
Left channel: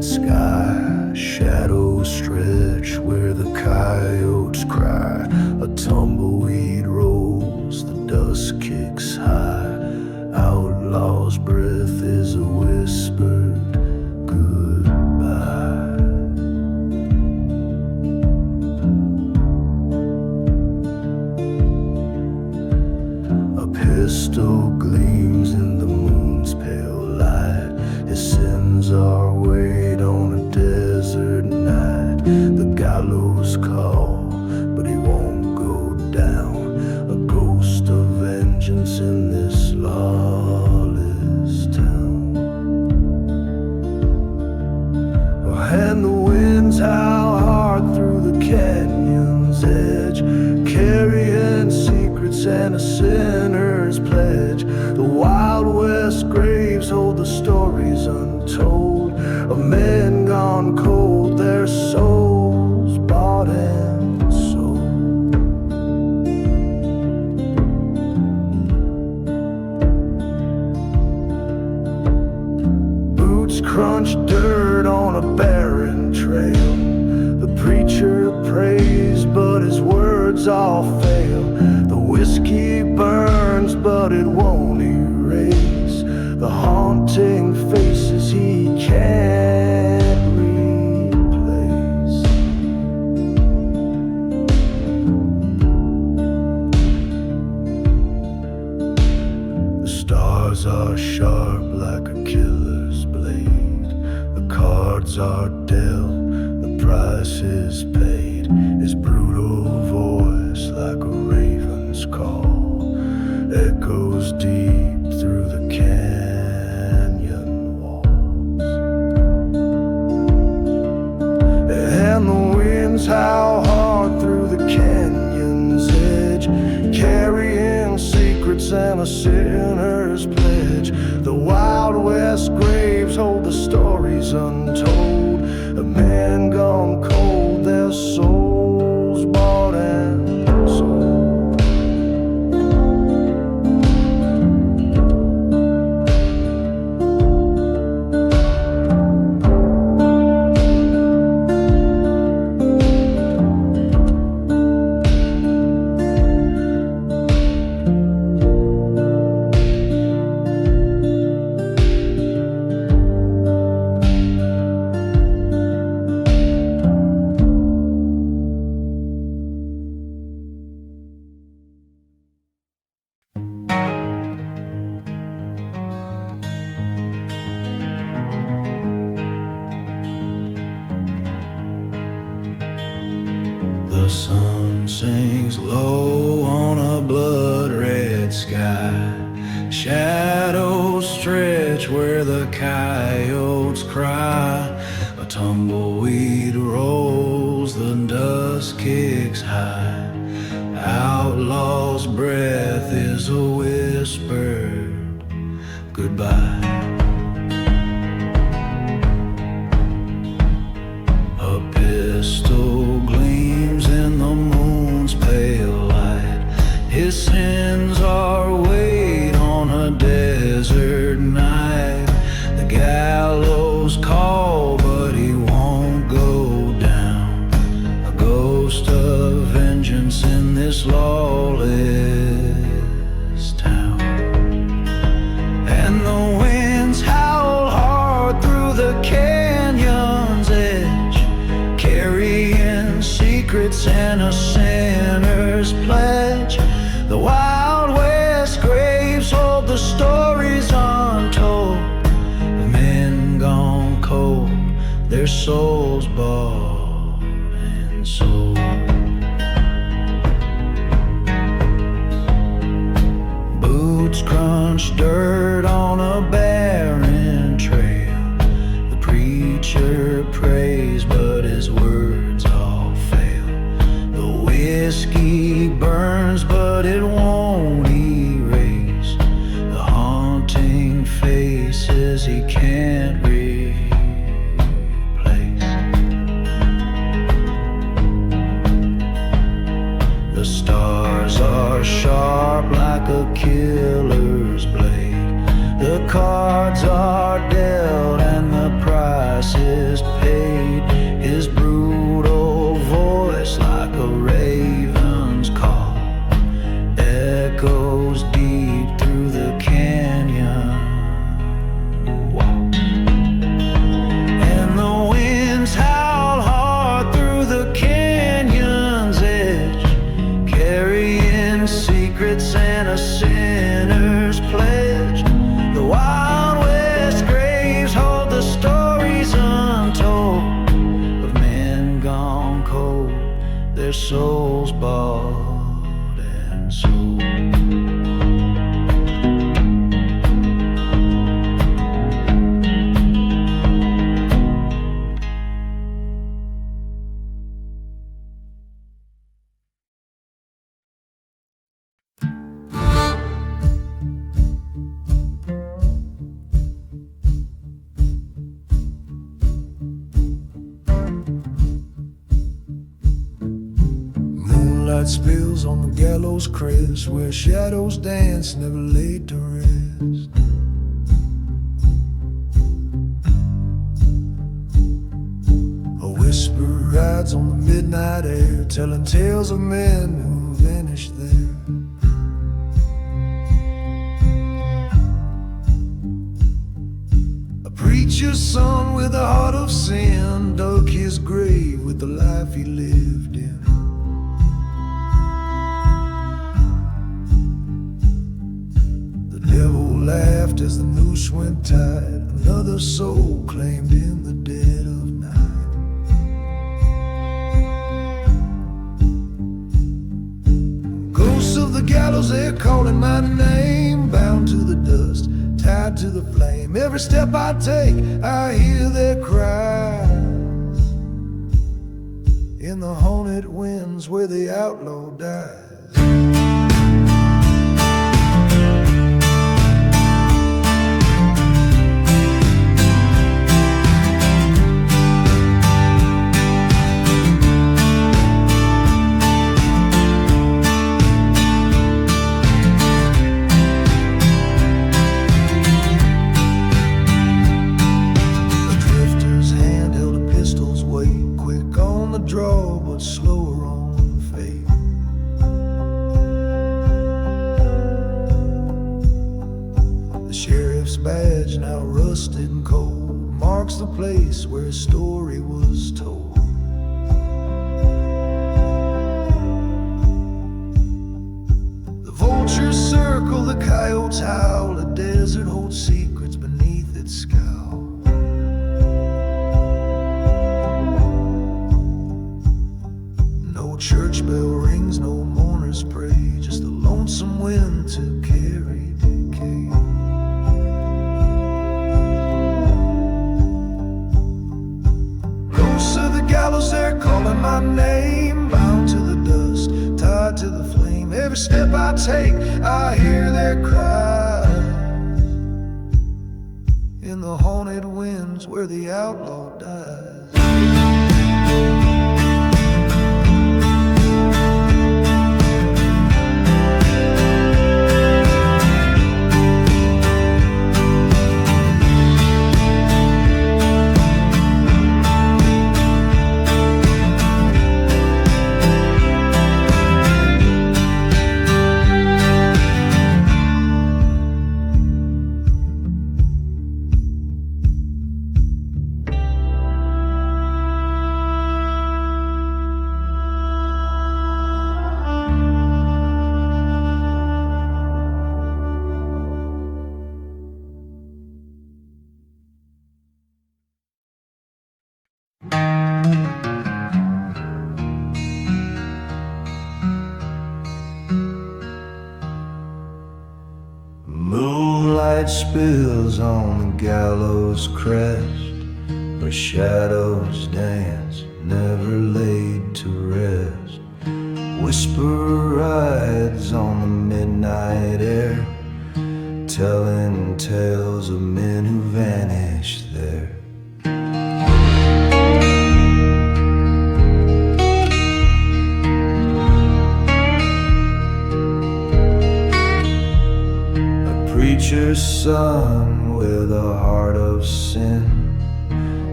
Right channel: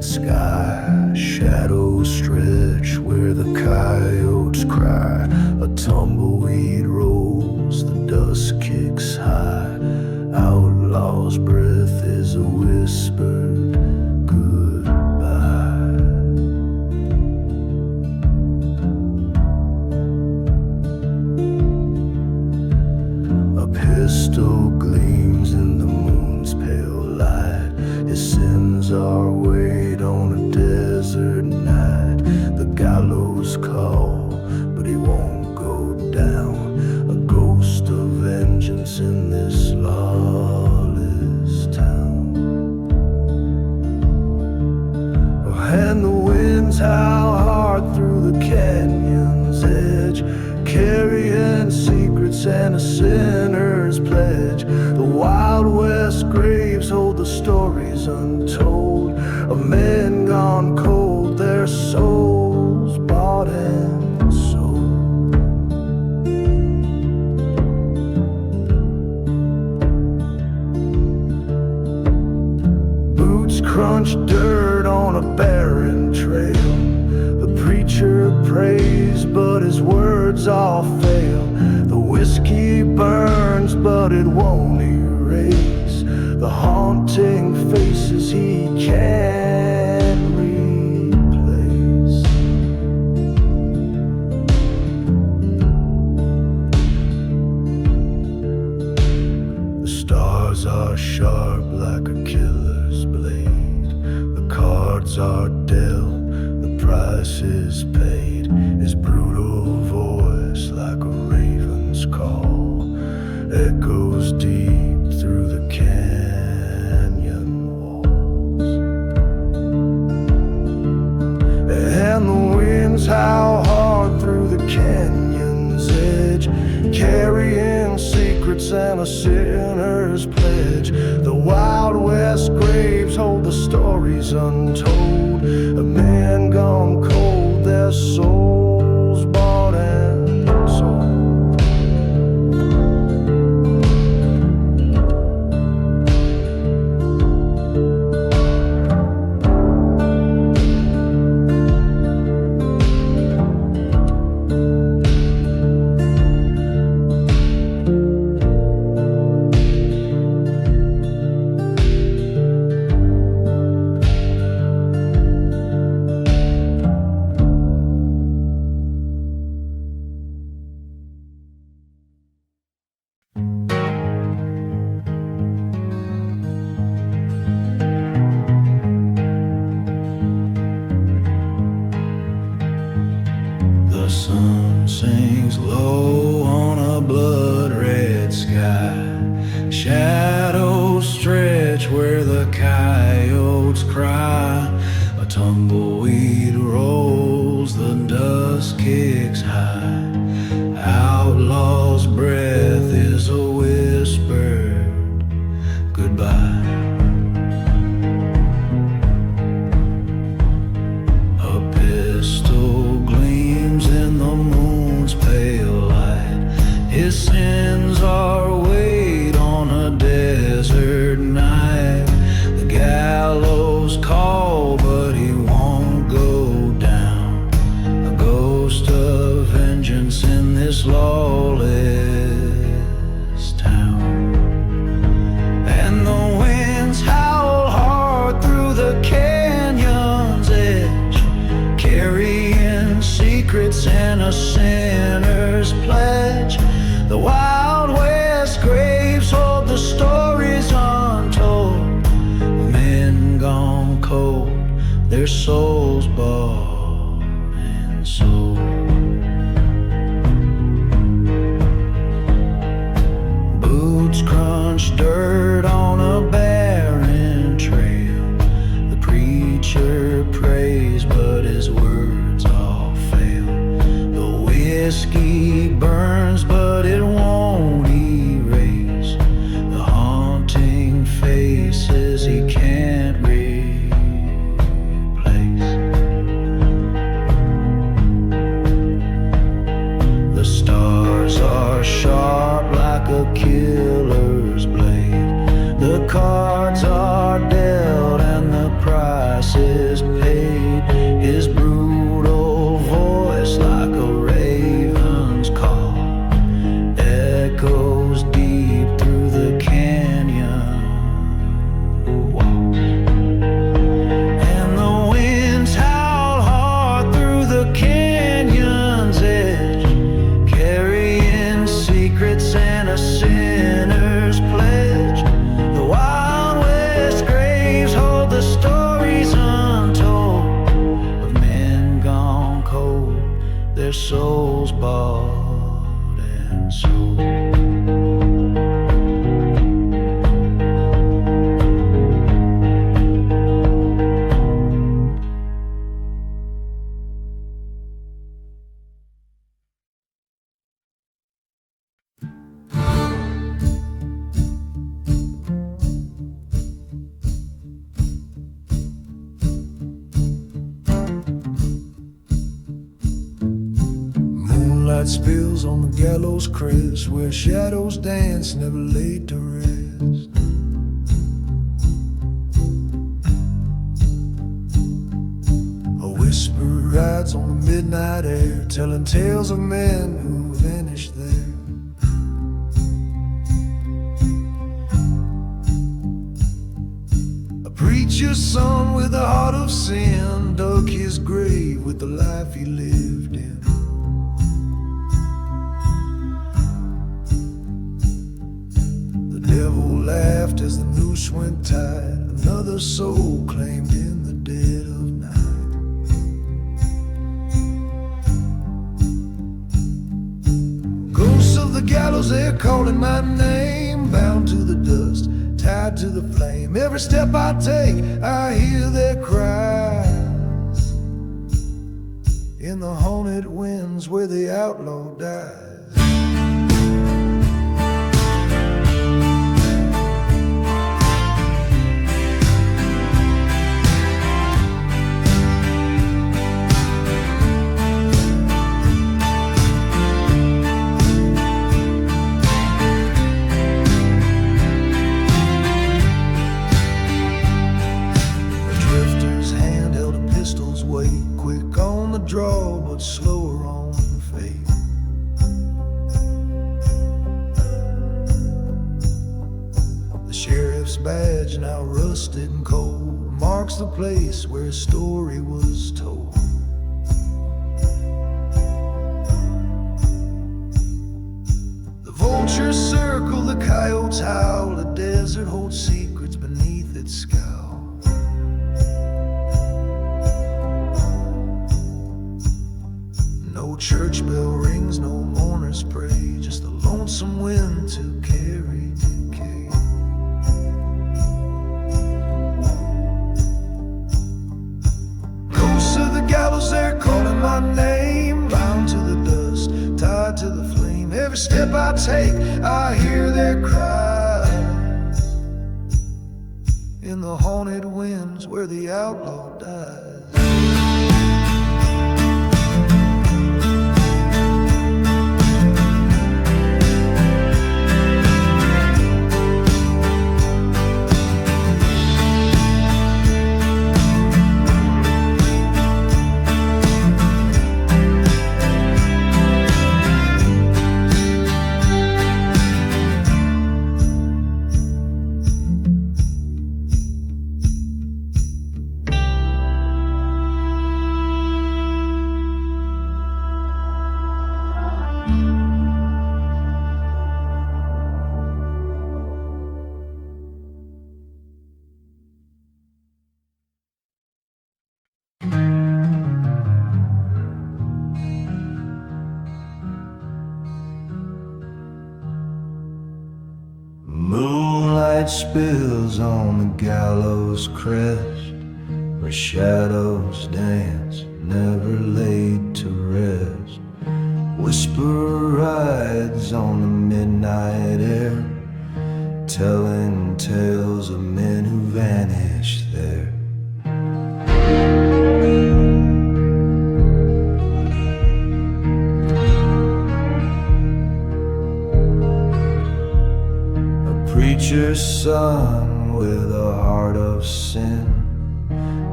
red sky. Shadows stretch where the coyotes cry. A tumbleweed rolls, the dust kicks high. Outlaw's breath is a whispered goodbye. A pistol gleams in the moon's pale light. His sins are weighed on a desert night. The gallows call, but he won't go down. A ghost of vengeance in this lawless town. And the winds howl hard through the canyon's edge, carrying secrets and a sinner's pledge. The Wild West graves hold the stories untold of men gone cold, their souls bought and sold. Boots crunch dirt on a barren trail. The preacher prays, but his words all fail. The whiskey burns, but it won't erase the haunting faces he can't replace. The stars are sharp like a killer's blade. The cards are dealt, the price is paid. His brutal voice like a raven's call echoes deep through the canyon walls. And the winds howl hard through the canyon's edge, carrying secrets and a sinner's pledge. The Wild West graves hold the stories untold of men gone cold, their souls bought and sold. The sun sinks low on a blood-red sky. Shadows stretch where the coyotes cry. A tumbleweed rolls, the dust kicks high. Outlaw's breath is a whispered goodbye. A pistol gleams in the moon's pale light. His sins are weighed on a desert night. The gallows call, but he won't go down. A ghost of vengeance in this lawless town. And the winds howl hard through the canyon's edge, carrying secrets and a sinner's pledge. The Wild West graves hold the stories untold of men gone cold, their souls bought and sold. Boots crunch dirt on a barren trail. The preacher prays, but his words all fail. The whiskey burns, but it won't erase the haunting faces he can't replace. The stars are sharp like a killer's blade. The cards are dealt and the price price is paid. His brutal voice, like a raven's call, echoes deep through the canyon walls. And the winds howl hard through the canyon's edge, carrying secrets and a sinner's pledge. The Wild West graves hold the stories untold of men gone cold, their souls bought and sold. Moonlight spills on the gallows crest, where shadows dance, never laid to rest. A whisper rides on the midnight air, telling tales of men who vanished there. A preacher's son with a heart of sin dug his grave with the life he lived in. The devil laughed as the noose went tight, another soul claimed in the dead of night. Ghosts of the gallows, they're calling my name, bound to the dust, tied to the flame. Every step I take, I hear their cries in the haunted winds where the outlaw dies. Hand held a pistol's weight, quick on the draw but slower on fate. The sheriff's badge, now rusted and cold, marks the place where his story was told. The vultures circle, the coyotes howl, the desert holds secrets beneath its scowl. No church bell rings, no mourners pray, just a lonesome wind to carry decay. Ghosts of the gallows, they're calling my name, bound to the dust, tied to the flame. Every step I take, I hear their cries in the haunted winds where the outlaw dies. Moonlight spills on the gallows crest, where shadows dance, never laid to rest. Whisper rides on the midnight air, telling tales of men who vanished there. Preacher's son with a heart of sin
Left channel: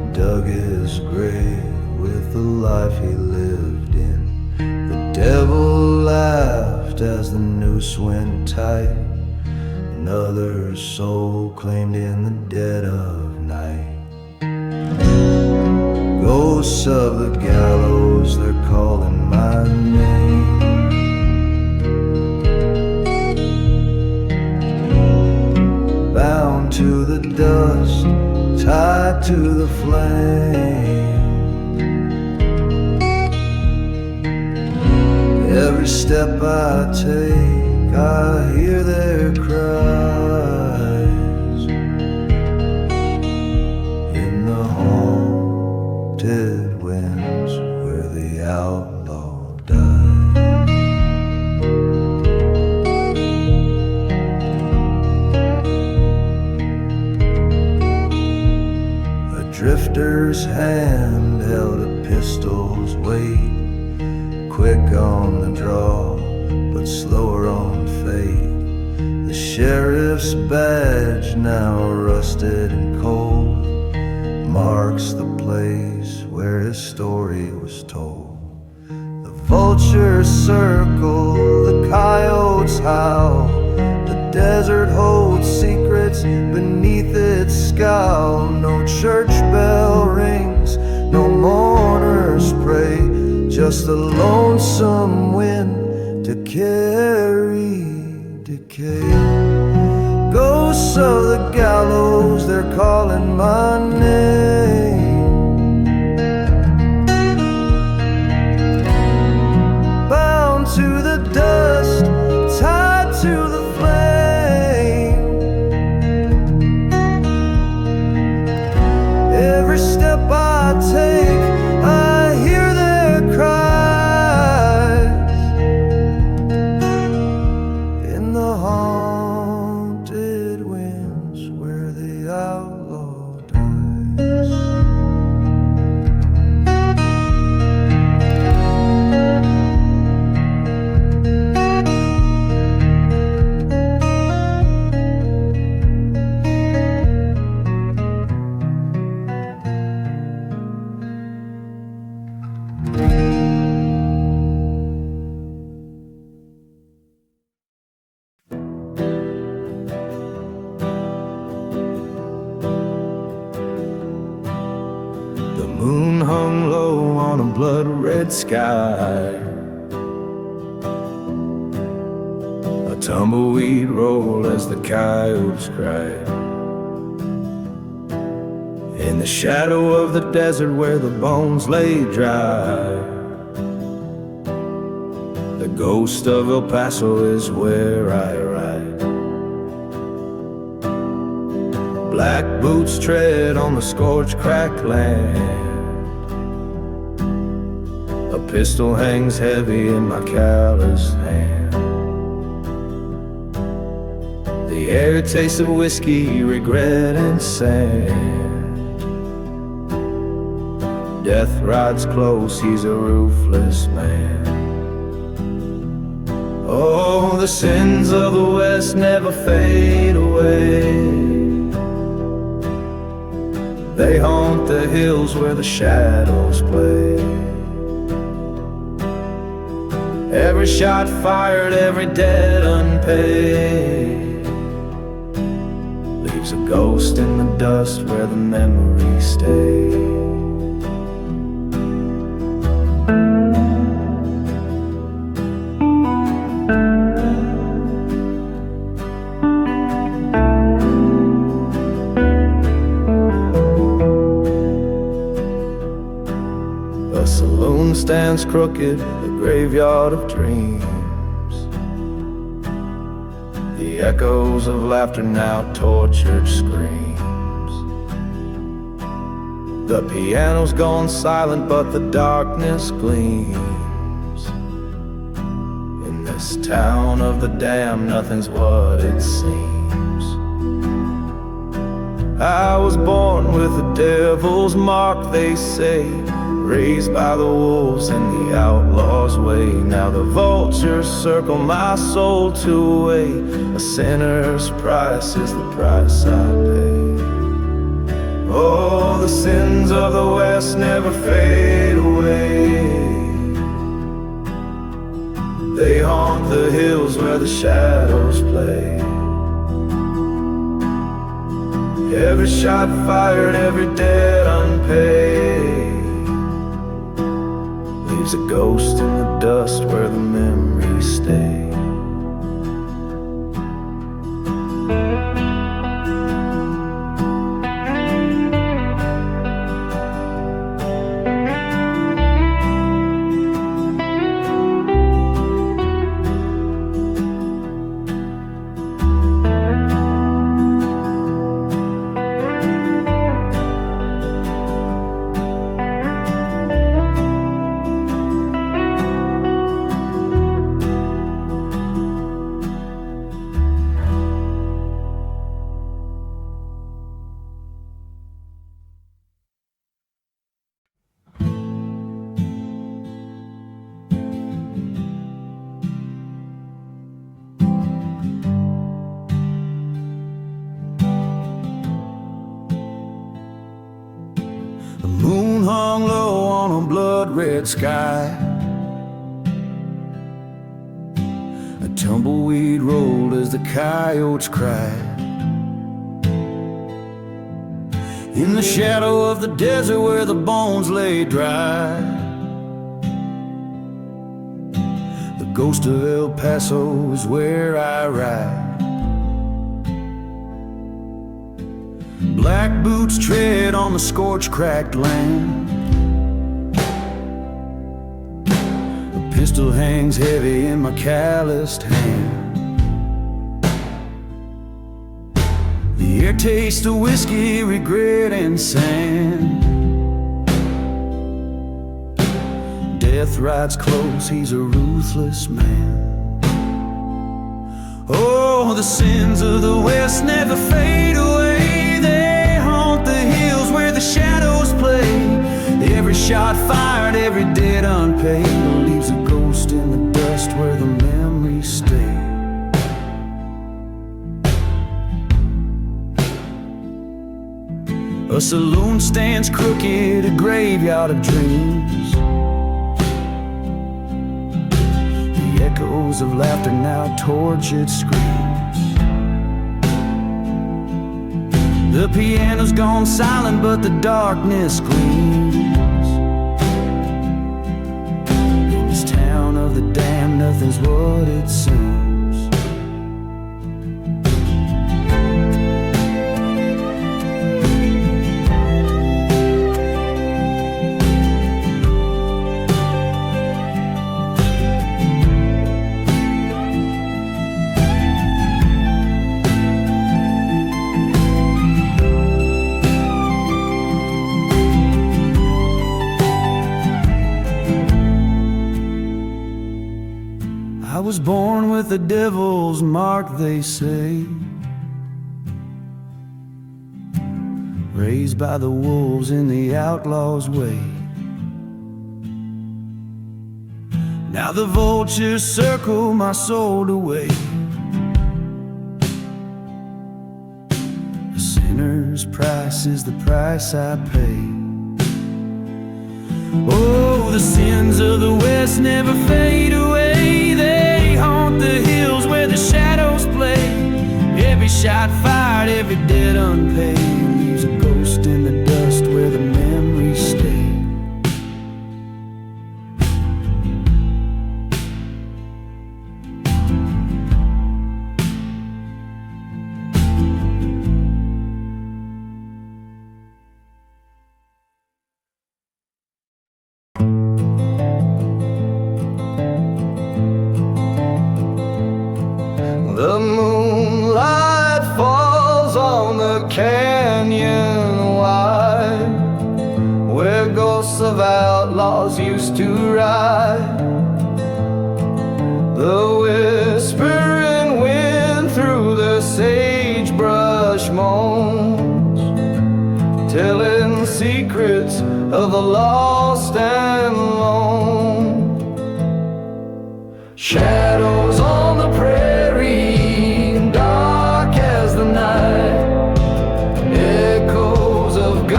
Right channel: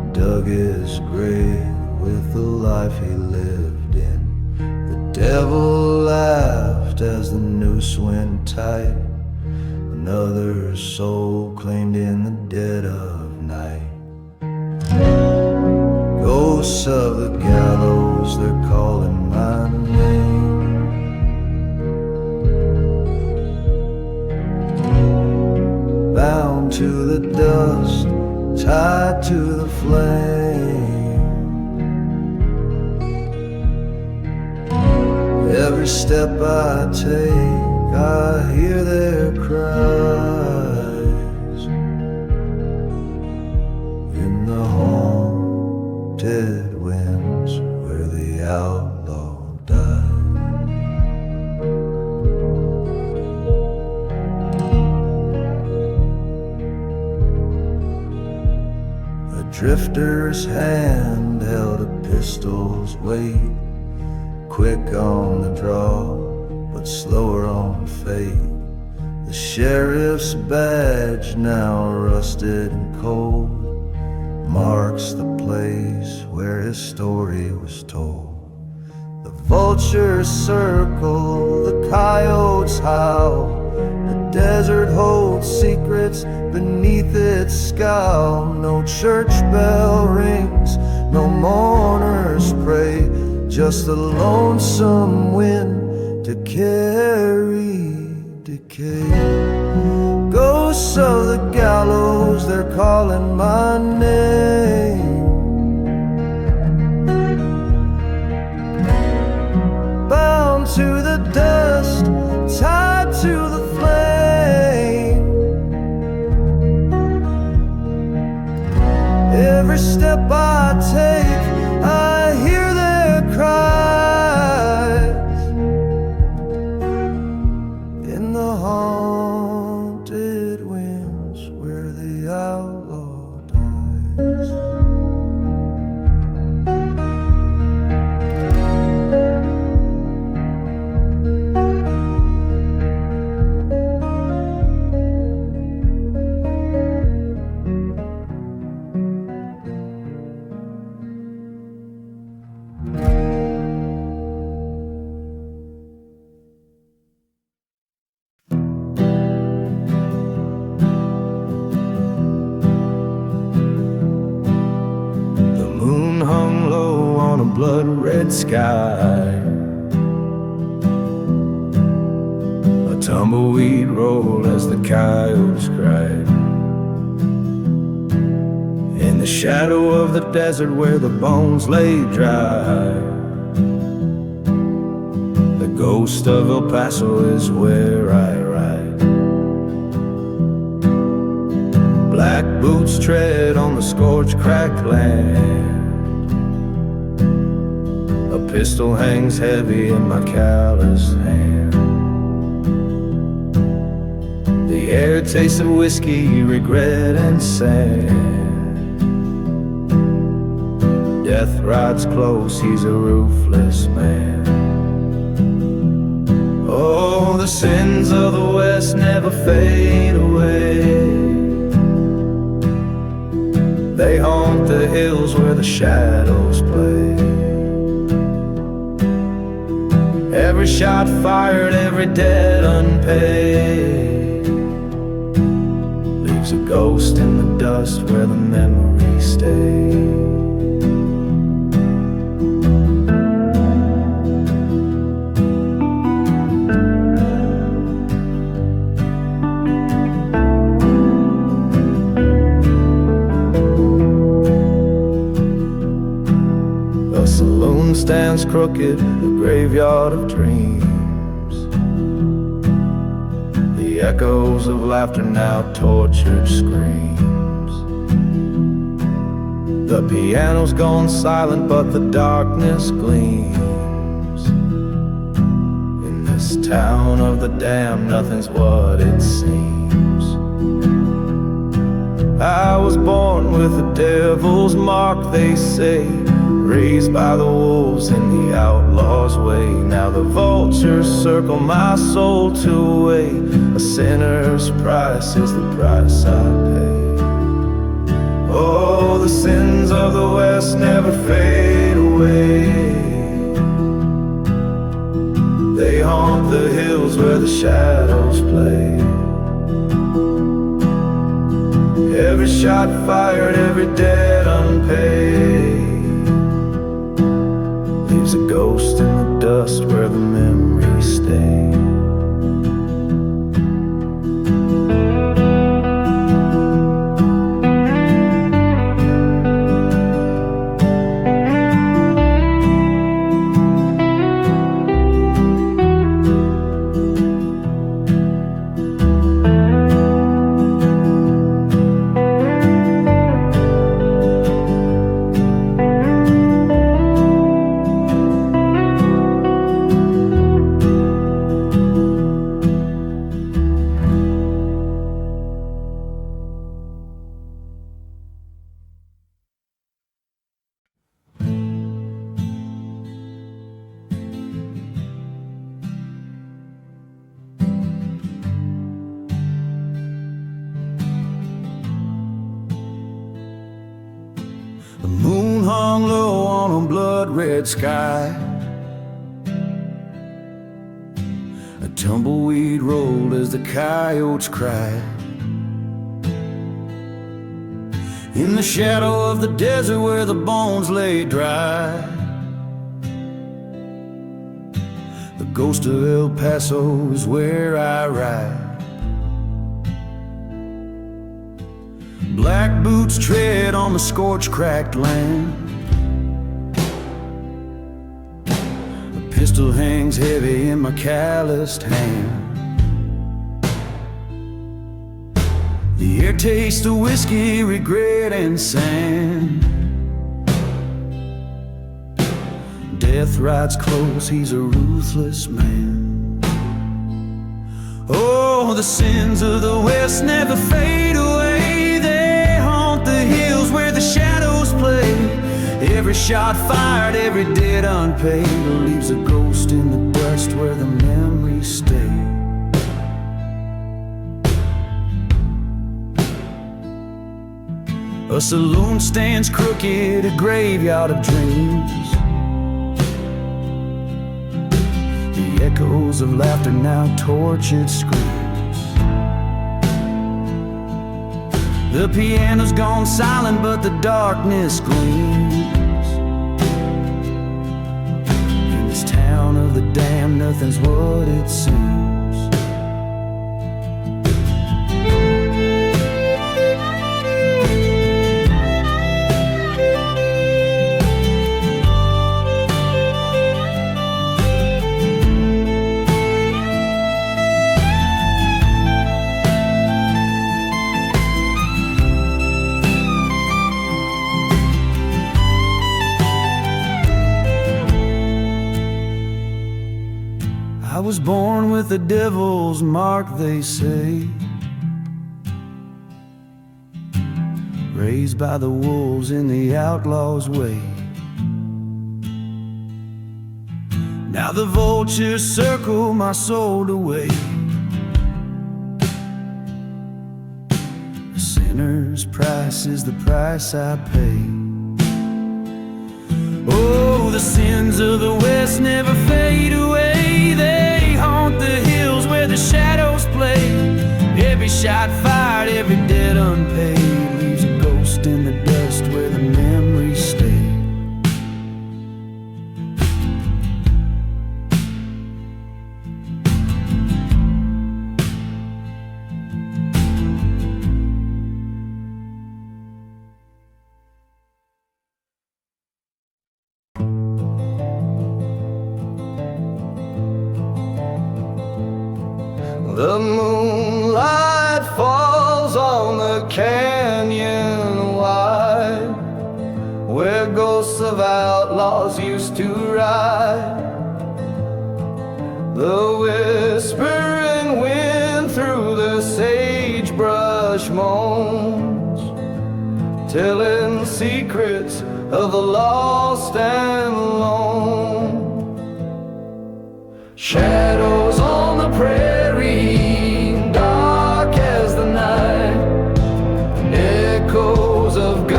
dug his grave with the life he lived in. The devil laughed as the noose went tight. Another soul claimed in the dead of night. Ghosts of the gallows, they're calling my name. Bound to the dust, tied to the flame. Every step I take, I hear their cries in the haunted winds where the outlaw dies. A drifter's hand held a pistol's weight, quick on the draw, but slower on fate. The sheriff's badge, now rusted and cold, marks the place where his story was told. The vultures circle, the coyotes howl, the desert holds secrets beneath its scowl. No church bell rings, no mourners pray, just a lonesome wind to carry decay. Ghosts of the gallows, they're calling my name. Bound to the dust, tied to the flame. Every step I take, I hear their cries in the haunted winds where the outlaw dies. The moon hung low on a blood-red sky. A tumbleweed rolled as the coyotes cried. In the shadow of the desert where the bones lay dry, the ghost of El Paso is where I ride. Black boots tread on the scorched, cracked land. A pistol hangs heavy in my callous hand. The air tastes of whiskey, regret, and sand. Death rides close, he's a ruthless man. Oh, the sins of the West never fade away. They haunt the hills where the shadows play. Every shot fired, every debt unpaid, leaves a ghost in the dust where the memories stay. The saloon stands crooked, the graveyard of dreams. The echoes of laughter now tortured screams. The piano's gone silent, but the darkness gleams. In this town of the damned, nothing's what it seems. I was born with the devil's mark, they say, raised by the wolves in the outlaw's way. Now the vultures circle my soul to away. A sinner's price is the price I pay. Oh, the sins of the West never fade away. They haunt the hills where the shadows play. Every shot fired, every debt unpaid, leaves a ghost in the dust where the memories stay. The moon hung low on a blood-red sky. A tumbleweed rolled as the coyotes cried. In the shadow of the desert where the bones lay dry, the ghost of El Paso is where I ride. Black boots tread on the scorched, cracked land. A pistol hangs heavy in my calloused hand. The air tastes of whiskey, regret, and sand. Death rides close, he's a ruthless man. Oh, the sins of the West never fade away. The hills where the shadows play. Every shot fired, every debt unpaid, leaves a ghost in the dust where the memories stay. A saloon stands crooked, a graveyard of dreams. The echoes of laughter now tortured screams. The piano's gone silent, but the darkness gleams. In this town of the damned, nothing's what it seems. I was born with the devil's mark, they say. Raised by the wolves in the outlaw's way. Now the vultures circle my soul away. A sinner's price is the price I pay. Oh, the sins of the West never fade away. They haunt the hills where the shadows play. Every shot fired, every debt unpaid, leaves a ghost in the dust where the memories stay. The moonlight falls on the canyon wide, where ghosts of outlaws used to ride. The whispering wind through the sagebrush moans, telling secrets of the lost and lone. Shadows on the prairie, dark as the night, echoes of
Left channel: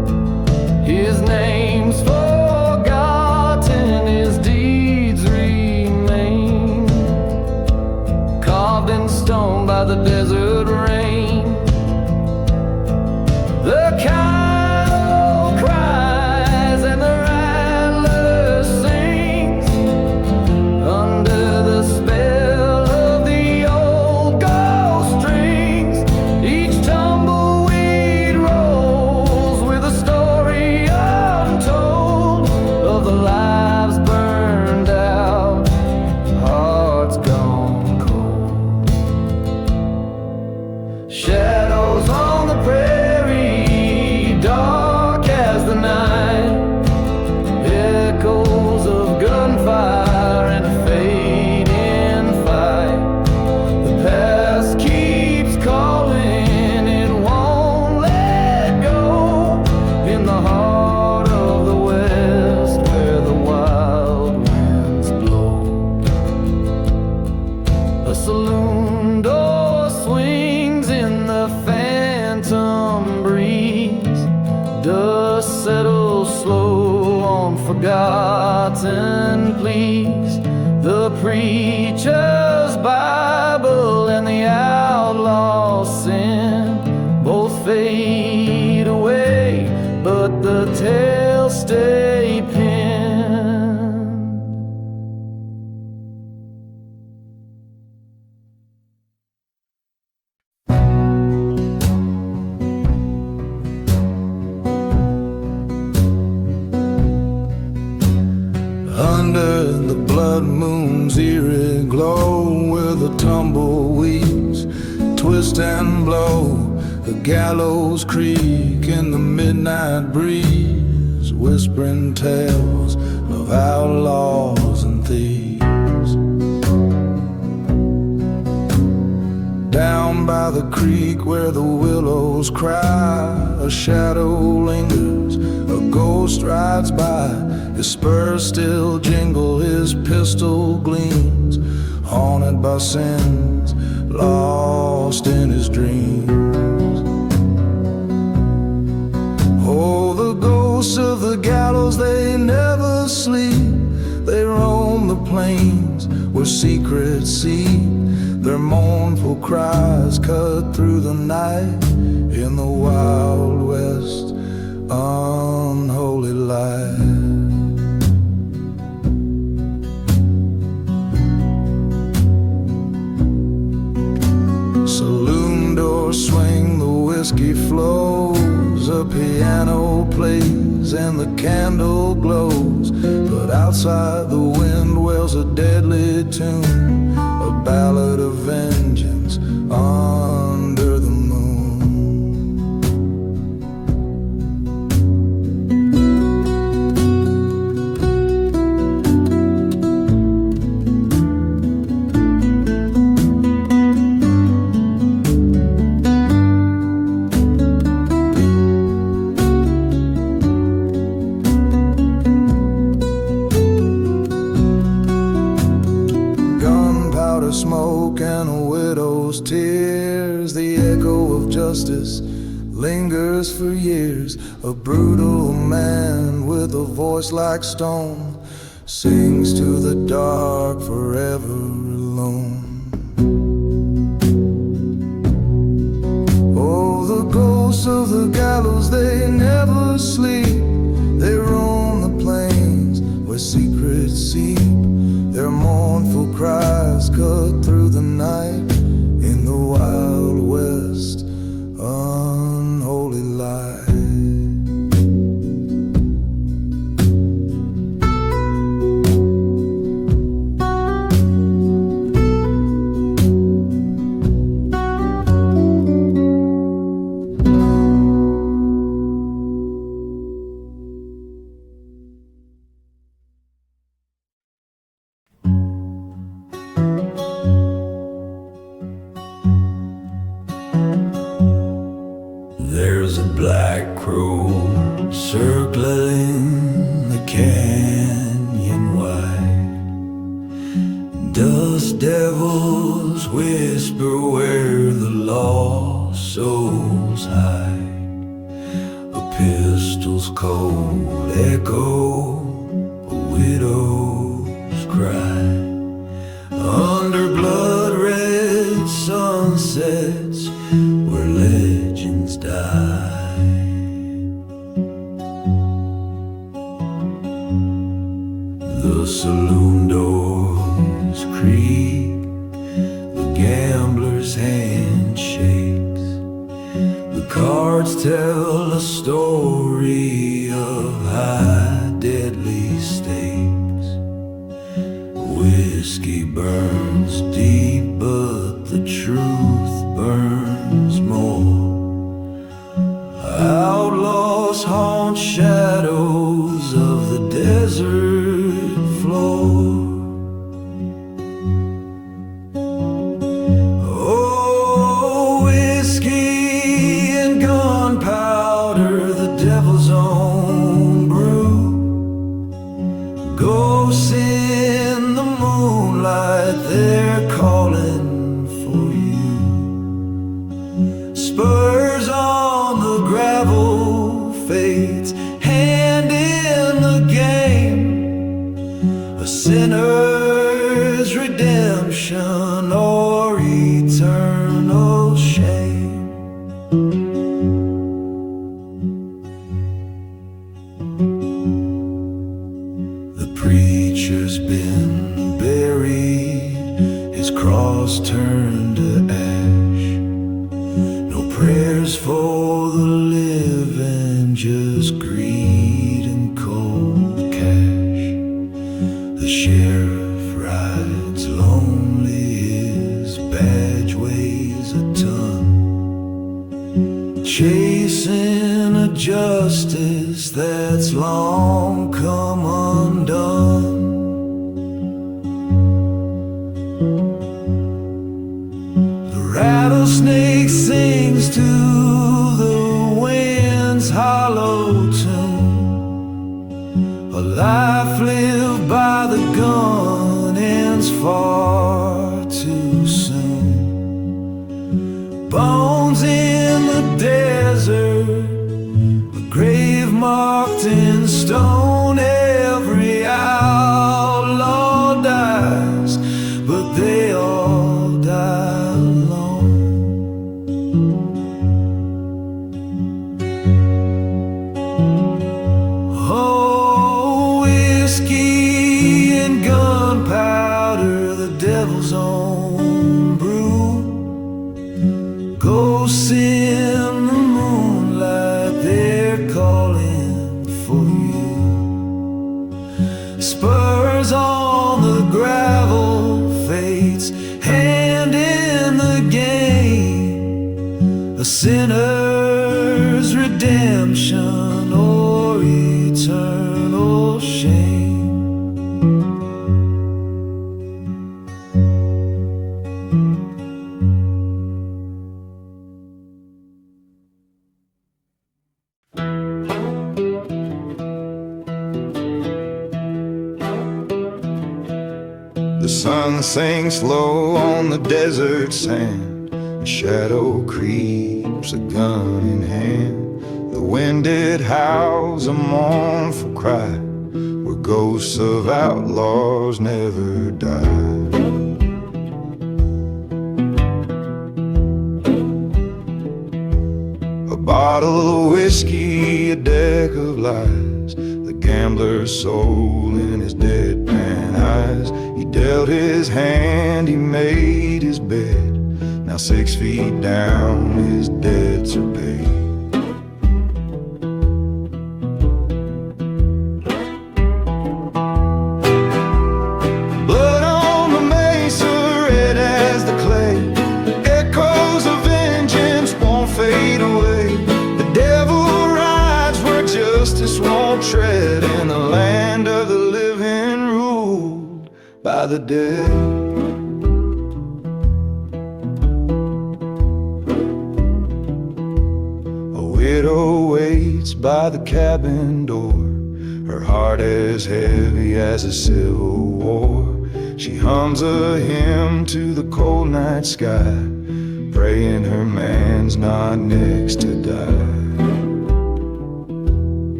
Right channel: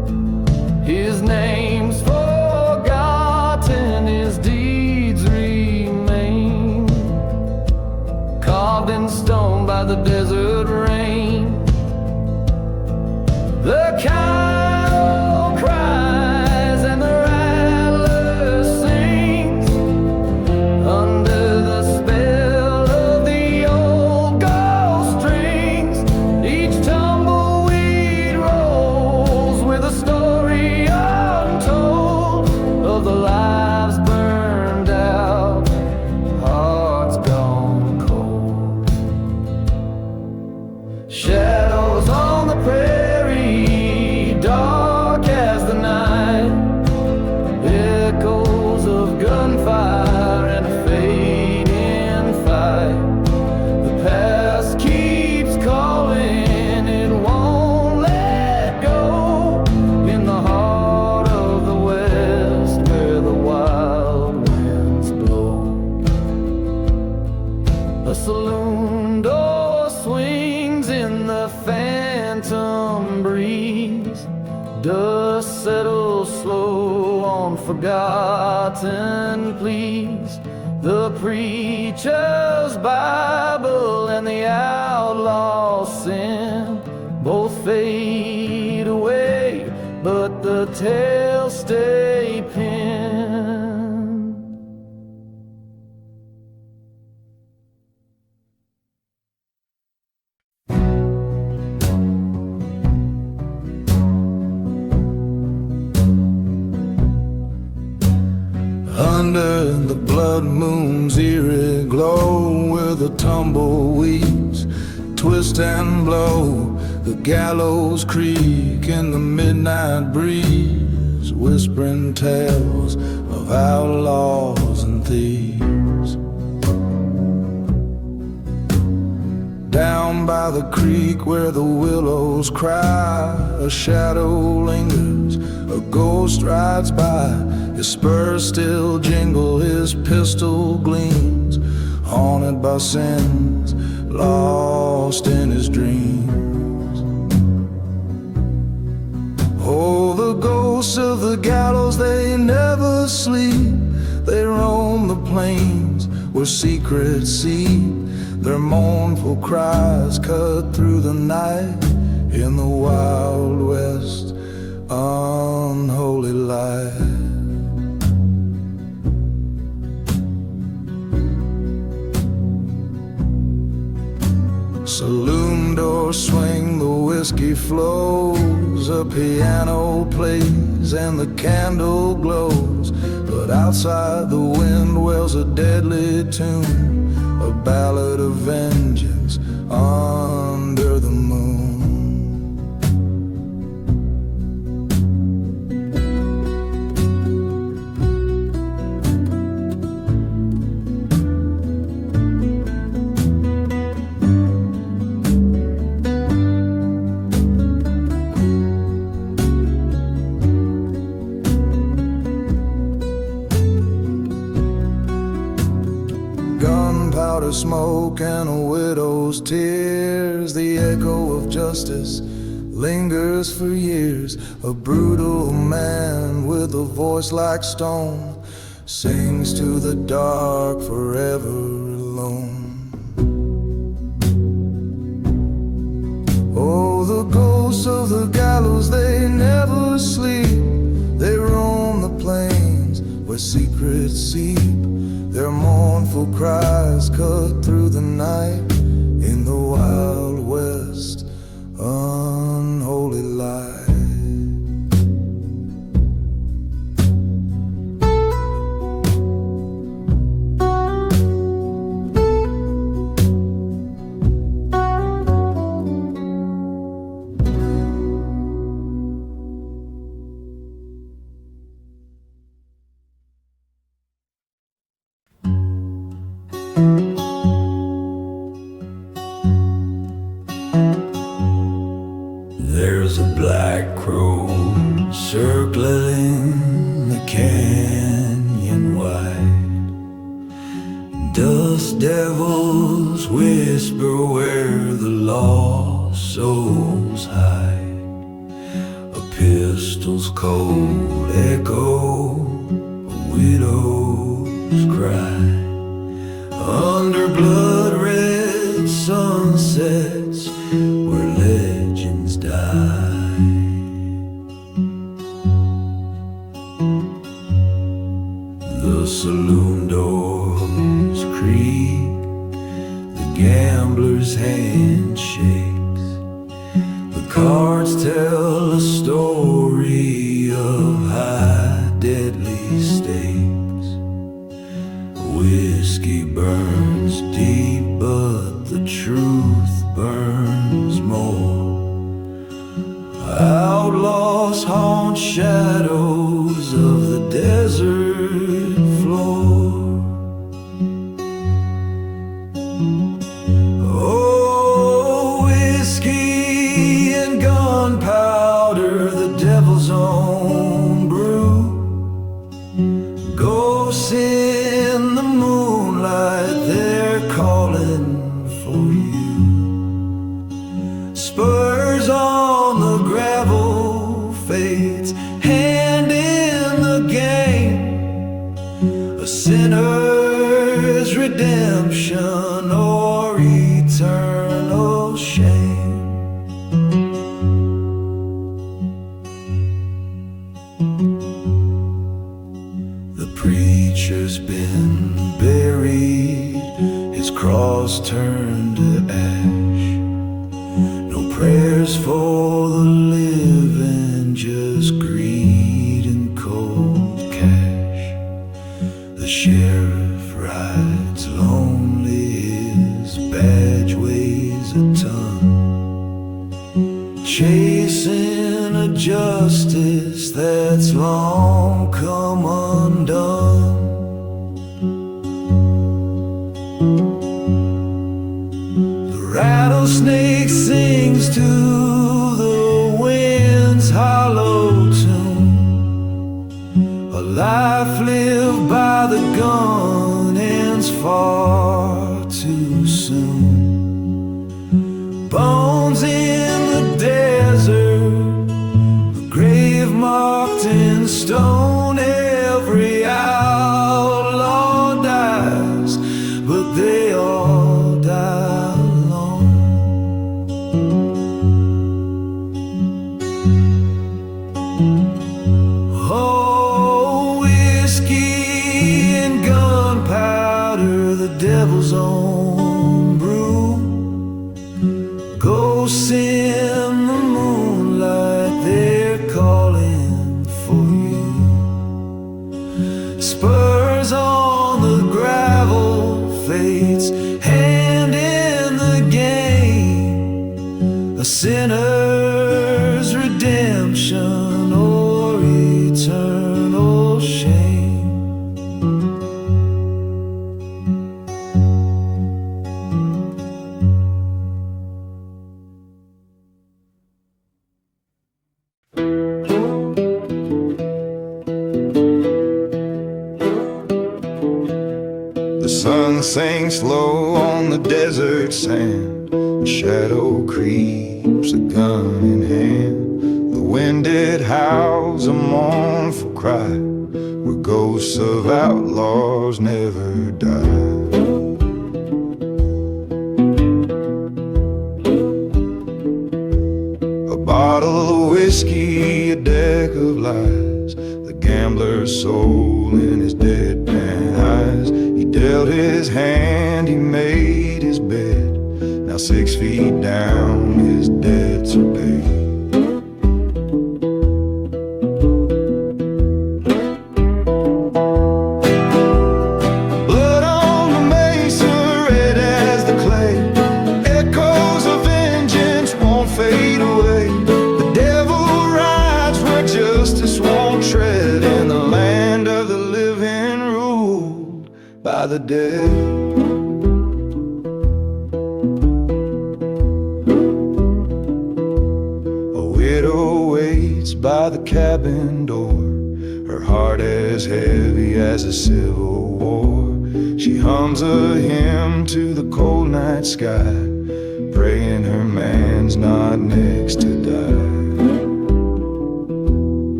his name's forgotten, his deeds remain, carved in stone by the desert rain. The cow cries and the rattler sings under the spell of the old ghost strings. Each tumbleweed rolls with a story untold of the lives burned out, hearts gone cold. Shadows on the prairie, dark as the night, echoes of gunfire and a fading fight. The past keeps calling, it won't let go, in the heart of the west where the wild winds blow. A saloon door swings in the phantom breeze, dust settles slow on forgotten pleas. The preacher's Bible and the outlaw's sin both fade away, but the tales stay pinned. Under the blood moon's eerie glow, where the tumbleweeds twist and blow, the gallows creak in the midnight breeze, whispering tales of outlaws and thieves. Down by the creek where the willows cry, a shadow lingers, a ghost rides by. His spurs still jingle, his pistol gleams, haunted by sins, lost in his dreams. Oh, the ghosts of the gallows, they never sleep. They roam the plains where secrets seep, their mournful cries cut through the night in the wild west, unholy light. Saloon doors swing, the whiskey flows, a piano plays and the candle glows, but outside the wind wails a deadly tune, a ballad of vengeance under the moon. Smoke and a widow's tears, the echo of justice lingers for years. A brutal man with a voice like stone sings to the dark, forever alone. Oh, the ghosts of the gallows, they never sleep. They roam the plains where secrets seep, their mournful cries cut through the night in the wild west, unholy light. There's a black crow circling the canyon wide. Dust devils whisper where the lost souls hide. A pistol pistol's cold echo, a widow's cry. Under blood-red sunsets where legends die. The saloon doors creak, the gambler's hand shakes. The cards tell a story of high deadly stakes. Whiskey burns deep, but the truth burns more. Outlaws haunt shadows of the desert floor. Oh, whiskey and gunpowder, the devil's own brew. Ghosts in the moonlight, they're calling for you. Spurs on the gravel, fate's hand in the game. A sinner's redemption or eternal shame. The preacher's been buried, his cross turned to ash. No prayers for the living, just greed and cold cash. The sheriff rides lonely, his badge weighs a ton, chasing a justice that's long come undone. The rattlesnake sings to the wind's hollow tune. A life lived by the gun ends far too soon. Bones in the desert, a grave marked in stone. Every outlaw dies, but they all die alone. Oh, whiskey and gunpowder, the devil's own brew. Ghosts in the moonlight, they're calling for you. Spurs on the gravel, fate's hand in the game. A sinner's redemption or eternal shame. The sun sinks low on the desert sand. A shadow creeps, a gun in hand. The wind it howls a mournful cry, where ghosts of outlaws never die. A bottle of whiskey, a deck of lies, the gambler's soul in his deadpan eyes. He dealt his hand, he made his bed. Now 6 feet down, his debts are paid. Blood on the mesa, red as the clay. Echoes of vengeance won't fade away. The devil rides where justice won't tread, in the land of the living ruled by the dead. A widow waits by the cabin door, her heart as heavy as a civil war. She hums a hymn to the cold night sky, praying her man's not next to die.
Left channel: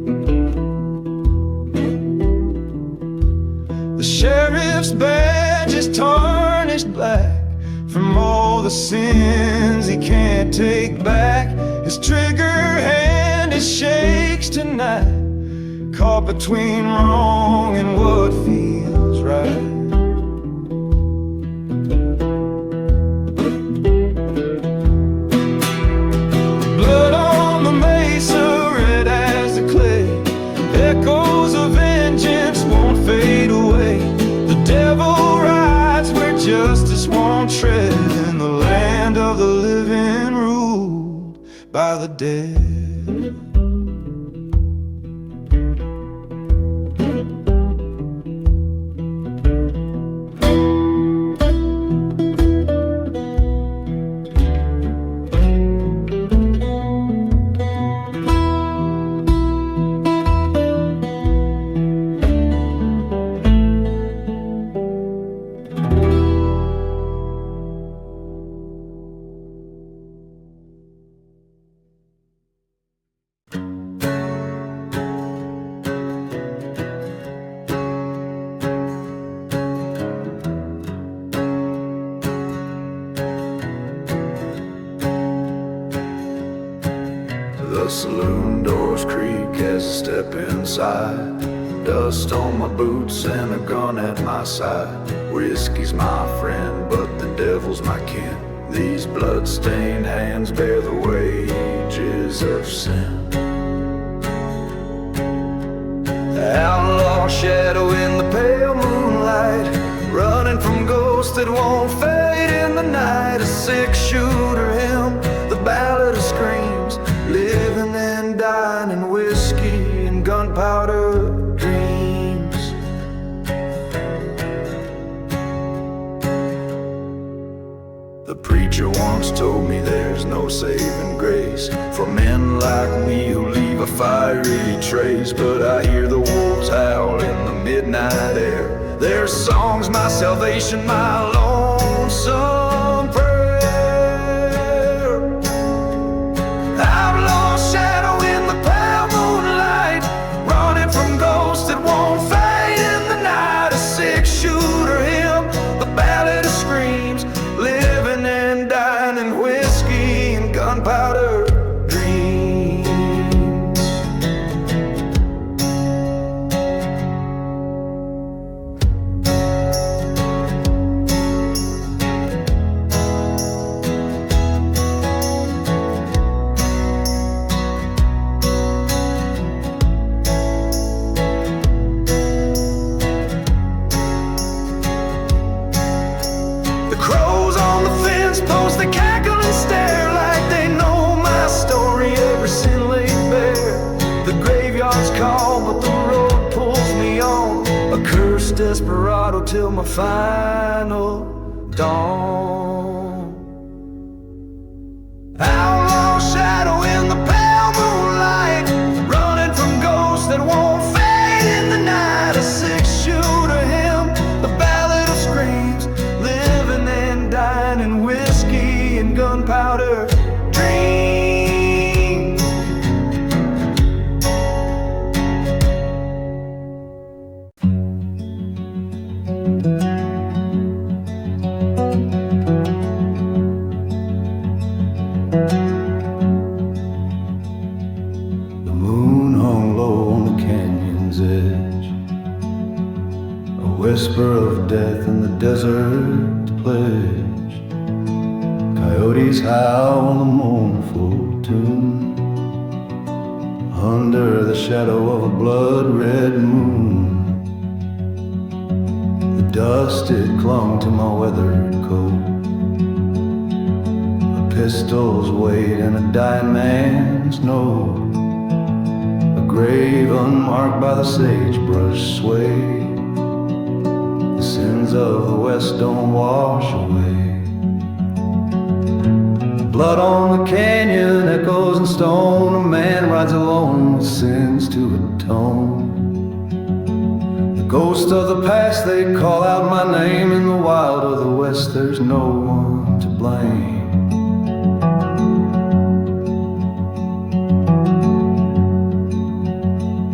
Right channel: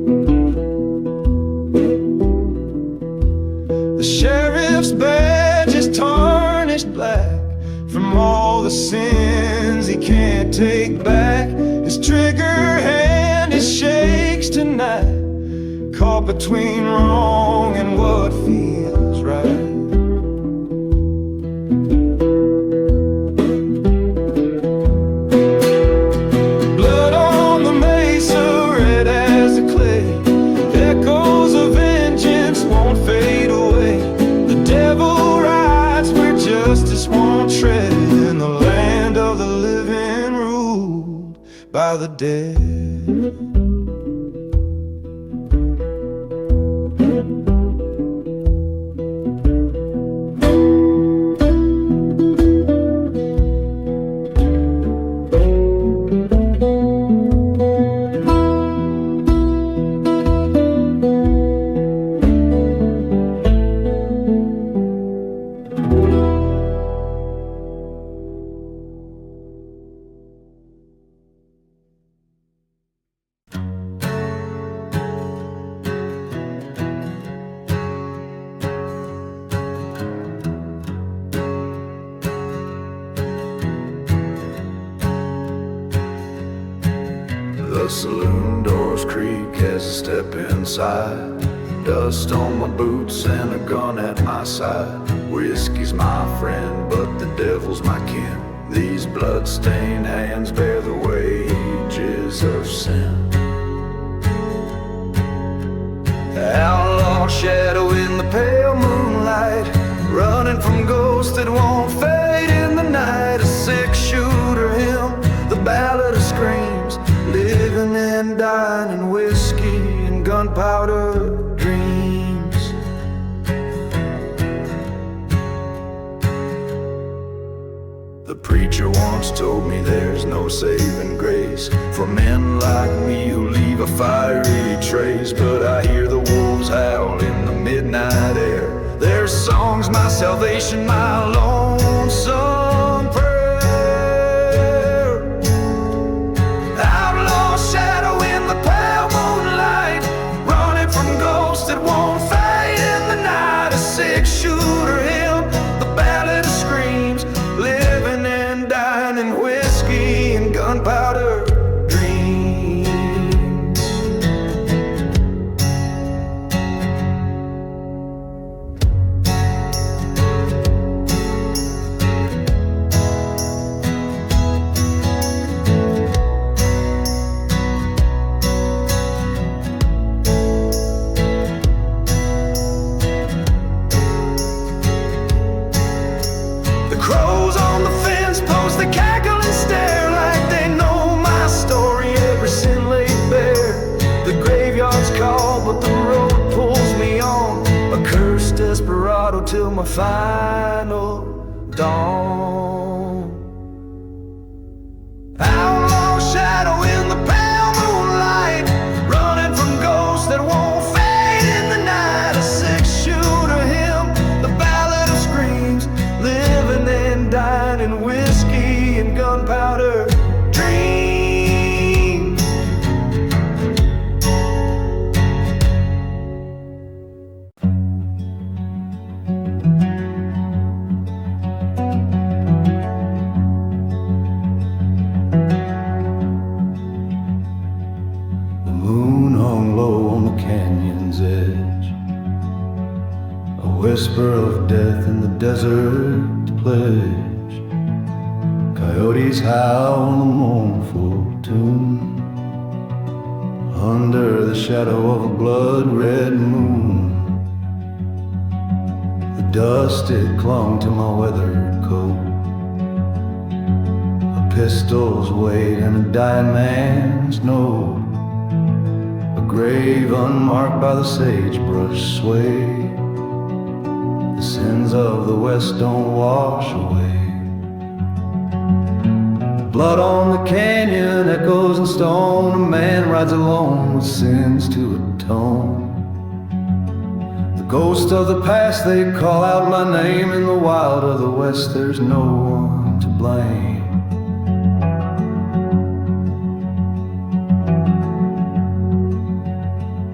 The sheriff's badge is tarnished black from all the sins he can't take back. His trigger hand, it shakes tonight, caught between wrong and what feels right. Blood on the mesa, red as the clay, echoes of vengeance won't fade away. The devil rides where justice won't tread, in the land of the living ruled by the dead. The saloon doors creak as I step inside. Dust on my boots and a gun at my side. Whiskey's my friend, but the devil's my kin. These blood-stained hands bear the wages of sin. Outlaw shadow in the pale moonlight, running from ghosts that won't fade in the night. A six-shooter hymn, the ballad of screams, living and dying in whiskey and gunpowder dreams. The preacher once told me there's no saving grace for men like me who leave a fiery trace. But I hear the wolves howl in the midnight air, their song's my salvation, my lonesome prayer. Outlaw shadow in the pale moonlight, running from ghosts that won't fade in the night. A six-shooter hymn, the ballad of screams, living and dying in whiskey and gunpowder dreams. Crows on the fence post, they cackle and stare like they know my story, every sin laid bare. The graveyard's call, but the road pulls me on, a cursed desperado till my final dawn. Outlaw shadow in the pale moonlight, running from ghosts that won't fade in the night. A six-shooter hymn, the ballad of screams, living and dying in whiskey and gunpowder dreams. The moon hung low on the canyon's edge, a whisper of death in the desert pledge. Coyotes howl on the mournful tune, under the shadow of a blood-red moon. The dust, it clung to my weathered coat, a pistol's weight and a dying man's note, a grave unmarked by the sagebrush sway. The sins of the West don't wash away. Blood on the canyon echoes in stone, a man rides alone with sins to atone. The ghost of the past, they call out my name. In the wild of the West, there's no one to blame.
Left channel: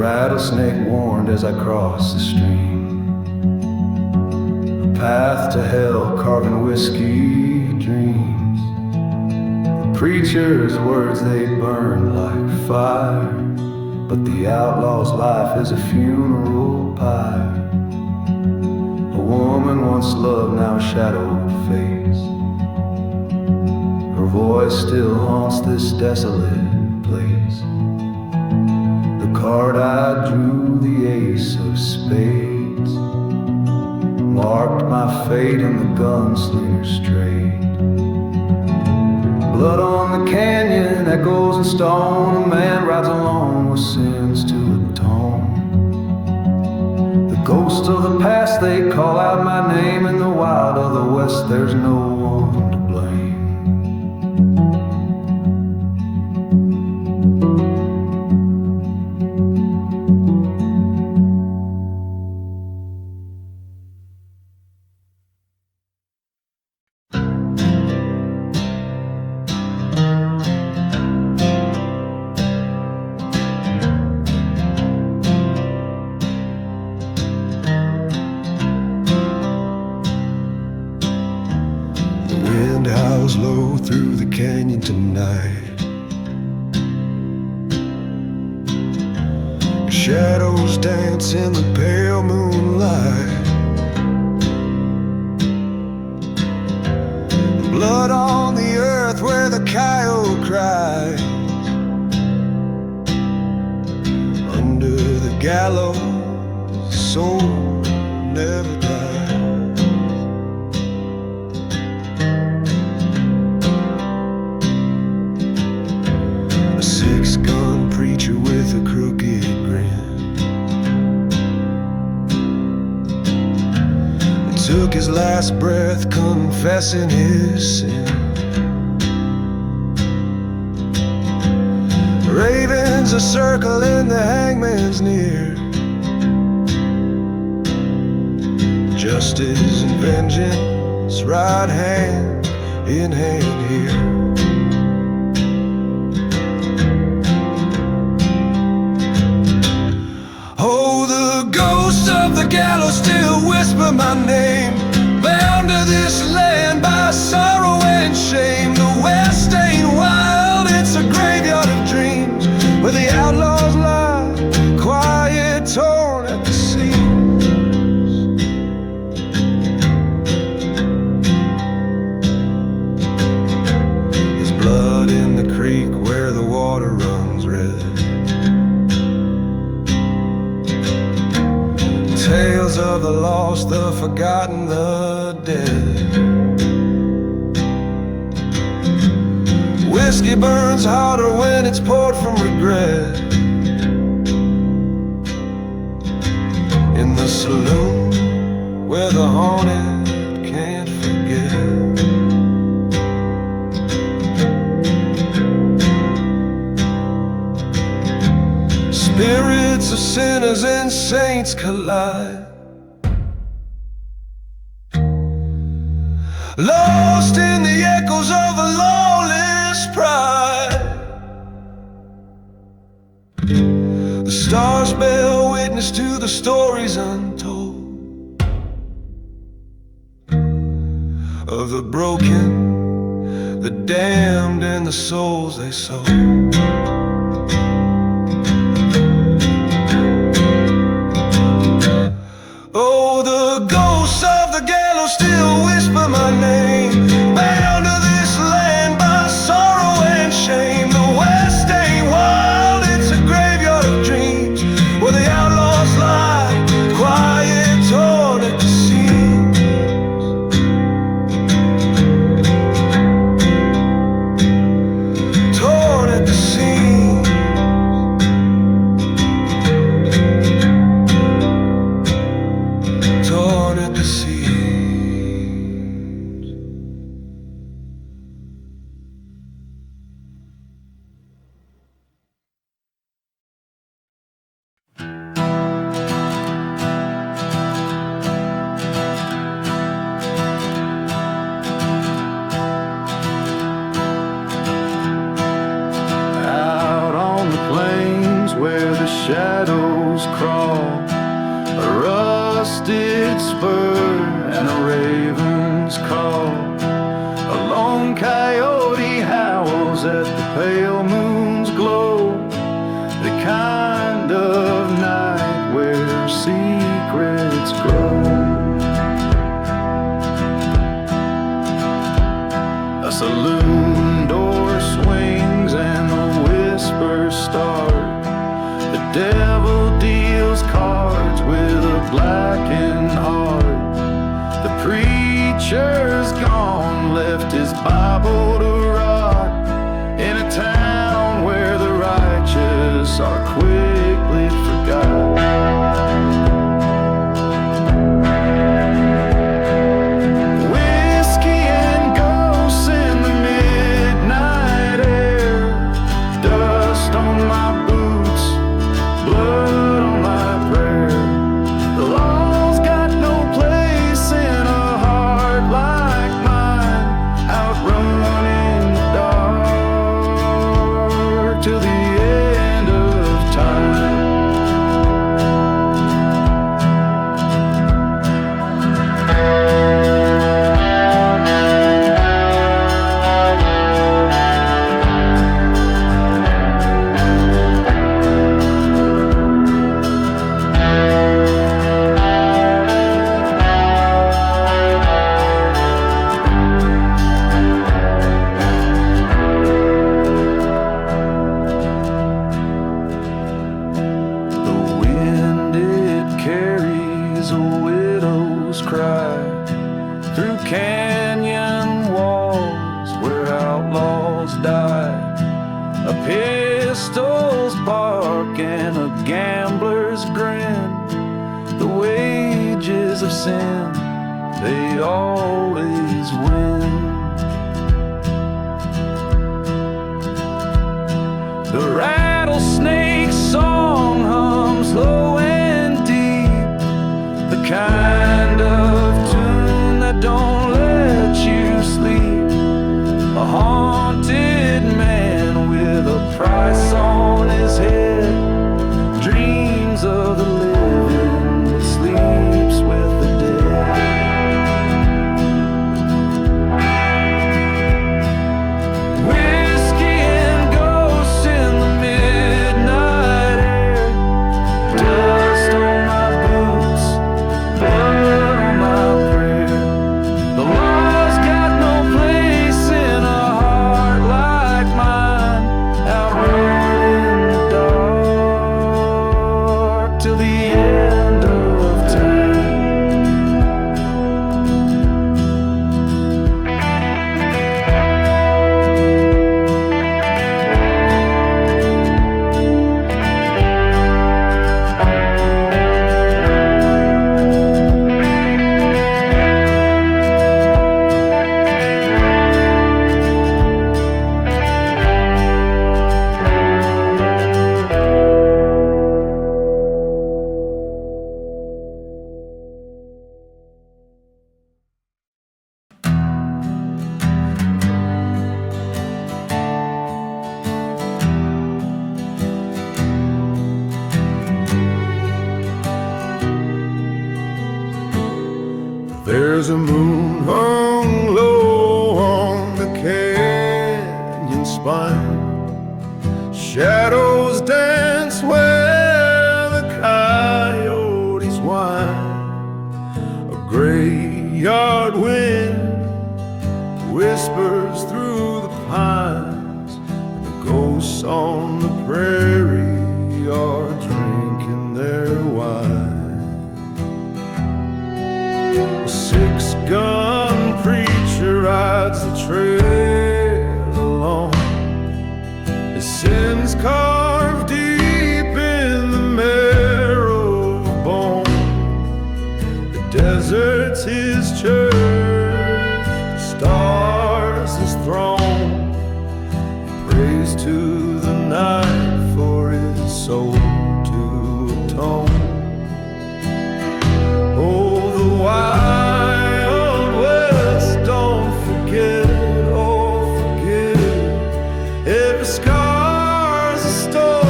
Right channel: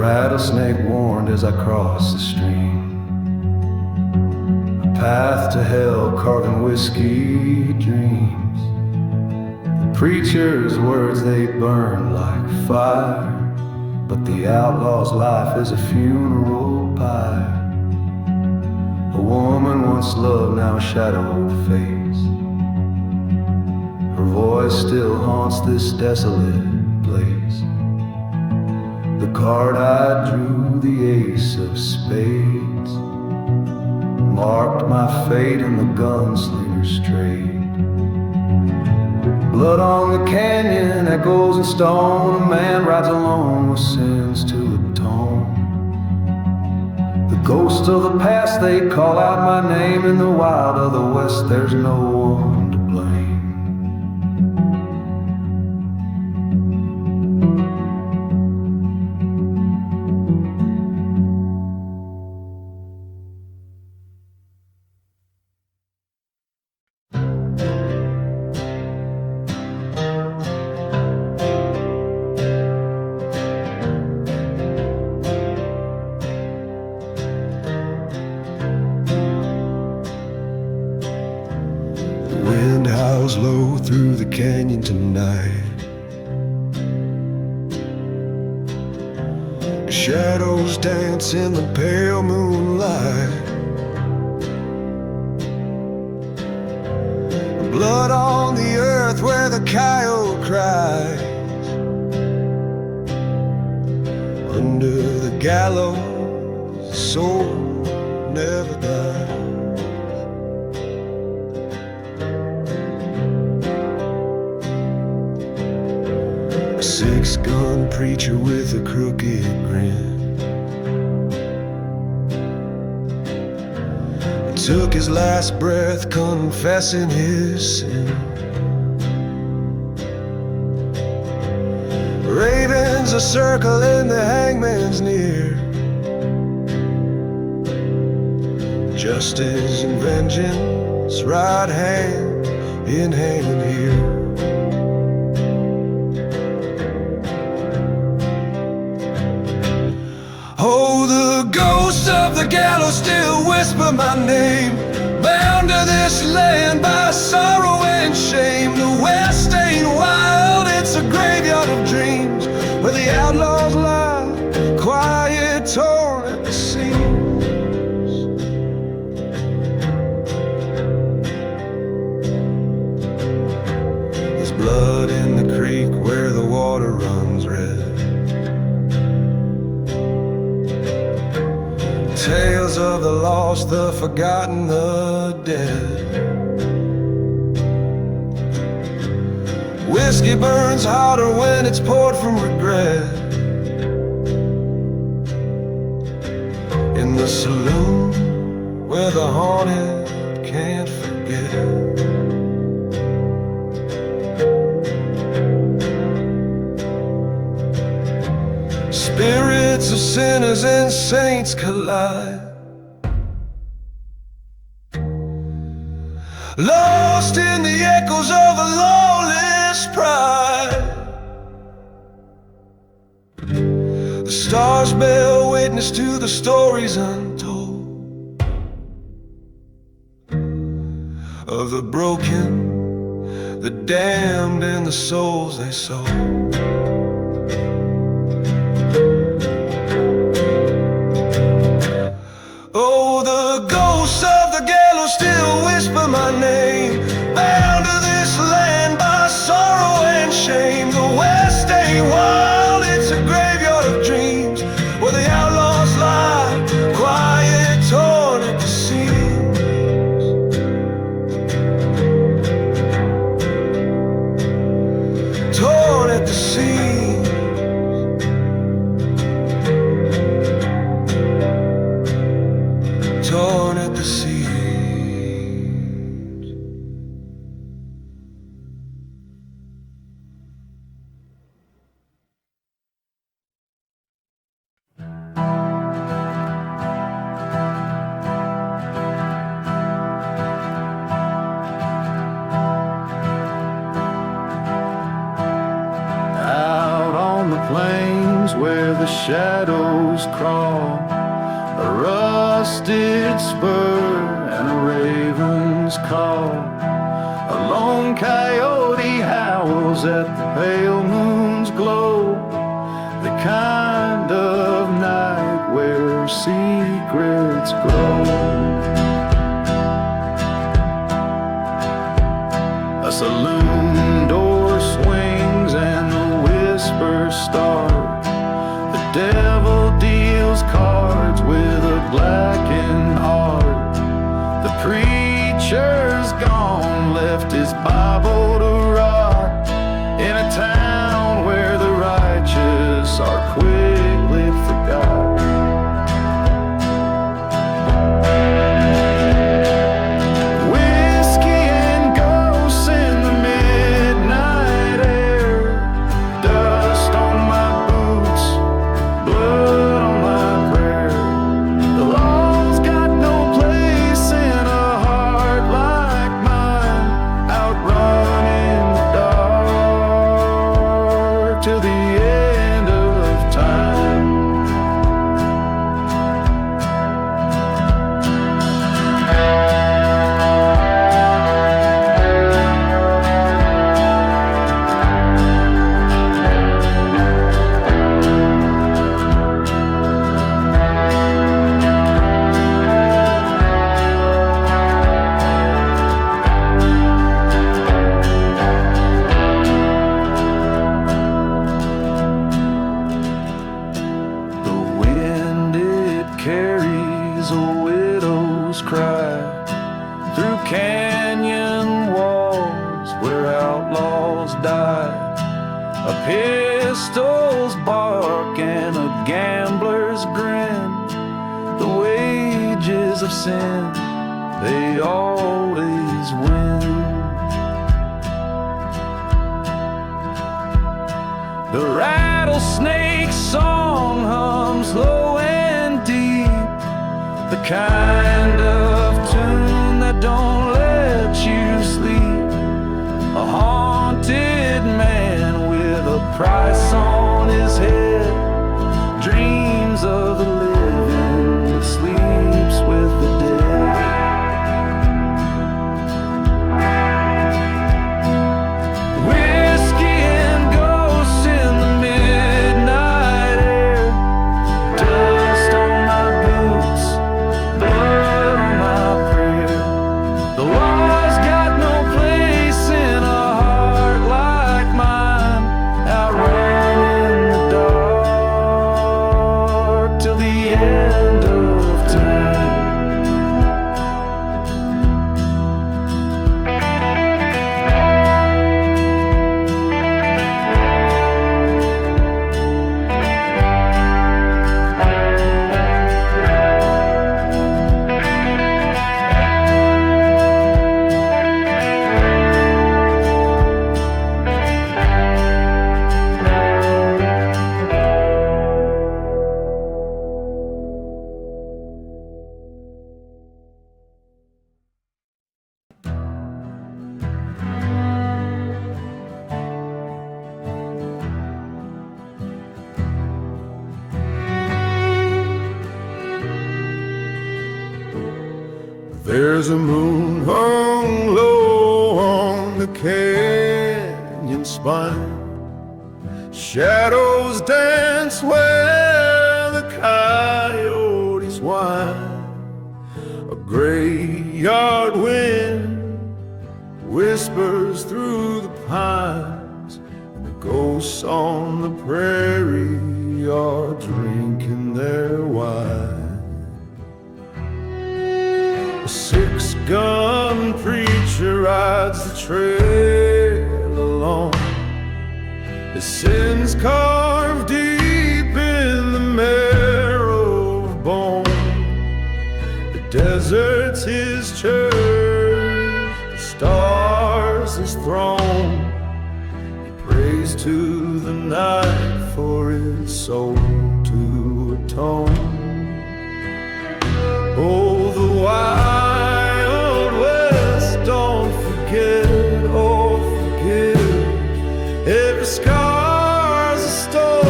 rattlesnake warned as I crossed the stream. A path to hell carving whiskey dreams. The preacher's words, they burned like fire, but the outlaw's life is a funeral pyre. A woman once loved, now a shadowed face. Her voice still haunts this desolate place. The card I drew, the ace of spades, marked my fate in the gunslinger's trade. Blood on the canyon, echoes in stone. A man rides alone with sins to atone. The ghosts of the past, they call out my name. In the wild of the west, there's no one to blame. Wind howls low through the canyon tonight. Shadows dance in the pale moonlight. Blood on the earth where the coyote cries. Under the gallows, the soul never dies. A six-gun preacher with a crooked grin took his last breath confessing his sin. Ravens are circling, the hangman's near. Justice and vengeance ride hand in hand here. Oh, the ghosts of the gallows still whisper my name, bound to this land by sorrow and shame. The West ain't wild, it's a graveyard of dreams, where the outlaws lie, quiet, torn at the seams. There's blood in the creek where the water runs red. Tales of the lost, the forgotten, the dead. Whiskey burns hotter when it's poured from regret. In the saloon where the haunted can't forget. Spirits of sinners and saints collide, lost in the echoes of a lawless pride. The stars bear witness to the stories untold of the broken, the damned, and the souls they sold. Oh, the ghosts of the gallows still whisper my name, bound to this land by sorrow and shame. The West ain't wild, it's a graveyard of dreams, where the outlaws lie, quiet, torn at the seams. Torn at the seams. Torn at the seams. Out on on the plains where the shadows crawl, a rusted spur and a raven's call. A lone coyote howls at the pale moon's glow, the kind of night where secrets grow. A saloon door swings and the whispers start. The devil deals cards with a blackened heart. The preacher's gone, left his Bible to rot, in a town where the righteous are quickly forgot. Whiskey and ghosts in the midnight air, dust on my boots, blood on my prayer. The law's got no place in a heart like mine, outrunning the dark till the end of time. Carries a widow's cry through canyon walls where outlaws die. A pistol's bark and a gambler's grin, the wages of sin, they always win. The rattlesnake's song hums low and deep, the kind of tune that don't let you sleep. A haunted man with a price on his head dreams of the living but sleeps with the dead. Whiskey and ghosts in the midnight air, dust on my boots, blood on my prayer. The law's got no place in a heart like mine, outrunning the dark till the end of time. There's a moon hung low on the canyon spine. Shadows dance where the coyotes whine. A graveyard wind whispers through the pines, and the ghosts on the prairie are drinking their wine. A six-gun preacher rides the trail alone, his sins carved deep in the marrow of bone. The desert's his church, the stars his throne. He prays to the night for his soul to atone. Oh, the Wild West, don't forget, oh forget it. Every scar's a story.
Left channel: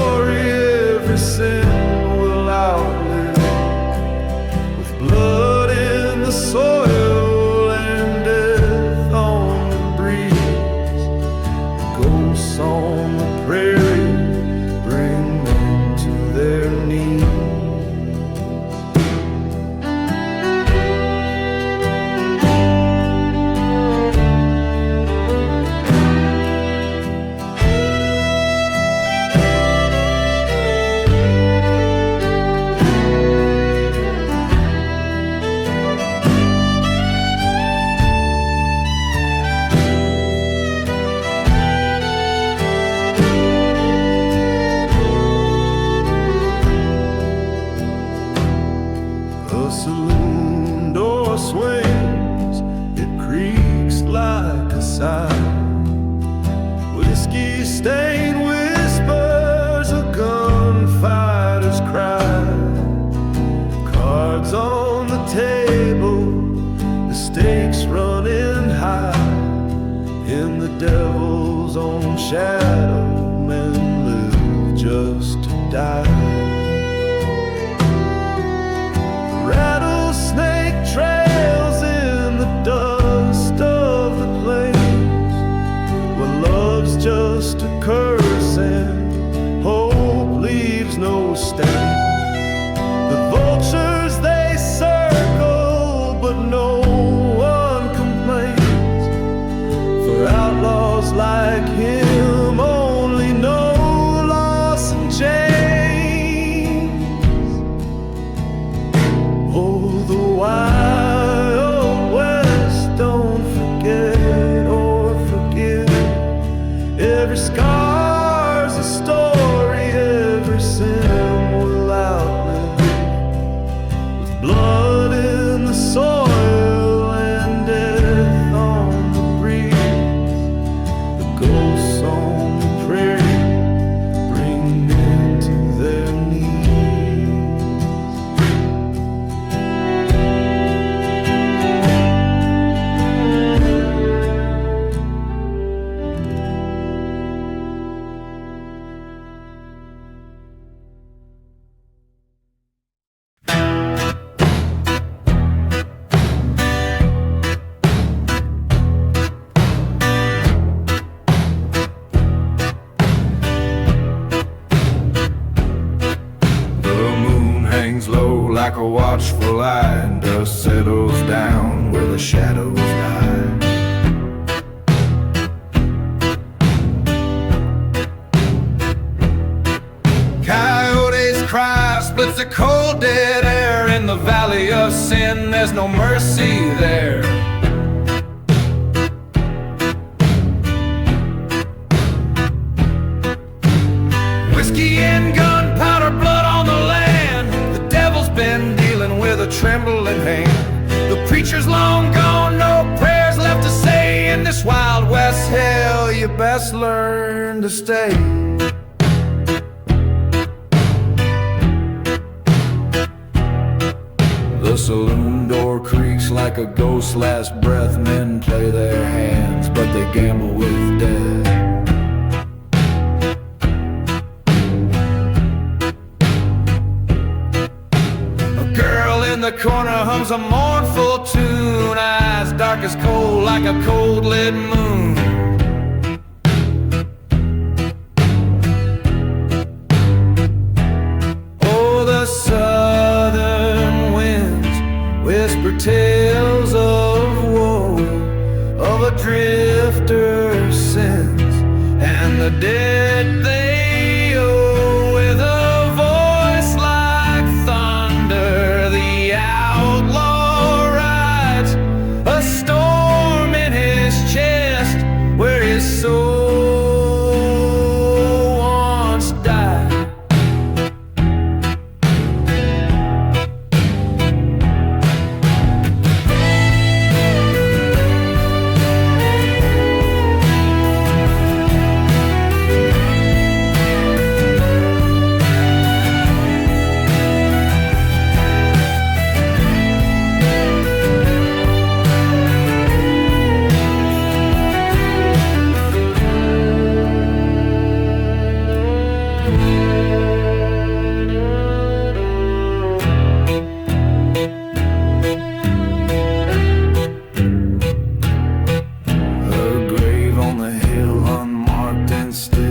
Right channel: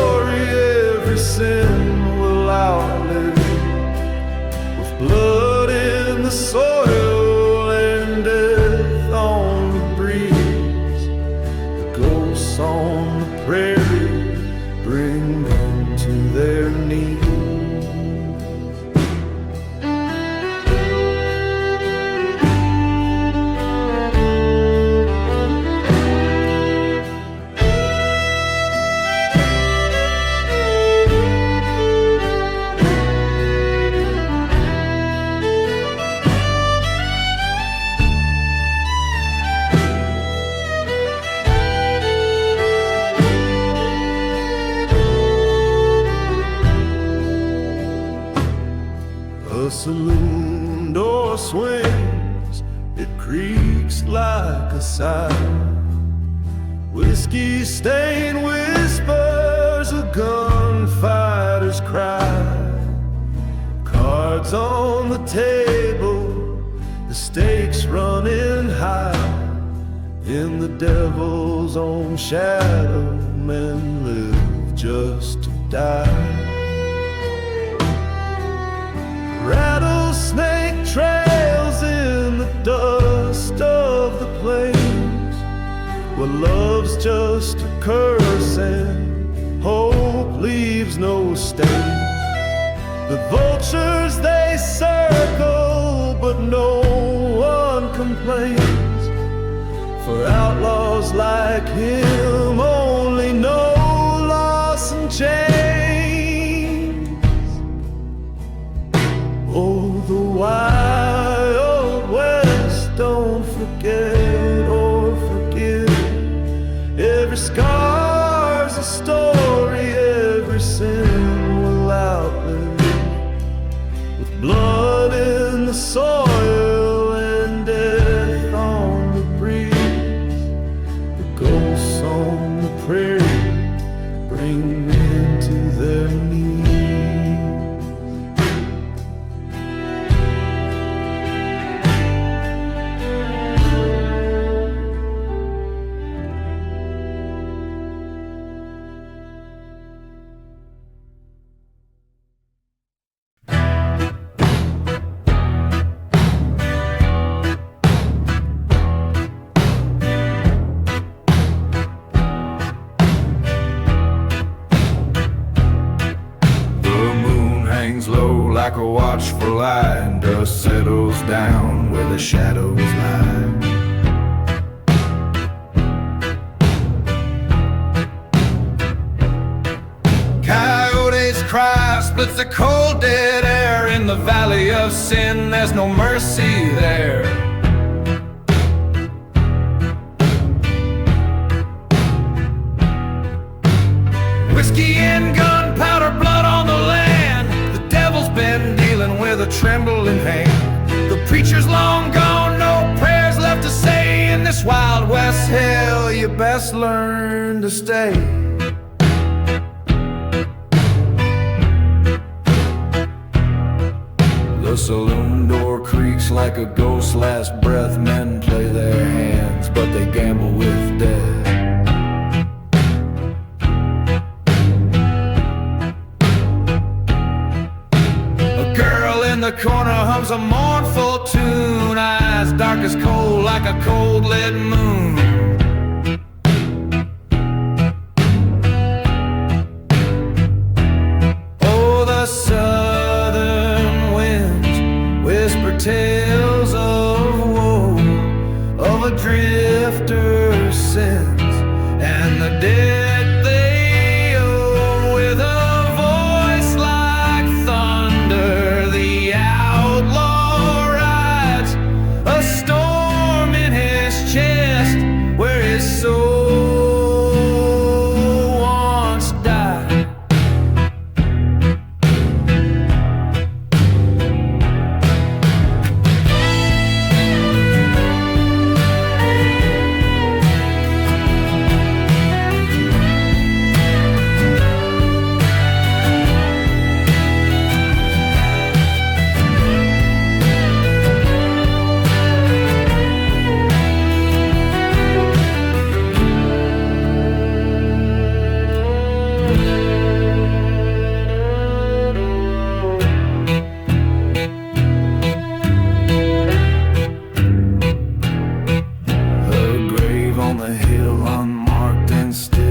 on the prairie bring men to their knees. A saloon door swings, it creaks like a sigh. Whiskey stain whispers a gunfighter's cry. Cards on the table, the stakes running high. In the devil's own shadow, men live just to die. Rattlesnake trails in the dust of the plains, where love's just a curse and hope leaves no stain. The vultures they circle, but no one complains, for outlaws like him only know loss and change. Oh, the wild west, don't forget or forgive. Every scar's a story, every sin will outlive. With blood in the soil and death on the breeze, the ghosts on the prairie bring men to their knees. Hangs low like a watchful eye, and dust settles down where the shadows lie. Coyotes cry, splits the cold dead air. In the valley of sin, there's no mercy there. Whiskey and gunpowder, blood on the land. The devil's been dealing with a trembling hand. The preacher's long gone, no prayers left to say. In this wild west hell, you best learn to stay. The saloon door creaks like a ghost's last breath. Men play their hands, but they gamble with death. A girl in the corner hums a mournful tune, eyes dark as coal like a cold lit moon. Oh, the southern winds whisper tales of woe, of a drifter's sins and the debt they owe. With a voice like thunder, the outlaw rides, a storm in his chest where his soul once died.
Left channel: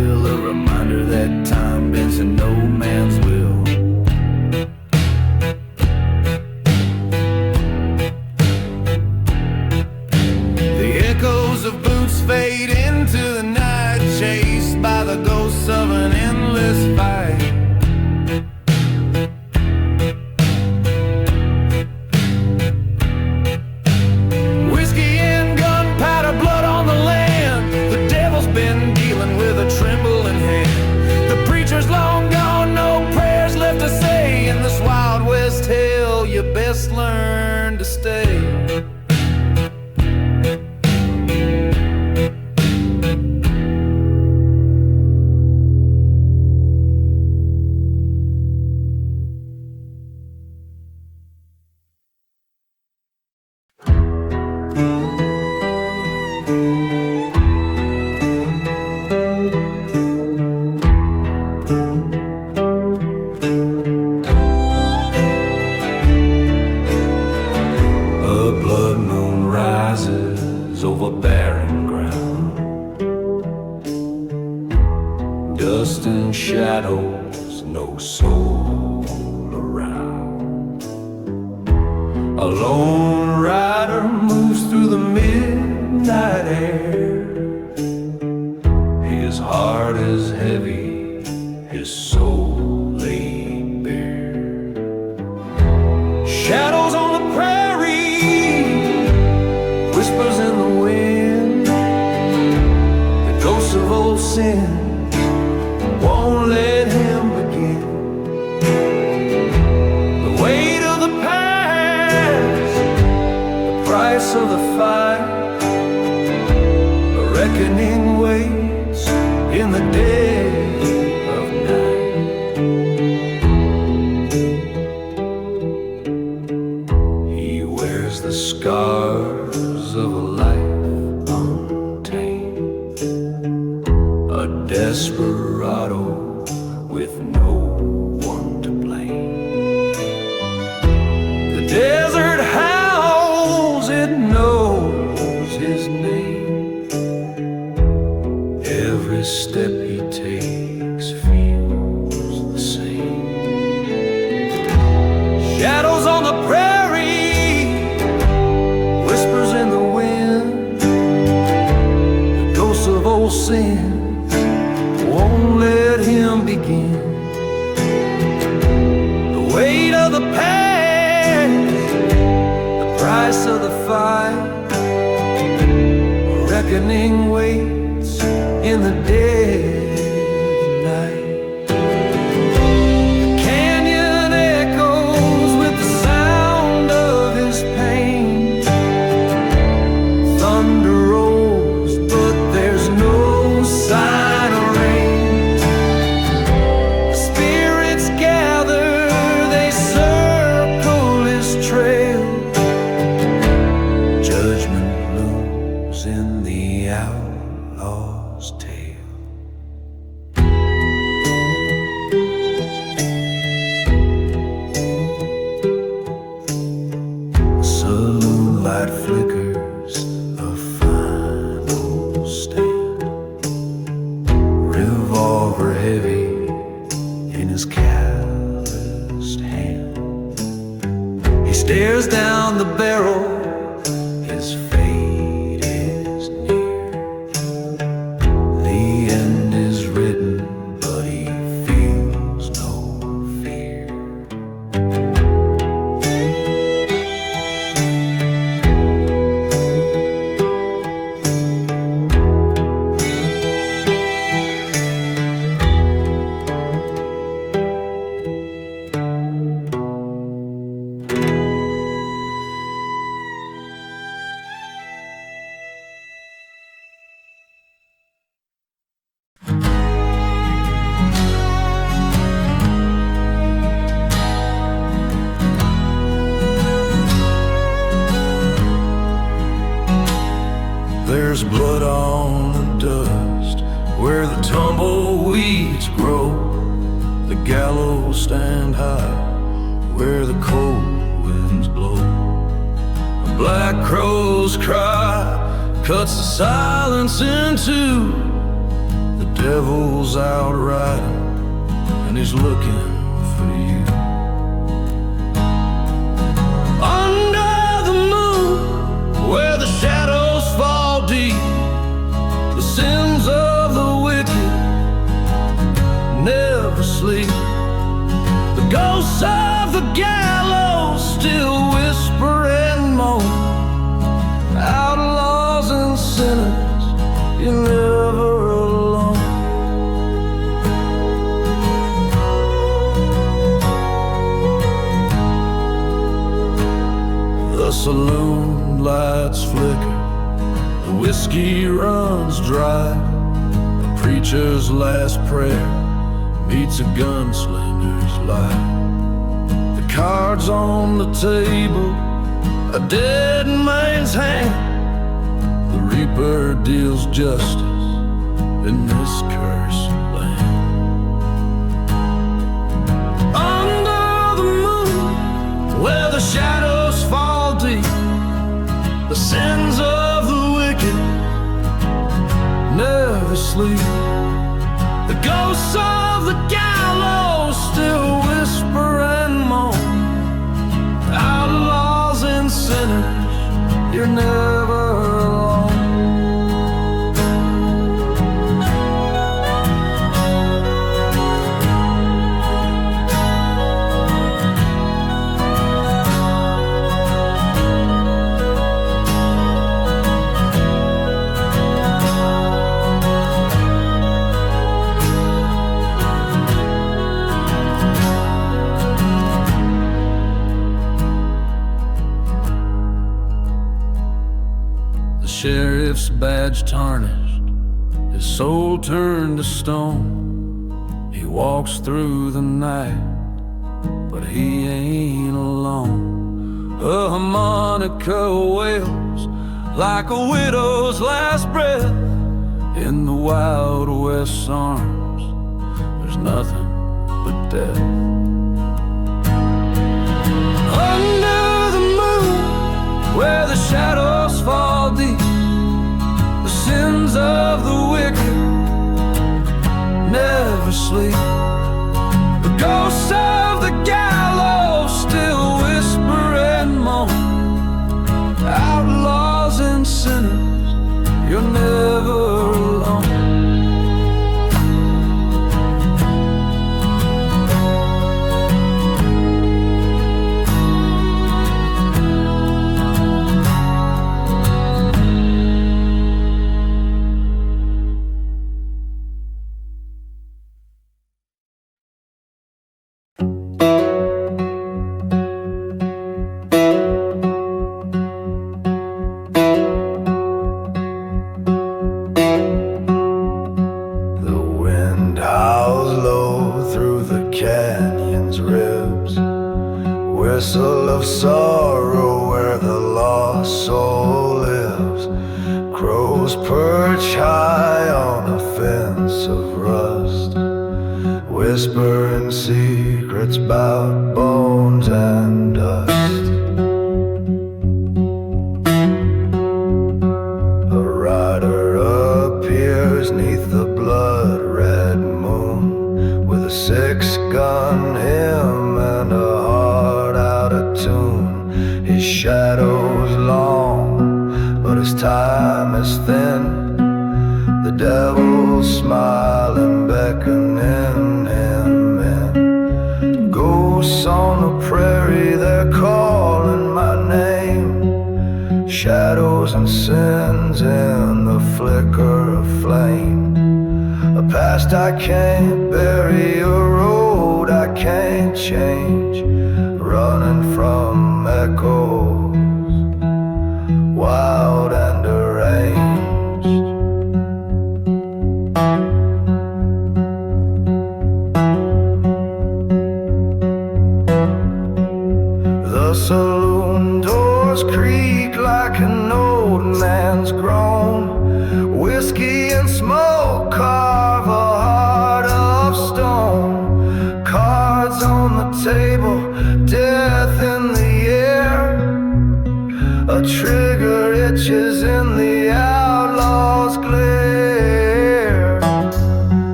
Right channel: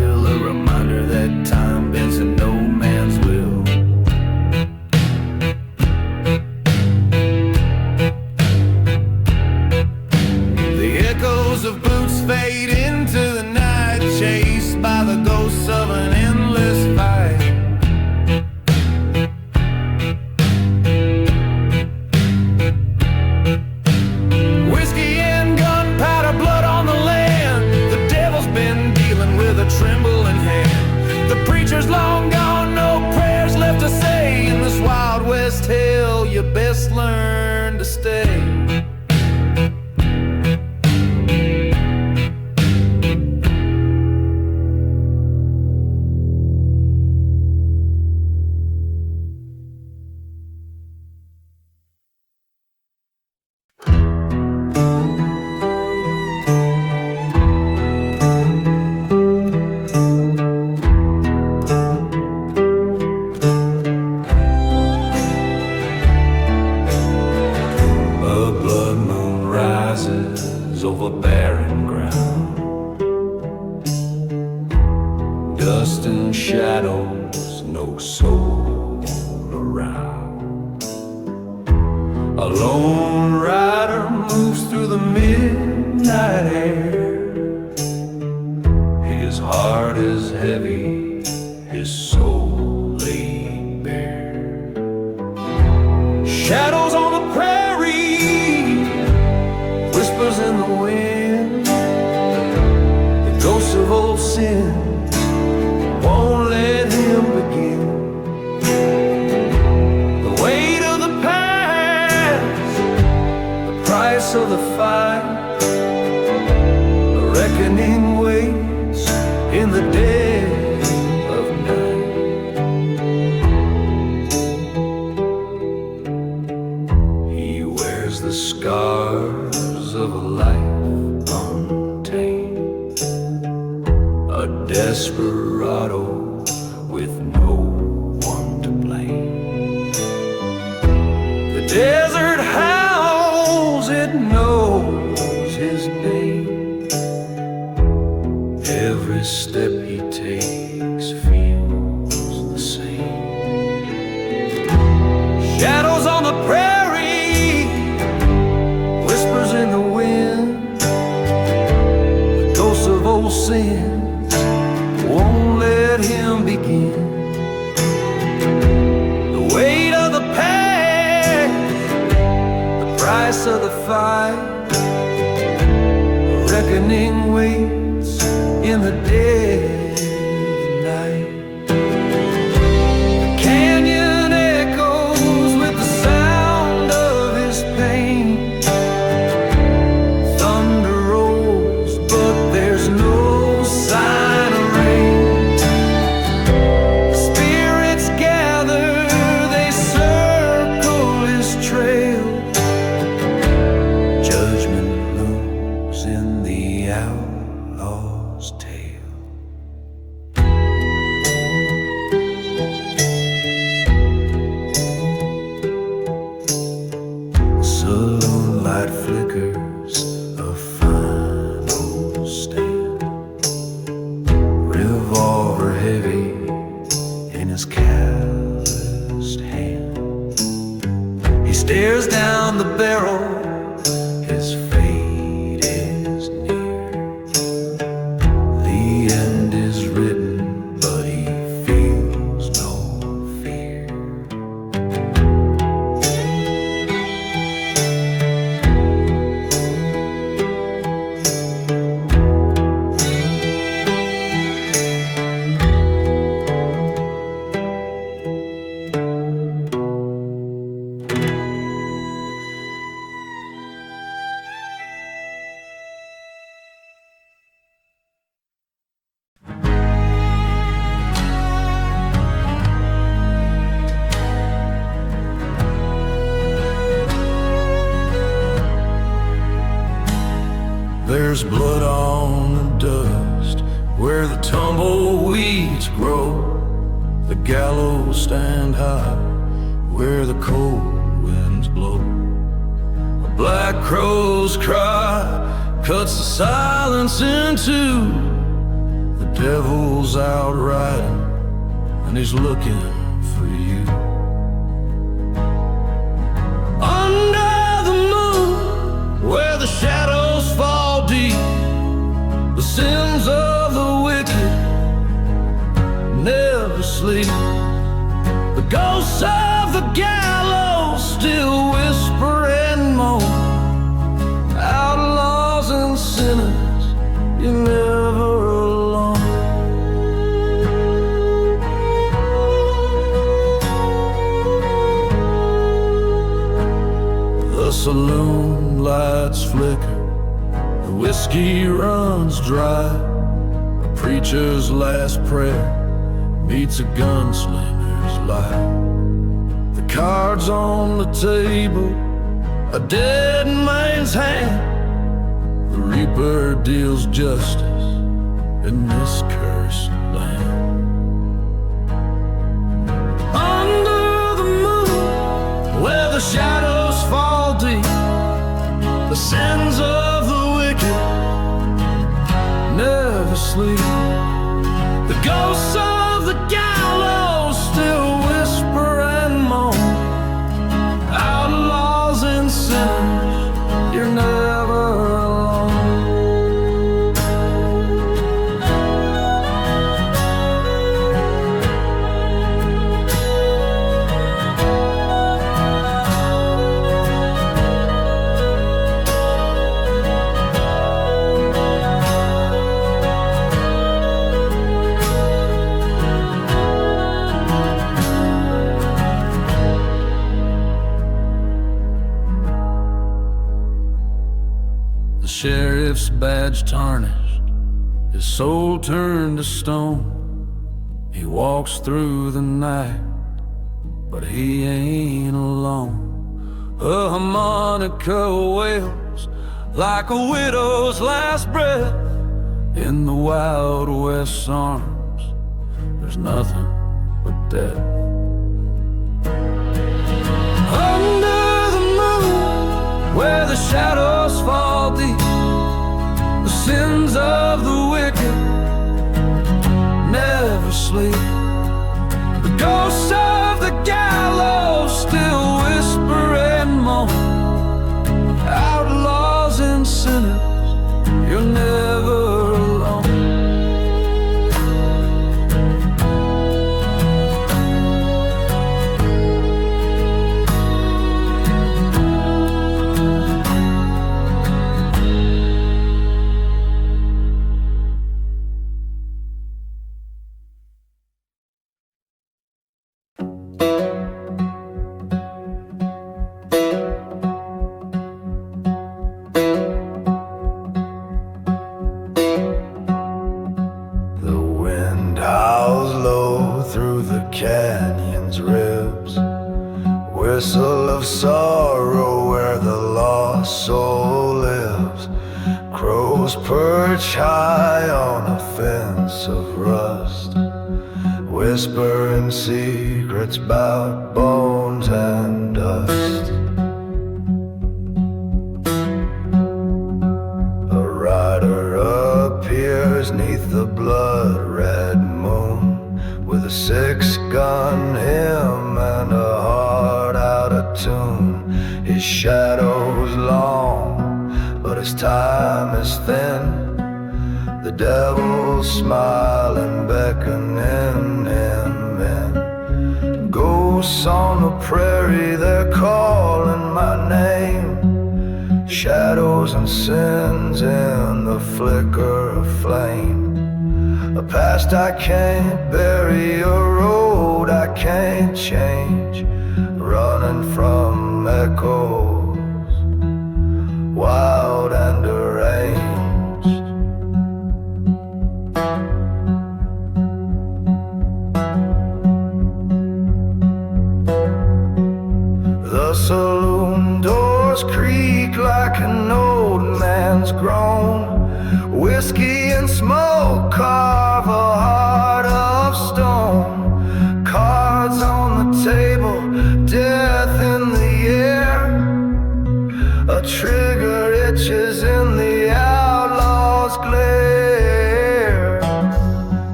still a reminder that time bends in no man's will. The echoes of boots fade into the night, chased by the ghosts of an endless fight. Whiskey and gunpowder, blood on the land. The devil's been dealing with a trembling hand. The preacher's long gone, no prayers left to say. In this wild west hell, you best learn to stay. A blood moon rises over barren ground. Dust and shadows, no soul around. A lone rider moves through the midnight air. His heart is heavy, his soul laid bare. Shadows on the prairie, whispers in the wind. The ghosts of old sins won't let him begin. The weight of the past, the price of the fight. A reckoning waits in the dead of night. He wears the scars of a life untamed, a desperado with no one to blame. The desert howls, it knows his name. Every step he takes feels the same. Shadows on the prairie, whispers in the wind. The ghosts of old sins won't let him begin. The weight of the past, the price of the fight. A reckoning waits in the dead of night. The canyon echoes with the sound of his pain. Thunder rolls, but there's no sign of rain. The spirits gather, they circle his trail. Judgment looms in the outlaw's tale. The saloon light flickers, a final stand. Revolver heavy in his calloused hand. He stares down the barrel, his fate is near. The end is written, but he feels no fear. There's blood on the dust where the tumbleweeds grow. The gallows stand high where the cold winds blow. A black crow's cry cuts the silence in two. The devil's out riding, and he's looking for you. Under the moon, where the shadows fall deep, the sins of the wicked never sleep. The ghosts of the gallows still whisper and moan. Outlaws and sinners, you're never alone. The saloon lights flicker, the whiskey runs dry. A preacher's last prayer meets a gunslinger's lie. The cards on the table, a dead man's hand. The reaper deals justice in this cursed land. Under the moon, where the shadows fall deep, the sins of the wicked never sleep. The ghosts of the gallows still whisper and moan. Outlaws and sinners, you're never alone. Sheriff's badge tarnished, his soul turned to stone. He walks through the night, but he ain't alone. A harmonica wails like a widow's last breath. In the Wild West's arms, there's nothing but death. Under the moon, where the shadows fall deep, the sins of the wicked never sleep. The ghosts of the gallows still whisper and moan. Outlaws and sinners, you're never alone. Whistle of sorrow where the lost soul lives. Crows perch high on a fence of rust, whispering secrets about bones and dust. A rider appears neath the blood-red moon, with a 6-gun hymn and a heart out of tune. His shadow's long, but his time is thin. The devil's smiling, beckoning him in. Ghosts on the prairie, they're calling my name. Shadows and sins in the flicker of flame. A past I can't bury, a road I can't change, running from echoes, wild and deranged. The saloon doors creak like an old man's groan. Whiskey and smoke carve a heart of stone. Cards on the table, death in the air. A trigger itches in the outlaw's glare.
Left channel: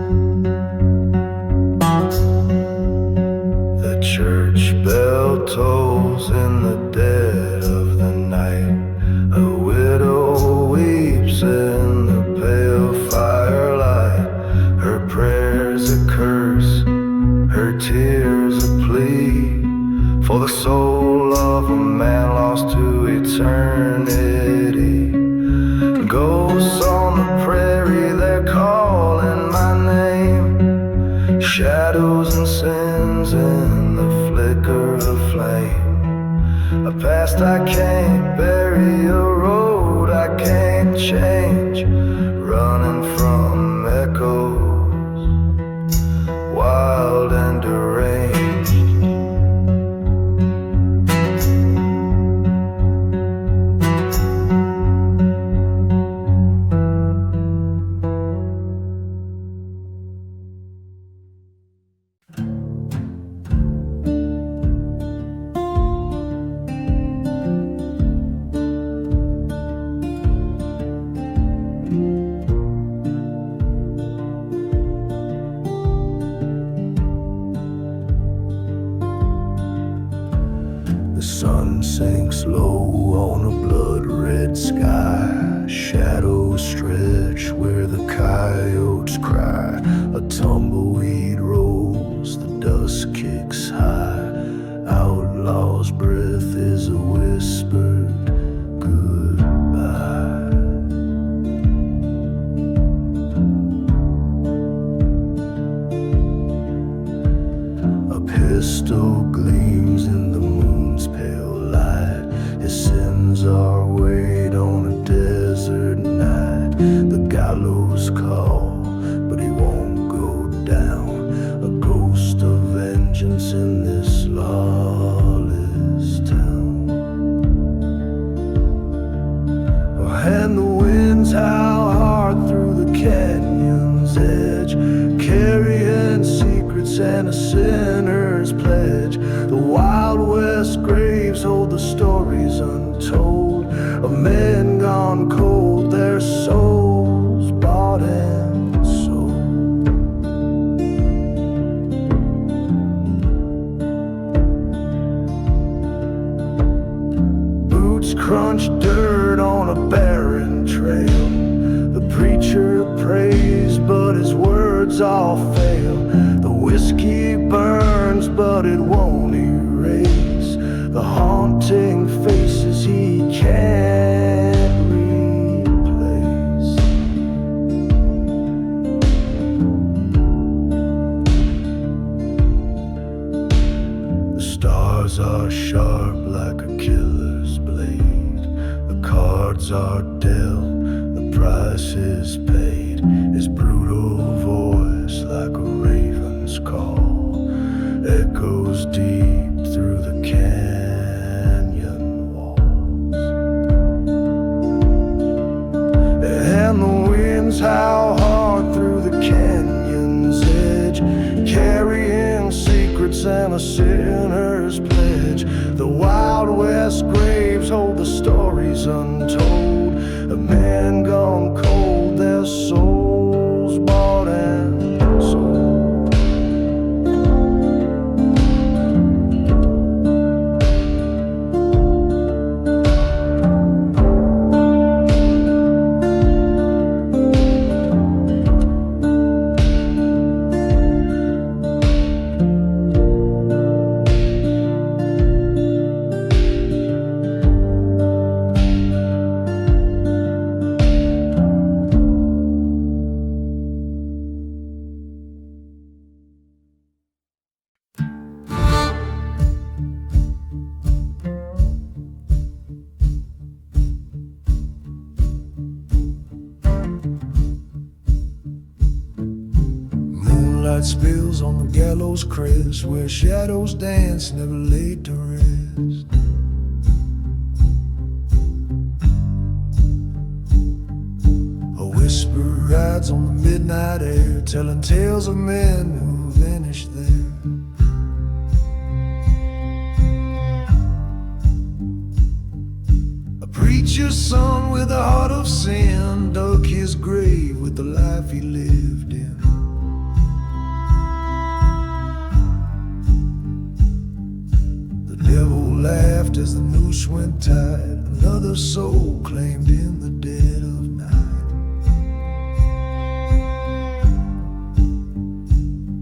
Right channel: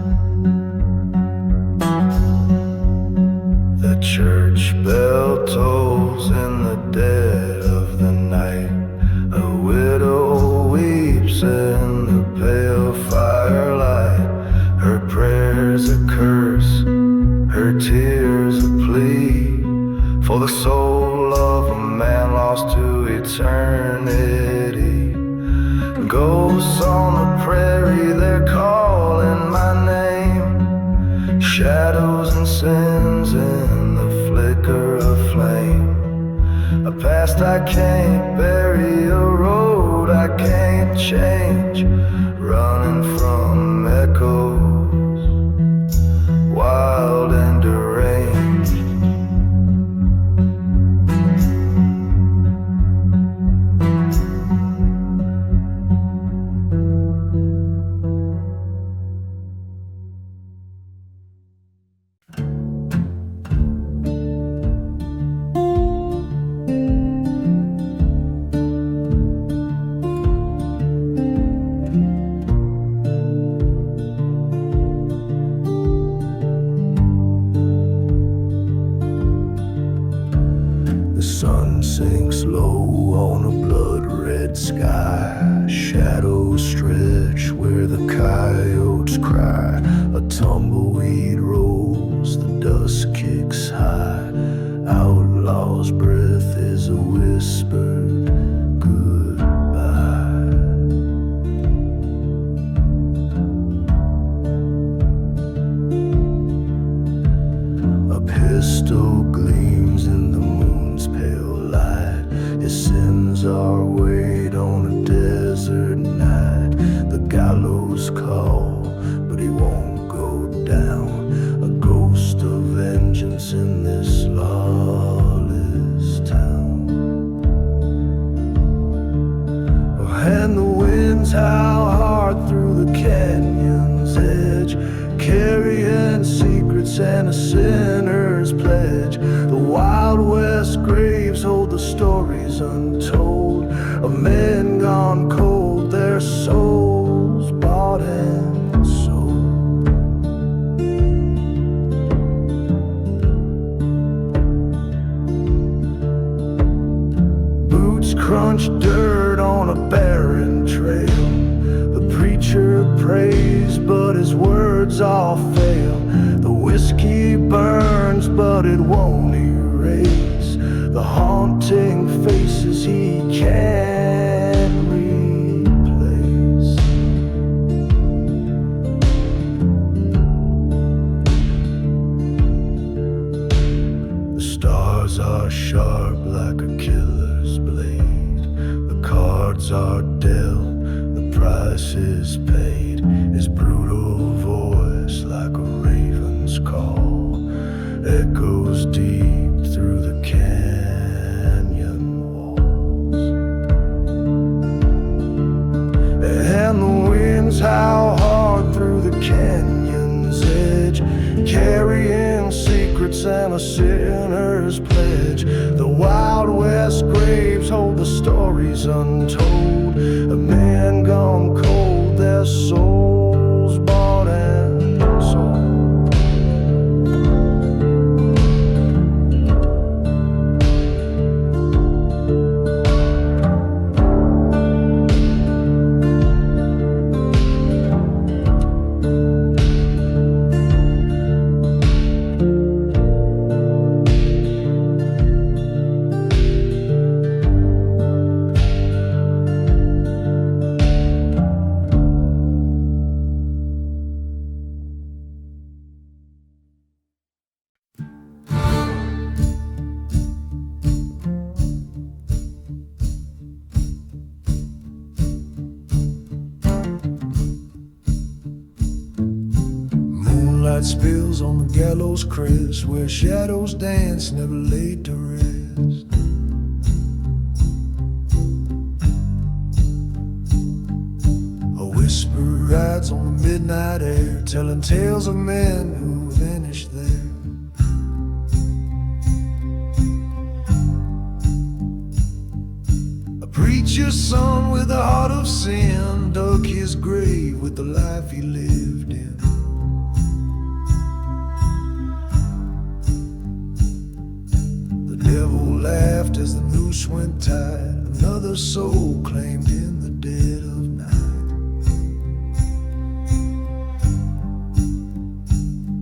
is a curse, her tears a plea for the soul of a man lost to eternity. Ghosts on the prairie, they're calling my name. Shadows and sins in the flicker of flame. A past I can't bury, a road I can't change, running from echoes, wild and deranged. The sun sinks low on a blood-red sky. Shadows stretch where the coyotes cry. A tumbleweed rolls, the dust kicks high. Outlaw's breath is a whispered goodbye. A pistol gleams in the moon's pale light. His sins are weighed on a desert night. The gallows call, but he won't go down. A ghost of vengeance in this lawless town. And the winds howl hard through the canyon's edge, carrying secrets and a sinner's pledge. The Wild West graves hold the stories untold of men gone cold, their souls bought and sold. Boots crunch dirt on a barren trail. The preacher prays, but his words all fail. The whiskey burns, but it won't erase the haunting faces he can't replace. The stars are sharp like a killer's blade. The cards are dealt, the price is paid. His brutal voice like a raven's call echoes deep through the canyon walls. And the winds howl hard through the canyon's edge, carrying secrets and a sinner's pledge. The Wild West graves hold the stories untold of men gone cold, their souls bought and sold. Moonlight spills on the gallows crest, where shadows dance, never laid to rest. A whisper rides on the midnight air, telling tales of men who vanished there. A preacher's son with a heart of sin dug his grave with the life he lived in. The devil laughed as the noose went tight, another soul claimed in the dead of night.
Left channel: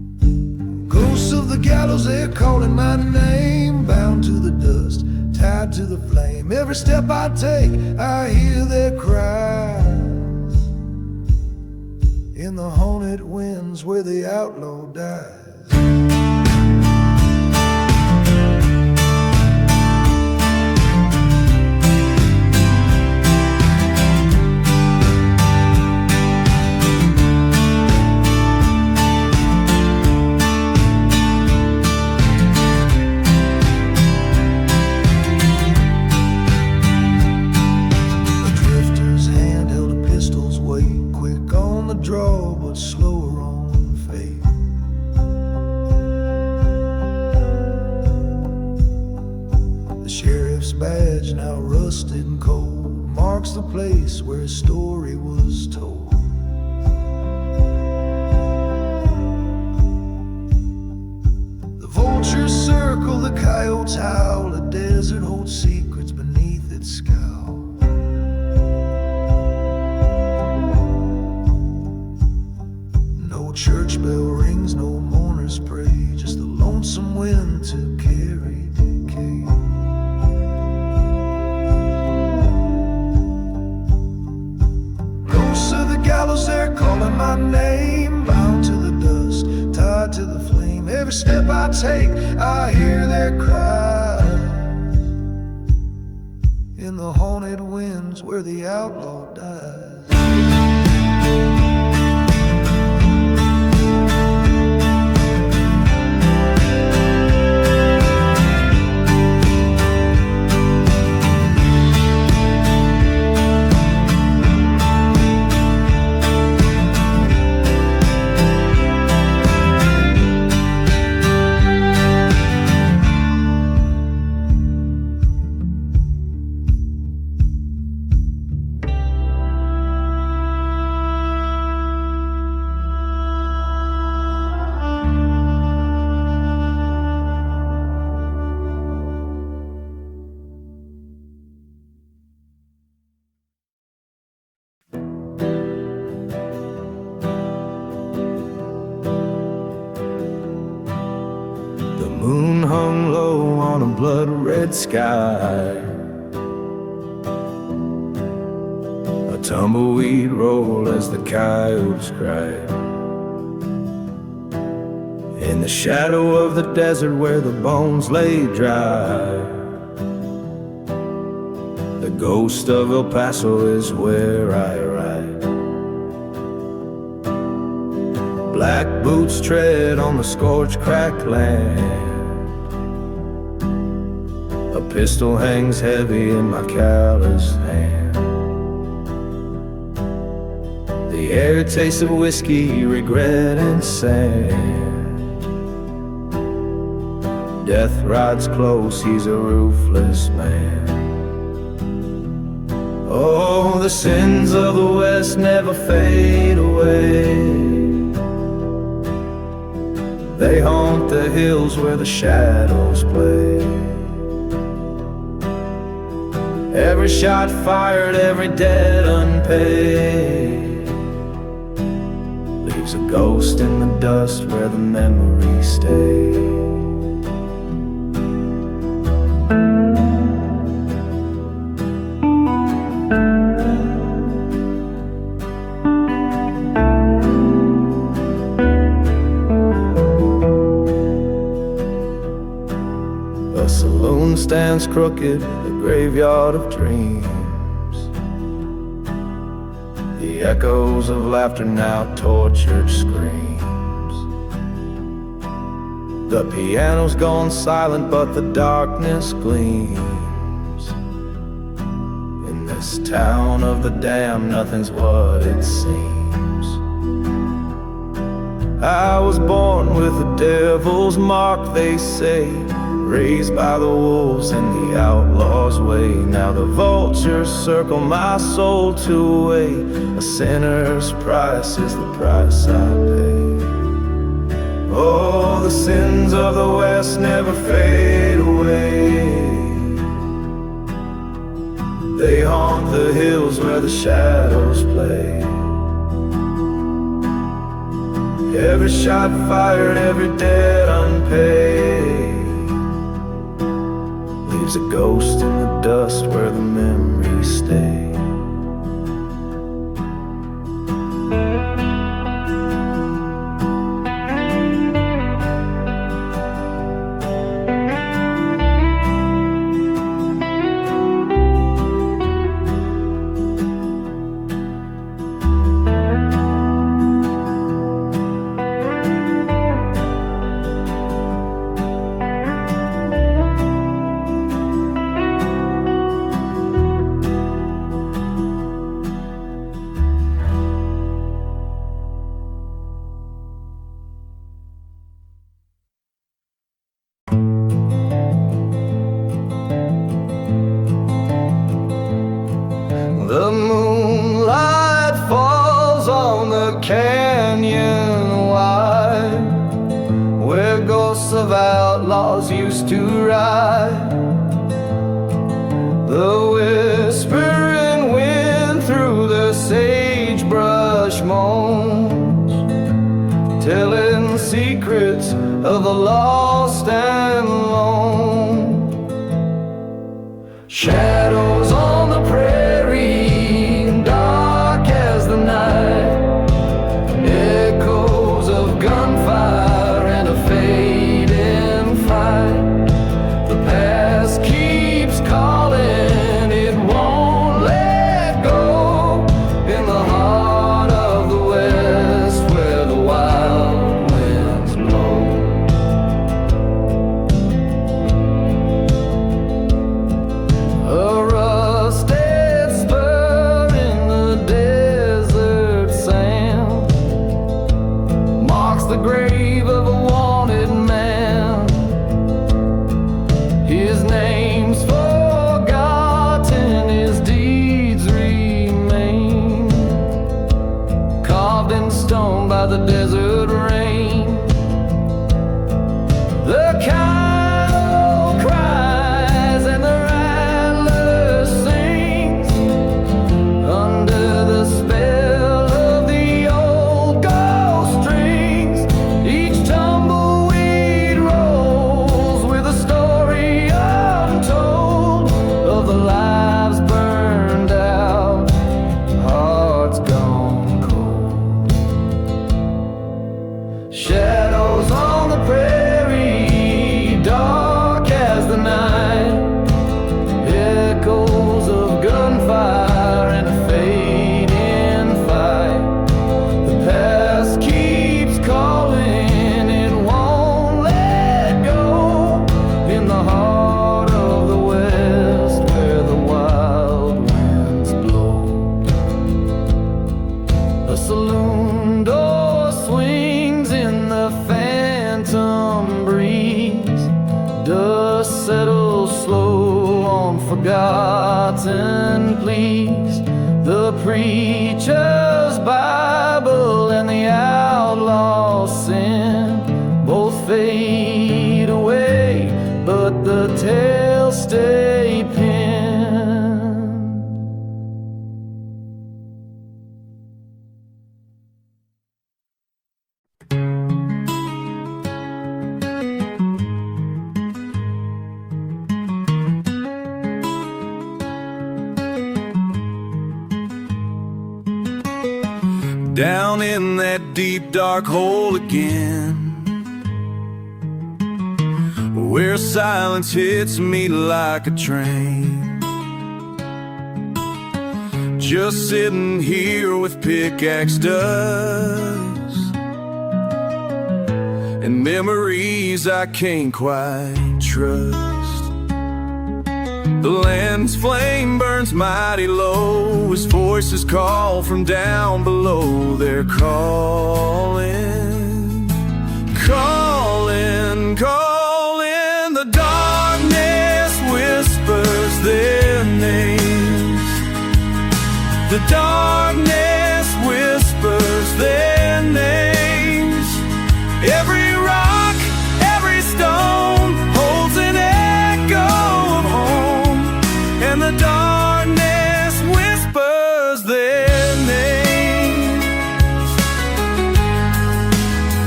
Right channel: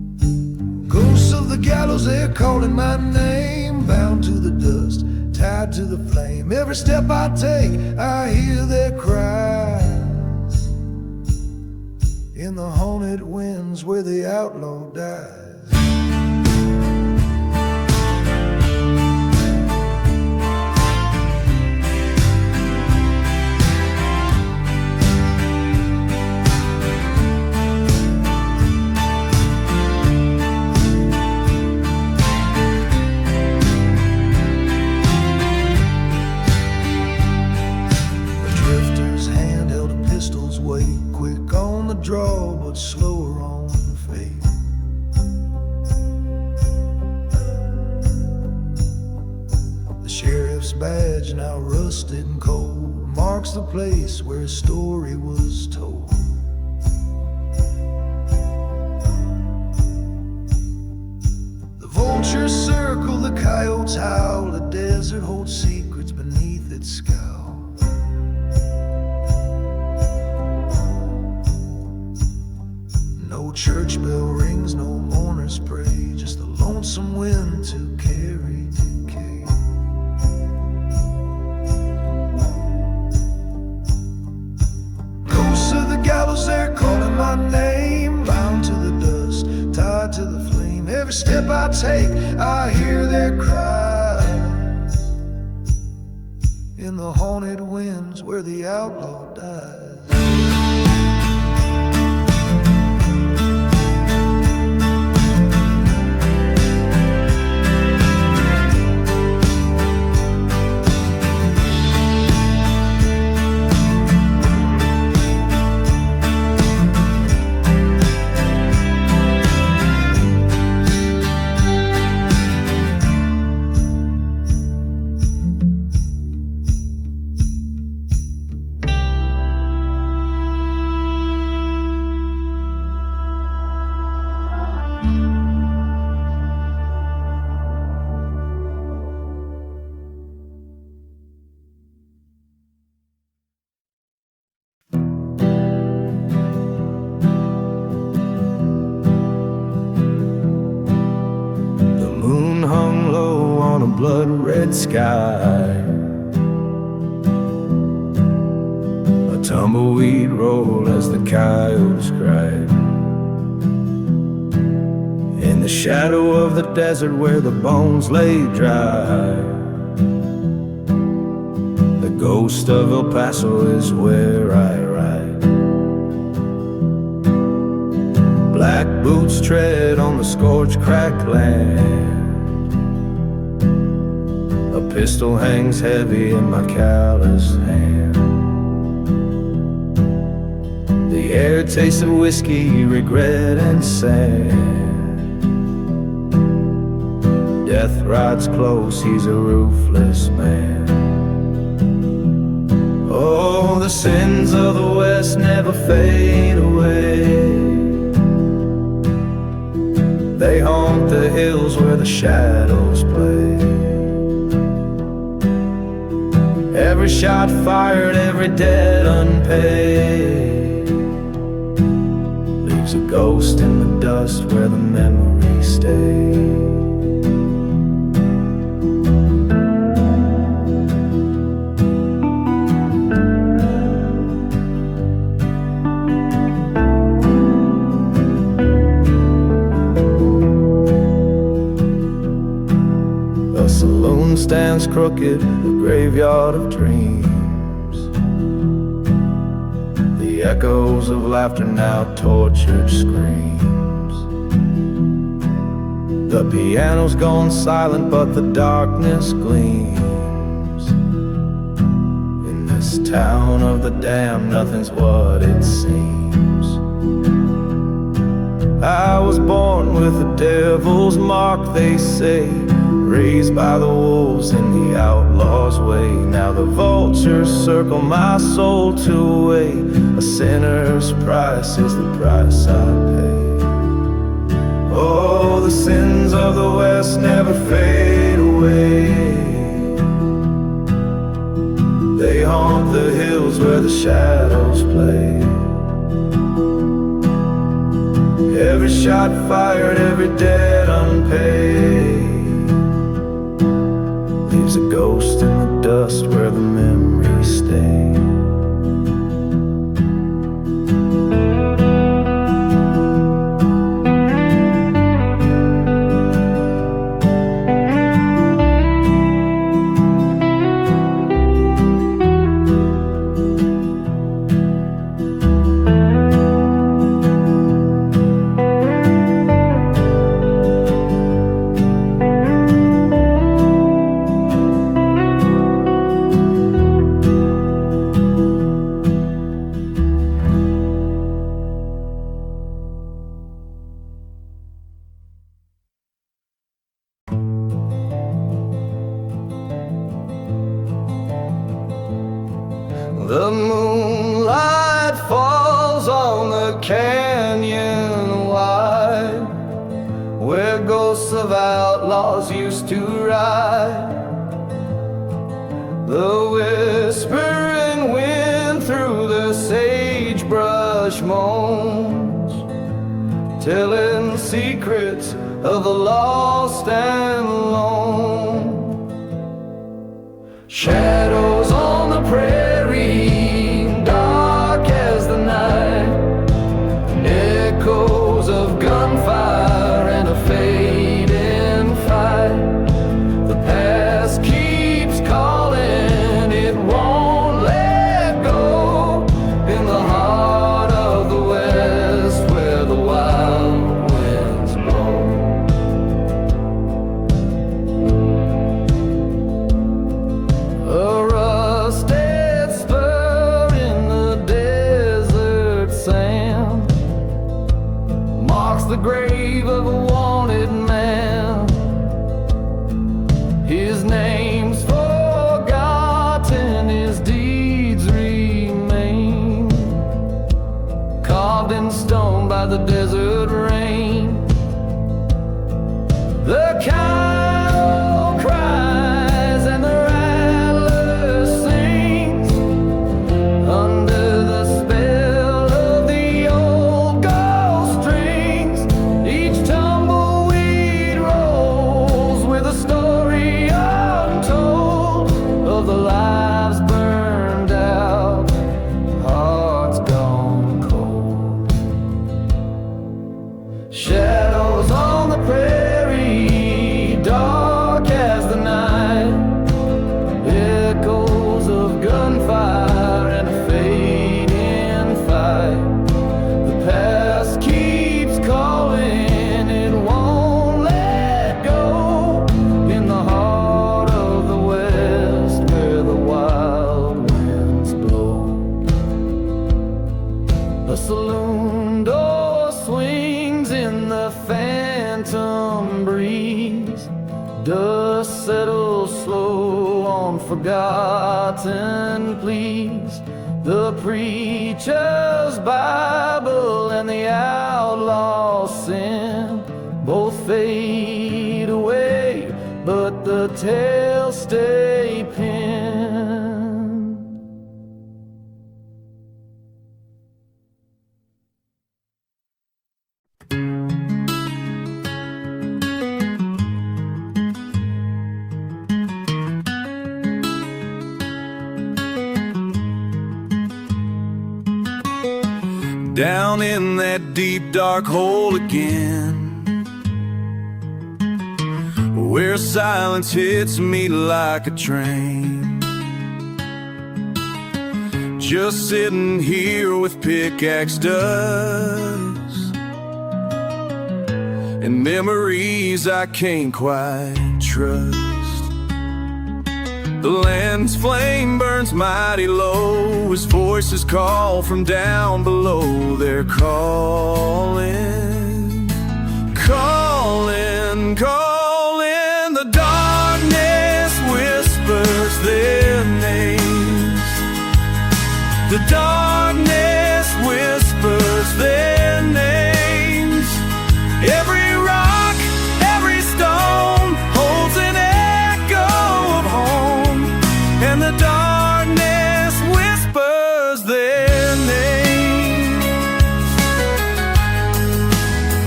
Ghosts of the gallows, they're calling my name. Bound to the dust, tied to the flame. Every step I take, I hear their cries. In the haunted winds where the outlaw dies. Hand held a pistol's weight, quick on the draw but slower on fate. The sheriff's badge, now rusted and cold, marks the place where his story was told. The vultures circle, the coyotes howl, the desert holds secrets beneath its scowl. No church bell rings, no mourners pray, just the lonesome wind to carry decay. Ghosts of the gallows, they're calling my name. Bound to the dust, tied to the flame. Every step I take, I hear their cries. In the haunted winds where the outlaw dies. Moon hung low on a blood-red sky. A tumbleweed rolled as the coyotes cried. In the shadow of the desert where the bones lay dry, the ghost of El Paso is where I ride. Black boots tread on the scorched, cracked land. A pistol hangs heavy in my calloused hand. The air tastes of whiskey, regret, and sand. Death rides close, he's a ruthless man. Oh, the sins of the West never fade away. They haunt the hills where the shadows play. Every shot fired, every debt unpaid, leaves a ghost in the dust where the memories stay. The saloon stands crooked, a graveyard of dreams. The echoes of laughter now tortured screams. The piano's gone silent, but the darkness gleams. In this town of the damned, nothing's what it seems. I was born with the devil's mark, they say, raised by the wolves in the outlaw's way. Now the vultures circle my soul to away. A sinner's price is the price I pay. Oh, the sins of the West never fade away. They haunt the hills where the shadows play. Every shot fired, every debt unpaid, leaves a ghost in the dust where the memories stay. The moonlight falls on the canyon wide, where ghosts of outlaws used to ride. The whispering wind through the sagebrush moans, telling secrets of the lost and lone. Shadows on the prairie, dark as the night, echoes of gunfire and a fading fight. The past keeps calling, it won't let go, in the heart of the west where the wild winds blow. A rusted spur in the desert sand marks the grave of a wanted man. His name's forgotten, his deeds remain, carved in stone by the desert rain. The cow cries and the rattler sings under the spell of the old ghost strings. Each tumbleweed rolls with a story untold of the lives burned out, hearts gone cold. Shadows on the prairie, dark as the night, echoes of gunfire and a fading fight. The past keeps calling, it won't let go, in the heart of the west where the wild winds blow. A saloon door swings in the phantom breeze, dust settles slow on forgotten pleas. The preacher's Bible and the outlaw's sin both fade away, but the tales stay pinned. Down in that deep dark hole again, where silence hits me like a train. Just sitting here with pickaxe dust and memories I can't quite trust. The land's flame burns mighty low as voices call from down below. They're calling, calling, calling. The darkness whispers their names. The darkness whispers their names. Every rock, every stone holds an echo of home, and the darkness whispers their names.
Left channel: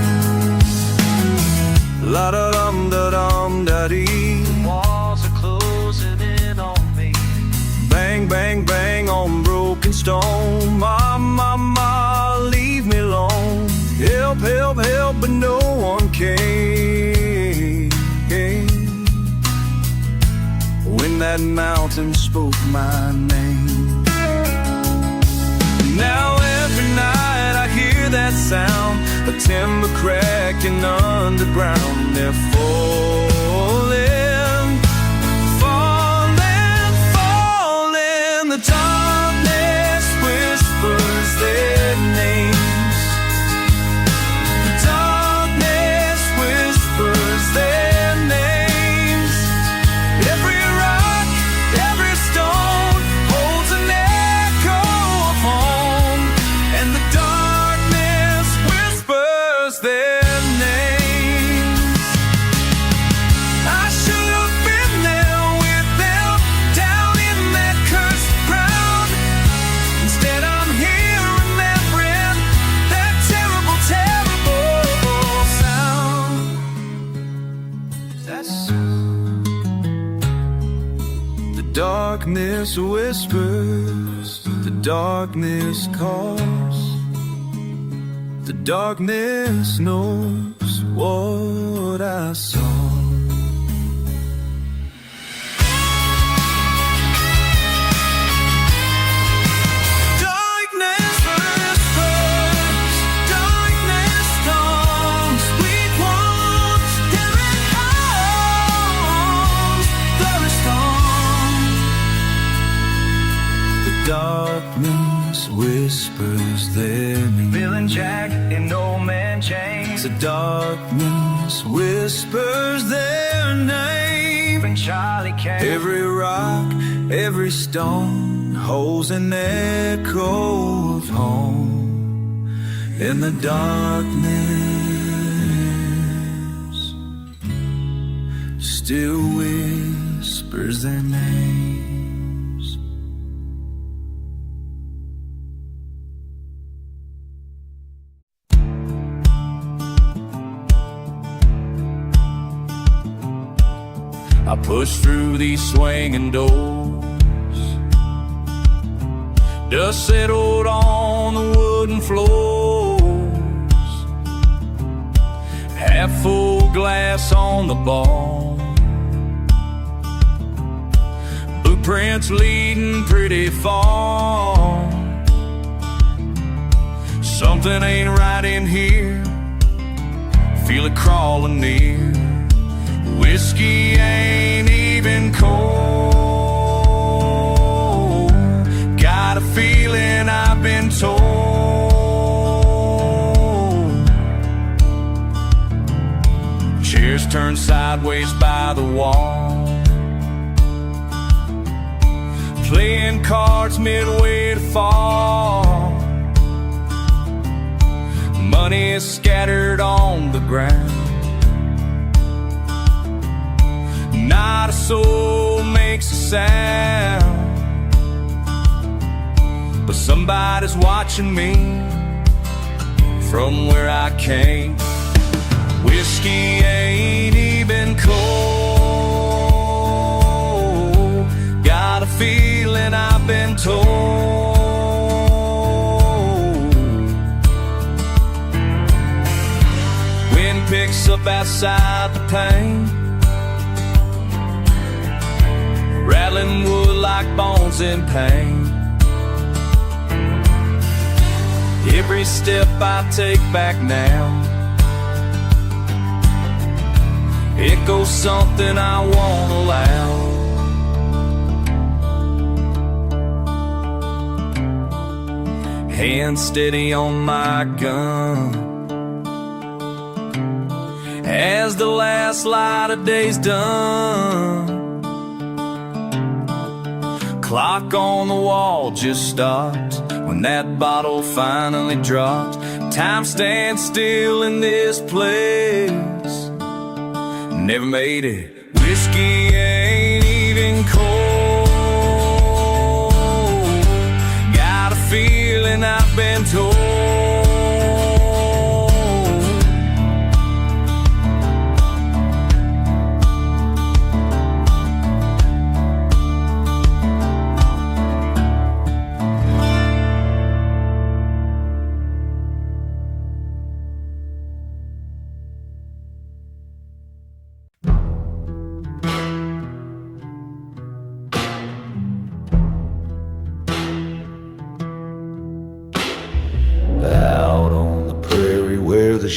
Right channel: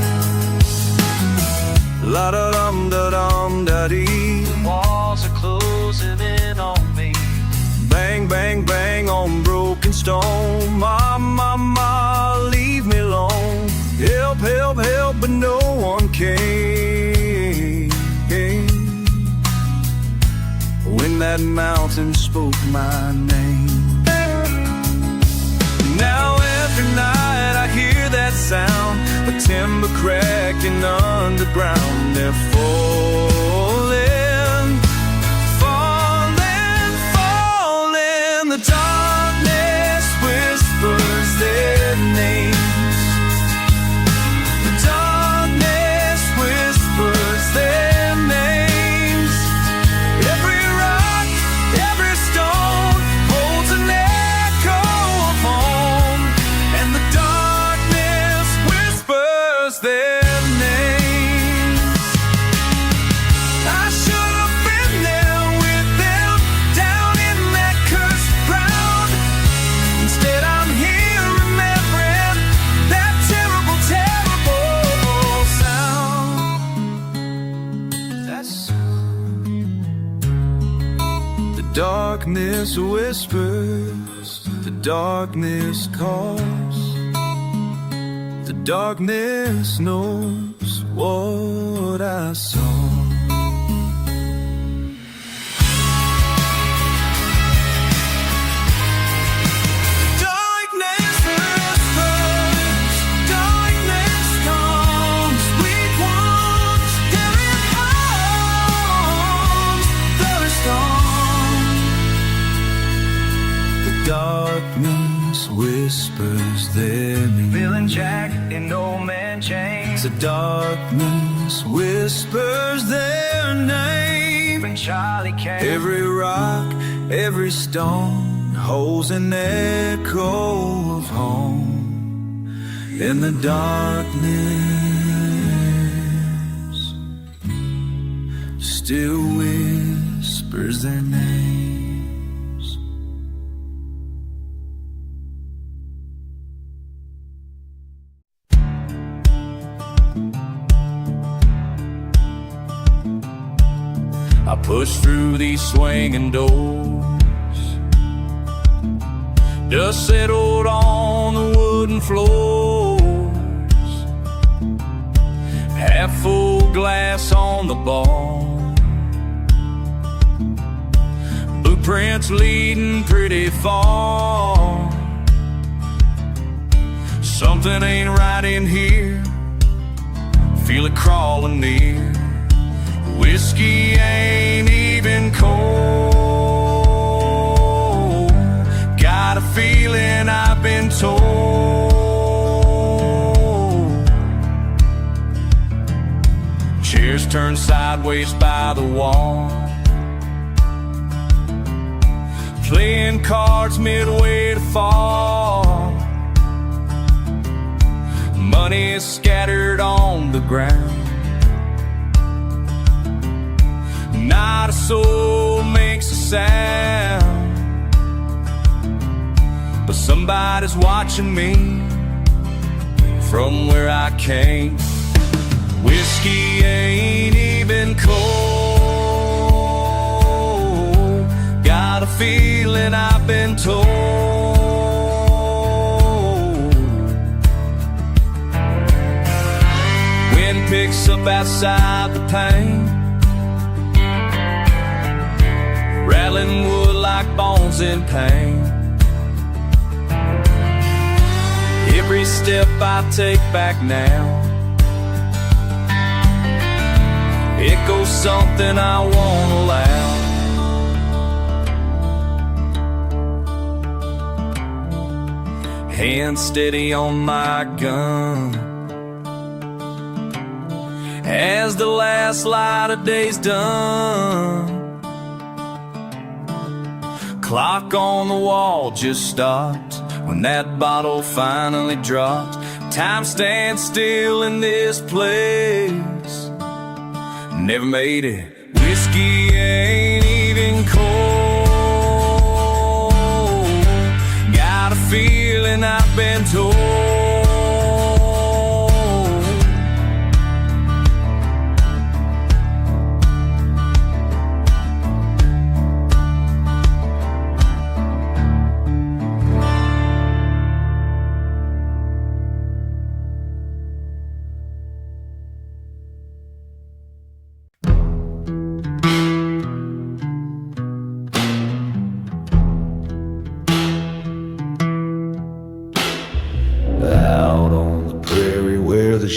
La da dum da dum da dee. Walls are closing in on me. Bang, bang, bang on broken stone. Ma, ma, ma, leave me alone. Help, help, help, but no one came. When that mountain spoke my name. Now every night I hear that sound, a timber cracking underground. They're falling, falling, falling. The darkness whispers their names. The darkness whispers their names. Every rock, every stone holds an echo of home, and the darkness whispers their names. I should have been there with them, down in that cursed ground. Instead I'm here remembering that terrible, terrible sound. That's the darkness whispers, the darkness calls. The darkness knows what I saw. Darkness whispers, darkness comes. Sweet ones, carry on, thirst on. The darkness whispers their name. Feeling jacked in no man chains. The darkness whispers their name. When Charlie came. Every rock, every stone holds an echo of home. In the darkness still whispers their names. I push through these swinging doors. Dust settled on the wooden floors. Half full glass on the bar. Blueprints leading pretty far. Something ain't right in here. Feel it crawling near. Whiskey ain't even cold. Got a feeling I've been told. Chairs turned sideways by the wall. Playing cards midway to fall. Money is scattered on the ground. Not a soul makes a sound, but somebody's watching me from where I came. Whiskey ain't even cold. Got a feeling I've been told. Wind picks up outside the pane, rattling wood like bones in pain. Every step I take back now echoes something I won't allow. Hand steady on my gun as the last light of day's done. Clock on the wall just stopped when that bottle finally dropped. Time stands still in this place. Never made it. Whiskey ain't even cold. Got a feeling I've been told.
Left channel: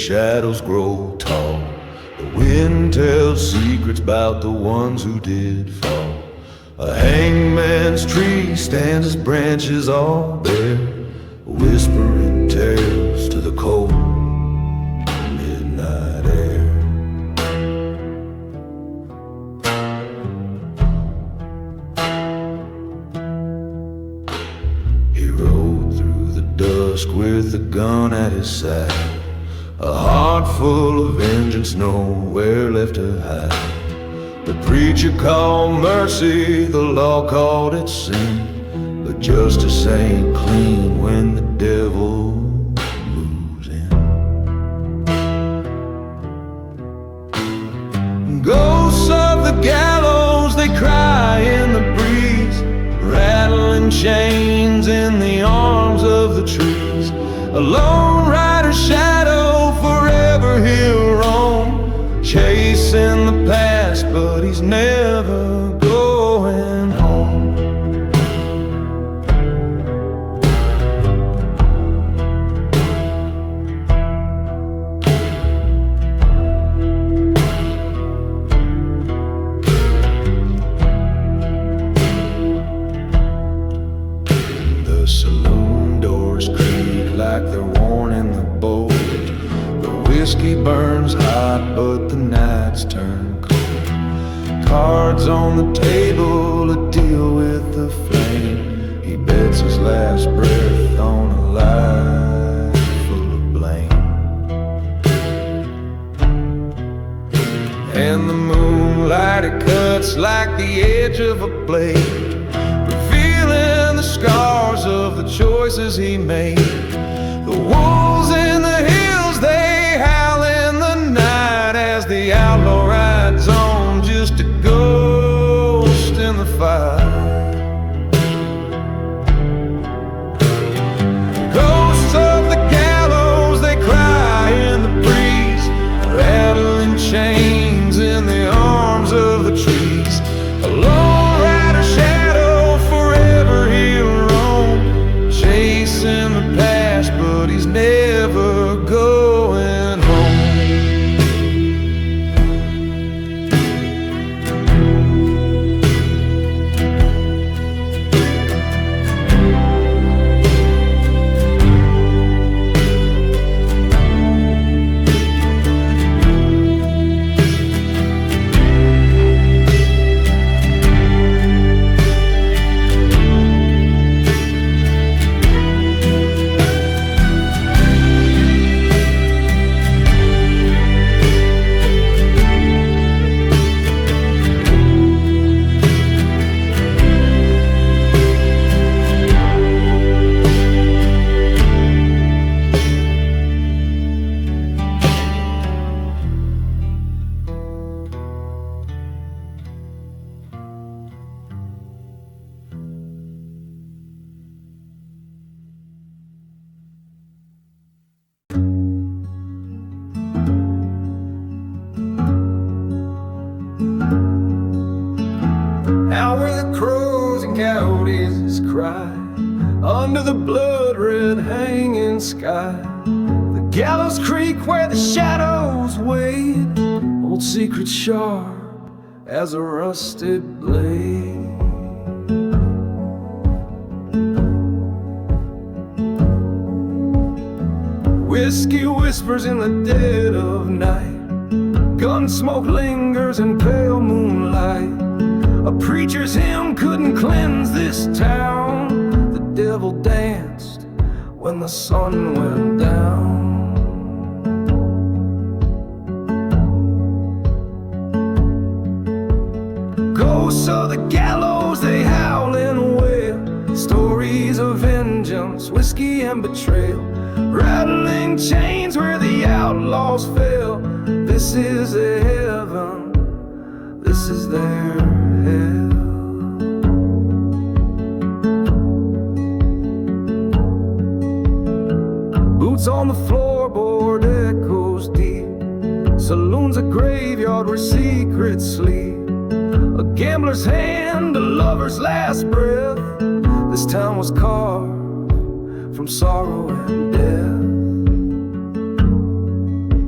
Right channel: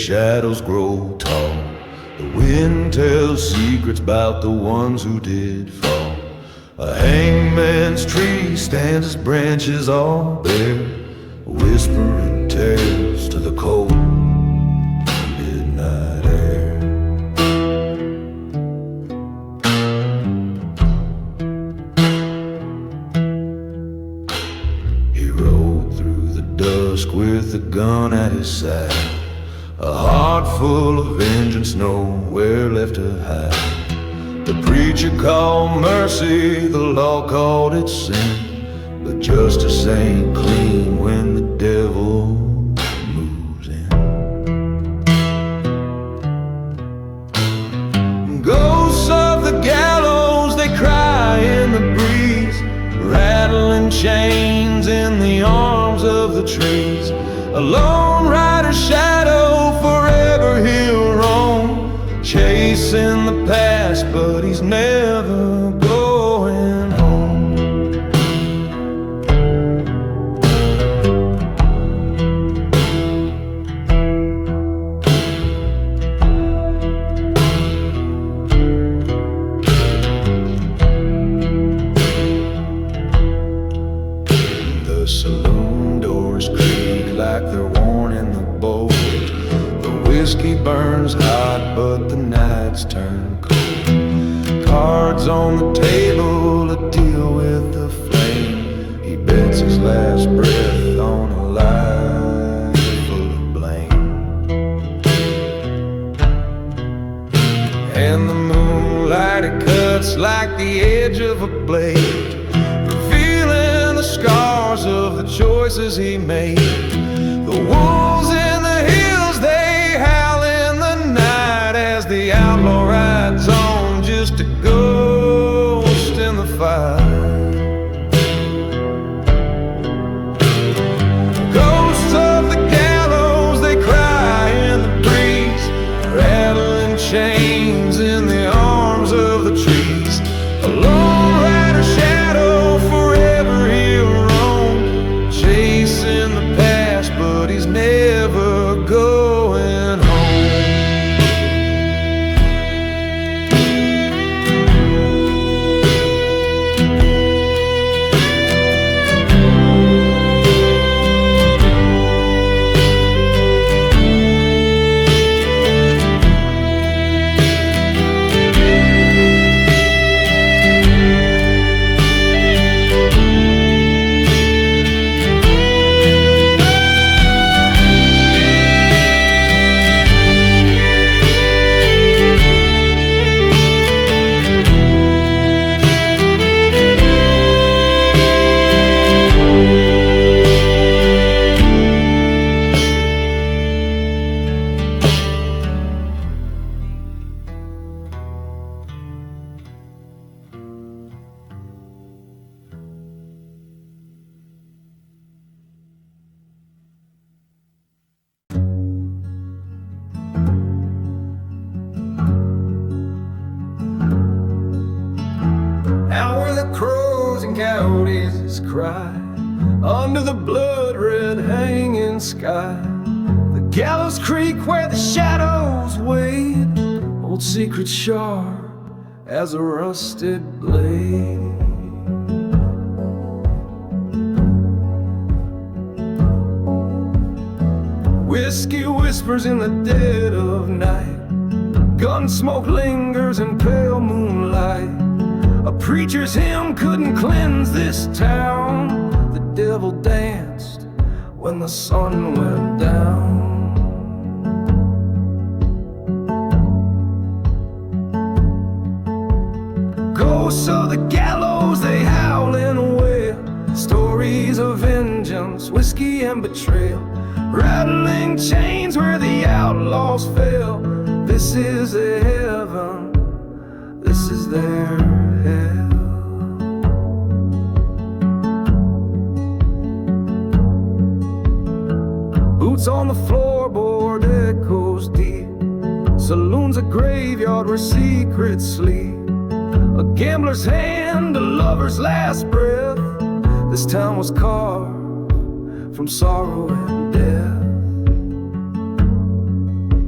shadows grow tall. The wind tells secrets about the ones who did fall. A hangman's tree stands its branches all bare, whispering tales to the cold midnight air. He rode through the dusk with a gun at his side, a heart full of vengeance, nowhere left to hide. The preacher called mercy, the law called it sin, but justice ain't clean when the devil moves in. Ghosts of the gallows, they cry in the breeze, rattling chains in the arms of the trees. A lone rider's shadow, forever he'll roam, chasing the past, but he's never going home. The saloon doors creak like they're worn in the bolt. The whiskey burns hot, but the nights turn cold. Cards on the table, a deal with the flame. He bets his last breath on a life full of blame. And the moonlight, it cuts like the edge of a blade, revealing the scars of the choices he made. The wolves in the hills, they howl in the night as the outlaw rides on, just a ghost in the fight. Ghosts of the gallows, they cry in the breeze, rattling chains in the arms of the trees. A lone rider's shadow, forever he'll roam, chasing the past, but he's never going home. Out where the crows and coyotes cry, under the blood-red hanging sky, the gallows creak where the shadows wait, old secrets sharp as a rusted blade. Whiskey whispers in the dead of night, gun smoke lingers in pale moonlight. A preacher's hymn couldn't cleanse this town. The devil danced when the sun went down. Ghosts of the gallows, they howl in a wail, stories of vengeance, whiskey and betrayal, rattling chains where the outlaws fell. This is their heaven, this is their hell. Boots on the floorboard, echoes deep. Saloon's a graveyard where secrets sleep. A gambler's hand, a lover's last breath. This town was carved from sorrow and death.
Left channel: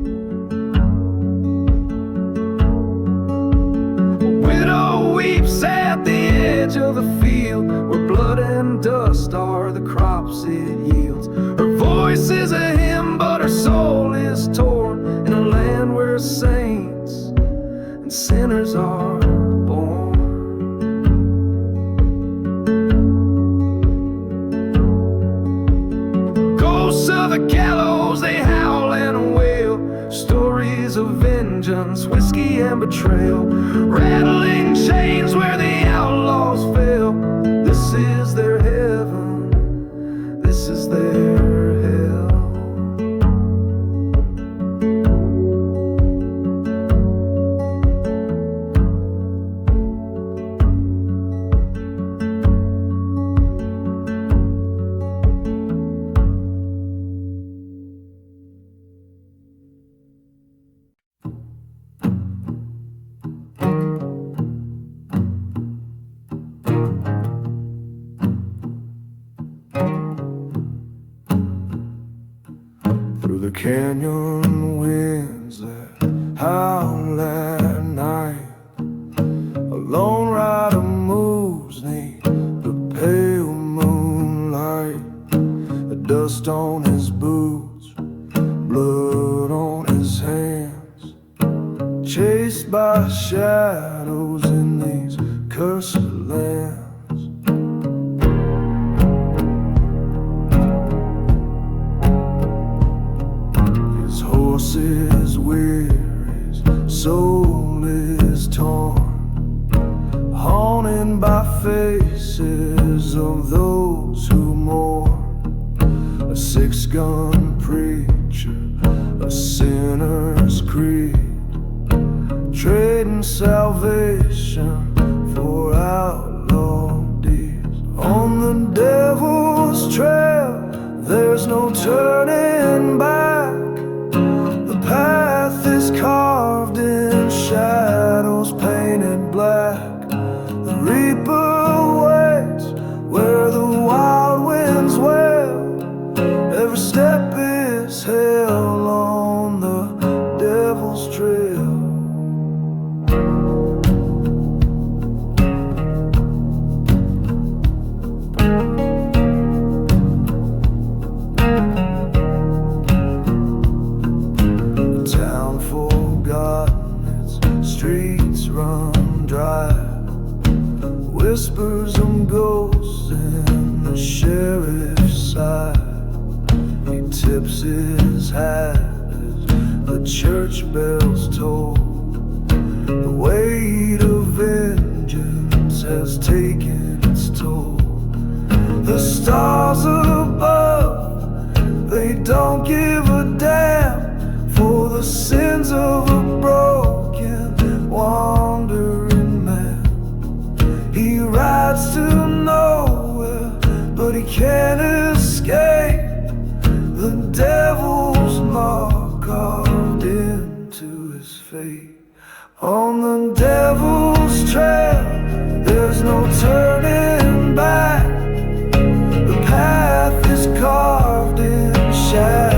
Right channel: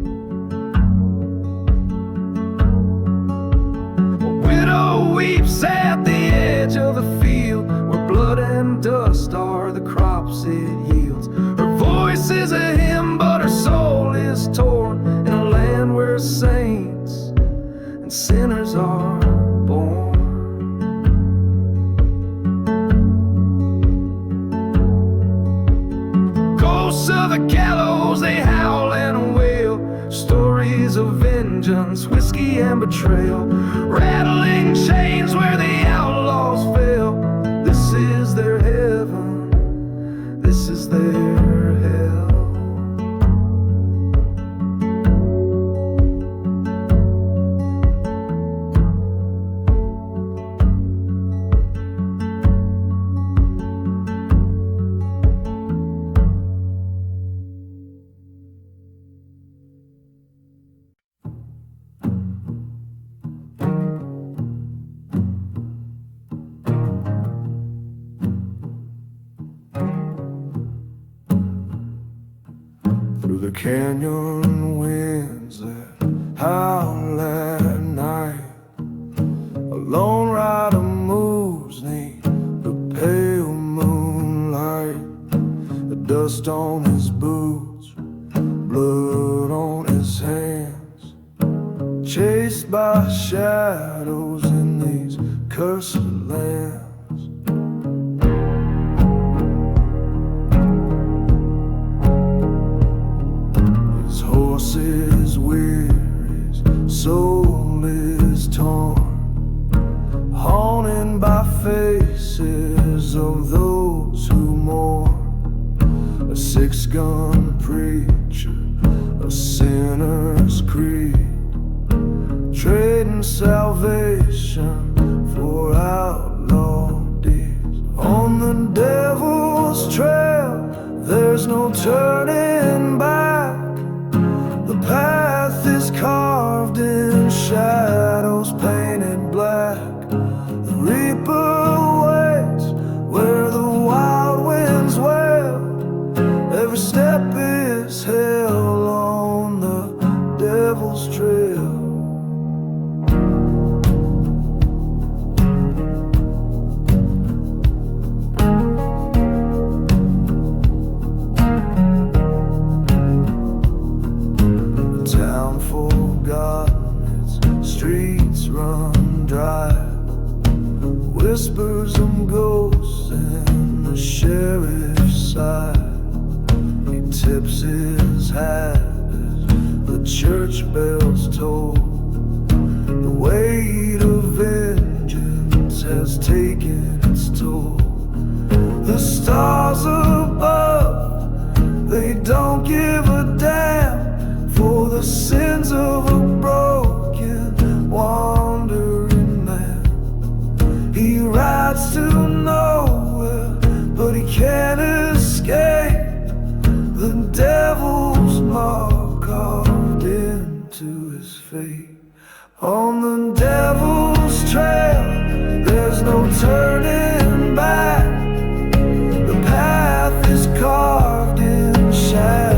widow weeps at the edge of the field, where blood and dust are the crops it yields. Her voice is a hymn, but her soul is torn, in a land where saints and sinners are born. Ghosts of the gallows, they howl and wail, stories of vengeance, whiskey and betrayal, rattling chains where the outlaws fail. This is their heaven, this is their hell. Through the canyon winds that howl at night, a lone rider moves neath the pale moonlight. The dust on his boots, blood on his hands, chased by shadows in these cursed lands. Horse is weary, his soul is torn, haunted by faces of those who mourn. A six-gun preacher, a sinner's creed, trading salvation for outlaw deeds. On the devil's trail, there's no turning back. The path is carved in shadows painted black. The reaper waits where the wild winds wail. Every step is hell on the devil's trail. Forgotten, its streets run dry. Whispers of ghosts in the sheriff's side. He tips his hat as the church bells toll. The weight of vengeance has taken its toll. The stars above, they don't give a damn for the sins of a broken, wandering man. He rides to nowhere, but he can't escape the devil's mark carved into his fate. On the devil's trail, there's no turning back. The path is carved in shadow.